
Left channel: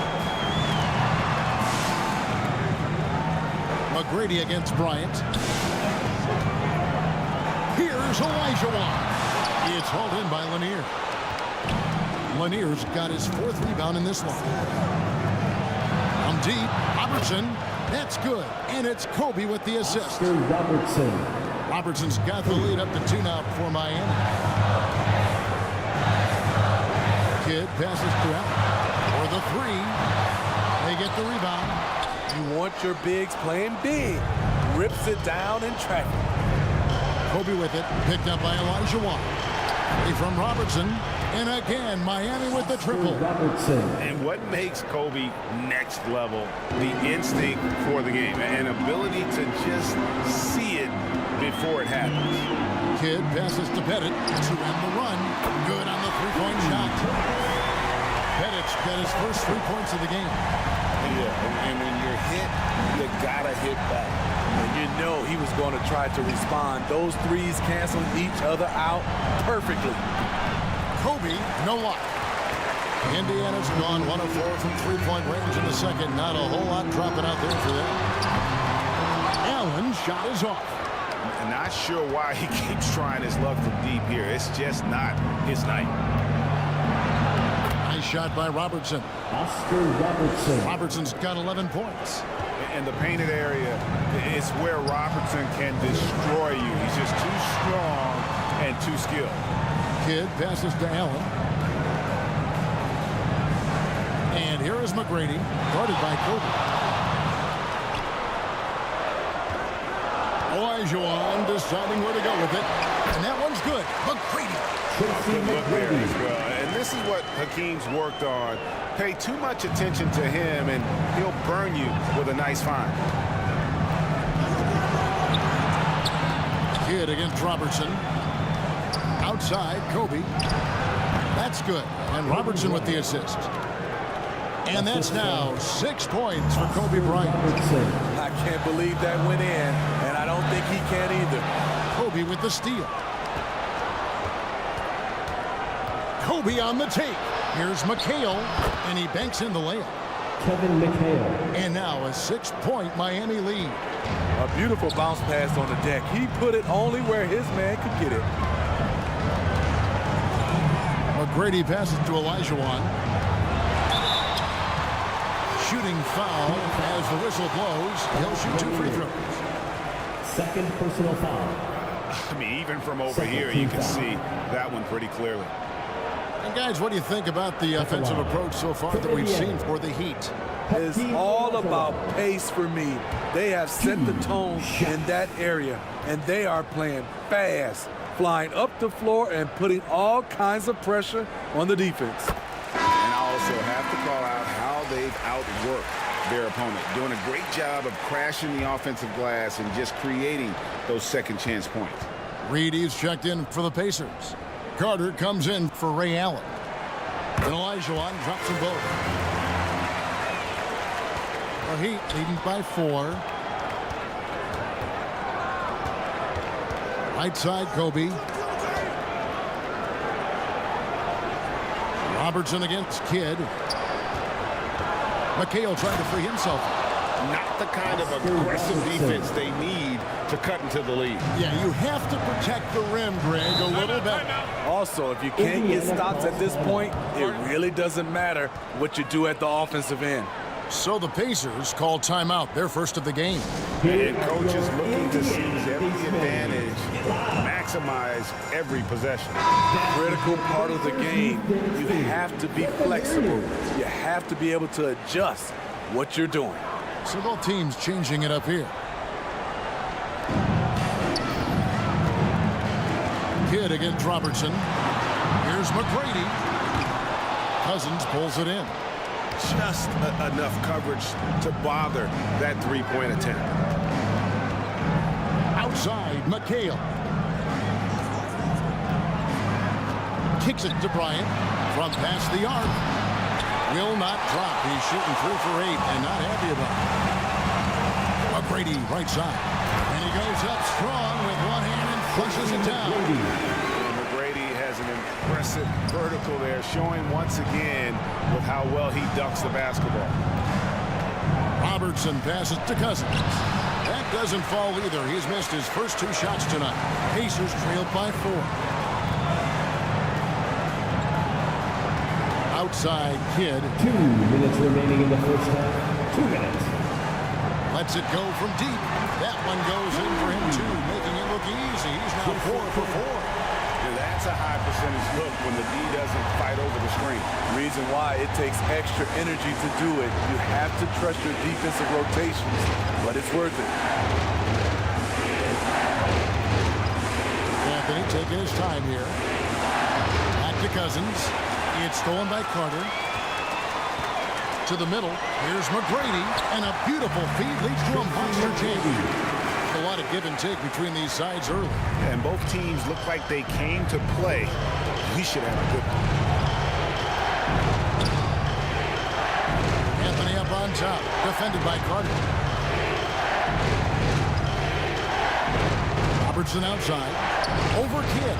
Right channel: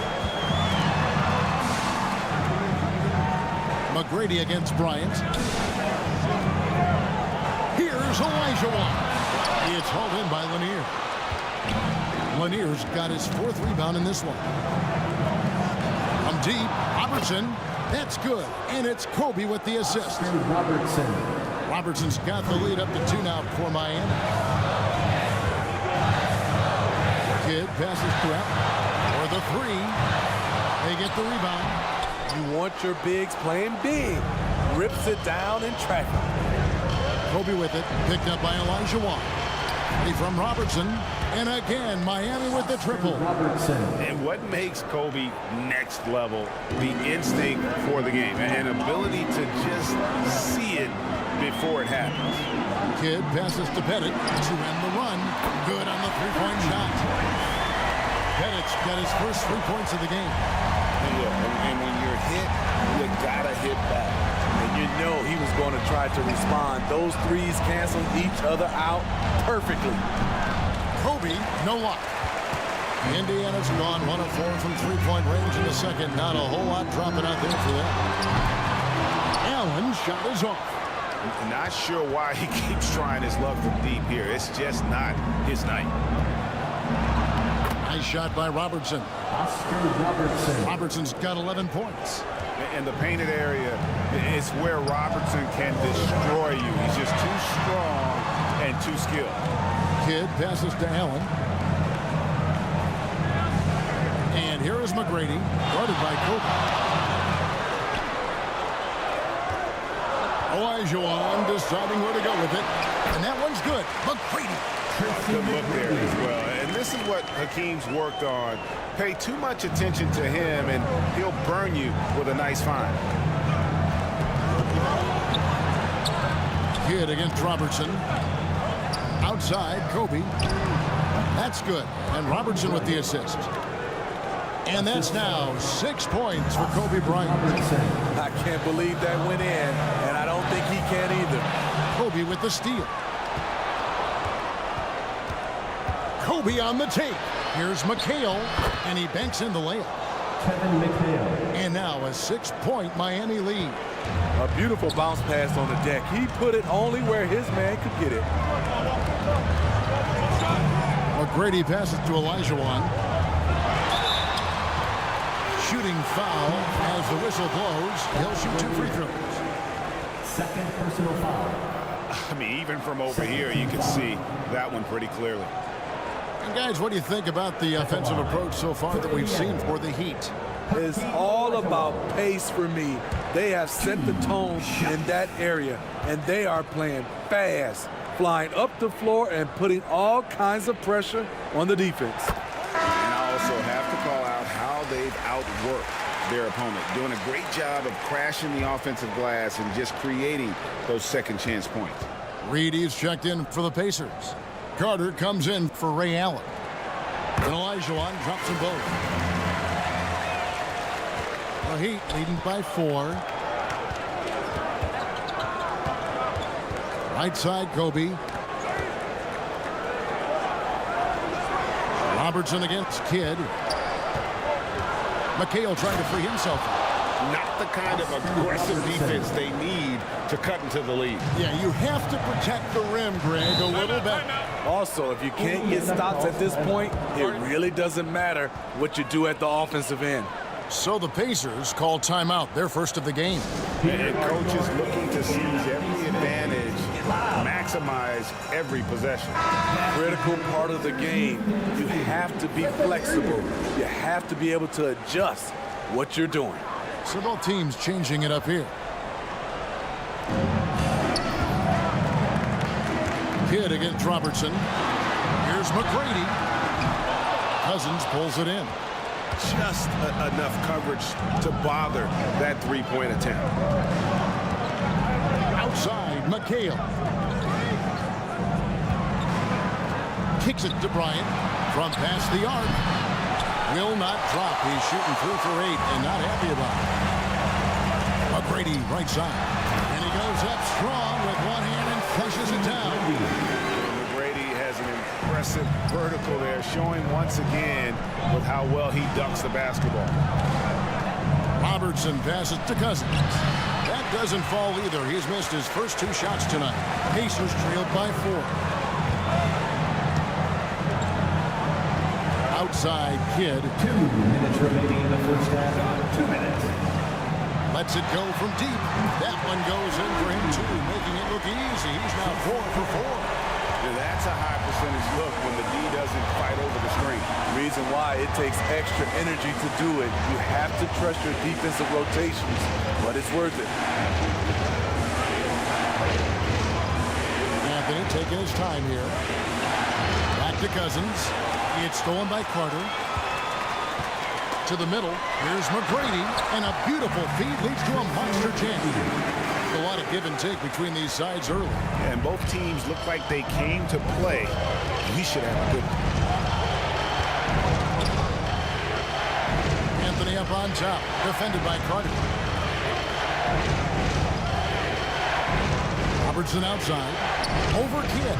McGrady against Bryant. Here's Olajuwon. It's hauled in by Lanier. Lanier's got his 4th rebound in this one. From deep, Robertson. That's good. And it's Kobe with the assist. Robertson. Robertson's got the lead up to 2 now for Miami. Kidd passes to Allen. For the 3. They get the rebound. You want your bigs playing big. Rips it down in traffic. Kobe with it. Picked up by Olajuwon. 3 from Robertson. And again, Miami with the triple. Robertson. And what makes Kobe next level? The instinct for the game. An ability to just see it before it happens. Kidd passes to Pettit to end the run. Good on the 3-point shot. Pettit's got his first 3 points of the game. Yeah, and when you're hit, you gotta hit back. And you know he was going to try to respond. Those threes canceling each other out perfectly. Kobe, no luck. Indiana's gone 1 of 4 from 3-point range in the second. Not a whole lot dropping out there for them. Allen's shot is off. Not sure why he keeps trying his luck from deep here. It's just not his night. Nice shot by Robertson. Oscar Robertson. Robertson's got 11 points. In the painted area, it's where Robertson can destroy you. He's just too strong and too skilled. Kidd passes to Allen. And here is McGrady, guarded by Kobe. Olajuwon deciding where to go with it. And that one's good. McGrady. Good look there as well. And this is what Hakeem's worked on. Pay too much attention to him, and he'll burn you with a nice find. Kidd against Robertson. Outside, Kobe. That's good. And Robertson with the assist. And that's now 6 points for Kobe Bryant. I can't believe that went in, and I don't think he can either. Kobe with the steal. Kobe on the take. Here's McHale, and he banks in the layup. Kevin McHale. And now a 6-point Miami lead. A beautiful bounce pass on the deck. He put it only where his man could get it. McGrady passes to Olajuwon. Shooting foul as the whistle blows. He'll shoot 2 free throws. Second personal foul. I mean, even from over here, you can see that one pretty clearly. And guys, what do you think about the offensive approach so far that we've seen for the Heat? It's all about pace for me. They have set the tone in that area, and they are playing fast, flying up the floor and putting all kinds of pressure on the defense. And I also have to call out how they've outworked their opponent, doing a great job of crashing the offensive glass and just creating those second chance points. Reedy's checked in for the Pacers. Carter comes in for Ray Allen. And Olajuwon drops them both. The Heat leading by 4. Right side, Kobe. Robertson against Kidd. McHale trying to free himself. Not the kind of aggressive defense they need to cut into the lead. Yeah, you have to protect the rim, Greg, a little better. Also, if you can't get stops at this point, it really doesn't matter what you do at the offensive end. So the Pacers call timeout, their first of the game. And coach is looking to seize every advantage, maximize every possession. Critical part of the game. You have to be flexible. You have to be able to adjust what you're doing. So both teams changing it up here. Kidd against Robertson. Here's McGrady. Cousins pulls it in. Just enough coverage to bother that three-point attempt. Outside, McHale. Kicks it to Bryant. From past the arc. Will not drop. He's shooting 3 for 8 and not happy about it. McGrady right side. And he goes up strong with one hand and flushes it down. And McGrady has an impressive vertical there, showing once again with how well he dunks the basketball. Robertson passes to Cousins. That doesn't fall either. He's missed his first 2 shots tonight. Pacers trailed by 4. Outside, Kidd. 2 minutes remaining in the first half. 2 minutes. Lets it go from deep. That one goes in for him too, making it look easy. He's now 4 for 4. Yeah, that's a high percentage look when the D doesn't fight over the screen. Reason why it takes extra energy to do it. You have to trust your defensive rotations, but it's worth it. Anthony taking his time here. Back to Cousins. It's stolen by Carter. To the middle. Here's McGrady. And a beautiful feed leads to a monster jam. A lot of give and take between these sides early. Yeah, and both teams look like they came to play. We should have a good one. Anthony up on top. Defended by Carter. Robertson outside. Over Kidd.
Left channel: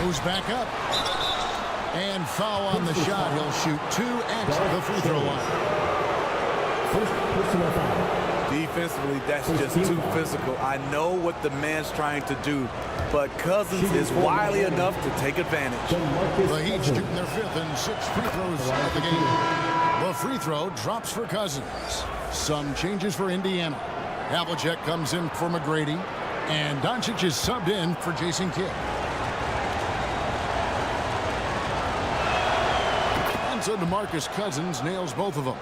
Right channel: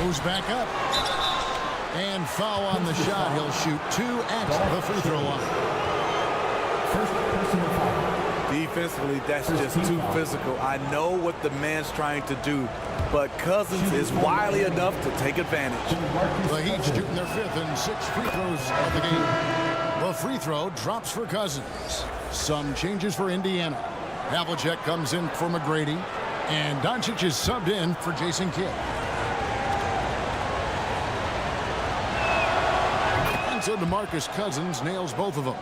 Goes back up. And foul on the shot. He'll shoot 2 at the free throw line. First personal foul. Defensively, that's just too physical. I know what the man's trying to do, but Cousins is wily enough to take advantage. The Heat shooting their 5th and 6th free throws of the game. The free throw drops for Cousins. Some changes for Indiana. Havlicek comes in for McGrady, and Doncic is subbed in for Jason Kidd. And so DeMarcus Cousins nails both of them.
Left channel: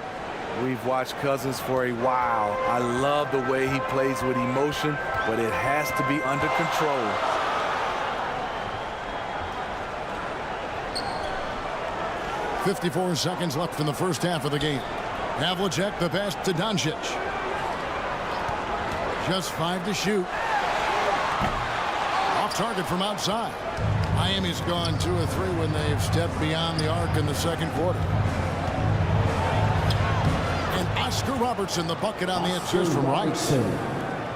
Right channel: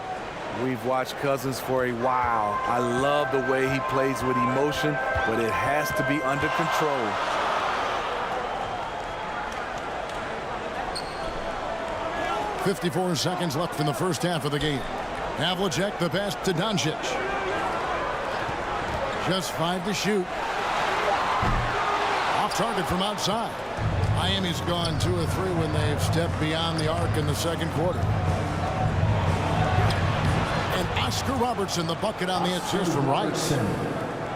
We've watched Cousins for a while. I love the way he plays with emotion, but it has to be under control. .54 seconds left in the first half of the game. Havlicek the pass to Doncic. Just 5 to shoot. Off target from outside. Miami's gone 2 of 3 when they've stepped beyond the arc in the second quarter. And Oscar Robertson, the bucket on the assist from Rice.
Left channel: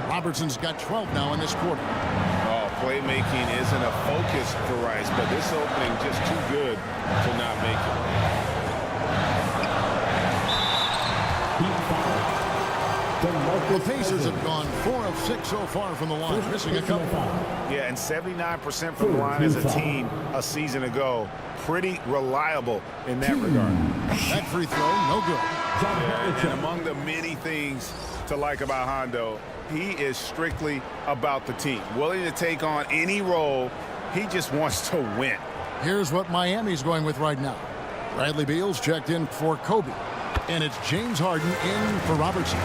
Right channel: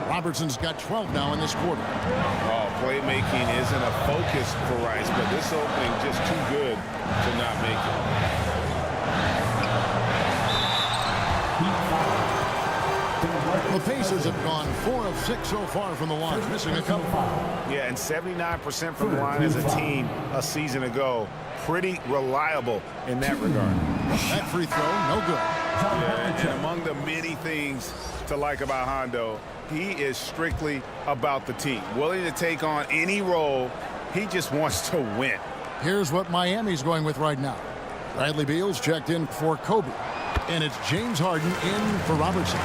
Robertson's got 12 now in this quarter. Oh, playmaking isn't a focus for Rice, but this opening just too good to not make it. The Pacers have gone 4 of 6 so far from the line, missing a couple. Yeah, and 79% from the line as a team a season ago. Pretty reliable in that regard. That free throw, no good. Yeah, and among the many things to like about Hondo, he is strictly about the team. Willing to take on any role. He just wants to win. Here's what Miami's going with right now. Bradley Beal's checked in for Kobe. And it's James Harden in for Robertson.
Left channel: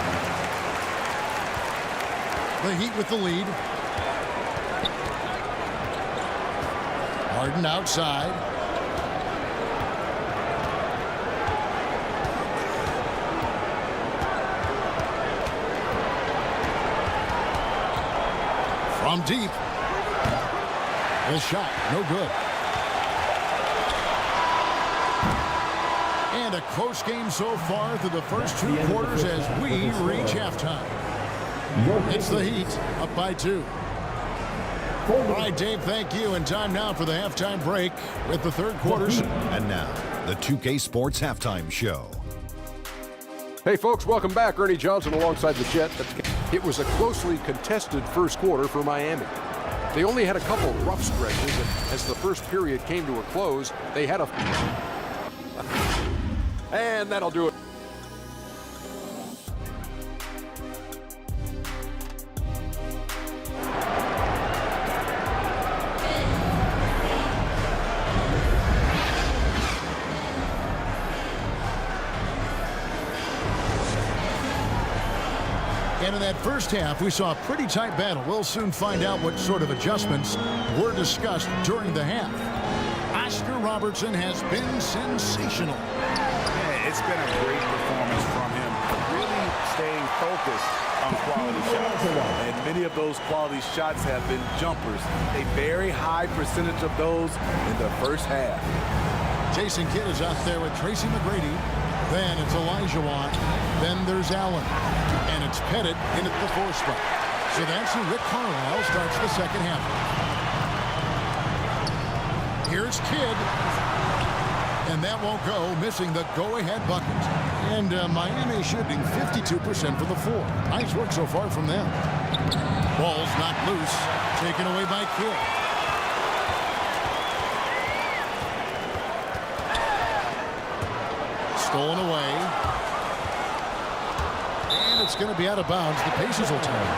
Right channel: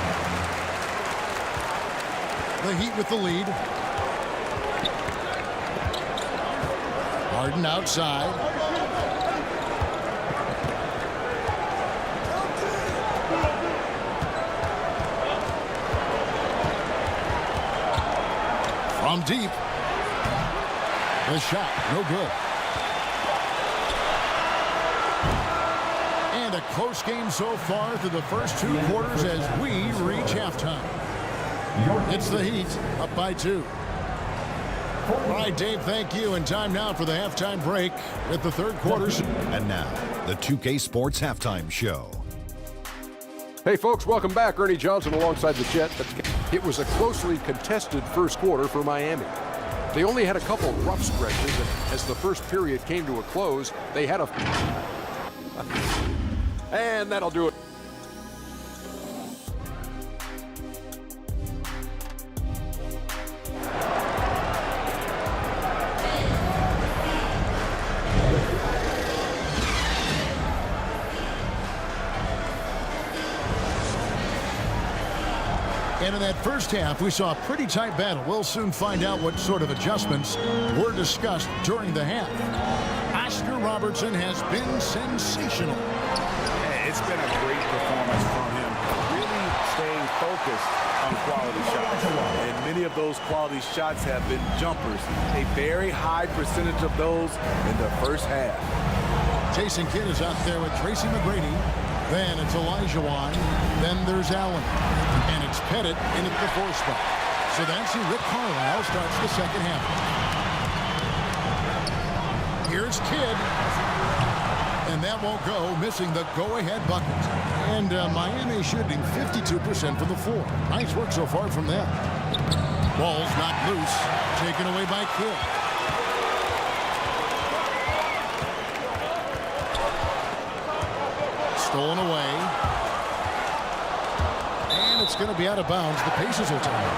The Heat with the lead. Harden outside. From deep. The shot, no good. And a close game so far through the first 2 quarters as we reach halftime. It's the Heat up by 2. All right, Dave, thank you. And time now for the halftime break with the third quarters. And now, the 2K Sports Halftime Show. Hey, folks, welcome back. Ernie Johnson alongside the Jet. It was a closely contested first quarter for Miami. They only had a couple rough stretches, and as the first period came to a close, they had a... And that'll do it. And in that first half, we saw a pretty tight battle. We'll soon find out what sort of adjustments were discussed during the half. Oscar Robertson has been sensational. Yeah, it's been a great performance from him. Really staying focused on quality shots. And many of those quality shots have been jumpers. A very high percentage of those in the first half. Jason Kidd is out there with Tracy McGrady. Then it's Olajuwon. Then there's Allen. And it's Pettit in at the 4 spot. So that's who Rick Carlisle starts the second half. Here's Kidd. And that won't go, missing the go-ahead bucket. And Miami shooting 52% from the floor. Nice work so far from them. Ball's knocked loose, taken away by Kidd. Stolen away. And it's going to be out of bounds. The Pacers will take it.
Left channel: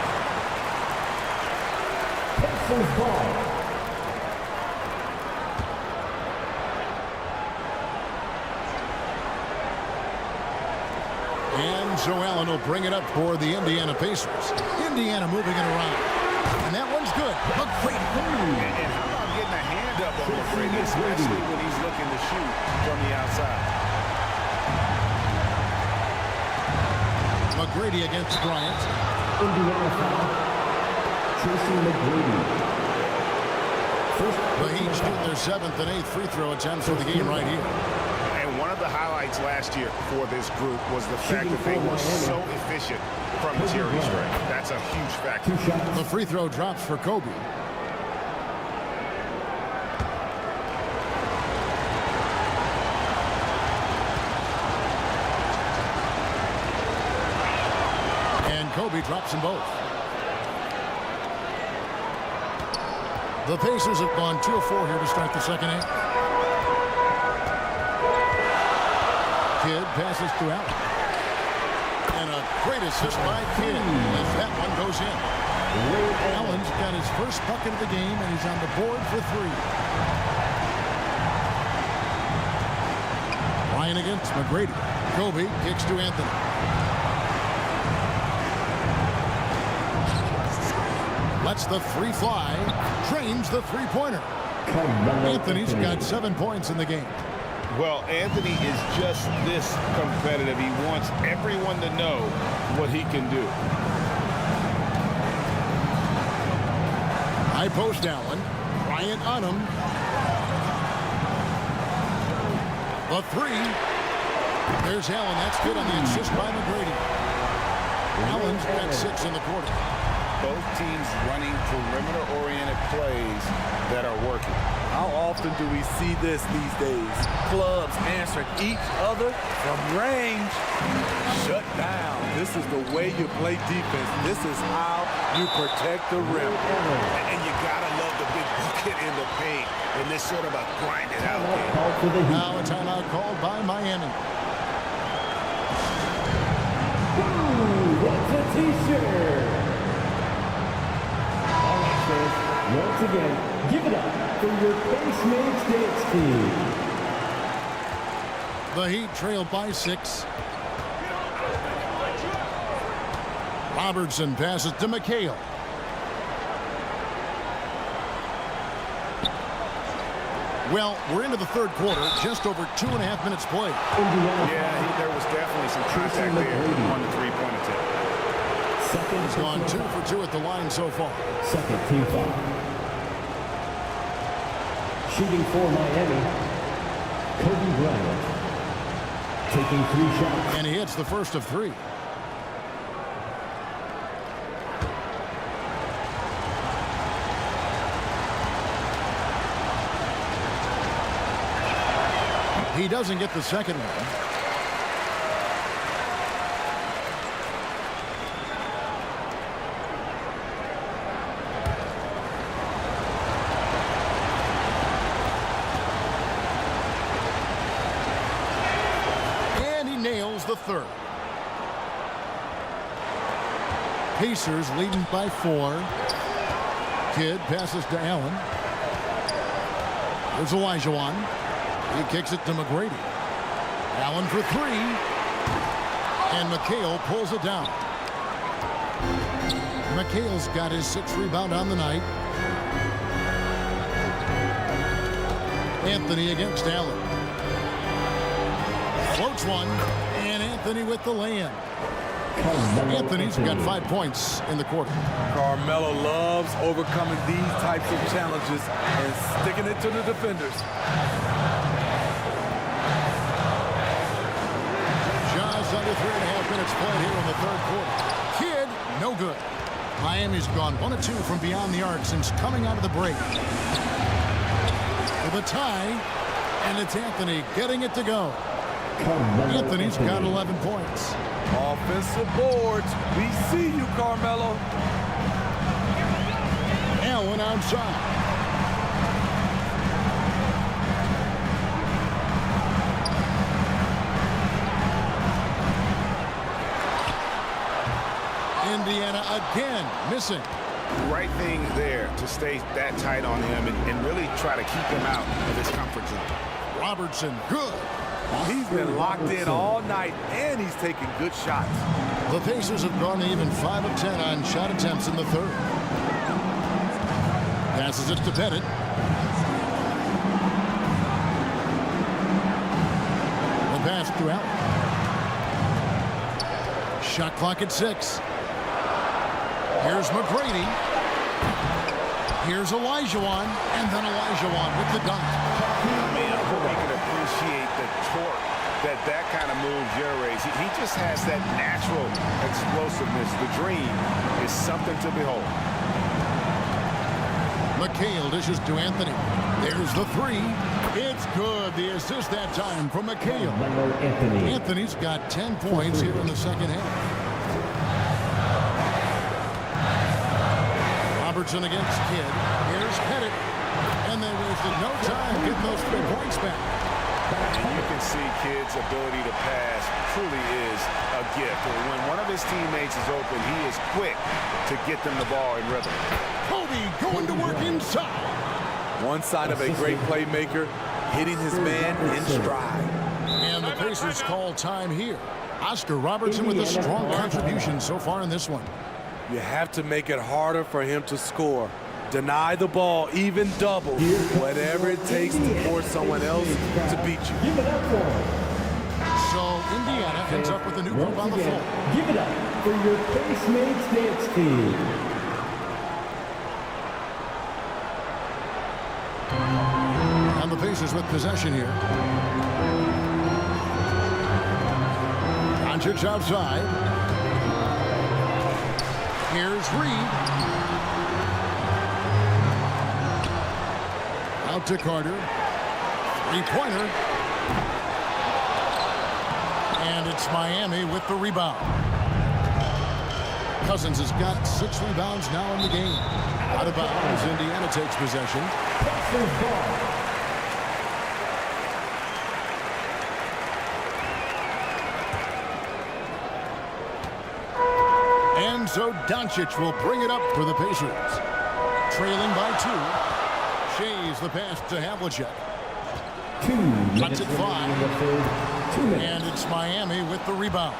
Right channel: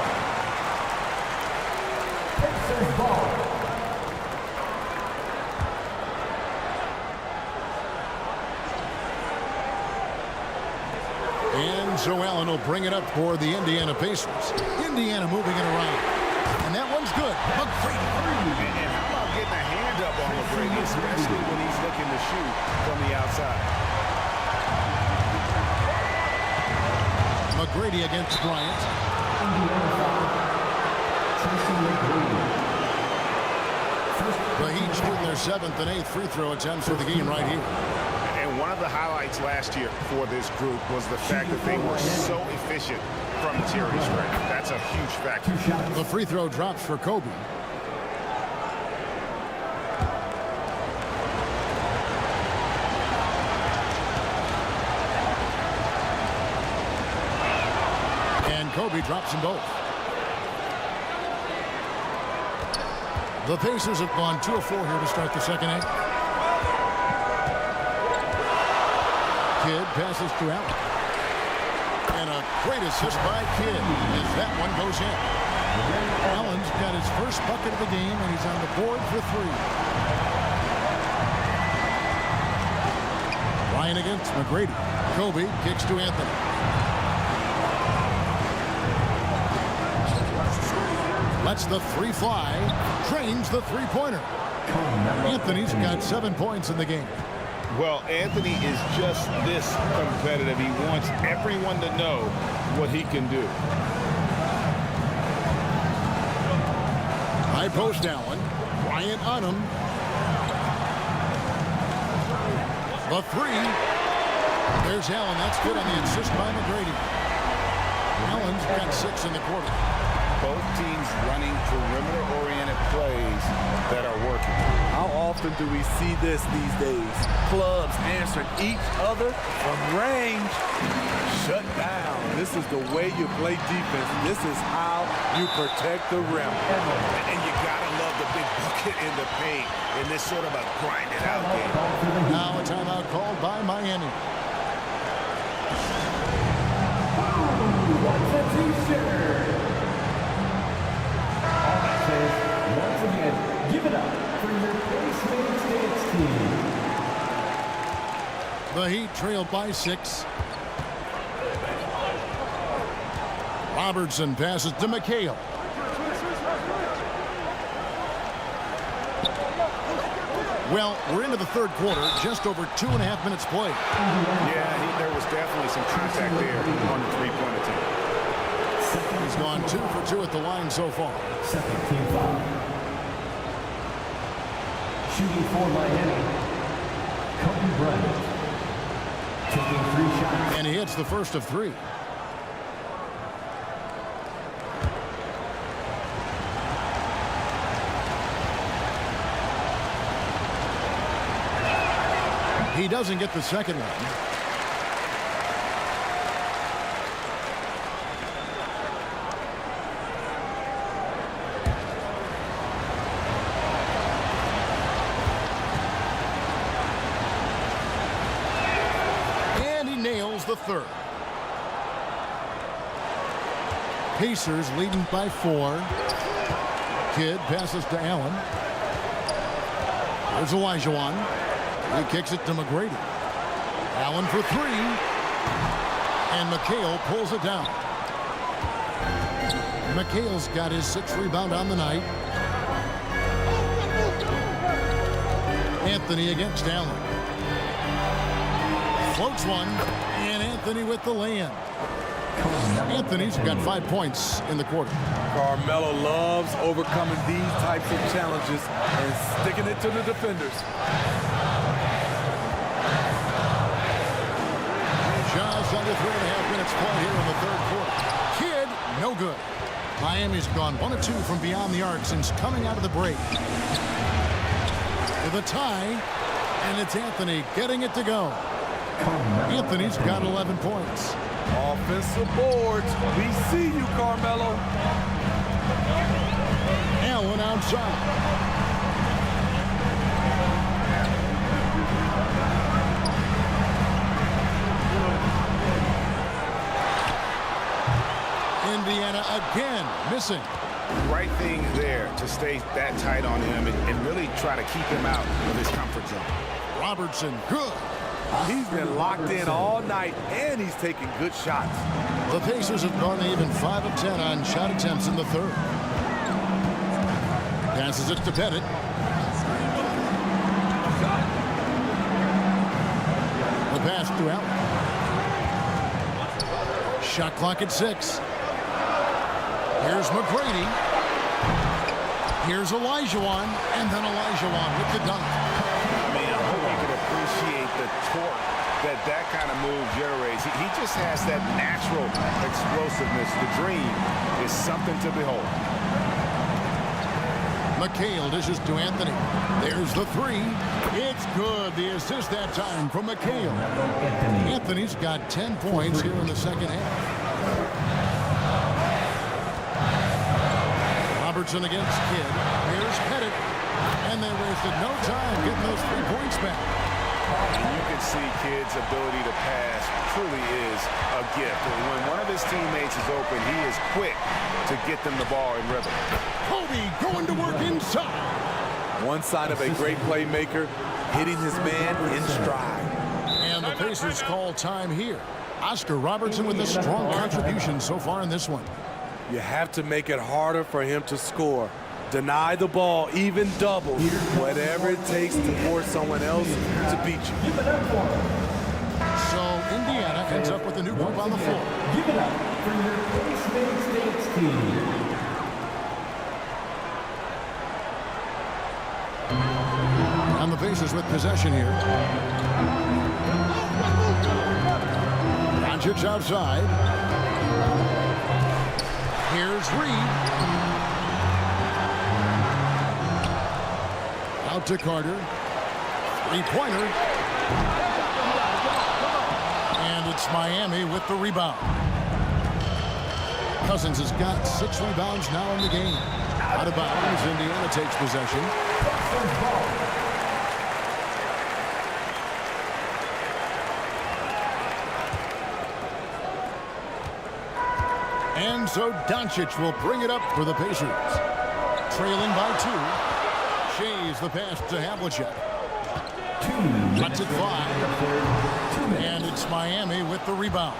Pacers ball. And Joe Allen will bring it up for the Indiana Pacers. Indiana moving it around. And that one's good. McGrady. And how about getting a hand up on McGrady, especially when he's looking to shoot from the outside. McGrady against Bryant. Indiana foul. Tracy McGrady. The Heat shooting their 7th and 8th free throw attempts for the game right here. And one of the highlights last year for this group was the fact that they were so efficient from the charity stripe. That's a huge factor. The free throw drops for Kobe. And Kobe drops them both. The Pacers have gone 2 of 4 here to start the second half. Kidd passes to Allen. And a great assist by Kidd as that one goes in. Allen's got his first bucket of the game, and he's on the board for 3. Ryan against McGrady. Kobe kicks to Anthony. Lets the three fly. Drains the three-pointer. Anthony's got 7 points in the game. Well, Anthony is just this competitive. He wants everyone to know what he can do. High post Allen. Bryant on him. The three. There's Allen. That's good on the assist by McGrady. Allen's got 6 in the quarter. Both teams running perimeter-oriented plays that are working. How often do we see this these days? Clubs answering each other from range. Shut down. This is the way you play defense. This is how you protect the rim. And you gotta love the big bucket in the paint in this sort of a grind-it-out game. Now a timeout called by Miami. What's a t-shirt? All right, fans, once again, give it up for your Face-Makes Dance team. The Heat trail by 6. Robertson passes to McHale. Well, we're into the third quarter, just over 2.5 minutes played. Yeah, there was definitely some contact there on the three-point attempt. He's gone 2 for 2 at the line so far. Second team foul. Shooting for Miami, Kobe Bryant. Taking 3 shots. And he hits the first of 3. He doesn't get the second one. And he nails the third. Pacers leading by 4. Kidd passes to Allen. There's Olajuwon. He kicks it to McGrady. Allen for 3. And McHale pulls it down. McHale's got his 6th rebound on the night. Anthony against Allen. Floats one. And Anthony with the lay-in. Anthony's got 5 points in the quarter. Carmelo loves overcoming these types of challenges and sticking it to the defenders. Just under 3.5 minutes played here in the third quarter. Kidd, no good. Miami's gone 1 of 2 from beyond the arc since coming out of the break. With a tie, and it's Anthony getting it to go. Anthony's got 11 points. Offensive boards. We see you, Carmelo. Allen outside. Indiana again missing. Right thing there to stay that tight on him and really try to keep him out of his comfort zone. Robertson, good. He's been locked in all night, and he's taking good shots. The Pacers have gone even 5 of 10 on shot attempts in the third. Passes it to Pettit. The pass to Allen. Shot clock at 6. Here's McGrady. Here's Olajuwon, and then Olajuwon with the dunk. I mean, I hope you can appreciate the torque that kind of move generates. He just has that natural explosiveness. The dream is something to behold. McHale dishes to Anthony. There's the 3. It's good. The assist that time from McHale. Anthony's got 10 points here in the second half. Robertson against Kidd. Here's Pettit. And they wasted no time getting those 3 points back. And you can see Kidd's ability to pass truly is a gift. When one of his teammates is open, he is quick to get them the ball in rhythm. Kobe going to work inside. One sign of a great playmaker, hitting his man in stride. And the Pacers call time here. Oscar Robertson with a strong contribution so far in this one. You have to make it harder for him to score. Deny the ball, even double, whatever it takes to force someone else to beat you. Give it up for him. So Indiana ends up with a new group on the floor. Give it up for your Case-Mates dance team. And the Pacers with possession here. Doncic outside. Here's Reed. Out to Carter. Three-pointer. And it's Miami with the rebound. Cousins has got 6 rebounds now in the game. Out of bounds, Indiana takes possession. And so Doncic will bring it up for the Pacers. Trailing by 2. Shays the pass to Havlicek. Cuts it 5. And it's Miami with the rebound.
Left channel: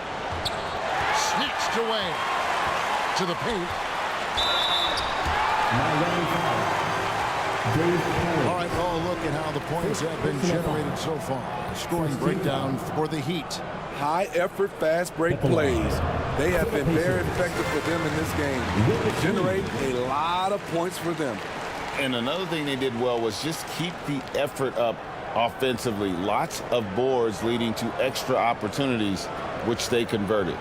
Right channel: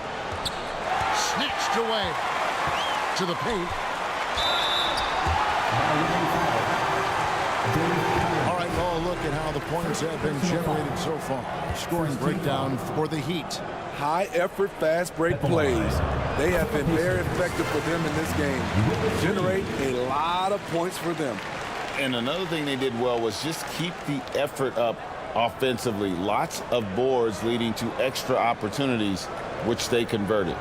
Snatched away to the paint. All right, well, look at how the points have been generated so far. Scoring breakdown for the Heat. High effort, fast break plays. They have been very effective for them in this game. Generate a lot of points for them. And another thing they did well was just keep the effort up offensively. Lots of boards leading to extra opportunities, which they converted.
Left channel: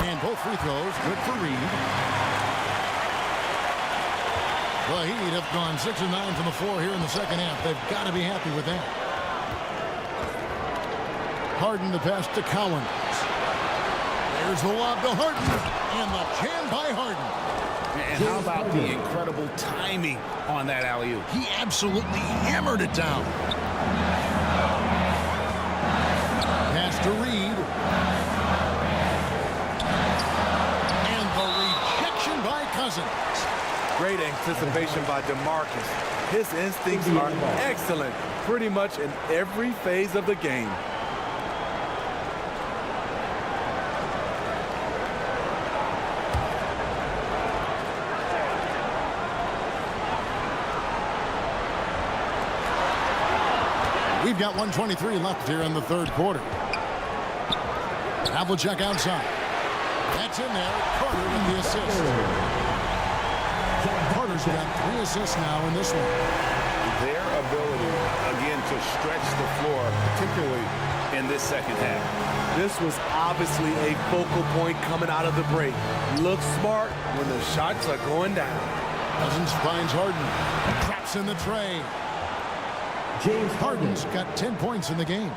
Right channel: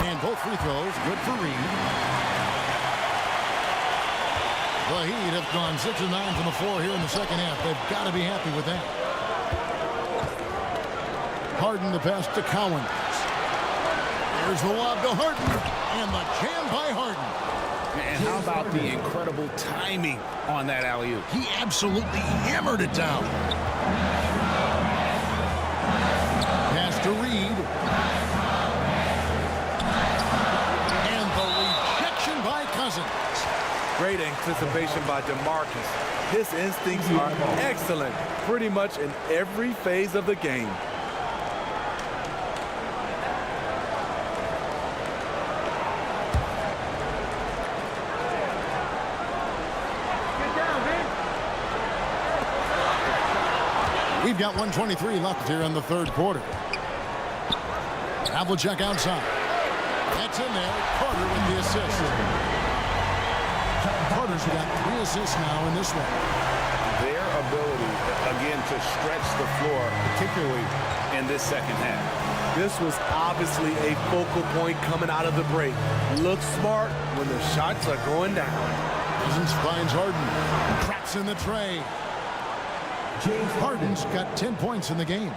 And both free throws good for Reed. The Heat have gone 6 of 9 from the floor here in the second half. They've got to be happy with that. Harden the pass to Cowens. There's the lob to Harden. And the jam by Harden. And how about the incredible timing on that alley-oop? He absolutely hammered it down. Pass to Reed. And the rejection by Cousins. Great anticipation by DeMarcus. His instincts are excellent pretty much in every phase of the game. We've got 1:23 left here in the third quarter. Havlicek outside. That's in there. Carter with the assist. Carter's got 3 assists now in this one. Their ability, again, to stretch the floor, particularly in this second half. This was obviously a focal point coming out of the break. Look smart when the shots are going down. Cousins finds Harden. Traps in the tray. James Harden's got 10 points in the game.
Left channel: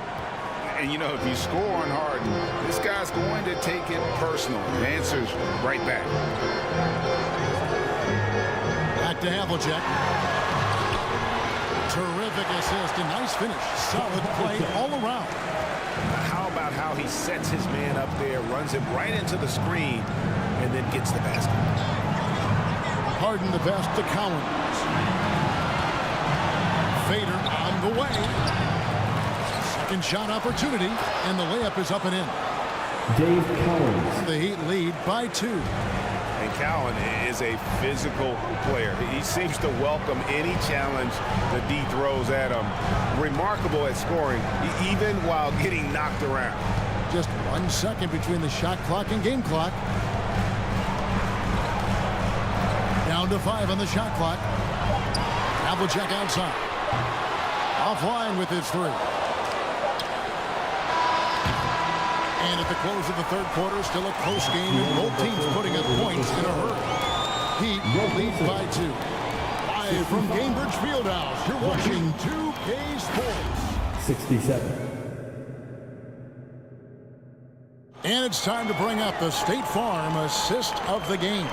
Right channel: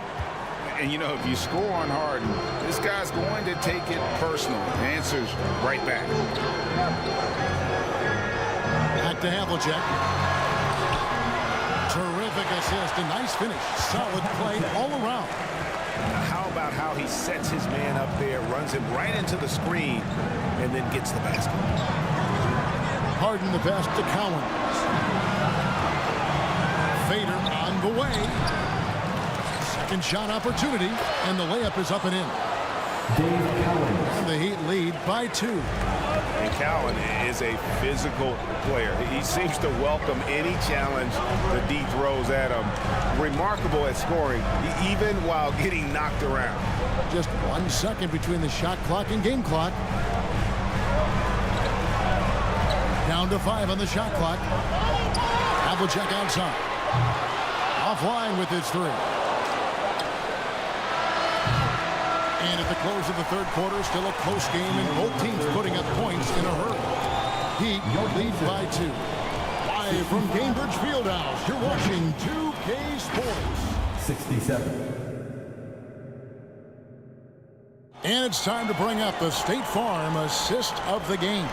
And, you know, if you score on Harden, this guy's going to take it personal. The answer's right back. Back to Havlicek. Terrific assist. A nice finish. Solid play all around. How about how he sets his man up there, runs him right into the screen, and then gets the basket. Harden the pass to Cowens. Fader on the way. Second shot opportunity, and the layup is up and in. Dave Cowens. And the Heat lead by 2. And Cowan is a physical player. He seems to welcome any challenge the D throws at him. Remarkable at scoring, even while getting knocked around. Just 1 second between the shot clock and game clock. Down to 5 on the shot clock. Havlicek outside. Offline with his 3. And at the close of the third quarter, still a close game, and both teams putting up points in a hurry. Heat lead by 2. Live from Gainbridge Fieldhouse, you're watching 2K Sports. 67. And it's time to bring up the State Farm assist of the game.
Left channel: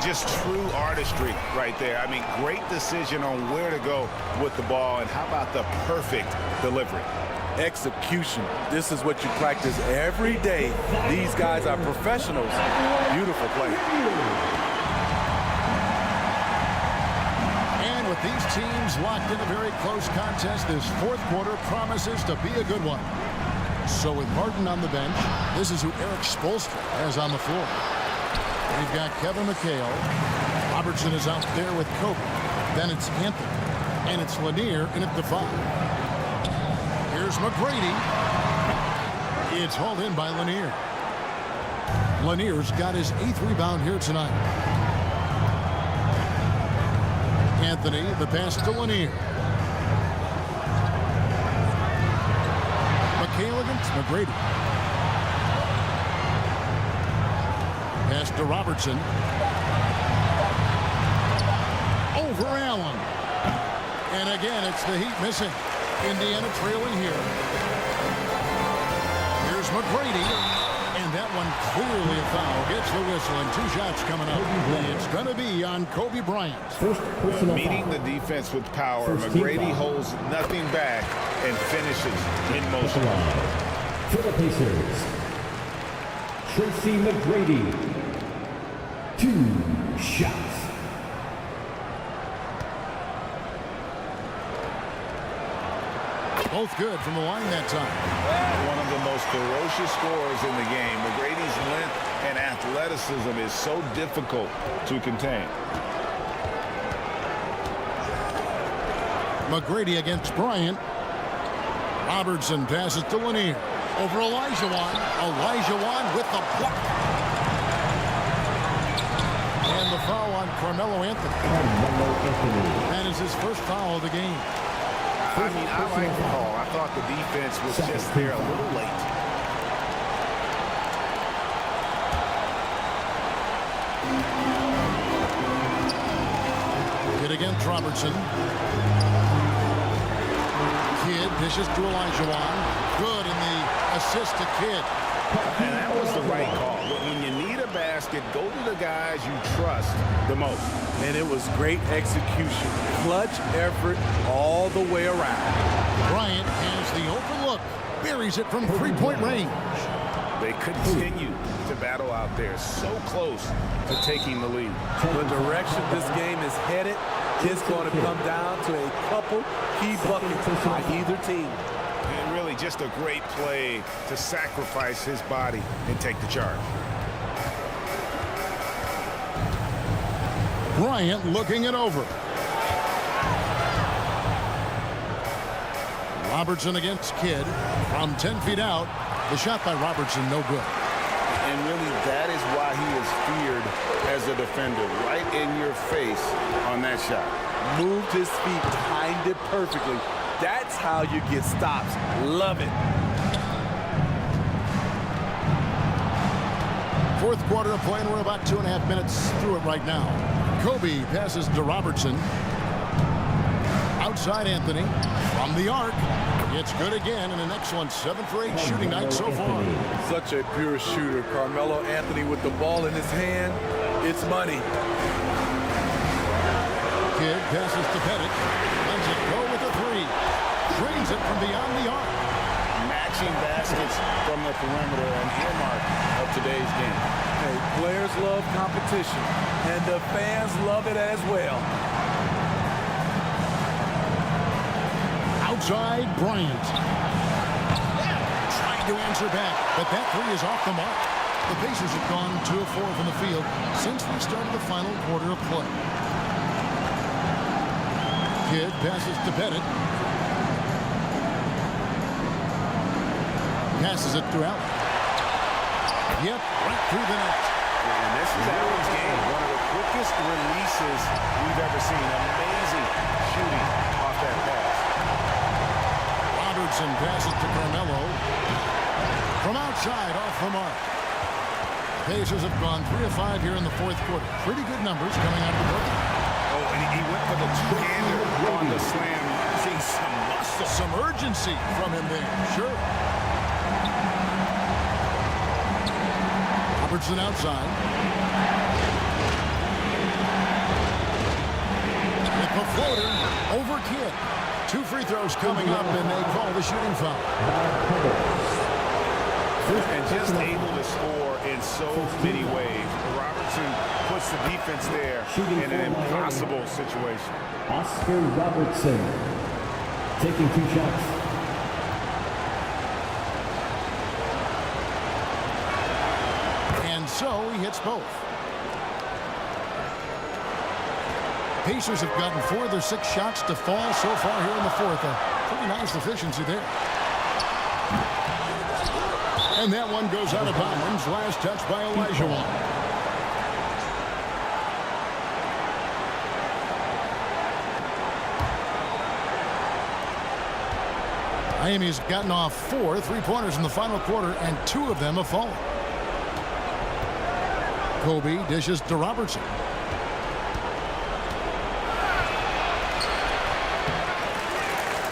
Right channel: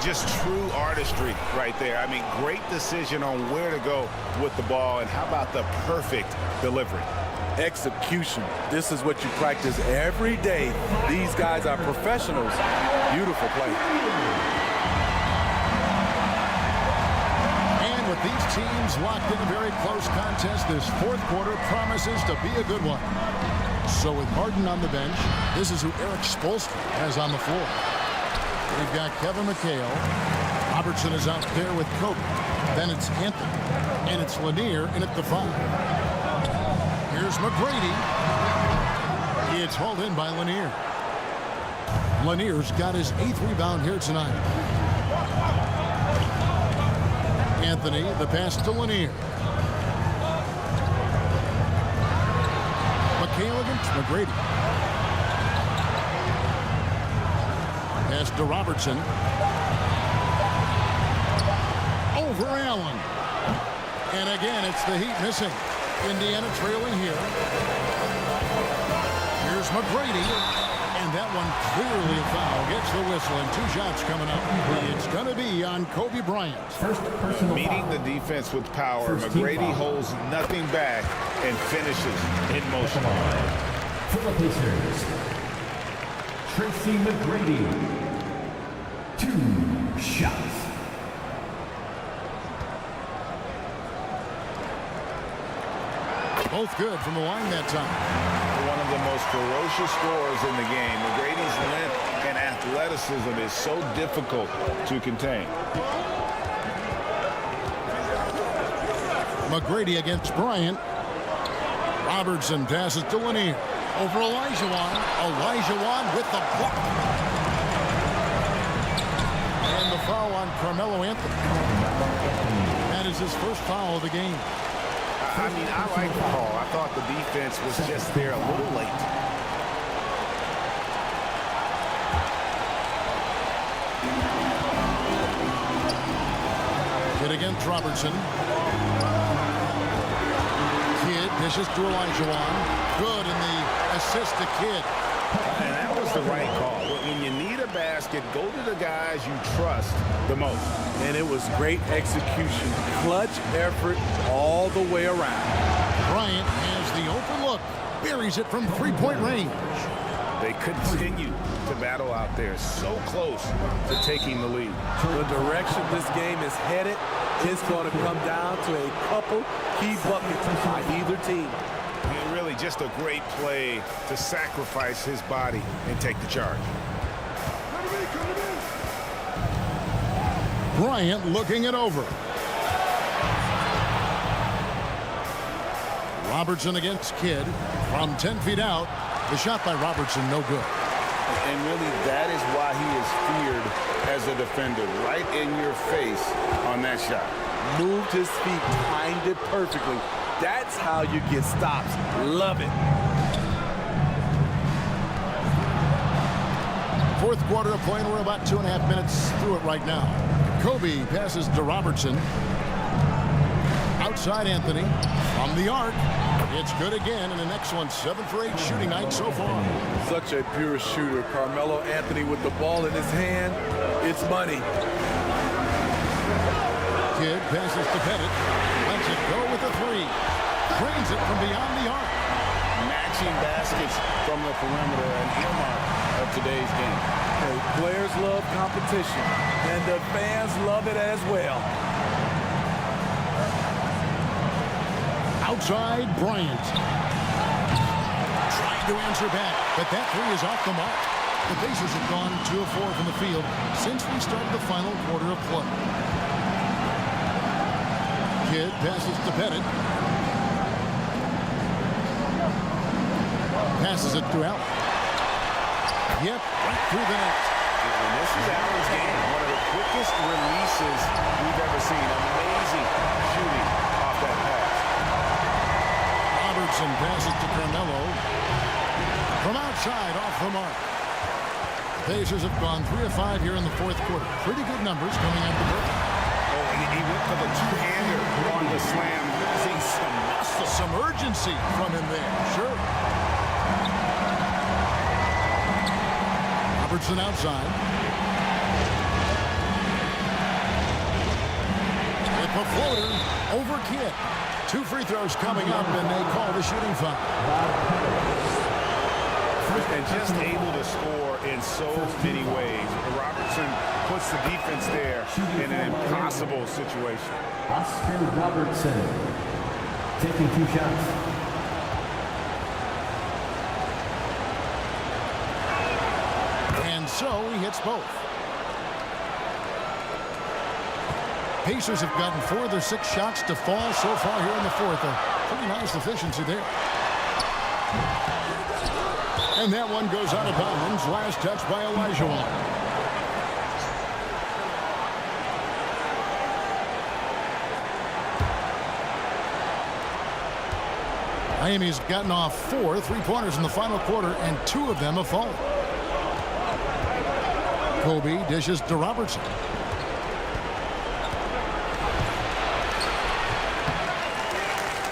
Just true artistry right there. I mean, great decision on where to go with the ball, and how about the perfect delivery? Execution. This is what you practice every day. These guys are professionals. Beautiful play. And And with these teams locked in a very close contest, this fourth quarter promises to be a good one. So with Martin on the bench, this is who Eric Spoelstra has on the floor. They've got Kevin McHale. Robertson is out there with Kobe. Then it's Anthony. And it's Lanier in at the 5. Here's McGrady. It's hauled in by Lanier. Lanier's got his 8th rebound here tonight. Anthony, the pass to Lanier. McHale against McGrady. Pass to Robertson. Over Allen. And again, it's the Heat missing. Indiana trailing here. Here's McGrady. And that one clearly a foul. Gets the whistle and 2 shots coming up. It's going to be on Kobe Bryant. Meeting the defense with power. McGrady holds nothing back and finishes in motion. For the Pacers, Tracy McGrady. 2 shots. Both good from the line that time. One of the most ferocious scorers in the game. McGrady's length and athleticism is so difficult to contain. McGrady against Bryant. Robertson passes to Lanier. Over Olajuwon. Olajuwon with the block. And the foul on Carmelo Anthony. That is his first foul of the game. I mean, I like the call. I thought the defense was just there a little late. Kidd against Robertson. Kidd dishes to Olajuwon. Good in the assist to Kidd. And that was the right call. When you need a basket, go to the guys you trust the most. And it was great execution. Clutch effort all the way around. Bryant has the open look. Buries it from 3-point range. They continue to battle out there. So close to taking the lead. The direction this game is headed is going to come down to a couple key buckets by either team. And really just a great play to sacrifice his body and take the charge. Bryant looking it over. Robertson against Kidd from 10 feet out. The shot by Robertson, no good. And really, that is why he is feared as a defender. Right in your face on that shot. Moved his feet, timed it perfectly. That's how you get stops. Love it. Fourth quarter of play, and we're about 2.5 minutes through it right now. Kobe passes to Robertson. Outside Anthony. From the arc. It's good again, and an excellent 7 for 8 shooting night so far. Such a pure shooter. Carmelo Anthony with the ball in his hand. It's money. Kidd passes to Pettit. Lets it go with a 3. Drains it from beyond the arc. Matching baskets from the perimeter, an earmark of today's game. Hey, players love competition, and the fans love it as well. Outside, Bryant. Trying to answer back, but that 3 is off the mark. The Pacers have gone 2 of 4 from the field since we started the final quarter of play. Kidd passes to Pettit. Passes it to Allen. Yep, right through the net. And this is Allen's game. One of the quickest releases we've ever seen. Amazing shooting off that pass. Robertson passes to Carmelo. From outside, off the mark. The Pacers have gone 3 of 5 here in the fourth quarter. Pretty good numbers coming out of the break. Oh, and he went for the two-hander on the slam, using some muscle. Some urgency from him there, sure. Robertson outside. With the floater over Kidd. 2 free throws coming up, and they call the shooting foul. And just able to score in so many ways. Robertson puts the defense there in an impossible situation. Oscar Robertson, taking 2 shots. And so he hits both. Pacers have gotten 4 of their 6 shots to fall so far here in the fourth. A pretty nice efficiency there. And that one goes out of bounds. Last touch by Olajuwon. Miami's gotten off 4 3-pointers in the final quarter, and 2 of them have fallen. Kobe dishes to Robertson.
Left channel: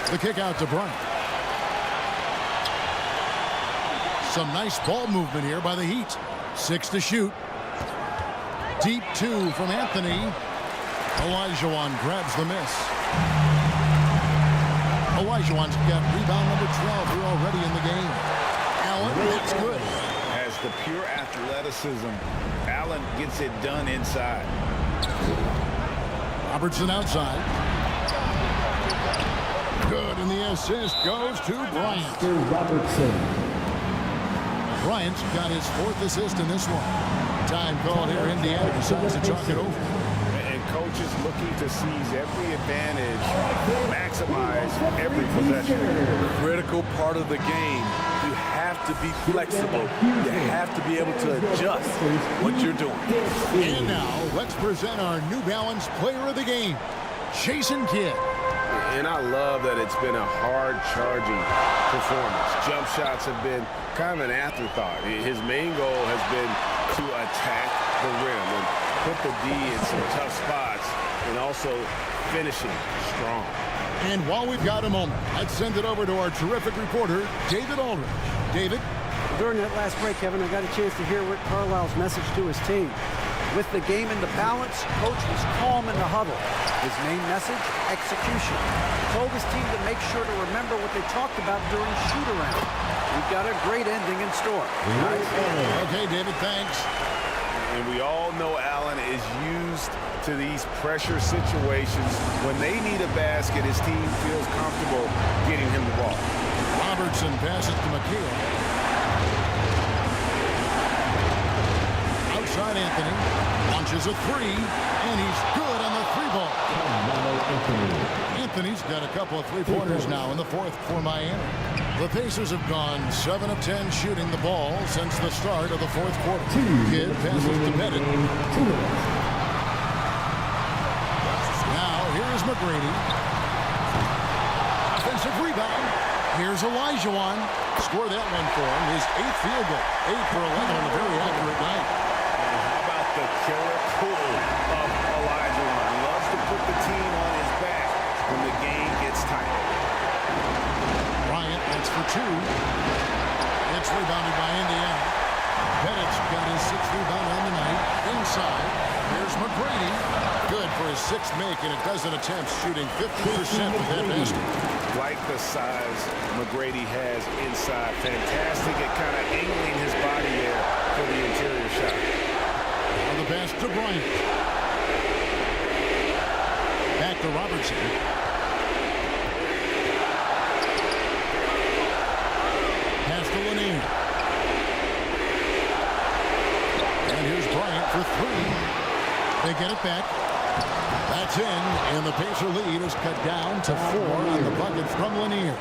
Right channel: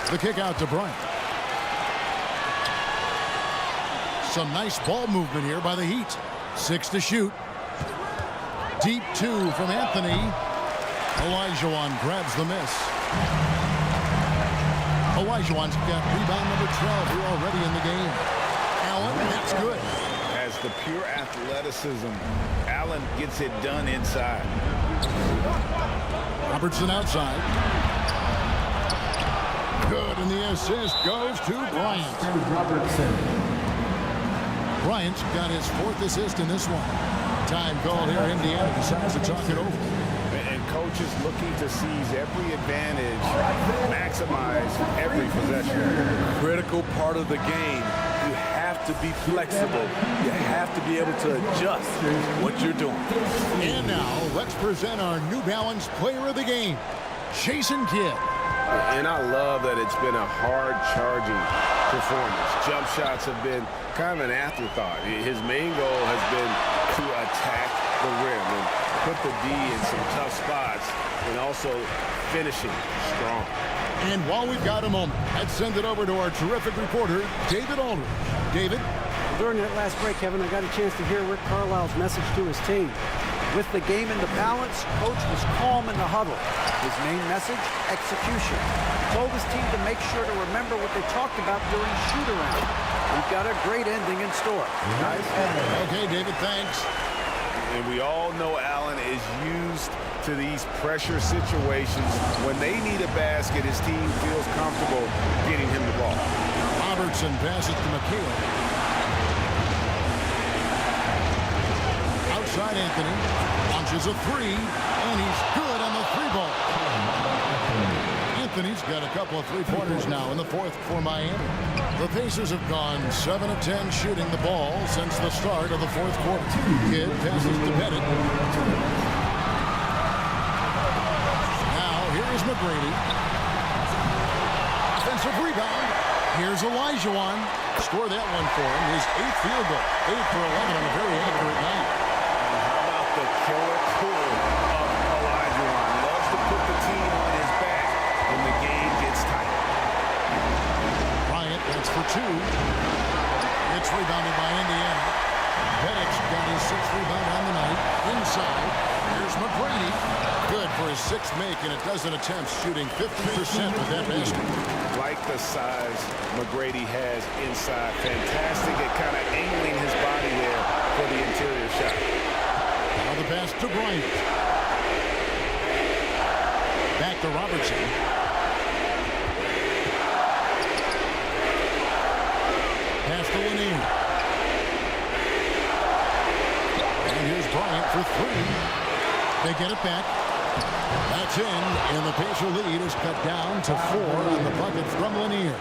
The kick out to Bryant. Some nice ball movement here by the Heat. 6 to shoot. Deep 2 from Anthony. Olajuwon grabs the miss. Olajuwon's got rebound number 12 here already in the game. Allen, that's good. Has the pure athleticism. Allen gets it done inside. Robertson outside. Good, and the assist goes to Bryant. Robertson. Bryant's got his 4th assist in this one. Time called here. Indiana decides to talk it over. And coaches looking to seize every advantage, maximize every possession. Critical part of the game. You have to be flexible. You have to be able to adjust what you're doing. And now, let's present our New Balance player of the game, Jason Kidd. And I love that it's been a hard-charging performance. Jump shots have been kind of an afterthought. His main goal has been to attack the rim and put the D in some tough spots and also finishing strong. And while we've got a moment, let's send it over to our terrific reporter, David Aldridge. David? During that last break, Kevin, I got a chance to hear Rick Carlisle's message to his team. With the game in the balance, coach was calm in the huddle. His main message, execution. He told his team to make sure to remember what they talked about during shoot-around. We've got a great ending in store. Nice. Okay, David, thanks. And we all know Allen is used to these pressure situations. When they need a basket, his team feels comfortable getting him the ball. Robertson passes to McHale. Outside Anthony. Launches a 3, and he's good on the 3-ball. Anthony's got a couple of 3-pointers now in the fourth for Miami. The Pacers have gone 7 of 10 shooting the ball since the start of the fourth quarter. Kidd passes to Pettit. Now here is McGrady. Offensive rebound. Here's Olajuwon. Score that one for him. His 8th field goal. 8 for 11 on a very accurate night. And how about the killer cool of Olajuwon? Loves to put the team on his back when the game gets tight. Bryant wants for 2. It's rebounded by Indiana. Pettit's got his 6th rebound on the night. Inside, here's McGrady. Good for his 6th make, and a dozen attempts, shooting 50% with that basket. Like the size McGrady has inside. Fantastic at kind of angling his body there for the interior shot. Now the pass to Bryant. Back to Robertson. Pass to Lanier. And here's Bryant for 3. They get it back. That's in, and the Pacer lead is cut down to 4 on the bucket from Lanier.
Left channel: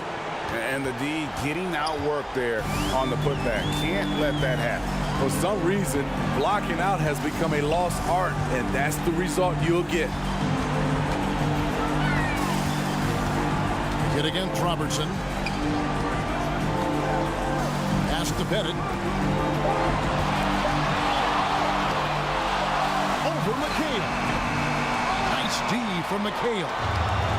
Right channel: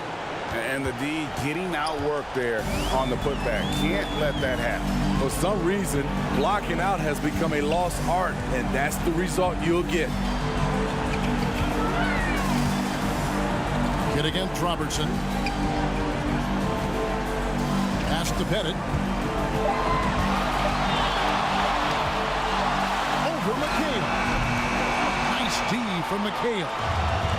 And the D getting outworked there on the putback. Can't let that happen. For some reason, blocking out has become a lost art, and that's the result you'll get. Kidd against Robertson. Pass to Pettit. Over McHale. Nice D from McHale.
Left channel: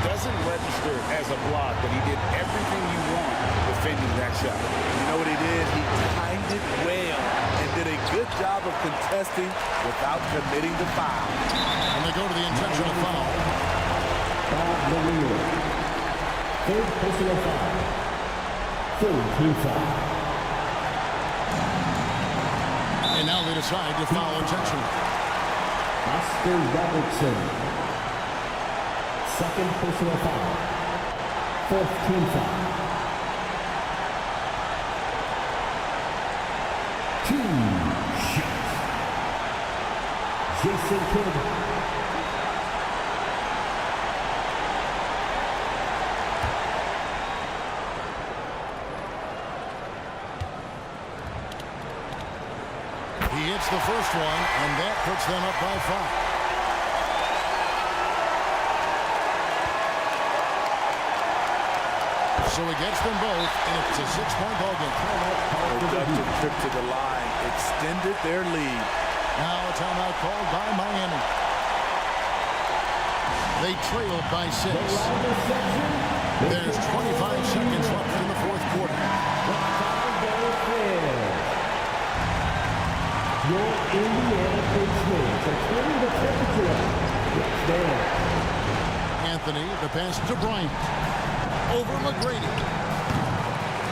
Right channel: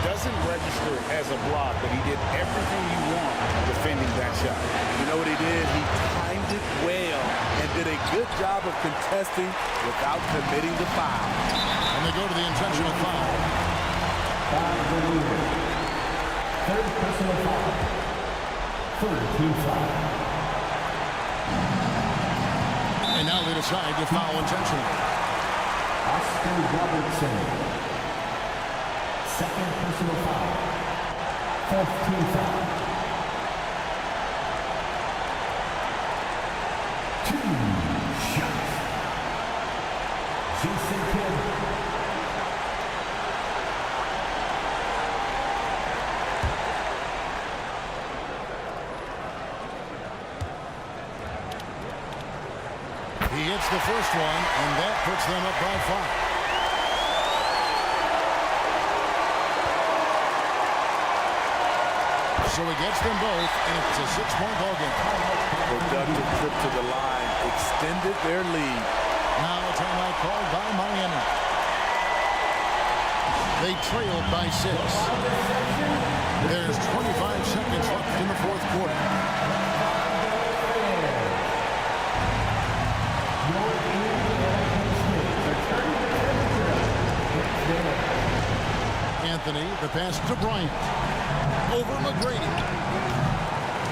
Doesn't register as a block, but he did everything you want defending that shot. You know what he did? He timed it well and did a good job of contesting without committing the foul. And they go to the intentional foul. Bob Lanier. 3rd personal foul. 3rd team foul. And now they decide to foul intentionally. Oscar Robertson. Second personal foul. Fourth team foul. 2 shots. Jason Kidd. He hits the first one, and that puts them up by 5. So he gets them both, and it's a 6-point ball game. Productive trip to the line extended their lead. Now a timeout called by Miami. They trailed by 6. There's 25 seconds left in the fourth quarter. Your Indiana Pacemates are turning the temperature up. Let's dance. Anthony, the pass to Bryant. Over McGrady.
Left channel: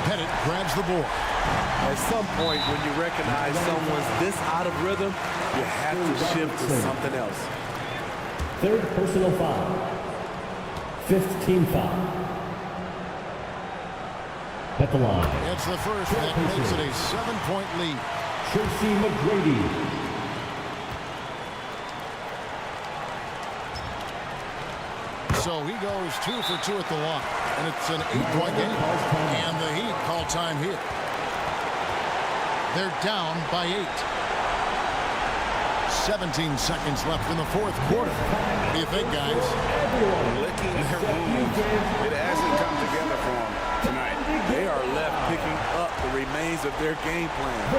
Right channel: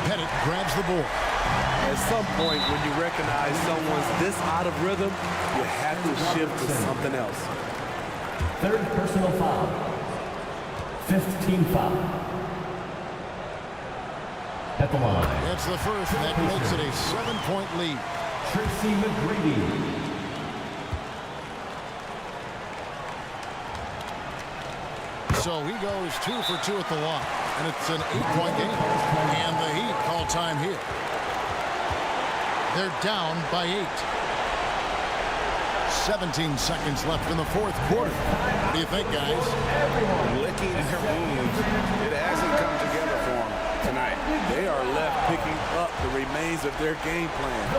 Pettit grabs the board. At some point, when you recognize someone's this out of rhythm, you have to shift to something else. Third personal foul. Fifth team foul. At the line. It's the first, and that makes it a 7-point lead. Tracy McGrady. So he goes 2 for 2 at the line, and it's an 8-point game. And the Heat call time here. They're down by 8. 17 seconds left in the fourth quarter. What do you think, guys? Licking their wounds. It hasn't come together for them tonight. They are left picking up the remains of their game plan.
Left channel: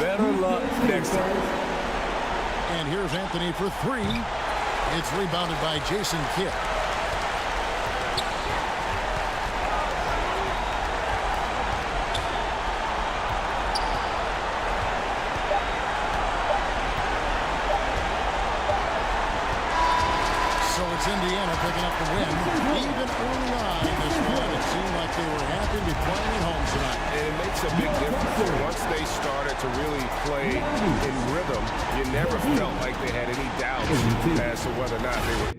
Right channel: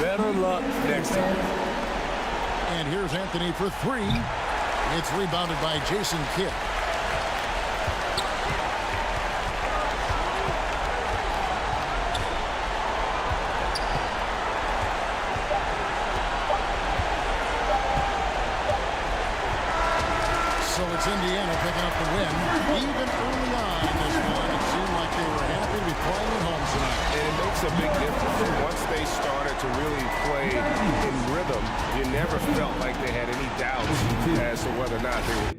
Better luck next time. And here's Anthony for 3. It's rebounded by Jason Kidd. So it's Indiana picking up the win. Even early on in this one, it seemed like they were happy to be playing at home tonight. And it makes a big difference. Once they started to really play in rhythm, you never felt like they had any doubts as to whether or not they were.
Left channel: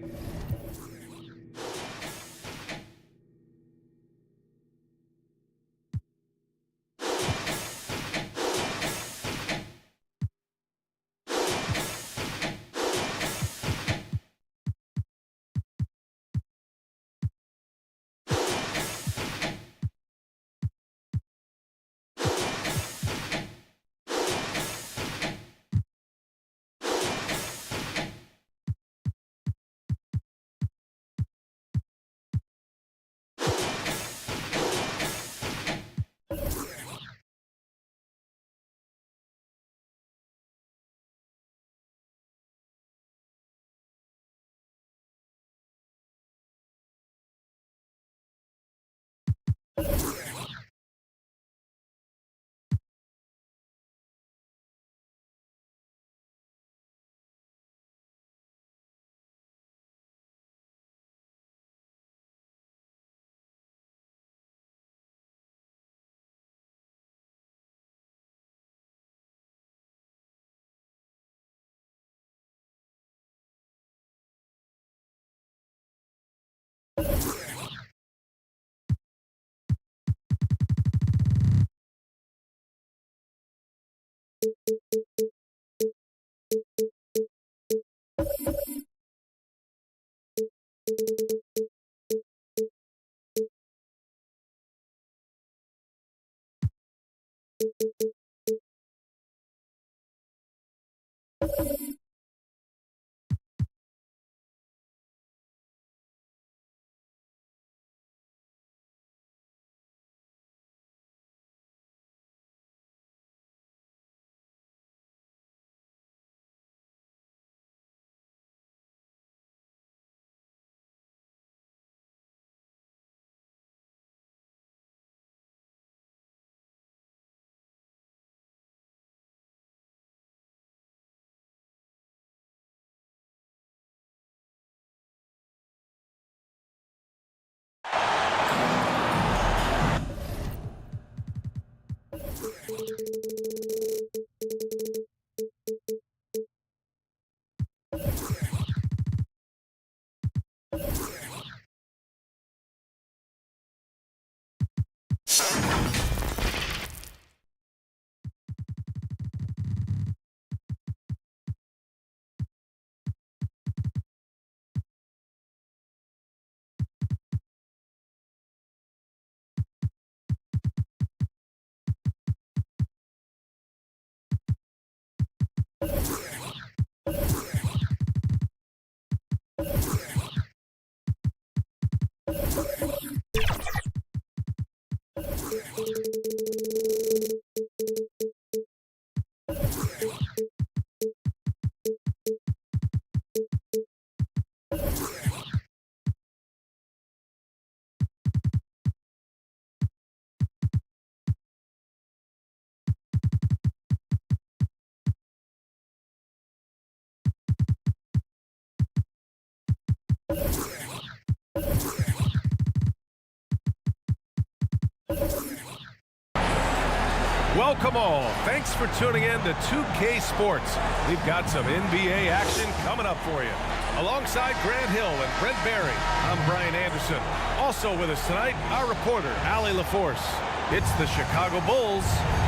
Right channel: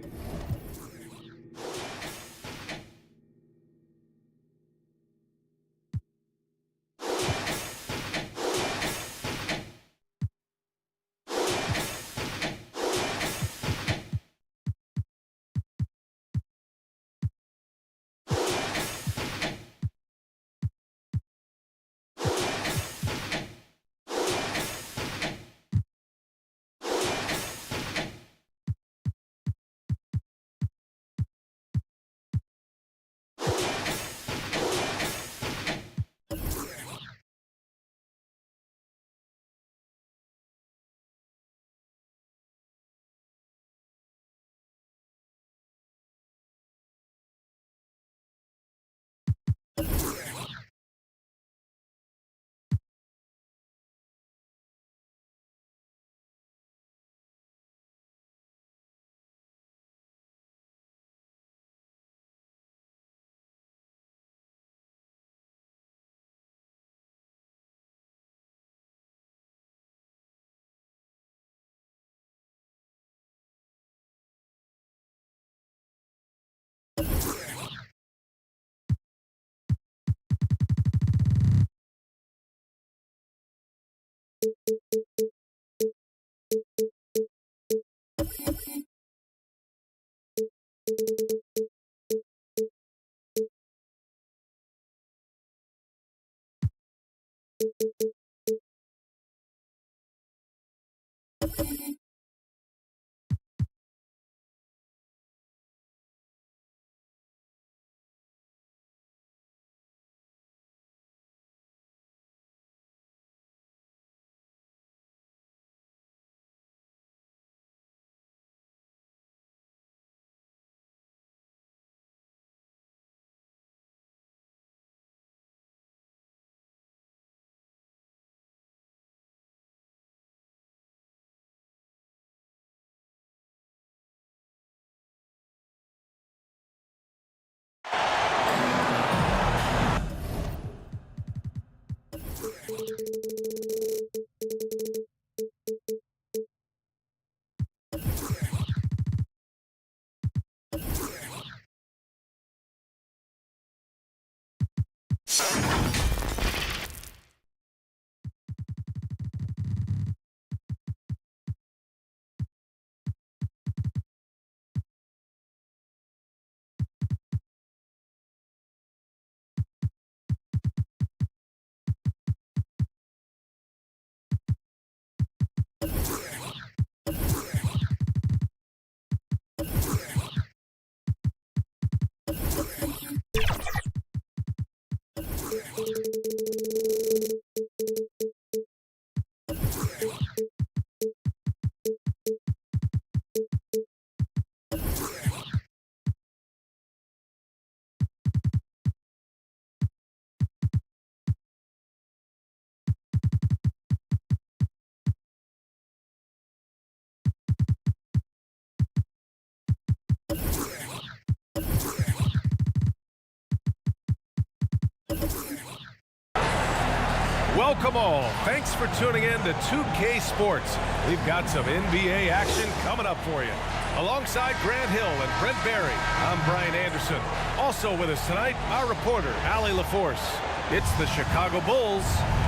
Welcome all. Thanks for tuning in to 2K Sports. We've got some NBA action coming up for you. Alongside Grant Hill and Brent Barry, I'm Brian Anderson. Also with us tonight, our reporter, Allie LaForce. It's the Chicago Bulls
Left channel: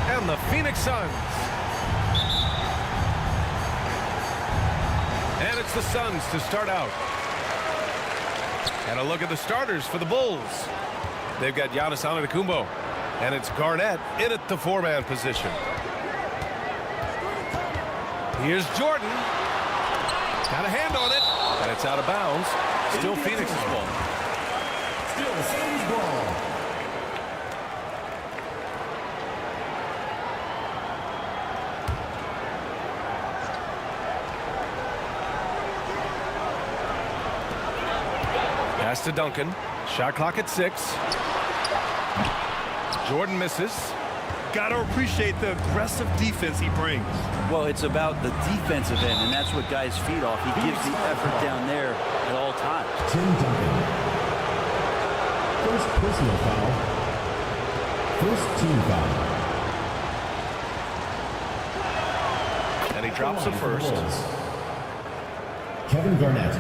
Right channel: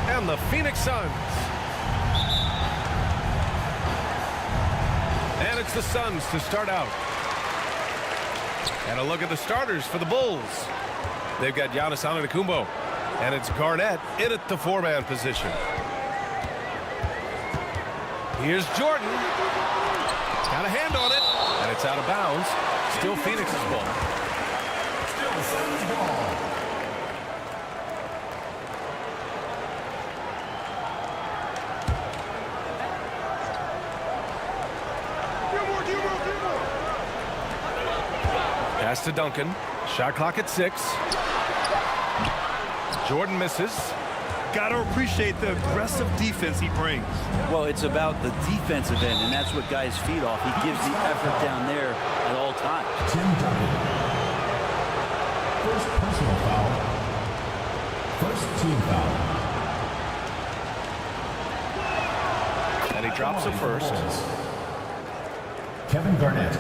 and the Phoenix Suns. And it's the Suns to start out. And a look at the starters for the Bulls. They've got Giannis Antetokounmpo. And it's Garnett in at the four-man position. Here's Jordan. Got a hand on it. And it's out of bounds. Still Phoenix's ball. Still Suns ball. Pass to Duncan. Shot clock at 6. Jordan misses. Got to appreciate the aggressive defense he brings. Well, it's about the defensive end, and that's what guys feed off. He gives the effort down there at all times. Tim Duncan. First personal foul. First team foul. And he drops the first. Kevin Garnett.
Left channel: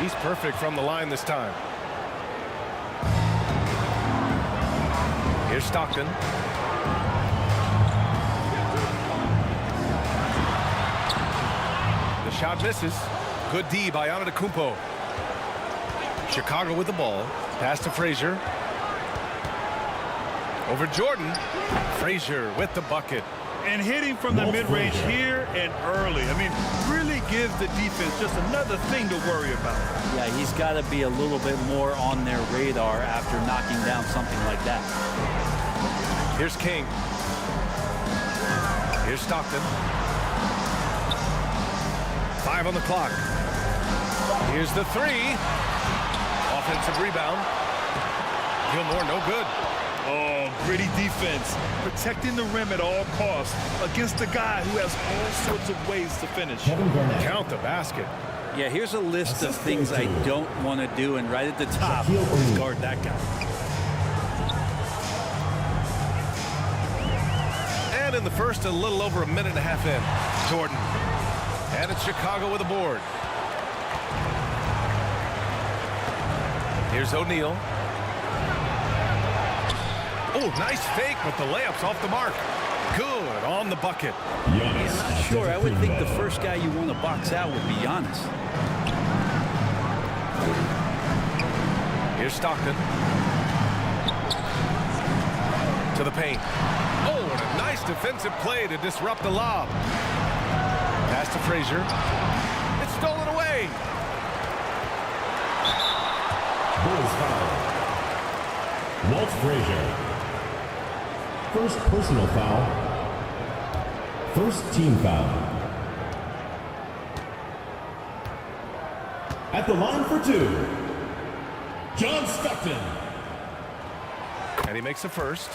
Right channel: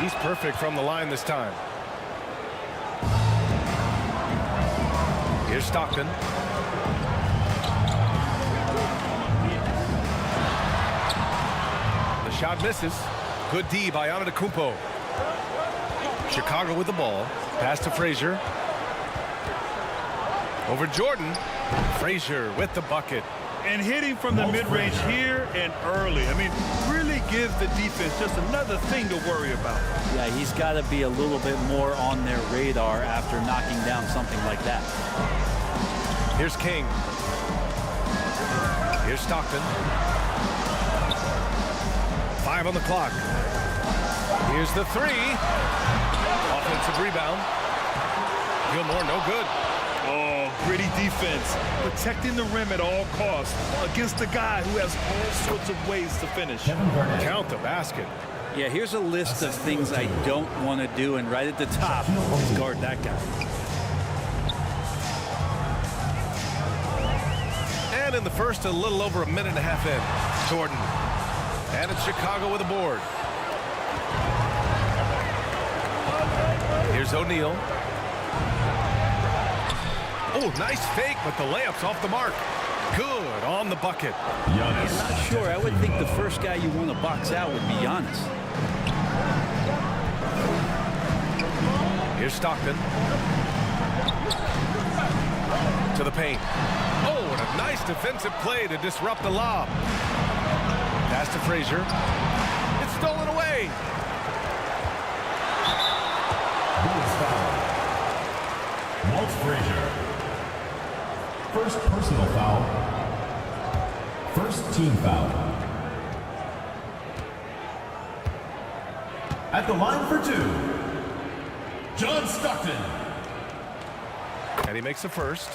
He's perfect from the line this time. Here's Stockton. The shot misses. Good D by Antetokounmpo. Chicago with the ball. Pass to Frazier. Over Jordan. Frazier with the bucket. And hitting from the mid-range here and early. I mean, really gives the defense just another thing to worry about. Yeah, he's got to be a little bit more on their radar after knocking down something like that. Here's King. Here's Stockton. 5 on the clock. Here's the 3. Offensive rebound. Gilmore, no good. Oh, gritty defense. Protecting the rim at all costs against a guy who has all sorts of ways to finish. Count the basket. Yeah, here's a list of things I don't want to do, and right at the top is guard that guy. And in the first, a little over a minute and a half in. Jordan. And it's Chicago with a board. Here's O'Neal. Oh, nice fake, but the layup's off the mark. Good on the bucket. Yeah, not sure. I would think the first guy you want to box out would be Giannis. Here's Stockton. To the paint. Oh, and a nice defensive play to disrupt the lob. Pass to Frazier. It's stolen away. Bulls foul. Walt Frazier. First personal foul. First team foul. At the line for 2, John Stockton. And he makes the first.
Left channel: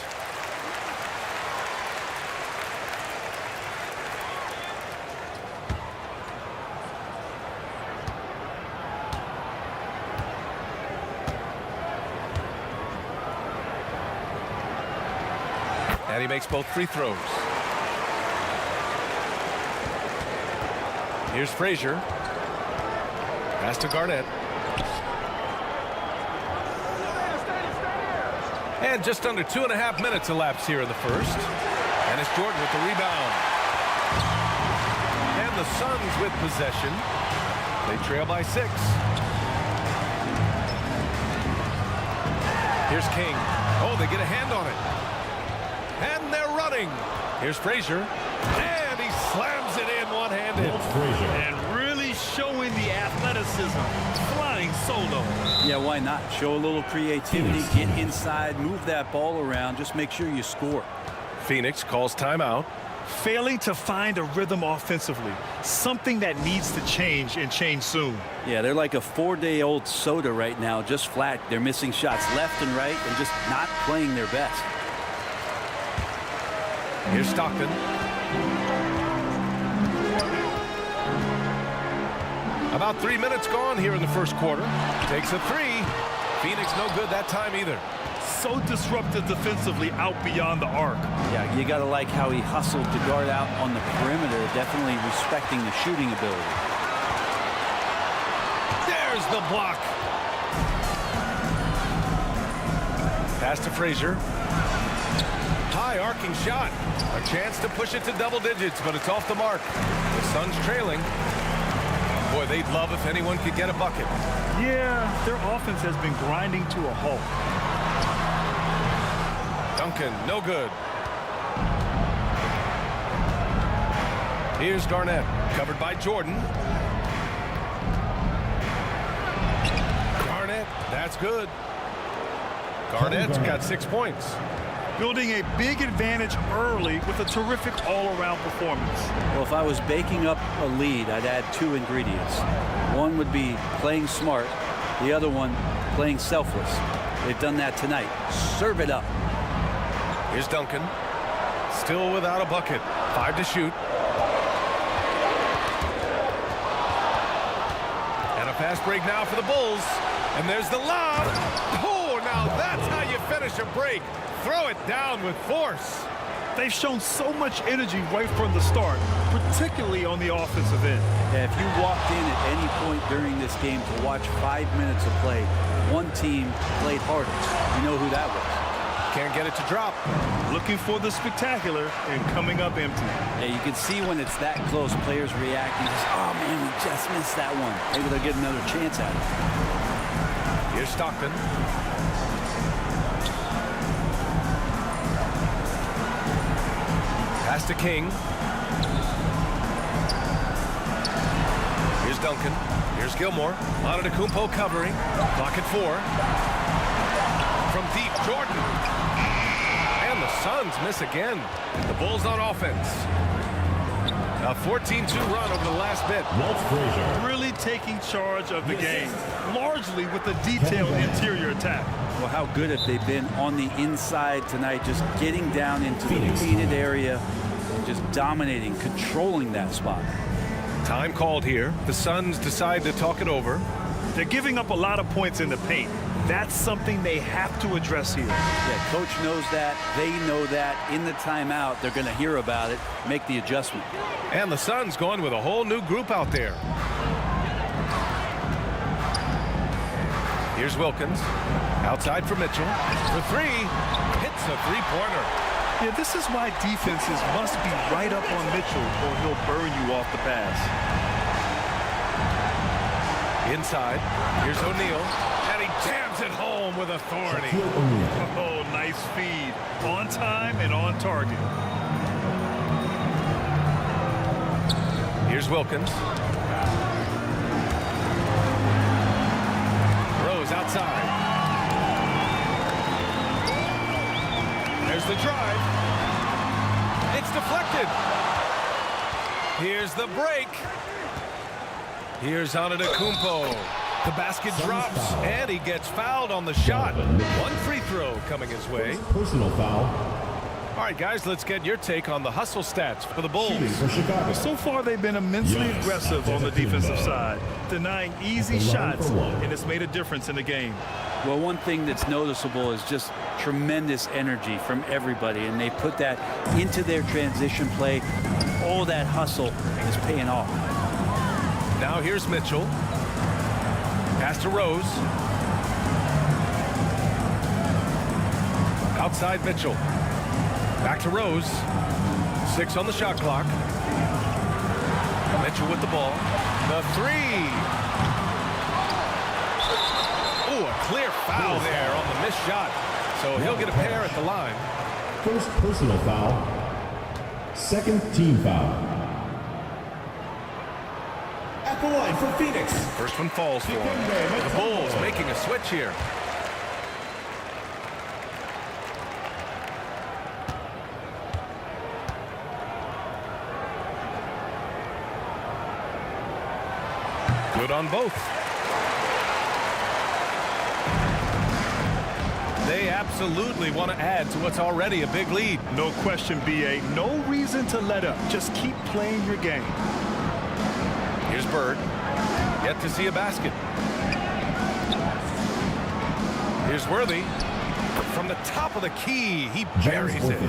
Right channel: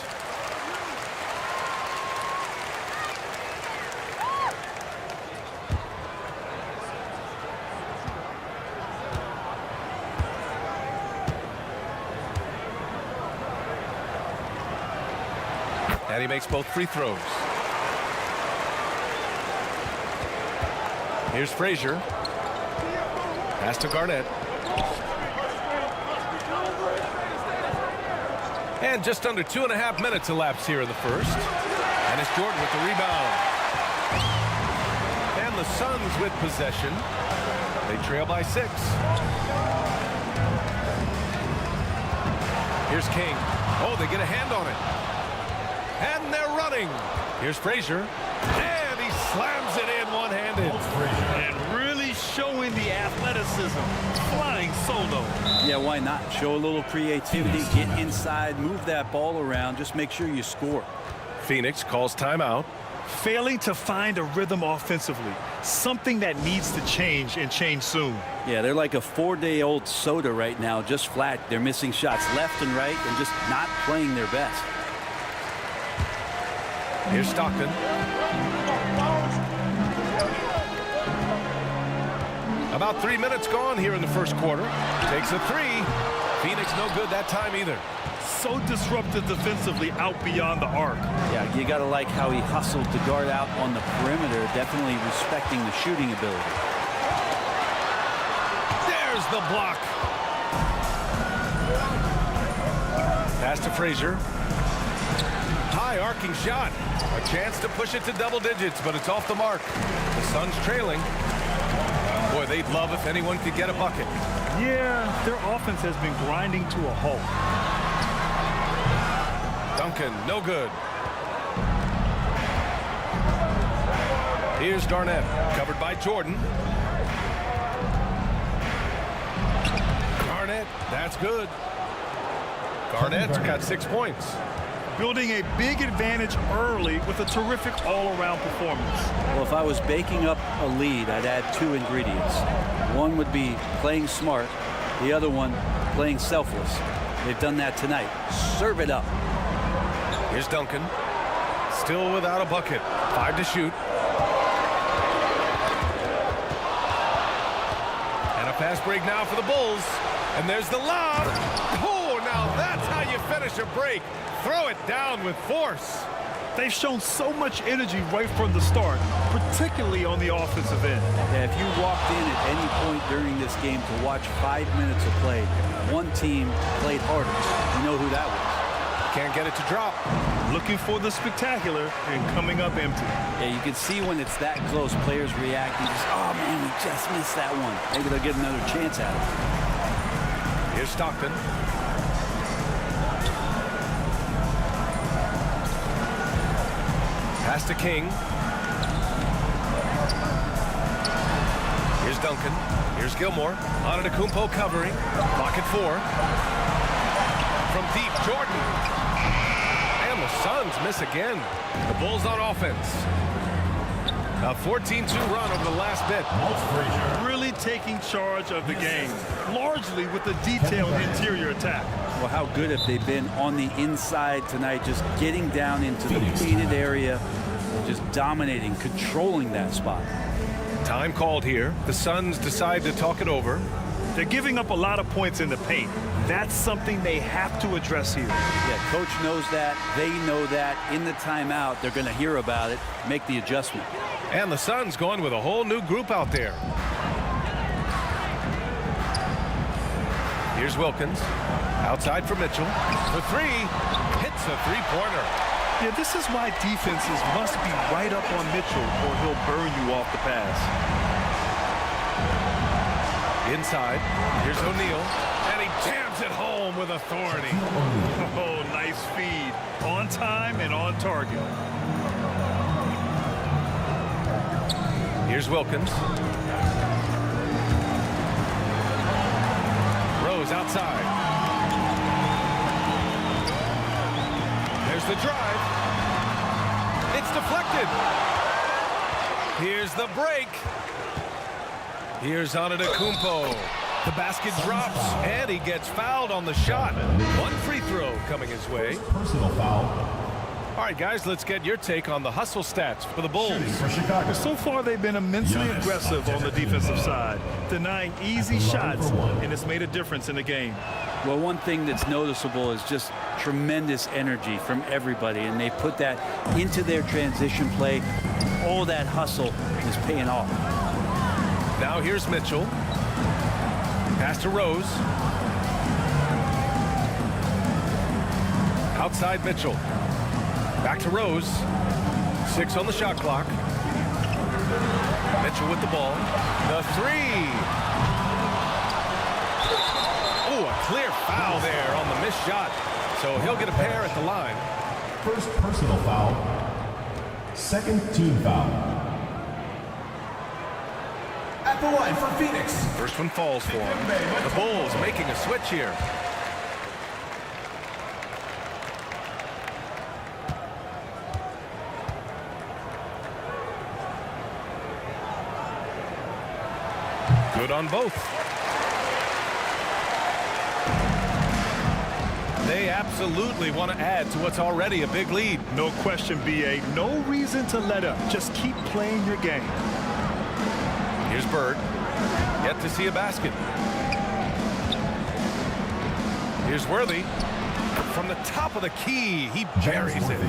And he makes both free throws. Here's Frazier. Pass to Garnett. And just under 2.5 minutes elapsed here in the first. And it's Jordan with the rebound. And the Suns with possession. They trail by 6. Here's King. Oh, they get a hand on it. And they're running. Here's Frazier. And he slams it in one-handed. And really showing the athleticism. Flying solo. Yeah, why not? Show a little creativity, get inside, move that ball around, just make sure you score. Phoenix calls timeout. Failing to find a rhythm offensively. Something that needs to change and change soon. Yeah, they're like a 4-day-old soda right now, just flat. They're missing shots left and right and just not playing their best. Here's Stockton. About 3 minutes gone here in the first quarter. Takes a three. Phoenix no good that time either. So disruptive defensively out beyond the arc. Yeah, you got to like how he hustled to guard out on the perimeter, definitely respecting the shooting ability. There's the block. Pass to Frazier. High arcing shot. A chance to push it to double digits, but it's off the mark. The Suns trailing. Boy, they'd love if anyone could get a bucket. Yeah, their offense has been grinding to a halt. Duncan, no good. Here's Garnett, covered by Jordan. Garnett, that's good. Garnett's got 6 points. Building a big advantage early with a terrific all-around performance. Well, if I was baking up a lead, I'd add 2 ingredients. One would be playing smart. The other one, playing selfless. They've done that tonight. Serve it up. Here's Duncan. Still without a bucket. 5 to shoot. And a fast break now for the Bulls. And there's the lob. Oh, now that's how you finish a break. Throw it down with force. They've shown so much energy right from the start, particularly on the offensive end. Yeah, if you walked in at any point during this game to watch 5 minutes of play, one team played harder. You know who that was. Can't get it to drop. Looking for the spectacular and coming up empty. Yeah, you can see when it's that close, players reacting. Just, oh, man, we just missed that one. Maybe they'll get another chance at it. Here's Stockton. Pass to King. Here's Duncan. Here's Gilmore. Antetokounmpo covering. Clock at 4. From deep, Jordan. And the Suns miss again. The Bulls on offense. A 14-2 run over the last bit. Walt Frazier. Really taking charge of the game, largely with a detailed interior attack. Well, how good have they been on the inside tonight, just getting down into the painted area and just dominating, controlling that spot. Time called here. The Suns decide to talk it over. They're giving up a lot of points in the paint. That's something they have to address here. Yeah, coach knows that. They know that. In the timeout, they're going to hear about it, make the adjustment. And the Suns going with a whole new group out there. Here's Wilkins. Outside for Mitchell. For 3. Hits a three-pointer. Yeah, this is why defenses must be right up on Mitchell or he'll burn you off the pass. Inside. Here's O'Neal. And he jams it home with authority. Oh, nice feed. On time and on target. Here's Wilkins. Rose outside. There's the drive. It's deflected. Here's the break. Here's Antetokounmpo. The basket drops, and he gets fouled on the shot. One free throw coming his way. Personal foul. All right, guys, let's get your take on the hustle stats for the Bulls. For Chicago. So far, they've been immensely aggressive on the defensive side, denying easy shots, and it's made a difference in the game. Well, one thing that's noticeable is just tremendous energy from everybody, and they put that into their transition play. All that hustle is paying off. Now here's Mitchell. Pass to Rose. Outside Mitchell. Back to Rose. 6 on the shot clock. Mitchell with the ball. The 3. Oh, a clear foul there on the missed shot. So he'll get a pair at the line. First personal foul. Second team foul. At the line for Phoenix. First one falls for him. The Bulls making a switch here. Good on both. They absolutely want to add to what's already a big lead. No question, BA. No reason to let up. Just keep playing your game. Here's Bird. Yet to see a basket. Here's Worthy. From the top of the key, he buries it.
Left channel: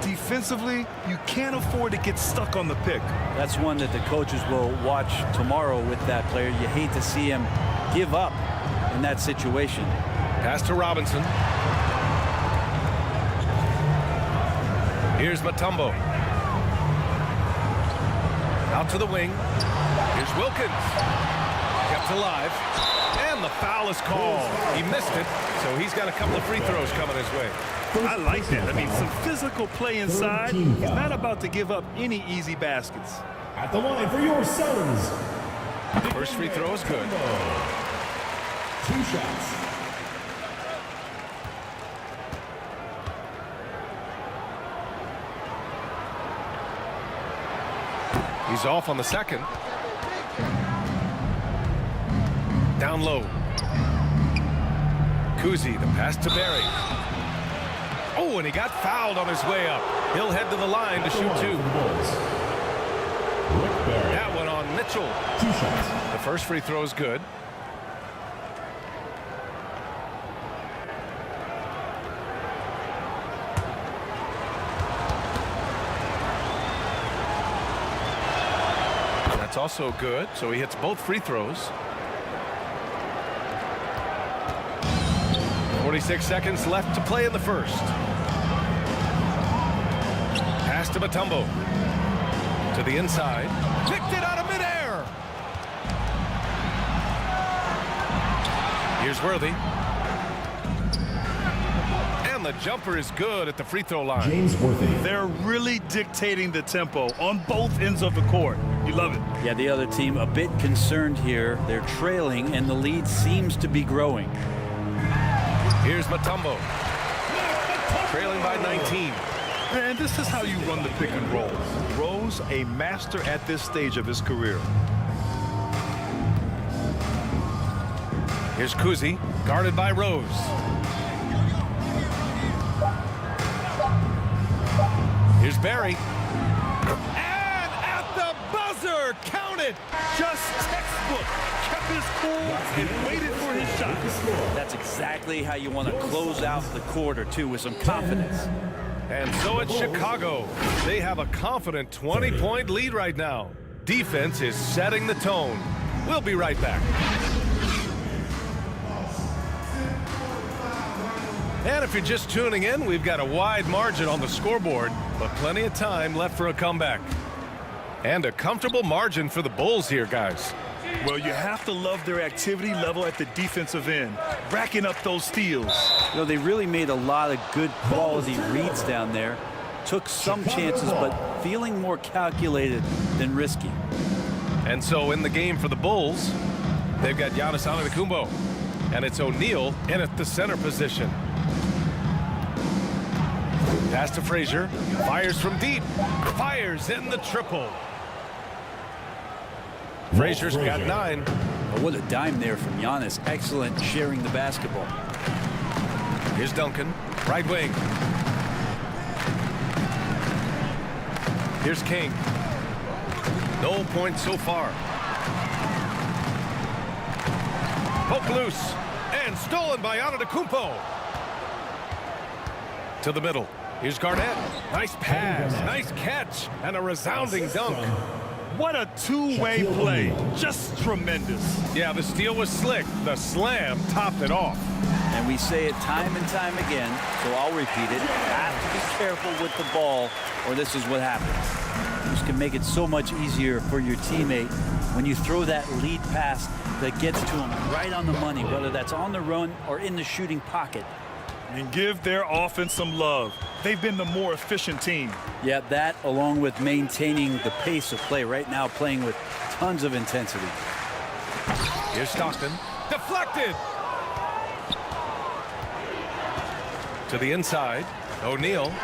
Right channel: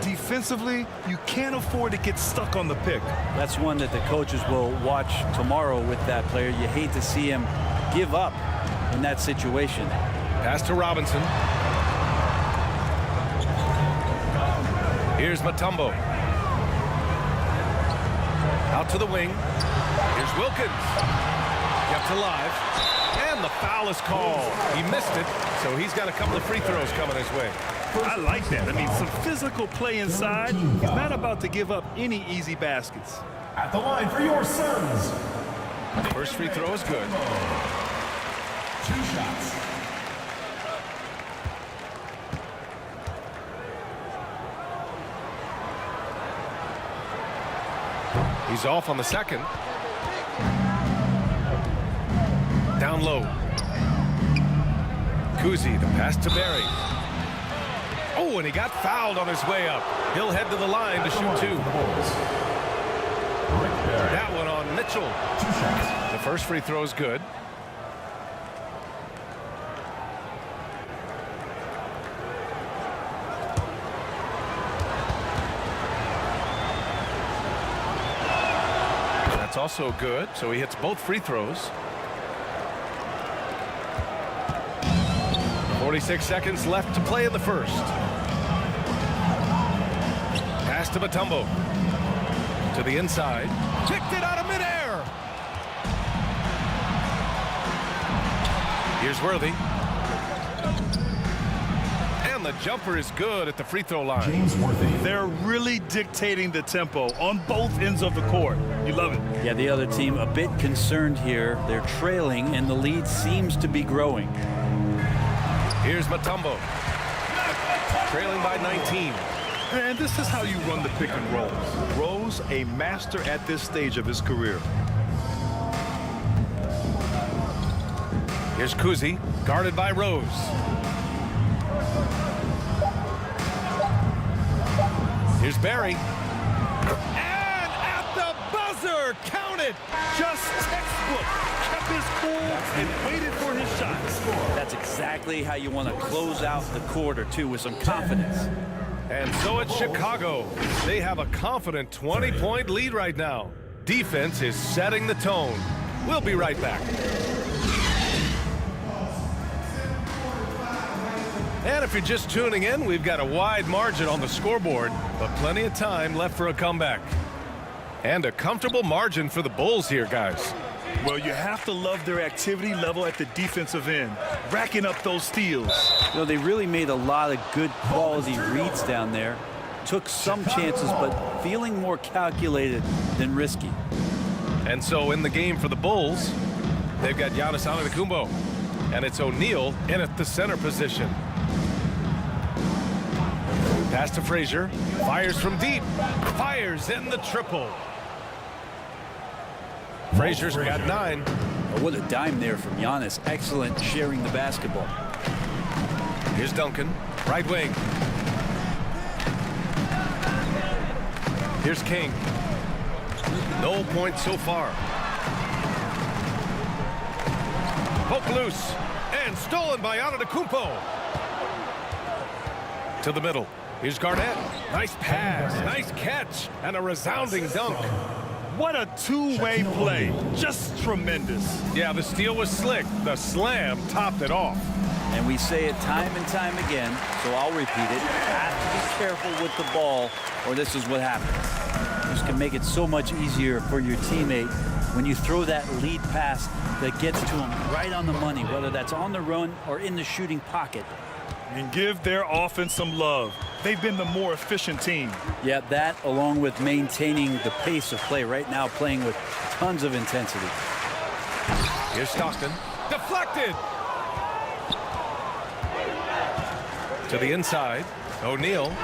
Defensively, you can't afford to get stuck on the pick. That's one that the coaches will watch tomorrow with that player. You hate to see him give up in that situation. Pass to Robinson. Here's Mutombo. Out to the wing. Here's Wilkins. Kept alive. And the foul is called. He missed it, so he's got a couple of free throws coming his way. I like that. I mean, some physical play inside. He's not about to give up any easy baskets. At the line for your Suns. First free throw is good. 2 shots. He's off on the second. Down low. Kuzi, the pass to Barry. Oh, and he got fouled on his way up. He'll head to the line to shoot 2. That one on Mitchell. 2 shots. The first free throw is good. That's also good, so he hits both free throws. 46 seconds left to play in the first. Pass to Mutombo. To the inside. Kicked it out of midair. Here's Worthy. And the jumper is good at the free throw line. James Worthy. They're really dictating the tempo on both ends of the court. You love it. Yeah, the other team a bit concerned here. They're trailing, and the lead seems to be growing. Here's Mutombo. Trailing by 19. And this is how you run the pick and roll. Rose, a master at this stage of his career. Here's Kuzi, guarded by Rose. Here's Barry. And at the buzzer, count it. Just textbook. Kept his cool and waited for his shot. That's exactly how you want to close out the quarter, too, with some confidence. And so it's Chicago. They have a confident 20-point lead right now. Defense is setting the tone. We'll be right back. And if you're just tuning in, we've got a wide margin on the scoreboard, but plenty of time left for a comeback. And a comfortable margin for the Bulls here, guys. Well, you have to love their activity level at the defensive end, racking up those steals. You know, they really made a lot of good quality reads down there. Took some chances, but feeling more calculated than risky. And so in the game for the Bulls, they've got Giannis Antetokounmpo, and it's O'Neal in at the center position. Pass to Frazier, fires from deep, fires in the triple. Frazier's got 9. Oh, what a dime there from Giannis. Excellent sharing the basketball. Here's Duncan, right wing. Here's King. No points so far. Poke loose and stolen by Antetokounmpo. To the middle. Here's Garnett. Nice pass, nice catch, and a resounding dunk. What a two-way play. Just tremendous. Yeah, the steal was slick. The slam topped it off. And we say it time and time again, so I'll repeat it. Have to be careful with the ball, or this is what happens. This can make it so much easier for your teammate when you throw that lead pass that gets to him right on the money, whether that's on the run or in the shooting pocket. And give their offense some love. They've been the more efficient team. Yeah, that along with maintaining the pace of play right now, playing with tons of intensity. Here's Stockton. Deflected. To the inside. O'Neal.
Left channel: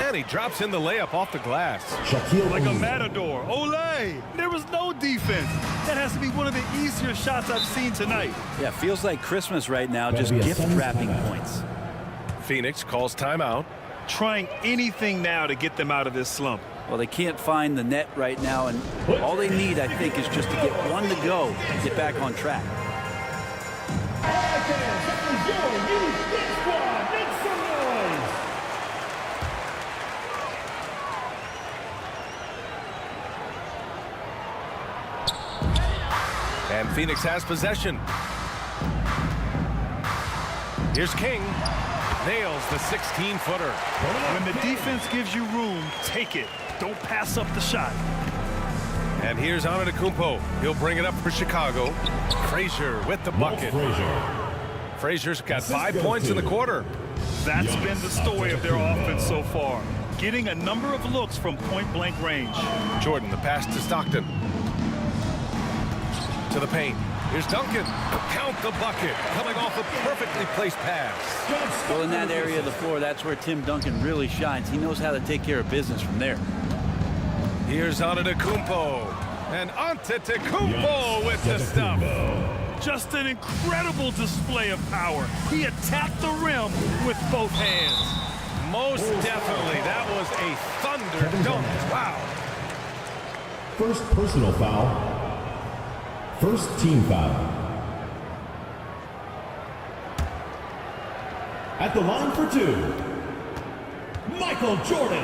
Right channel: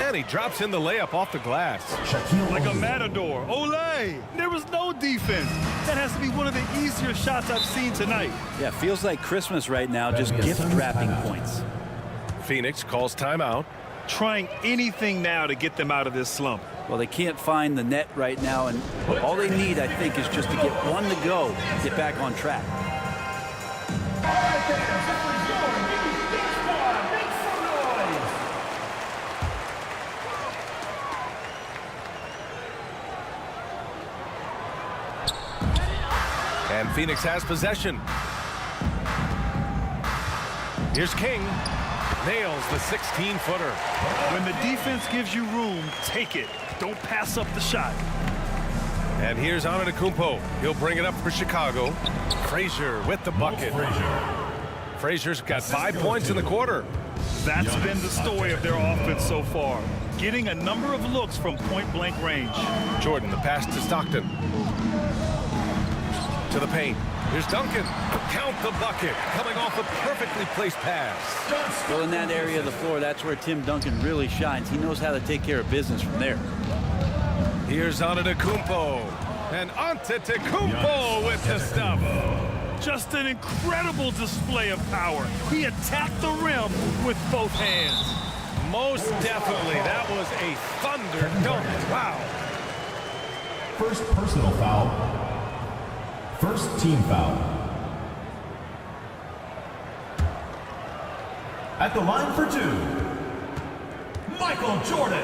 And he drops in the layup off the glass. Like a matador. Olay! There was no defense. That has to be one of the easier shots I've seen tonight. Yeah, feels like Christmas right now, just gift wrapping points. Phoenix calls timeout. Trying anything now to get them out of this slump. Well, they can't find the net right now, and all they need, I think, is just to get one to go, get back on track. All right, fans, that was your youth dance squad. Make some noise. And Phoenix has possession. Here's King. Nails the 16-footer. When the defense gives you room, take it. Don't pass up the shot. And here's Antetokounmpo. He'll bring it up for Chicago. Frazier with the bucket. Frazier's got 5 points in the quarter. That's been the story of their offense so far. Getting a number of looks from point-blank range. Jordan, the pass to Stockton. To the paint. Here's Duncan. Count the bucket. Coming off a perfectly placed pass. Well, in that area of the floor, that's where Tim Duncan really shines. He knows how to take care of business from there. Here's Antetokounmpo. And Antetokounmpo with the stuff. Just an incredible display of power. He attacked the rim with both hands. Most definitely. That was a thunder dunk. Wow. First personal foul. First team foul. At the line for 2, Michael Jordan.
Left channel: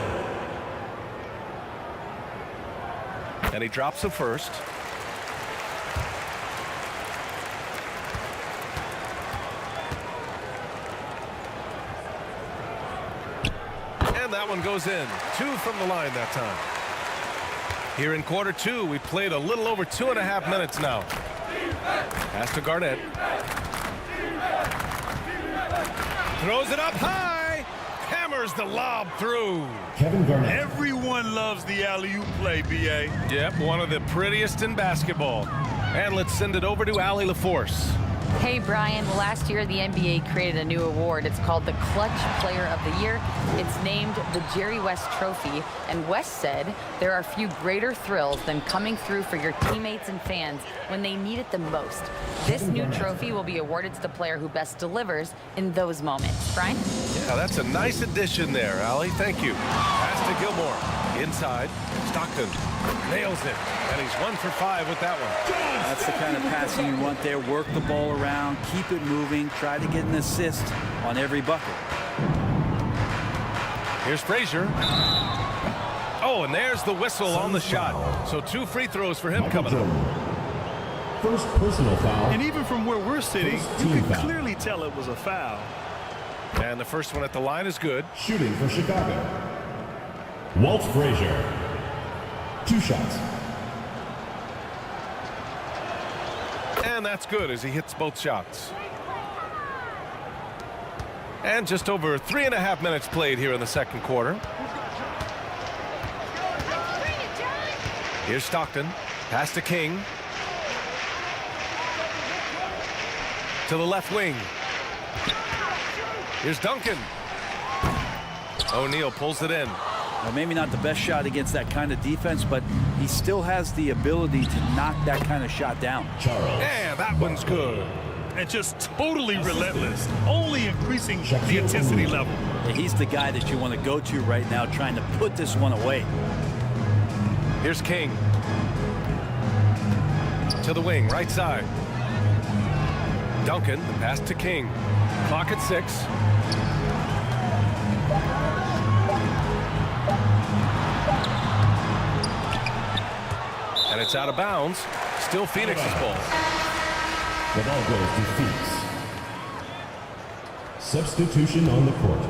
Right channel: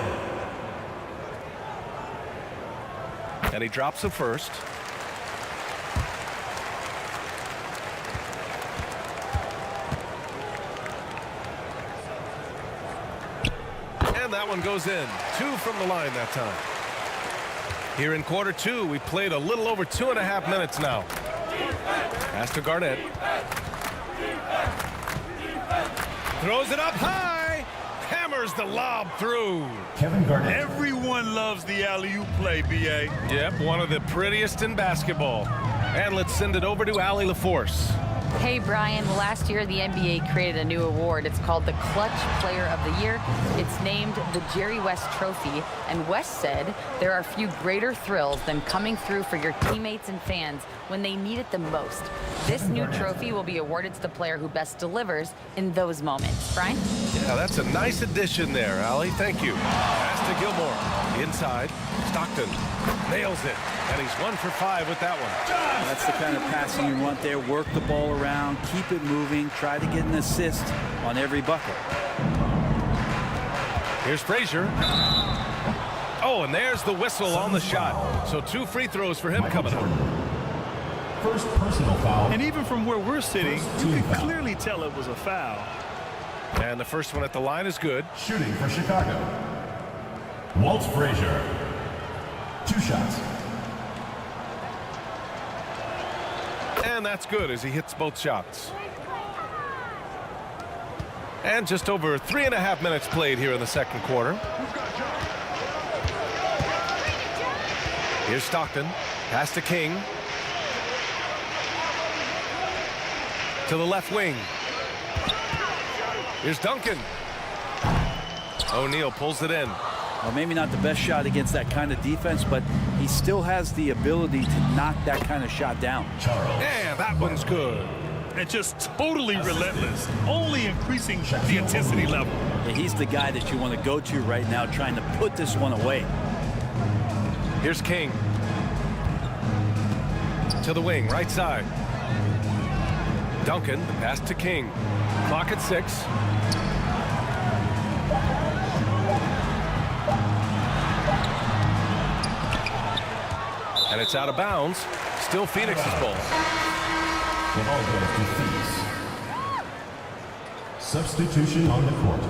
And he drops the first. And that one goes in. 2 from the line that time. Here in quarter 2, we played a little over 2.5 minutes now. Pass to Garnett. Throws it up high. Hammers the lob through. Kevin Garnett. Everyone loves the alley-oop play, B.A. Yep, one of the prettiest in basketball. And let's send it over to Allie LaForce. Hey, Brian. Last year, the NBA created a new award. It's called the Clutch Player of the Year. It's named the Jerry West Trophy. And West said there are few greater thrills than coming through for your teammates and fans when they need it the most. This new trophy will be awarded to the player who best delivers in those moments. Brian? Yeah, that's a nice addition there, Allie. Thank you. Pass to Gilmore. Inside. Stockton nails it. And he's 1 for 5 with that one. That's the kind of passing you want there. Work the ball around, keep it moving, try to get an assist on every bucket. Here's Frazier. Oh, and there's the whistle on the shot. So 2 free throws for him coming up. First personal foul. And even from where we're sitting, you could clearly tell it was a foul. And the first one at the line is good. Shooting for Chicago. Walt Frazier. 2 shots. And that's good as he hits both shots. And just over 3.5 minutes played here in the second quarter. Here's Stockton. Pass to King. To the left wing. Here's Duncan. O'Neal pulls it in. Well, maybe not the best shot against that kind of defense, but he still has the ability to knock that kind of shot down. Yeah, that one's good. And just totally relentless, only increasing the intensity level. Yeah, he's the guy that you want to go to right now, trying to put this one away. Here's King. To the wing, right side. Duncan, the pass to King. Clock at 6. And it's out of bounds. Still Phoenix's ball. The ball goes to Phoenix. Substitution on the court.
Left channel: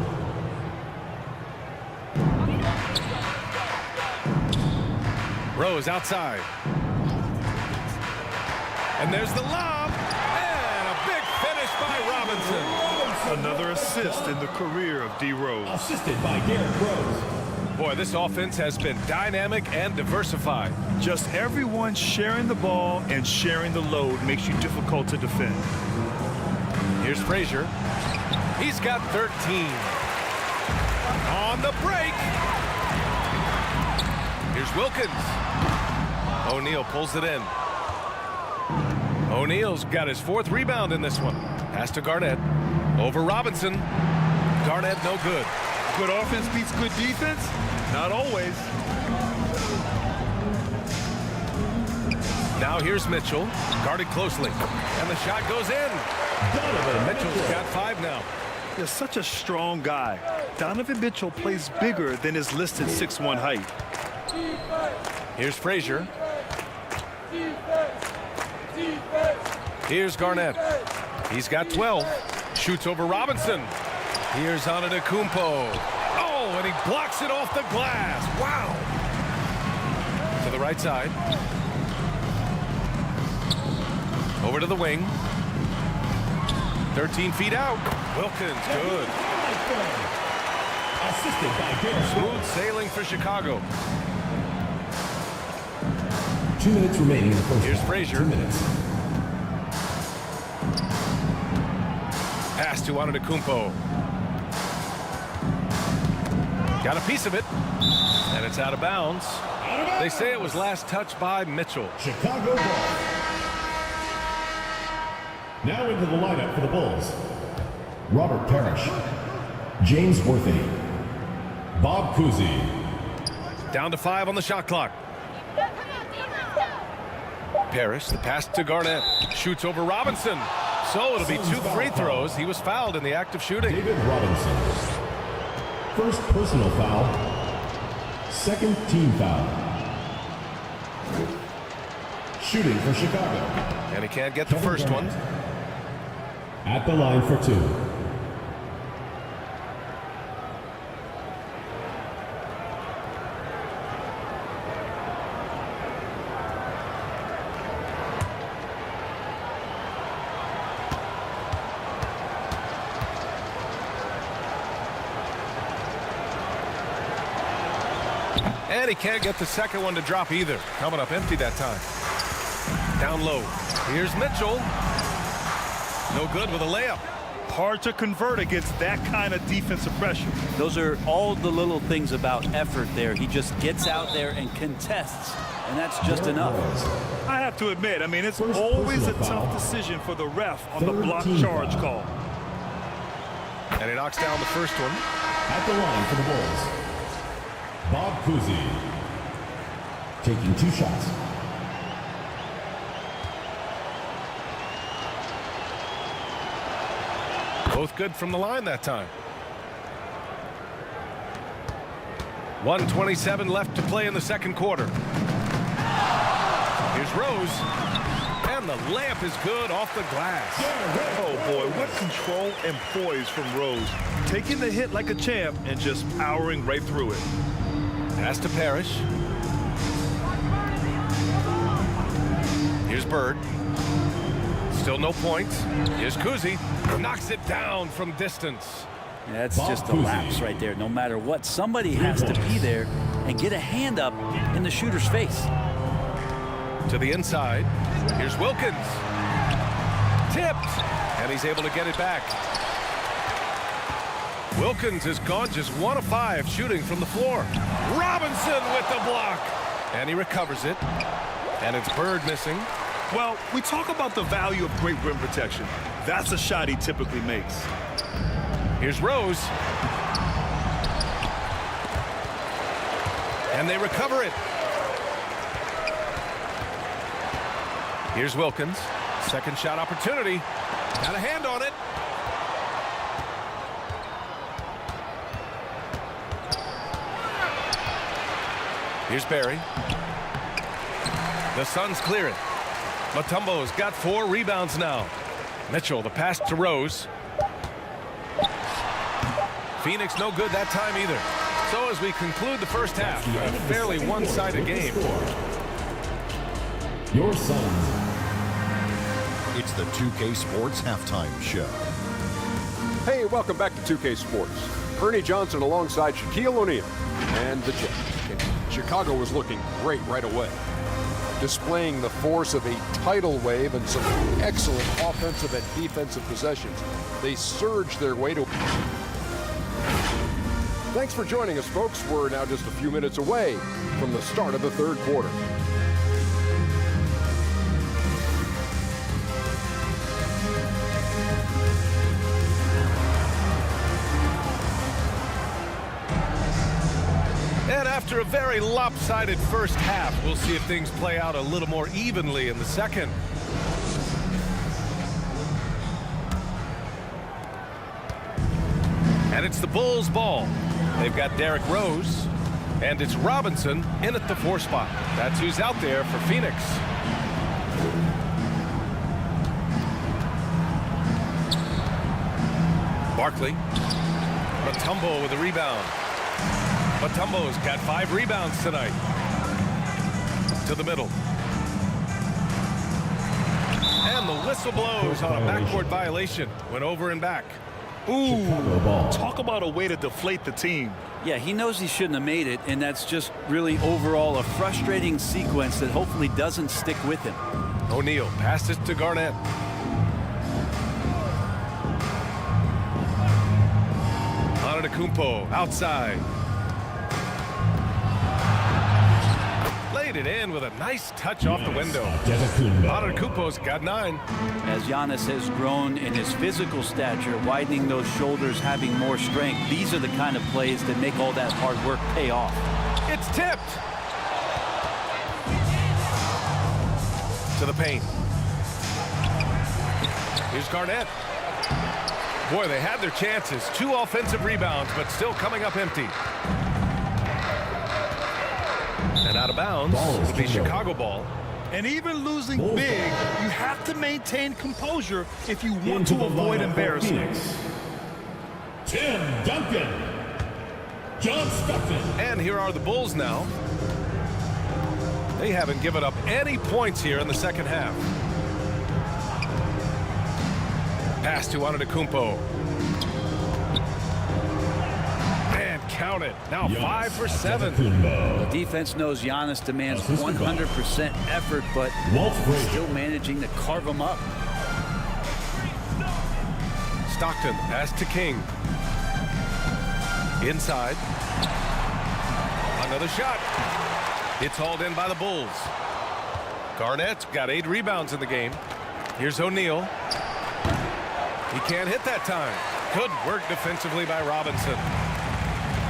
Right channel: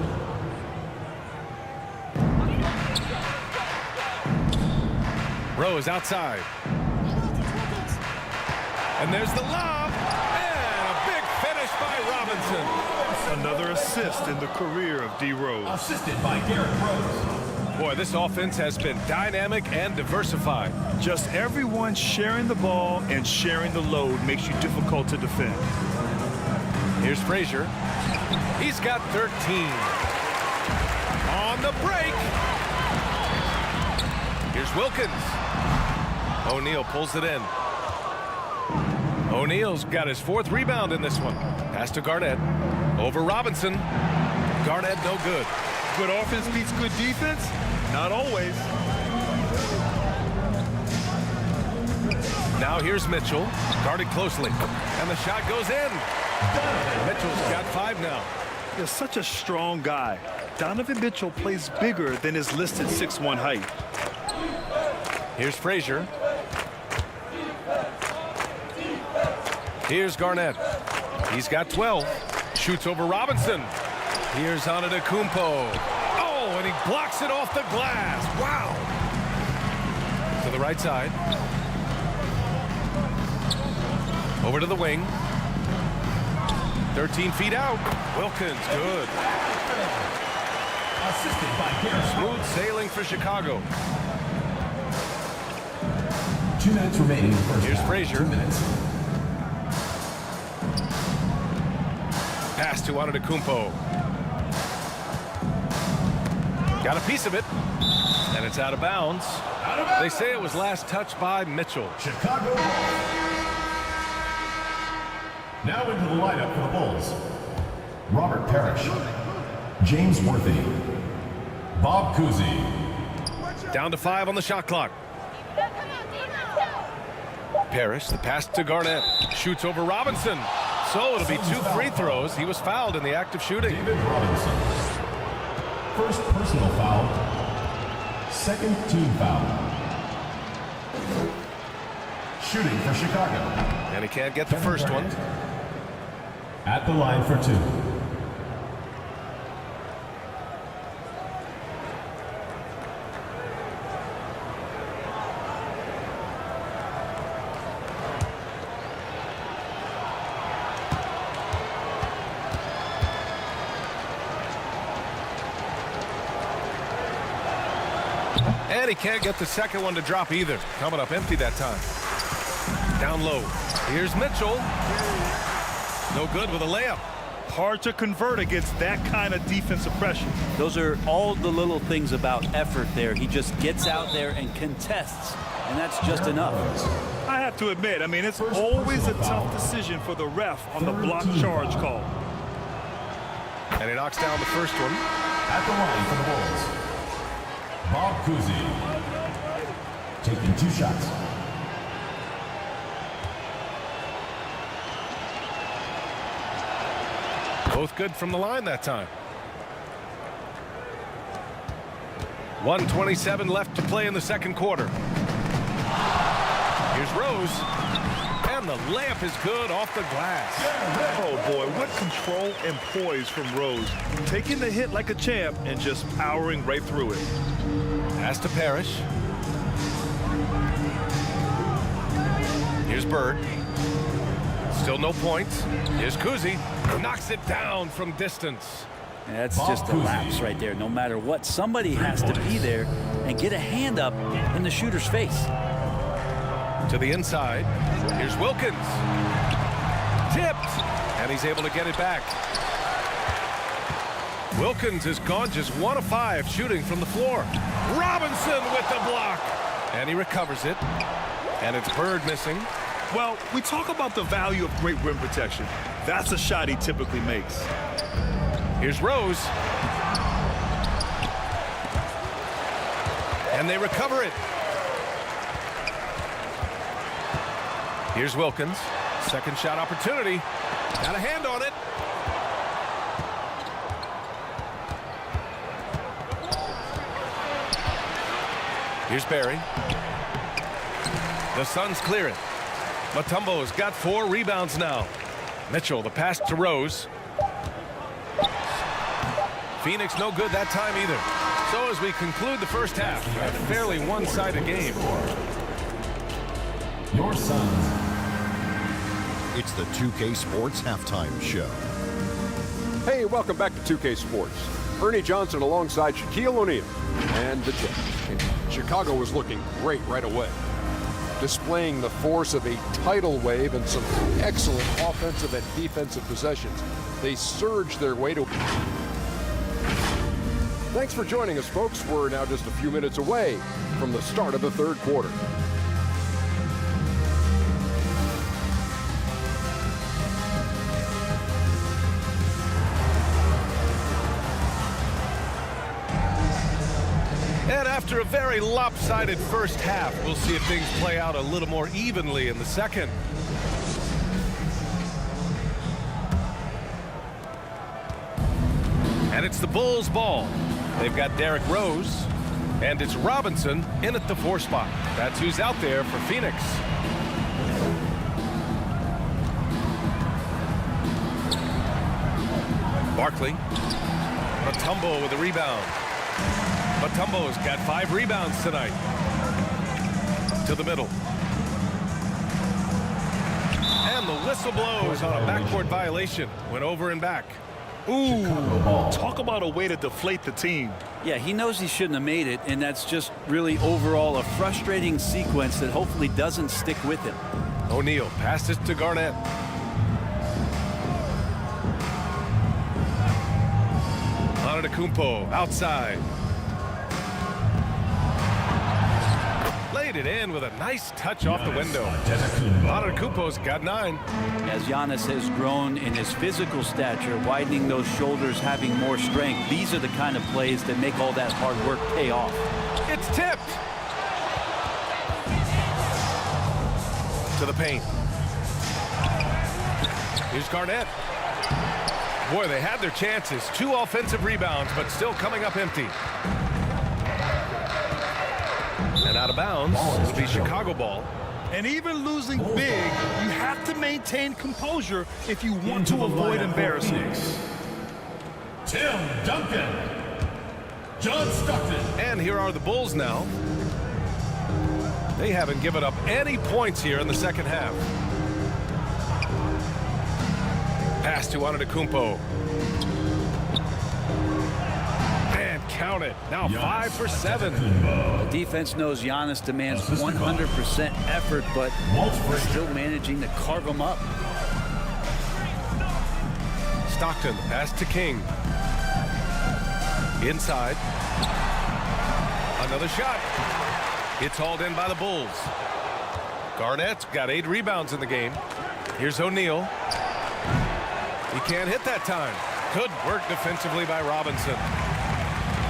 Rose outside. And there's the lob. And a big finish by Robinson. Another assist in the career of D. Rose. Assisted by Derrick Rose. Boy, this offense has been dynamic and diversified. Just everyone sharing the ball and sharing the load makes you difficult to defend. Here's Frazier. He's got 13. On the break. Here's Wilkins. O'Neal pulls it in. O'Neal's got his 4th rebound in this one. Pass to Garnett. Over Robinson. Garnett no good. Good offense beats good defense? Not always. Now here's Mitchell, guarded closely, and the shot goes in. Mitchell's got 5 now. He's such a strong guy. Donovan Mitchell plays bigger than his listed 6'1" height. Here's Frazier. Here's Garnett. He's got 12. Shoots over Robinson. Here's Antetokounmpo. Oh, and he blocks it off the glass. Wow. To the right side. Over to the wing. 13 feet out. Wilkins, good. Assisted by Garrett. Smooth sailing for Chicago. 2 minutes remaining in the first Here's half. Frazier. 2 minutes. Pass to Antetokounmpo. Got a piece of it. And it's out of bounds. They say it was last touched by Mitchell. Chicago ball. Now into the lineup for the Bulls. Robert Parrish. James Worthy. Bob Cousy. Down to 5 on the shot clock. Parrish, the pass to Garnett. Shoots over Robinson. So it'll be 2 free throws. He was fouled in the act of shooting. David Robinson. First personal foul. Second team foul. Shooting for Chicago. And he can't get the first one. At the line for 2. And he can't get the second one to drop either. Coming up empty that time. Down low. Here's Mitchell. No good with a layup. Hard to convert against that kind of defensive pressure. Those are all the little things about effort there. He just gets out there and contests, and that's just enough. I have to admit, I mean, it's always a tough decision for the ref on the block charge call. And he knocks down the first one. At the line for the Bulls. Bob Cousy. Taking 2 shots. Both good from the line that time. 1:27 left to play in the second quarter. Here's Rose. And the layup is good off the glass. Oh boy, what control and poise from Rose. Taking the hit like a champ and just powering right through it. Pass to Parrish. Here's Bird. Still no points. Here's Cousy. Knocks it down from distance. Yeah, that's just a lapse right there. No matter what, somebody has to be there and get a hand up in the shooter's face. To the inside. Here's Wilkins. Tipped. And he's able to get it back. Wilkins has gone just 1 of 5 shooting from the floor. Robinson with the block. And he recovers it. And it's Bird missing. Well, we talk about the value of great rim protection. That's a shot he typically makes. Here's Rose. And they recover it. Here's Wilkins. Second shot opportunity. Got a hand on it. Here's Barry. The Suns clear it. Mutombo's got 4 rebounds now. Mitchell, the pass to Rose. Phoenix no good that time either. So as we conclude the first half, a fairly one-sided game. Your Suns. It's the 2K Sports Halftime Show. Hey, welcome back to 2K Sports. Ernie Johnson alongside Shaquille O'Neal and the Jets. And Chicago was looking great right away, displaying the force of a tidal wave and some excellent offensive and defensive possessions. They surged their way to... Thanks for joining us, folks. We're now just a few minutes away from the start of the third quarter. And After a very lopsided first half, we'll see if things play out a little more evenly in the second. And it's the Bulls' ball. They've got Derrick Rose, and it's Robinson in at the 4 spot. That's who's out there for Phoenix. Barkley. Mutombo with a rebound. Mutombo's got 5 rebounds tonight. To the middle. And the whistle blows on a backcourt violation. Went over and back. Ooh, talk about a way to deflate the team. Yeah, he knows he shouldn't have made it, and that's just really overall a frustrating sequence that hopefully doesn't stick with him. O'Neal passes to Garnett. Antetokounmpo outside. Laid it in with a nice touch off the window. Antetokounmpo's got 9. As Giannis has grown in his physical stature, widening those shoulders, having more strength, these are the kind of plays that make all that hard work pay off. It's tipped. To the paint. Here's Garnett. Boy, they had their chances. 2 offensive rebounds, but still coming up empty. And out of bounds, it'll be Chicago ball. And even losing big, you have to maintain composure if you want to avoid embarrassment. Tim Duncan. John Stockton. And here are the Bulls now. They haven't given up any points here in the second half. Pass to Antetokounmpo. And count it. Now 5 for 7. The defense knows Giannis demands 100% effort, but still managing to carve him up. Stockton, pass to King. Inside. Another shot. It's hauled in by the Bulls. Garnett's got 8 rebounds in the game. Here's O'Neal. He can't hit that time. Good work defensively by Robinson.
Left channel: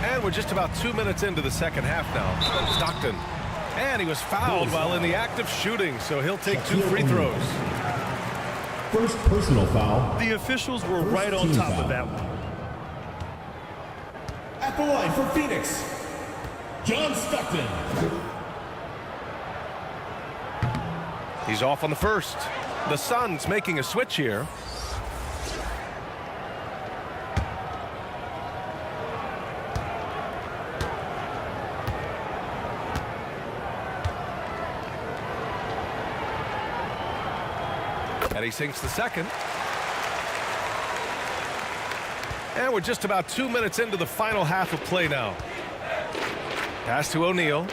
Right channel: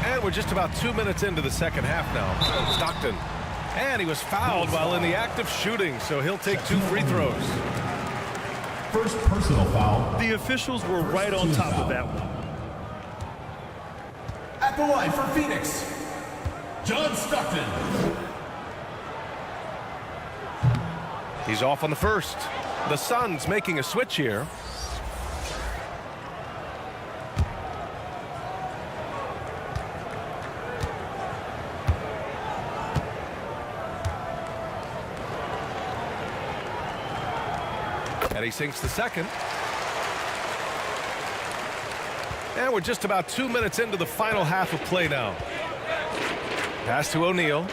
And we're just about 2 minutes into the second half now. Stockton. And he was fouled while in the act of shooting, so he'll take 2 free throws. First personal foul. The officials were right on top of that one. At the line for Phoenix, John Stockton. He's off on the first. The Suns making a switch here. And he sinks the second. And we're just about 2 minutes into the final half of play now. Pass to O'Neal.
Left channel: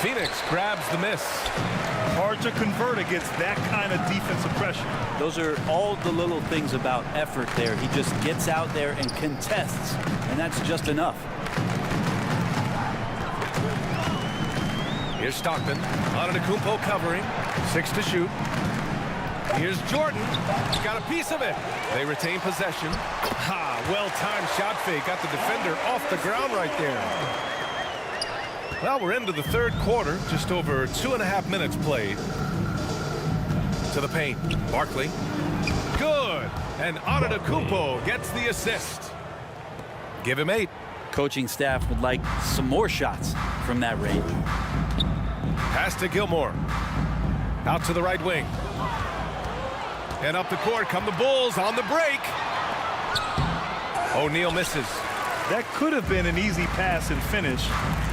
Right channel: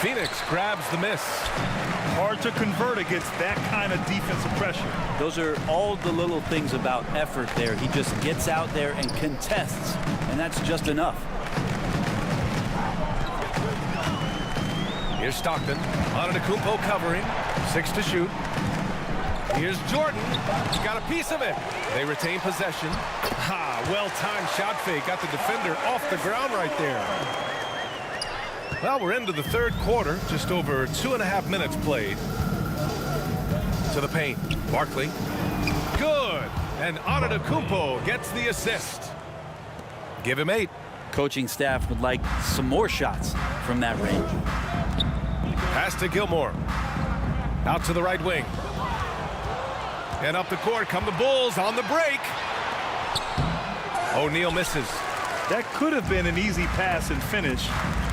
Phoenix grabs the miss. Hard to convert against that kind of defensive pressure. Those are all the little things about effort there. He just gets out there and contests, and that's just enough. Here's Stockton. Antetokounmpo covering. 6 to shoot. Here's Jordan. He got a piece of it. They retain possession. Ha! Well-timed shot fake. Got the defender off the ground right there. Well, we're into the third quarter. Just over 2.5 minutes played. To the paint. Barkley. Good. And Antetokounmpo gets the assist. Give him 8. Coaching staff would like some more shots from that range. Pass to Gilmore. Out to the right wing. And up the court come the Bulls on the break. O'Neal misses. That could have been an easy pass and finish.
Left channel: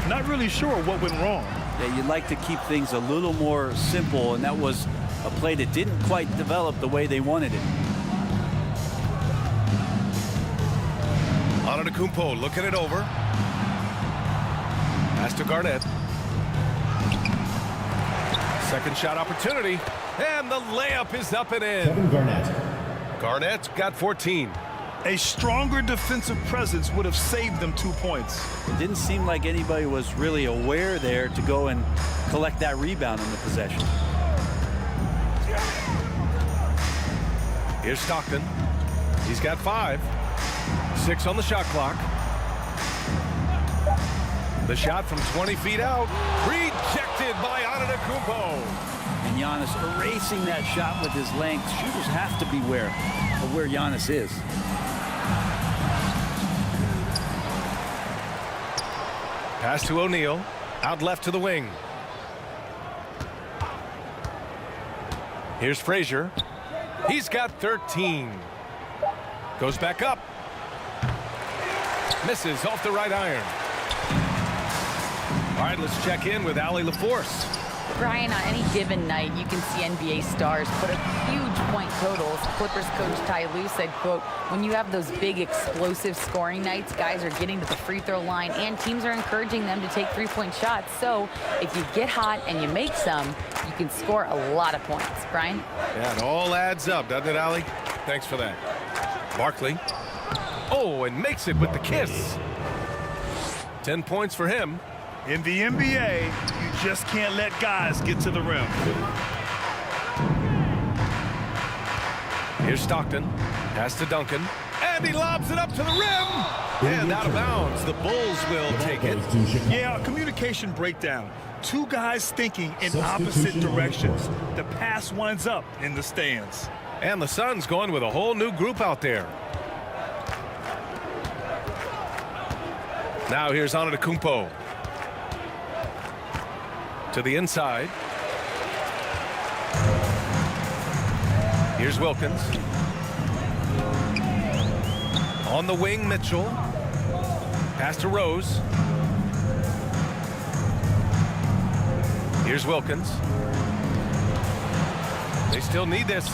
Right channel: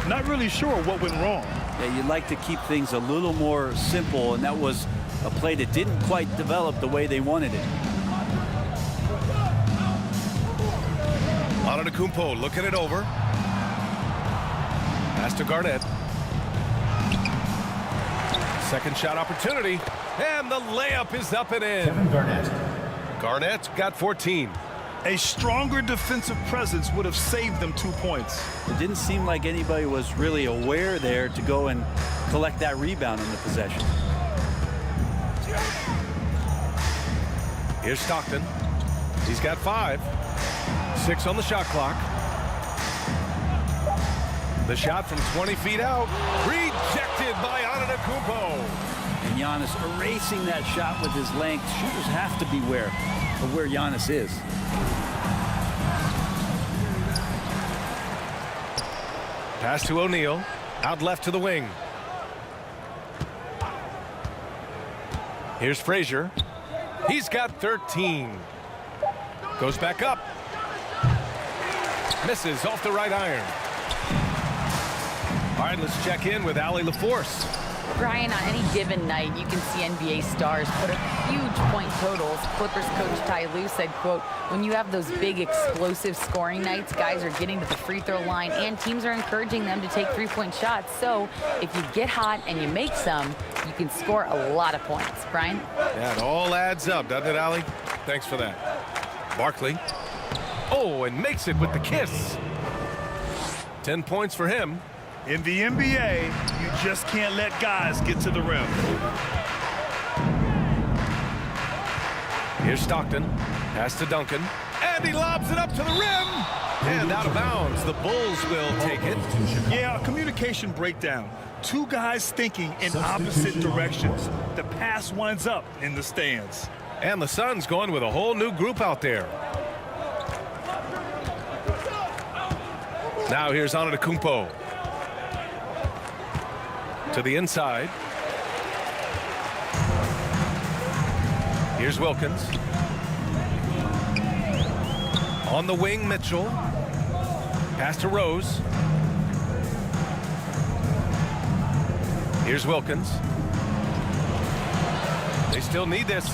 Not really sure what went wrong. Yeah, you'd like to keep things a little more simple, and that was a play that didn't quite develop the way they wanted it. Antetokounmpo looking it over. Pass to Garnett. Second shot opportunity. And the layup is up and in. Kevin Garnett. Garnett's got 14. A stronger defensive presence would have saved them 2 points. It didn't seem like anybody was really aware there to go and collect that rebound in the possession. Here's Stockton. He's got 5. 6 on the shot clock. The shot from 20 feet out, rejected by Antetokounmpo. And Giannis erasing that shot with his length. Shooters have to beware of where Giannis is. Pass to O'Neal, out left to the wing. Here's Frazier. He's got 13. Goes back up. Misses off the right iron. All right, let's check in with Allie LaForce. Brian, on any given night, you can see NBA stars put up huge point totals. Clippers coach Ty Lue said, quote, when you have those big explosive scoring nights, guys are getting to the free throw line and teams are encouraging them to take three-point shots. So if you get hot and you make some, you can score a lot of points. Brian? Yeah, it all adds up, doesn't it, Allie? Thanks for that. Barkley. Oh, and makes it with the kiss. 10 points for him. In the NBA, you just can't let guys get to the rim. Here's Stockton. Pass to Duncan. And he lobs it up to the rim. And out of bounds. The Bulls will take it. Yeah, a communication breakdown. Two guys thinking in opposite directions. The pass winds up in the stands. And the Suns going with a whole new group out there. Now here's Antetokounmpo. To the inside. Here's Wilkins. On the wing, Mitchell. Pass to Rose. Here's Wilkins. They still need this.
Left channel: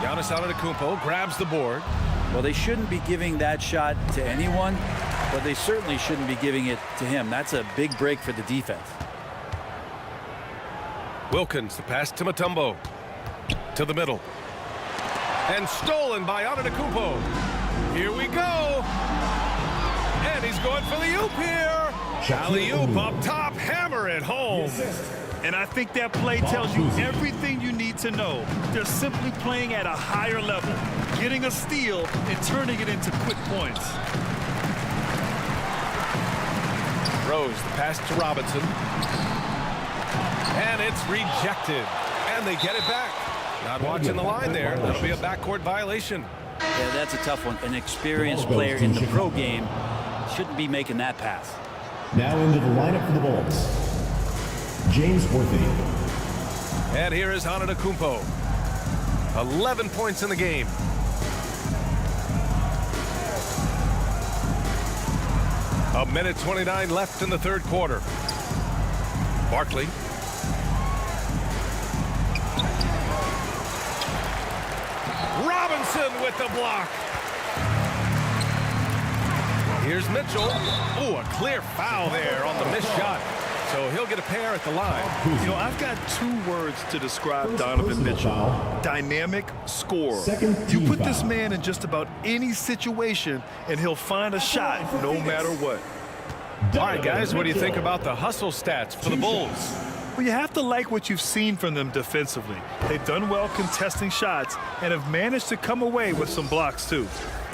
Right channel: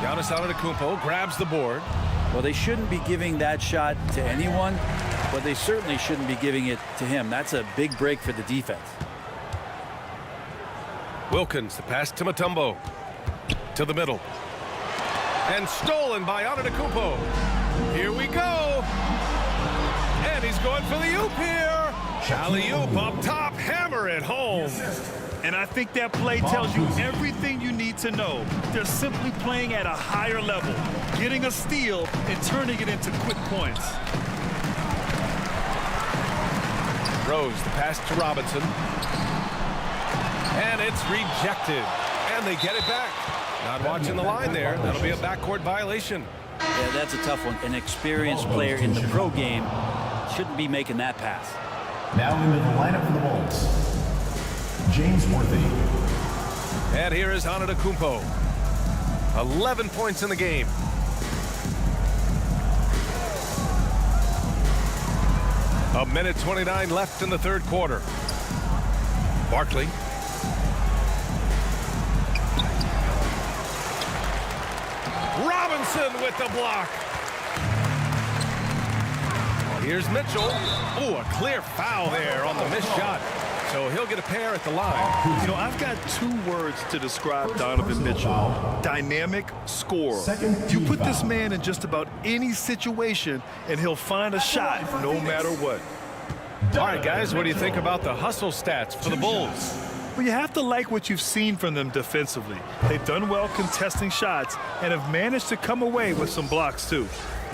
Giannis Antetokounmpo grabs the board. Well, they shouldn't be giving that shot to anyone, but they certainly shouldn't be giving it to him. That's a big break for the defense. Wilkins, the pass to Mutombo. To the middle. And stolen by Antetokounmpo. Here we go. And he's going for the oop here. Alley-oop up top, hammer it home. And I think that play tells you everything you need to know. They're simply playing at a higher level, getting a steal and turning it into quick points. Rose, the pass to Robinson. And it's rejected. And they get it back. Not watching the line there. That'll be a backcourt violation. Yeah, that's a tough one. An experienced player in the pro game shouldn't be making that pass. Now into the lineup for the Bulls, James Worthy. And here is Antetokounmpo. 11 points in the game. A minute 29 left in the third quarter. Barkley. Robinson with the block. Here's Mitchell. Oh, a clear foul there on the missed shot. So he'll get a pair at the line. You know, I've got two words to describe Donovan Mitchell. Dynamic scorer. You put this man in just about any situation, and he'll find a shot no matter what. All right, guys, what do you think about the hustle stats for the Bulls? Well, you have to like what you've seen from them defensively. They've done well contesting shots and have managed to come away with some blocks, too.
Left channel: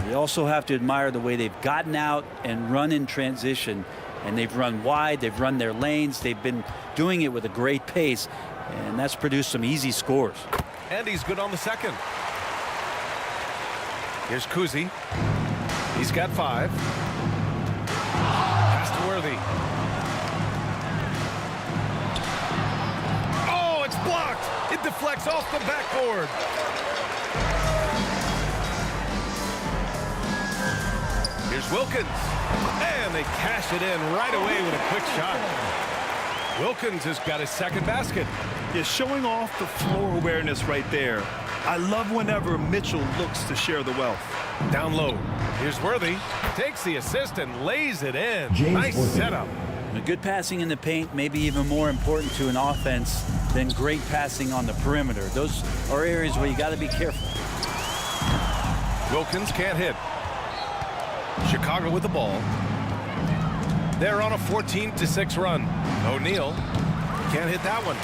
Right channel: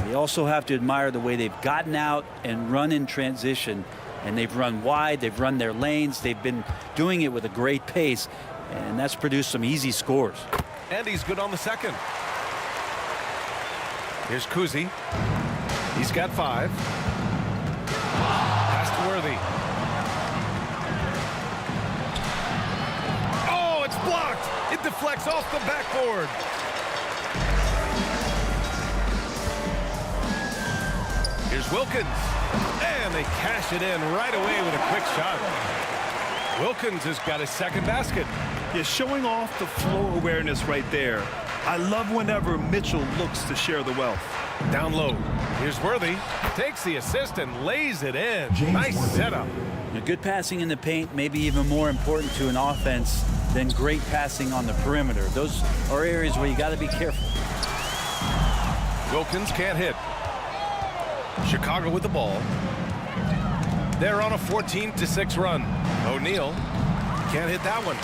You also have to admire the way they've gotten out and run in transition. And they've run wide, they've run their lanes, they've been doing it with a great pace, and that's produced some easy scores. And he's good on the second. Here's Kuzi. He's got 5. Pass to Worthy. Oh, it's blocked. It deflects off the backboard. Here's Wilkins. And they cash it in right away with a quick shot. Wilkins has got his second basket. Yeah, showing off the floor awareness right there. I love whenever Mitchell looks to share the wealth. Down low. Here's Worthy. Takes the assist and lays it in. Nice setup. A good passing in the paint may be even more important to an offense than great passing on the perimeter. Those are areas where you got to be careful. Wilkins can't hit. Chicago with the ball. They're on a 14-6 run. O'Neal can't hit that one.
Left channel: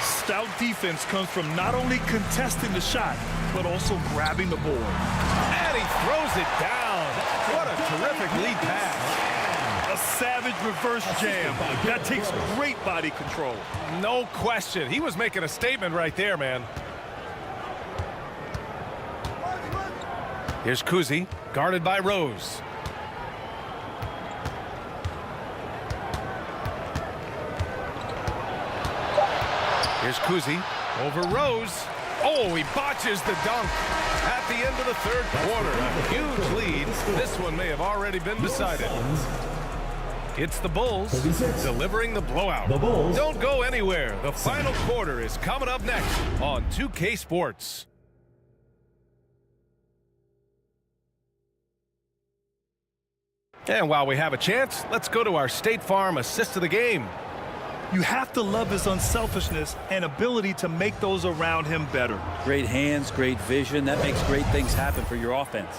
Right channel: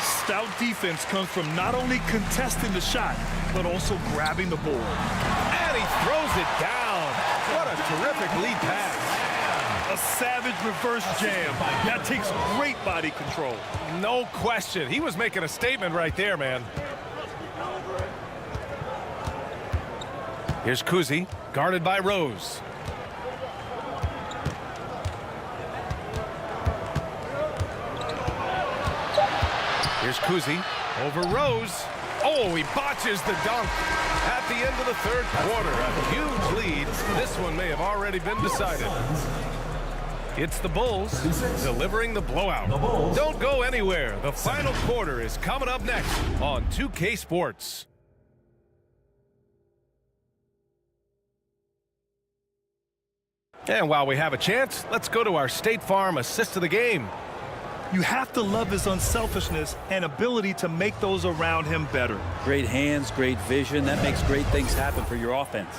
Stout defense comes from not only contesting the shot, but also grabbing the board. And he throws it down. What a terrific lead pass. A savage reverse jam. That takes great body control. No question. He was making a statement right there, man. Here's Kuzi, guarded by Rose. Here's Kuzi over Rose. Oh, he botches the dunk at the end of the third quarter. A huge lead. This one may have already been decided. It's the Bulls delivering the blowout. Don't go anywhere. The final quarter is coming up next on 2K Sports. And while we have a chance, let's go to our State Farm assist of the game. You have to love his unselfishness and ability to make those around him better. Great hands, great vision. That makes great things happen for your offense.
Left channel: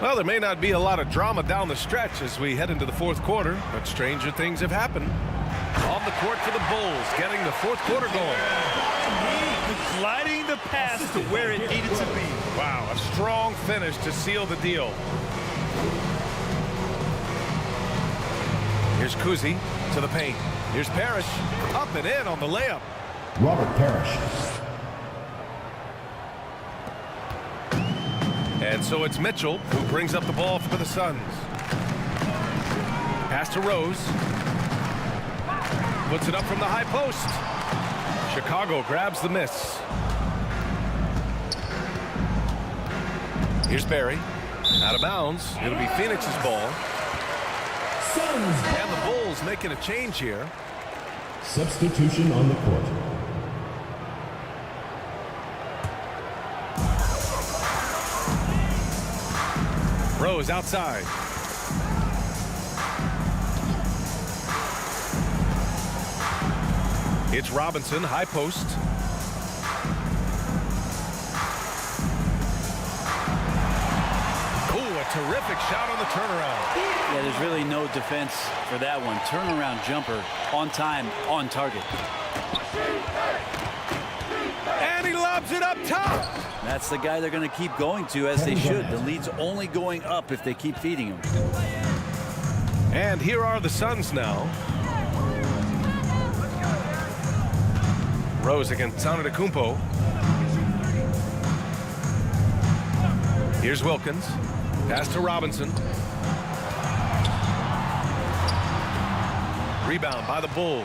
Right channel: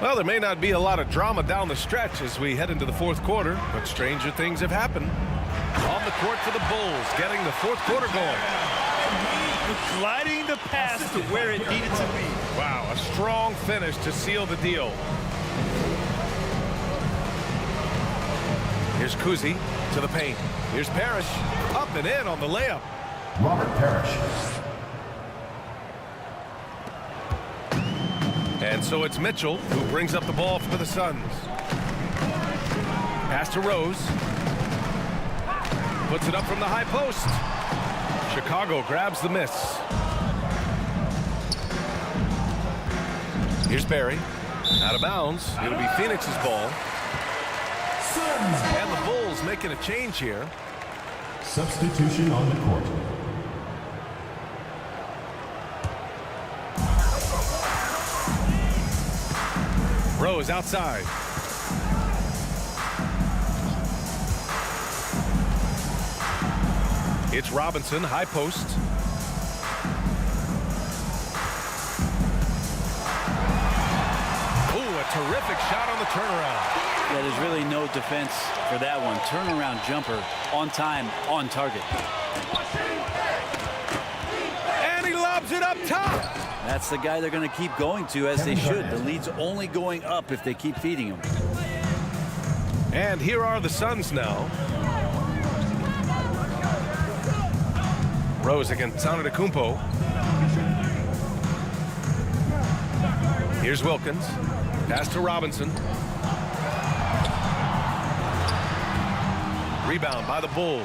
Well, there may not be a lot of drama down the stretch as we head into the fourth quarter, but stranger things have happened. On the court for the Bulls, getting the fourth quarter going. Gliding the pass to where it needed to be. Wow, a strong finish to seal the deal. Here's Kuzi to the paint. Here's Parrish, up and in on the layup. Robert Parrish. And so it's Mitchell who brings up the ball for the Suns. Pass to Rose. Puts it up from the high post. Chicago grabs the miss. Here's Barry. Out of bounds. It'll be Phoenix's ball. And the Bulls making a change here. Substitution on the court. Rose outside. It's Robinson, high post. Ooh, a terrific shot on the turnaround. Yeah, there's really no defense for that one. Turnaround jumper, on time, on target. And he lobs it up top. That's the guy they're going to keep going to, as they should. The lead's only going up if they keep feeding him. And here are the Suns now. Rose against Antetokounmpo. Here's Wilkins. Pass to Robinson. Rebound by the Bulls.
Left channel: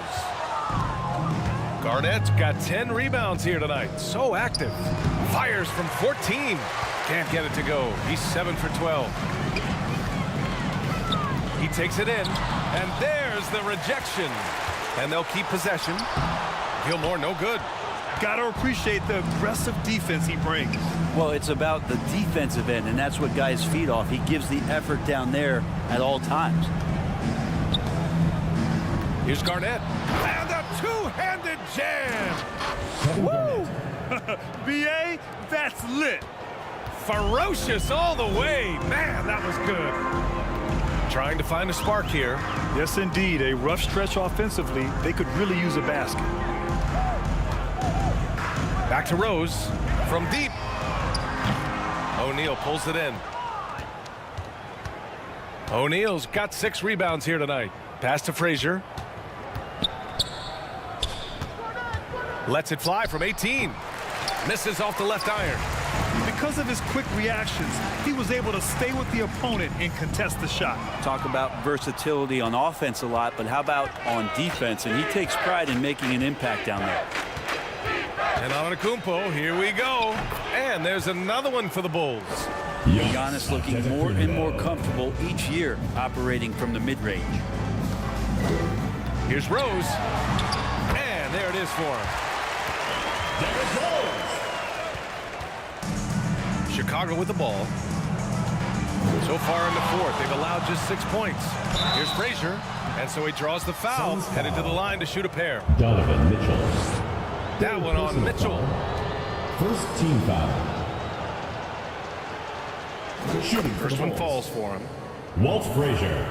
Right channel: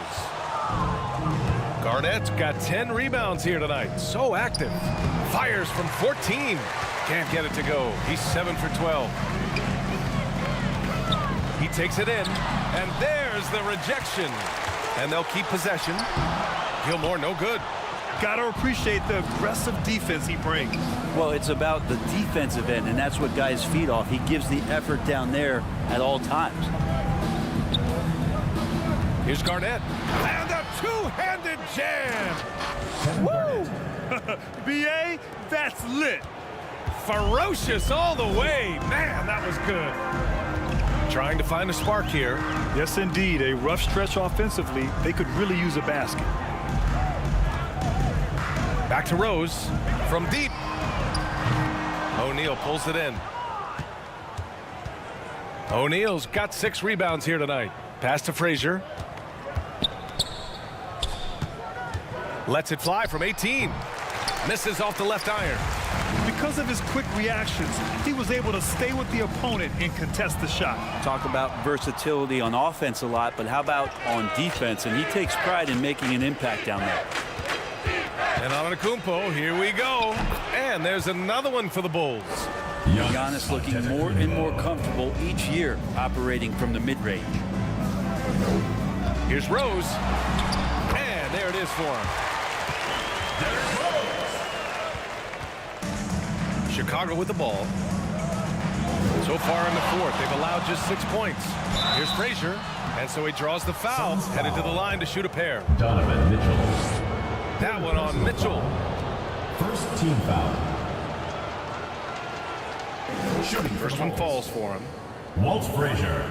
Garnett's got 10 rebounds here tonight. So active. Fires from 14. Can't get it to go. He's 7 for 12. He takes it in. And there's the rejection. And they'll keep possession. Gilmore, no good. Gotta appreciate the aggressive defense he brings. Well, it's about the defensive end, and that's what guys feed off. He gives the effort down there at all times. Here's Garnett. And a two-handed jam. Woo! BA, that's lit. Ferocious all the way. Man, that was good. Trying to find a spark here. Yes, indeed. A rough stretch offensively. They could really use a basket. Back to Rose from deep. O'Neal pulls it in. O'Neal's got 6 rebounds here tonight. Pass to Frazier. Lets it fly from 18. Misses off the left iron. Because of his quick reactions, he was able to stay with the opponent and contest the shot. Talk about versatility on offense a lot, but how about on defense? And he takes pride in making an impact down there. And Antetokounmpo, here we go. And there's another one for the Bulls. Giannis looking more and more comfortable each year operating from the mid-range. Here's Rose. And there it is for him. Chicago with the ball. So far in the fourth, they've allowed just 6 points. Here's Frazier. And so he draws the foul, headed to the line to shoot a pair. Donovan Mitchell. That one on Mitchell. First team foul. Shooting First one falls for him. Walt Frazier.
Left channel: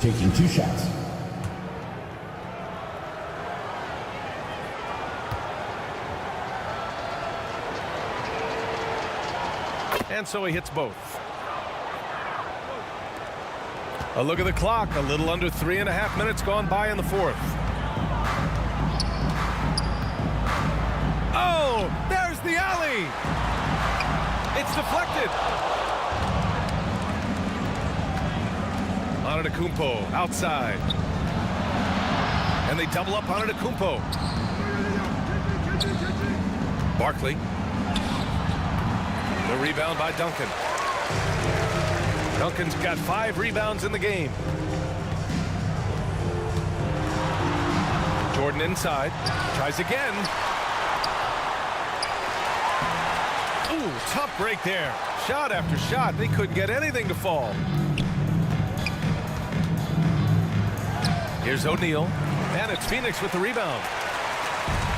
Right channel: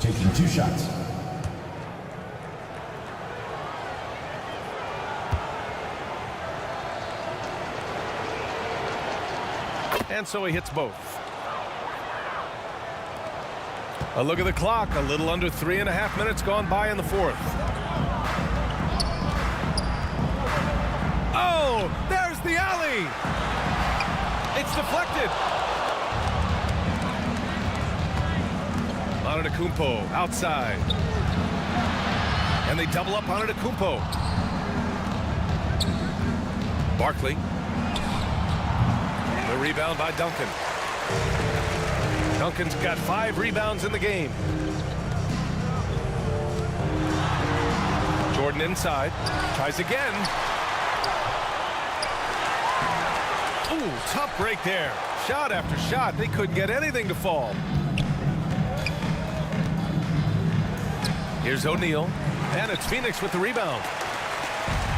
Taking 2 shots. And so he hits both. A look at the clock. A little under 3.5 minutes gone by in the fourth. Oh, there's the alley. It's deflected. Antetokounmpo outside. And they double up Antetokounmpo. Barkley. The rebound by Duncan. Duncan's got 5 rebounds in the game. Jordan inside. Tries again. Ooh, tough break there. Shot after shot. They couldn't get anything to fall. Here's O'Neal. And it's Phoenix with the rebound.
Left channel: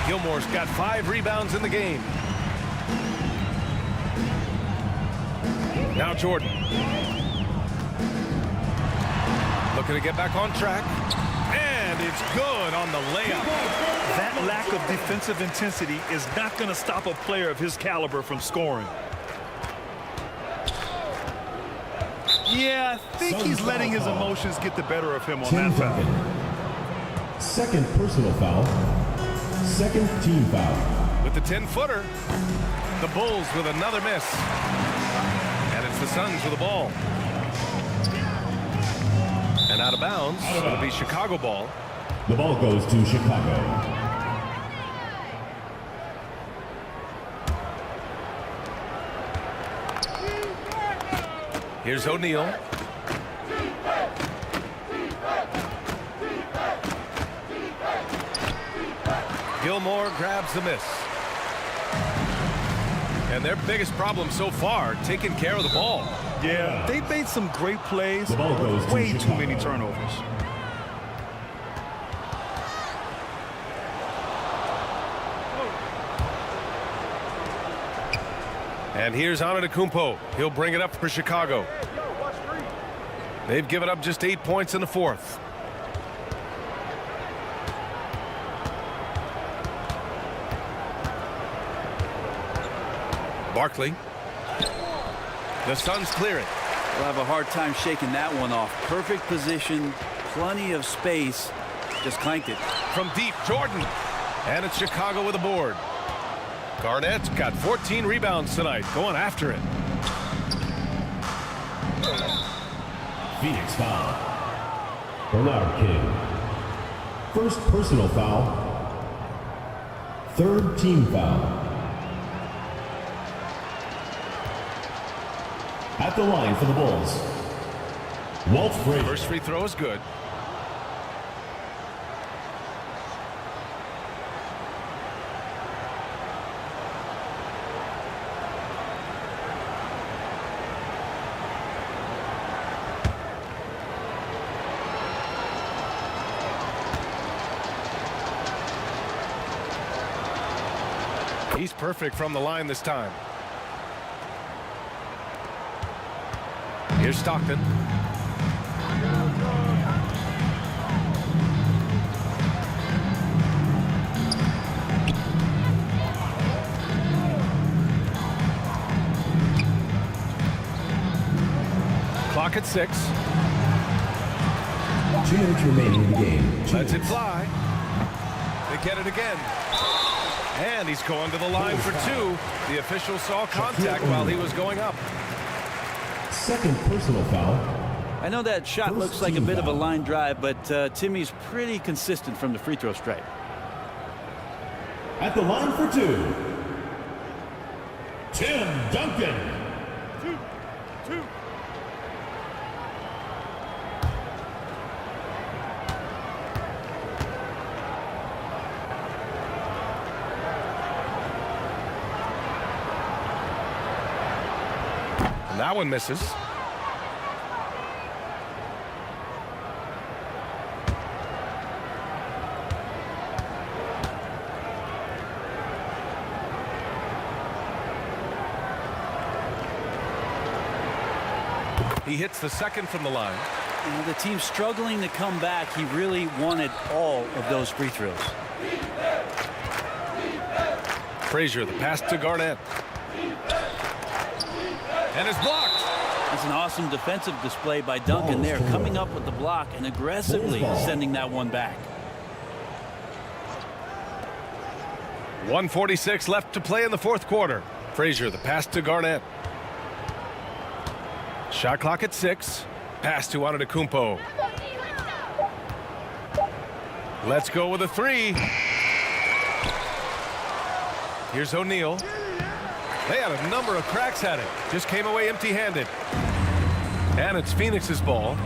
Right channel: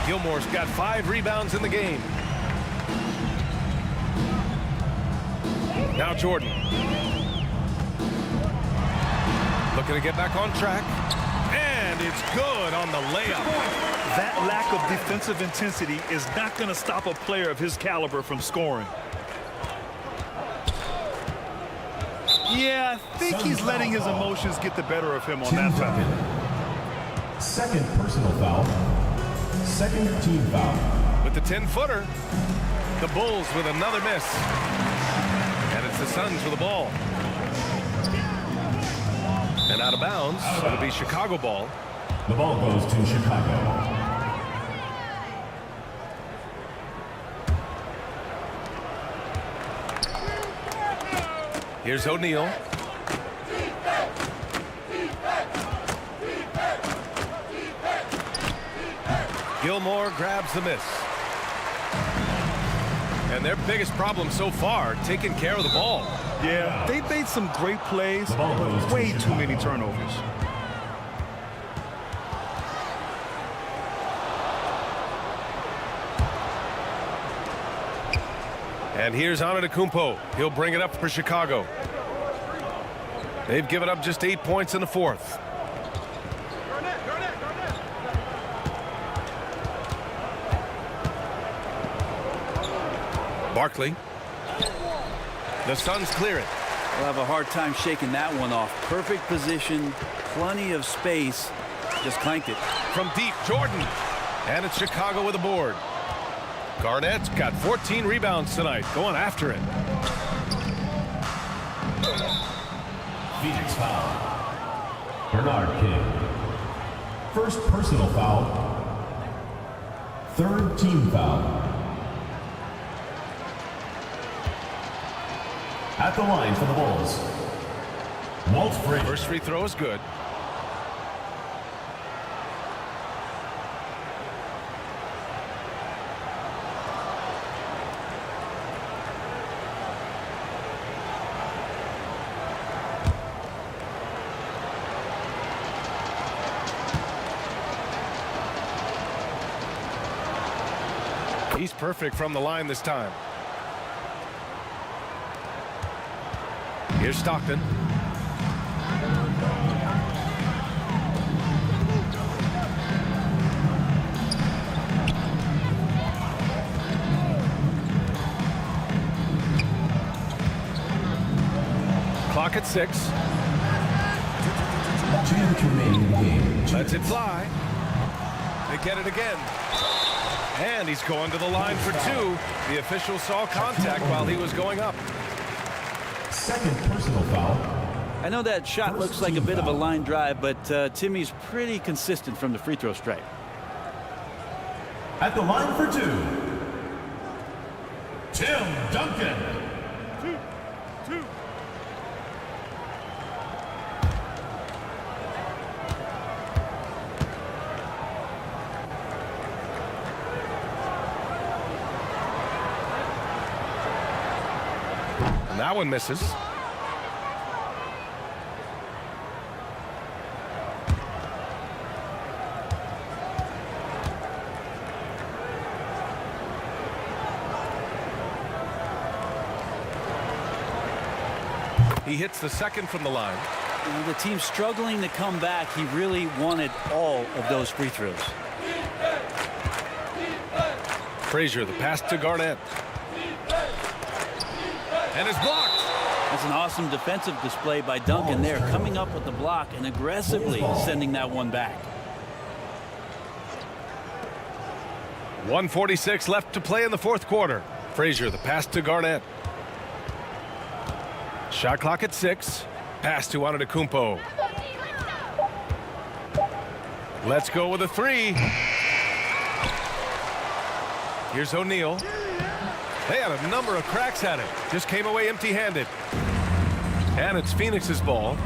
Gilmore's got 5 rebounds in the game. Now Jordan. Looking to get back on track. And it's good on the layup. That lack of defensive intensity is not going to stop a player of his caliber from scoring. Yeah, I think he's letting his emotions get the better of him on that foul. Second personal foul. Second team foul. With the 10-footer, the Bulls with another miss. And it's the Suns with the ball. And out of bounds, it'll be Chicago ball. The ball goes to Chicago. Here's O'Neal. Gilmore grabs the miss. And their biggest problem so far, taking care of the ball. Yeah, they've made some great plays, but way too many turnovers. And here's Antetokounmpo. He'll bring it up for Chicago. They've given up just 8 points in the fourth. Barkley. The Suns clear it. We'll have a hard time shaking that one off. Perfect position, plenty of space. Just clanked it. From deep, Jordan. And it's Chicago with a board. Garnett's got 14 rebounds tonight, going after it. Phoenix foul. Bernard King. First personal foul. Third team foul. At the line for the Bulls, Walt Frazier. First free throw is good. He's perfect from the line this time. Here's Stockton. Clock at 6. 2 minutes remaining in the game. Lets it fly. They get it again. And he's going to the line for 2. The official saw contact while he was going up. Second personal foul. I know that shot looks like a bit of a line drive, but Timmy's pretty consistent from the free throw stripe. At the line for 2, Tim Duncan. 2. And that one misses. He hits the second from the line. You know, the team's struggling to come back. He really wanted all of those free throws. Frazier, the pass to Garnett. And it's blocked. That's an awesome defensive display by Duncan there, coming up with the block and aggressively sending that one back. 1:46 left to play in the fourth quarter. Frazier, the pass to Garnett. Shot clock at 6. Pass to Antetokounmpo. Let's go with a 3. Here's O'Neal. They had a number of cracks at it. Just came away empty-handed. And it's Phoenix's ball.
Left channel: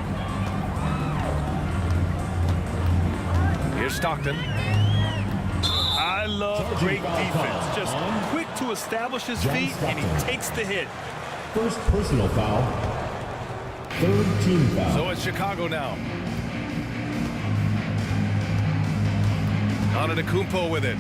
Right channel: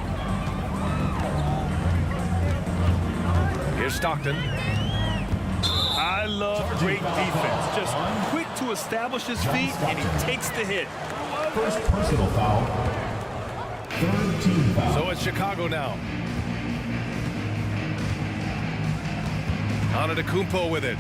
Here's Stockton. I love great defense. Just quick to establish his feet, and he takes the hit. First personal foul. Third team foul. So it's Chicago now. Antetokounmpo with it.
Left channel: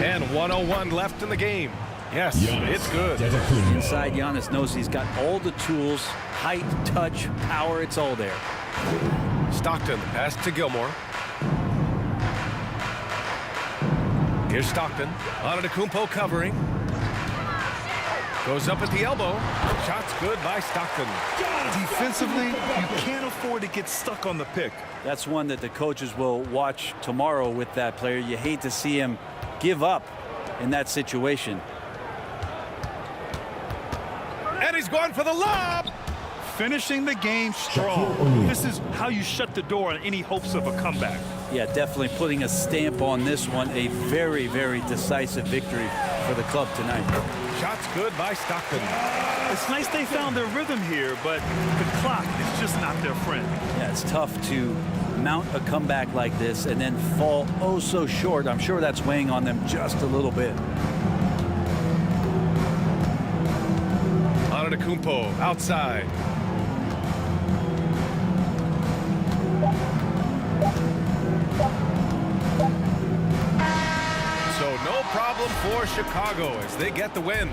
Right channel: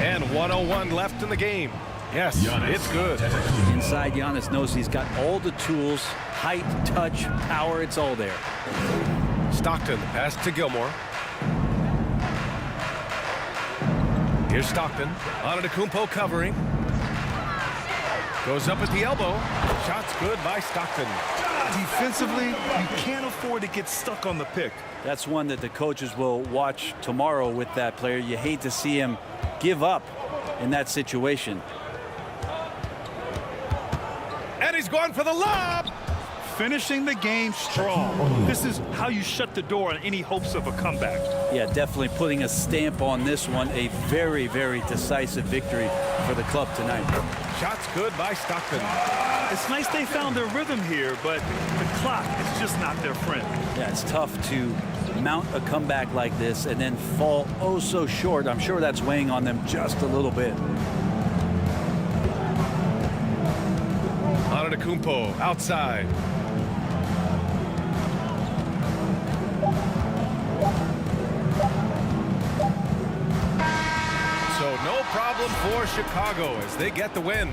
And 1:01 left in the game. Yes, Giannis. It's good. Inside, Giannis knows he's got all the tools, height, touch, power, it's all there. Stockton, the pass to Gilmore. Here's Stockton. Antetokounmpo covering. Goes up at the elbow. Shot's good by Stockton. Defensively, you can't afford to get stuck on the pick. That's one that the coaches will watch tomorrow with that player. You hate to see him give up in that situation. And he's going for the lob. Finishing the game strong. This is how you shut the door on any hopes of a comeback. Yeah, definitely putting a stamp on this one. A very, very decisive victory for the club tonight. Shot's good by Stockton. It's nice they found their rhythm here, but the clock is just not their friend. Yeah, it's tough to mount a comeback like this and then fall oh so short. I'm sure that's weighing on them just a little bit. Antetokounmpo outside. So no problem for Chicago as they get the win.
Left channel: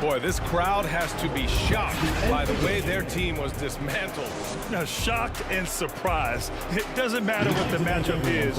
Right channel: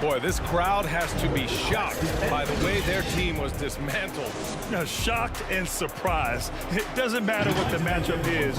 Boy, this crowd has to be shocked by the way their team was dismantled. Now, shocked and surprised. It doesn't matter what the matchup is.